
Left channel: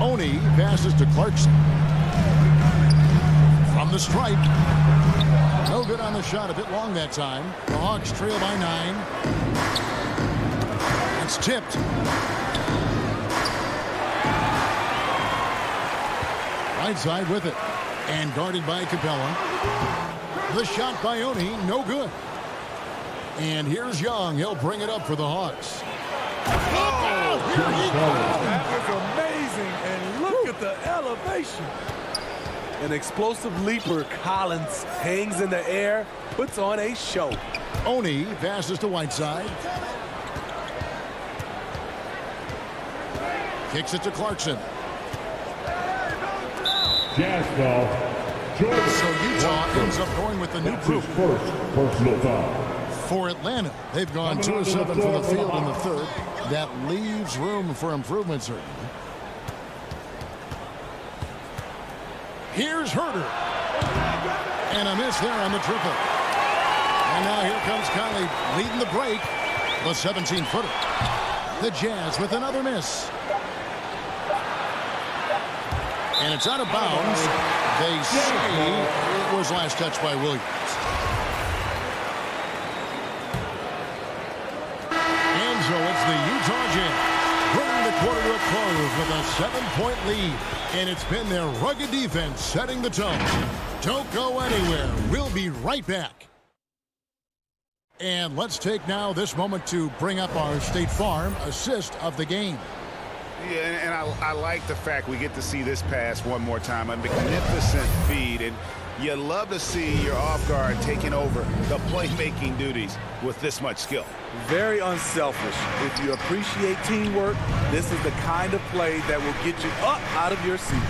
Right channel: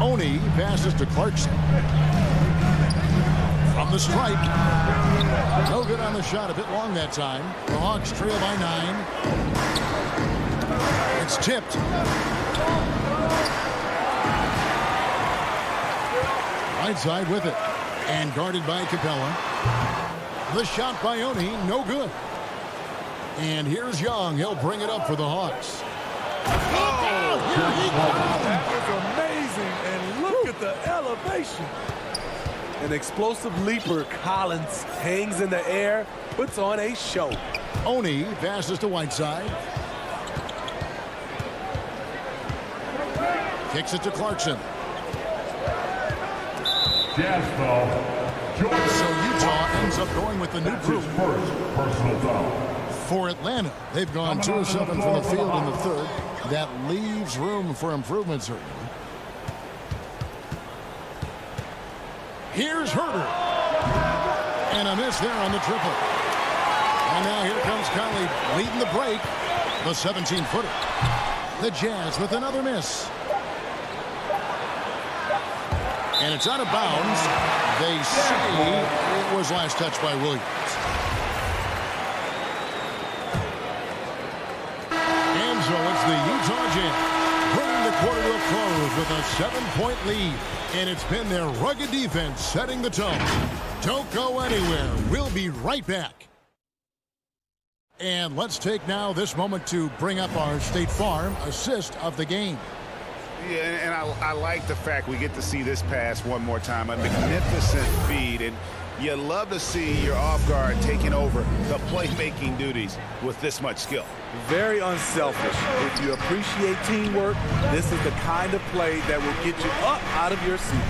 Oni passes to Clarkson. From the stripe. No good on the shot, a bit long that time. The Hawks trail by 9. It's tipped. Right side with it. And guarded by Capella. The shot by Oni, no good. And here's Young. He'll bring it up for the Hawks. Oh, here he goes. That was amazing. And look at the elevation. An explosive leaper. Collins hangs in the air, puts on a show. Oni passes to Whiteside. Kicks it to Clarkson. Jazz foul. So Utah ends up going with the new group. First personal foul. For Atlanta, they've gone 2 of 7 from the field in the third. That leaves room for improvement, certainly. Here's Herter. And a miss there on the triple. And now here comes Conley leading the break. The 17-footer. The Jazz with another miss. And it's out of bounds. They say it was last touched by Williams. And so it's the Utah Jazz bringing the quarter to a close with a 7-point lead. And it's been their rugged defense setting the tone. Don't go anywhere. We'll be right back. And let's take now this moment to bring up our State Farm assist of the game. Yeah, and I like the fact we get to see this pass one more time. A magnificent feed, and you love to see your off guard taking over the playmaking duties with this much skill. Very unselfish. If you appreciate teamwork, this is the kind of play that will get you up out of your seat.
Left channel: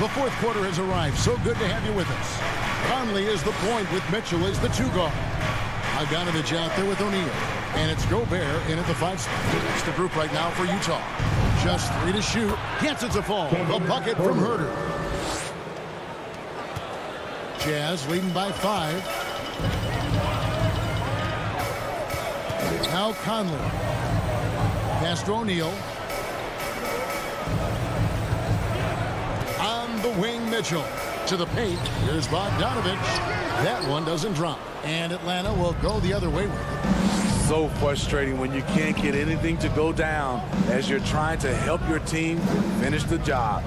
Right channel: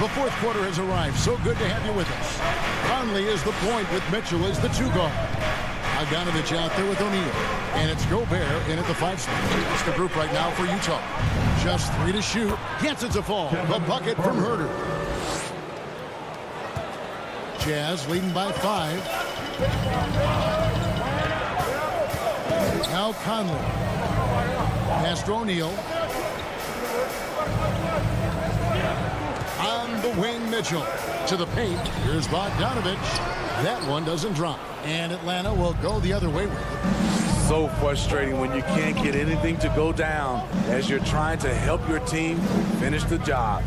The fourth quarter has arrived. So good to have you with us. Conley is the point with Mitchell as the 2 guard. Bogdanovich out there with O'Neal. And it's Gobert in at the 5 spot. That's the group right now for Utah. Just 3 to shoot. Gets it to fall. The bucket from Herter. Jazz leading by 5. Now Conley. Pass to O'Neal. On the wing, Mitchell. To the paint. Here's Bogdanovich. That one doesn't drop. And Atlanta will go the other way with it. So frustrating when you can't get anything to go down as you're trying to help your team finish the job.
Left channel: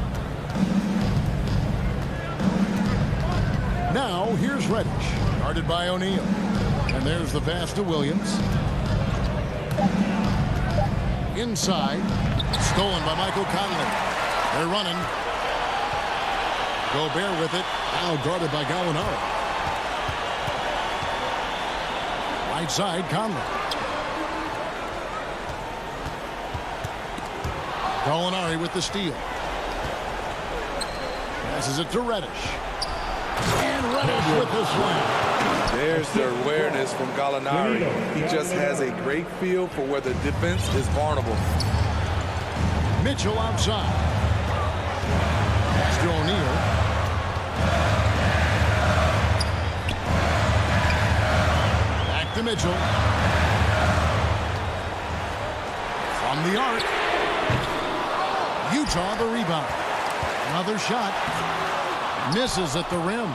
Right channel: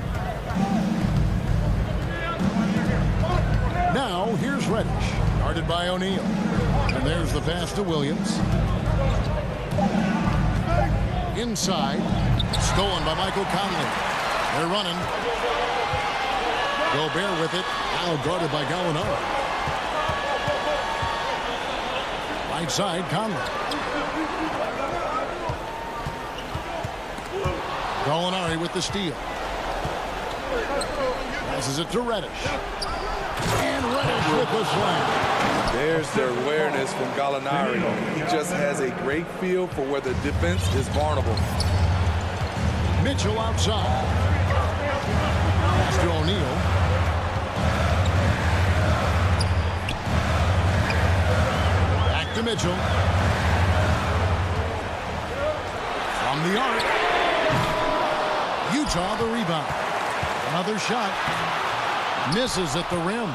Now here's Reddish. Guarded by O'Neal. And there's the pass to Williams. Inside. Stolen by Michael Conley. They're running. Gobert with it. Now guarded by Gallinari. Right side, Conley. Gallinari with the steal. Passes it to Reddish. And Reddish with the slam. There's the awareness from Gallinari. He just has a great feel for where the defense is vulnerable. Mitchell outside. Pass to O'Neal. Back to Mitchell. From the arc. Utah the rebound. Another shot. Misses at the rim.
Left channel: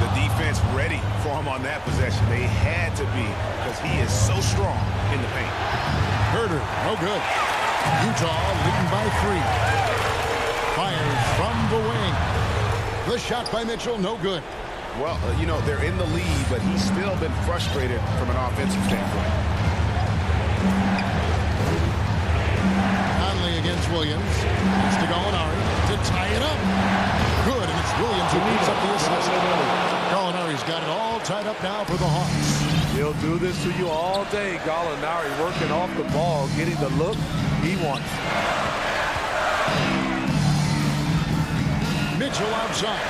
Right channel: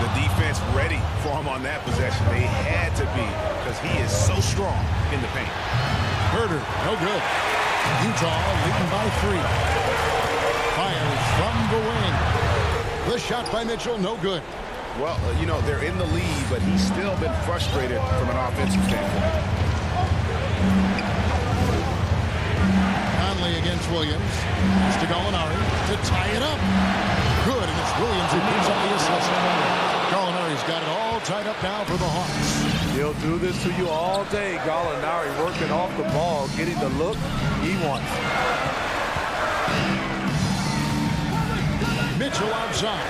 The defense ready for him on that possession. They had to be because he is so strong in the paint. Herder, no good. Utah leading by 3. Fires from the wing. The shot by Mitchell, no good. Well, you know, they're in the lead, but he's still been frustrated from an offensive standpoint. Conley against Williams. Has to Gallinari to tie it up. Good, and it's Williams who picks up the assist. Gallinari's got it all tied up now for the Hawks. He'll do this to you all day. Gallinari working off the ball, getting the look he wants. Mitchell outside.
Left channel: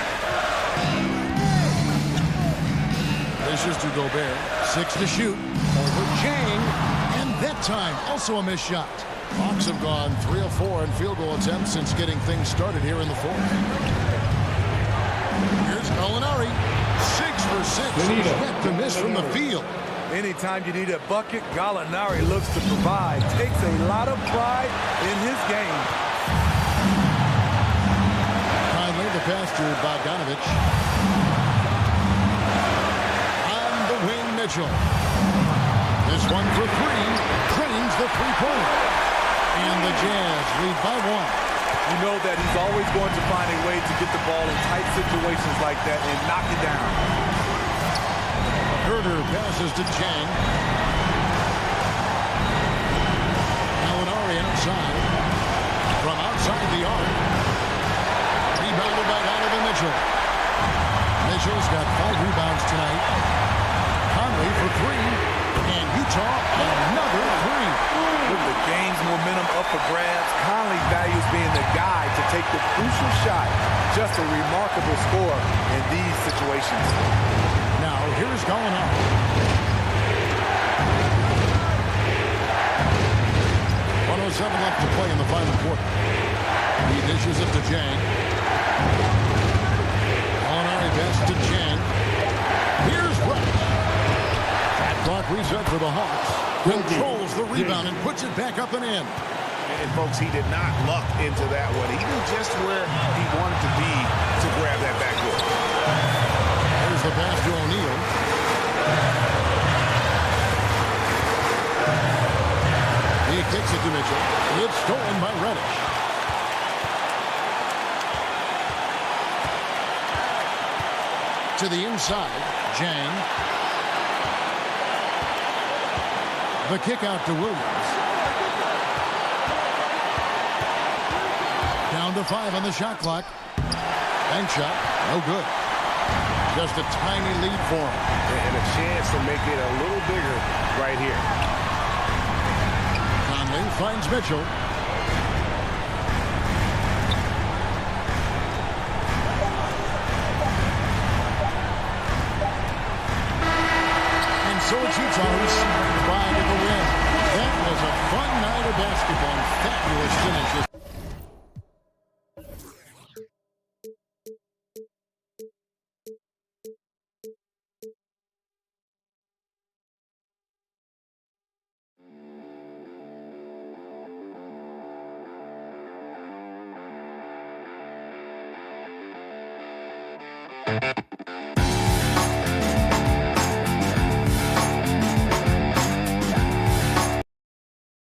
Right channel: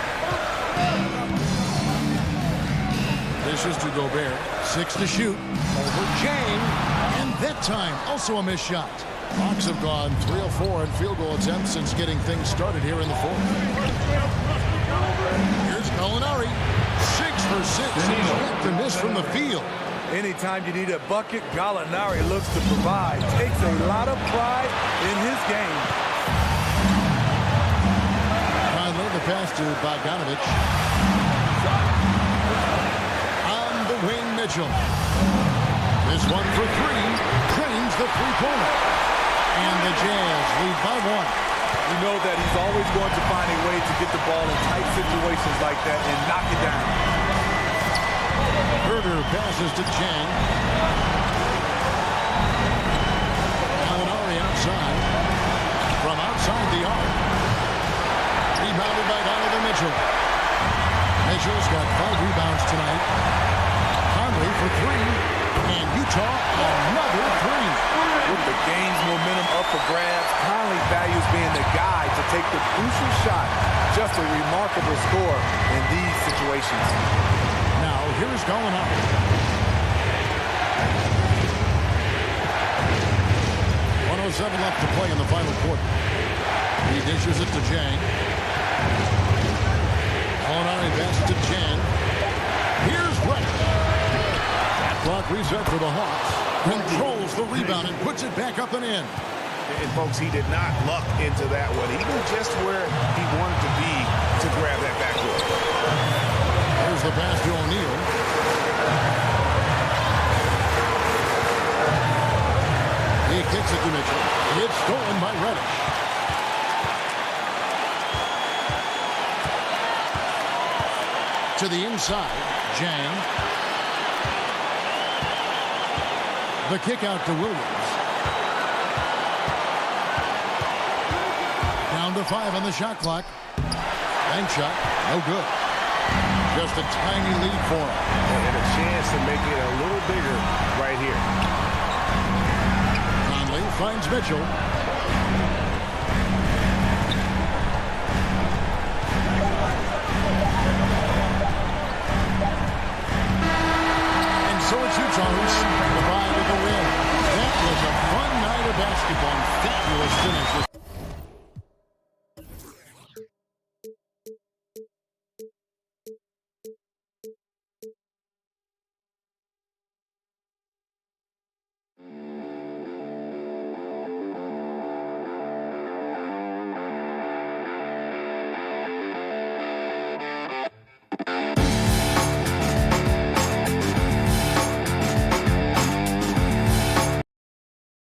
Dishes to Gobert. 6 to shoot. Over Chang. And that time, also a missed shot. Hawks have gone 3 of 4 in field goal attempts since getting things started here in the 4th. Here's Gallinari. 6 for 6. He's yet to miss from the field. Anytime you need a bucket, Gallinari looks to provide. Takes a lot of pride in his game. Finally, the pass to Bogdanovich. On the wing, Mitchell. This one for 3. Cranes the three-pointer. And the Jazz lead by 1. You know that he's always going to find a way to get the ball in tight situations like that and knock it down. Herder passes to Chang. Gallinari outside. From outside the arc. Rebounded by Donovan Mitchell. Mitchell's got 5 rebounds tonight. Conley for 3. And Utah another 3. With the game's momentum up for grabs, Conley values being the guy to take the crucial shot. Just a remarkable score in these situations. Now, here is Gallinari. .107 left to play in the final quarter. He dishes it to Chang. Gallinari passes to Chang. Here's Reddish. That clock reset for the Hawks. Controls the rebound and puts it back up and in. And folks, he did not luck into that one. He knew just where he wanted to be to grab that backboard. There's the pass to O'Neal. He kicks it to Mitchell. It's stolen by Reddish. To the inside, Jang. The kick out to Williams. Down to 5 on the shot clock. Bank shot, no good. Just a tiny lead for him. And a chance to make it a little bigger right here. Conley finds Mitchell. And so it's Utah who's scraped by with the win. That was a fun night of basketball and fabulous finishes.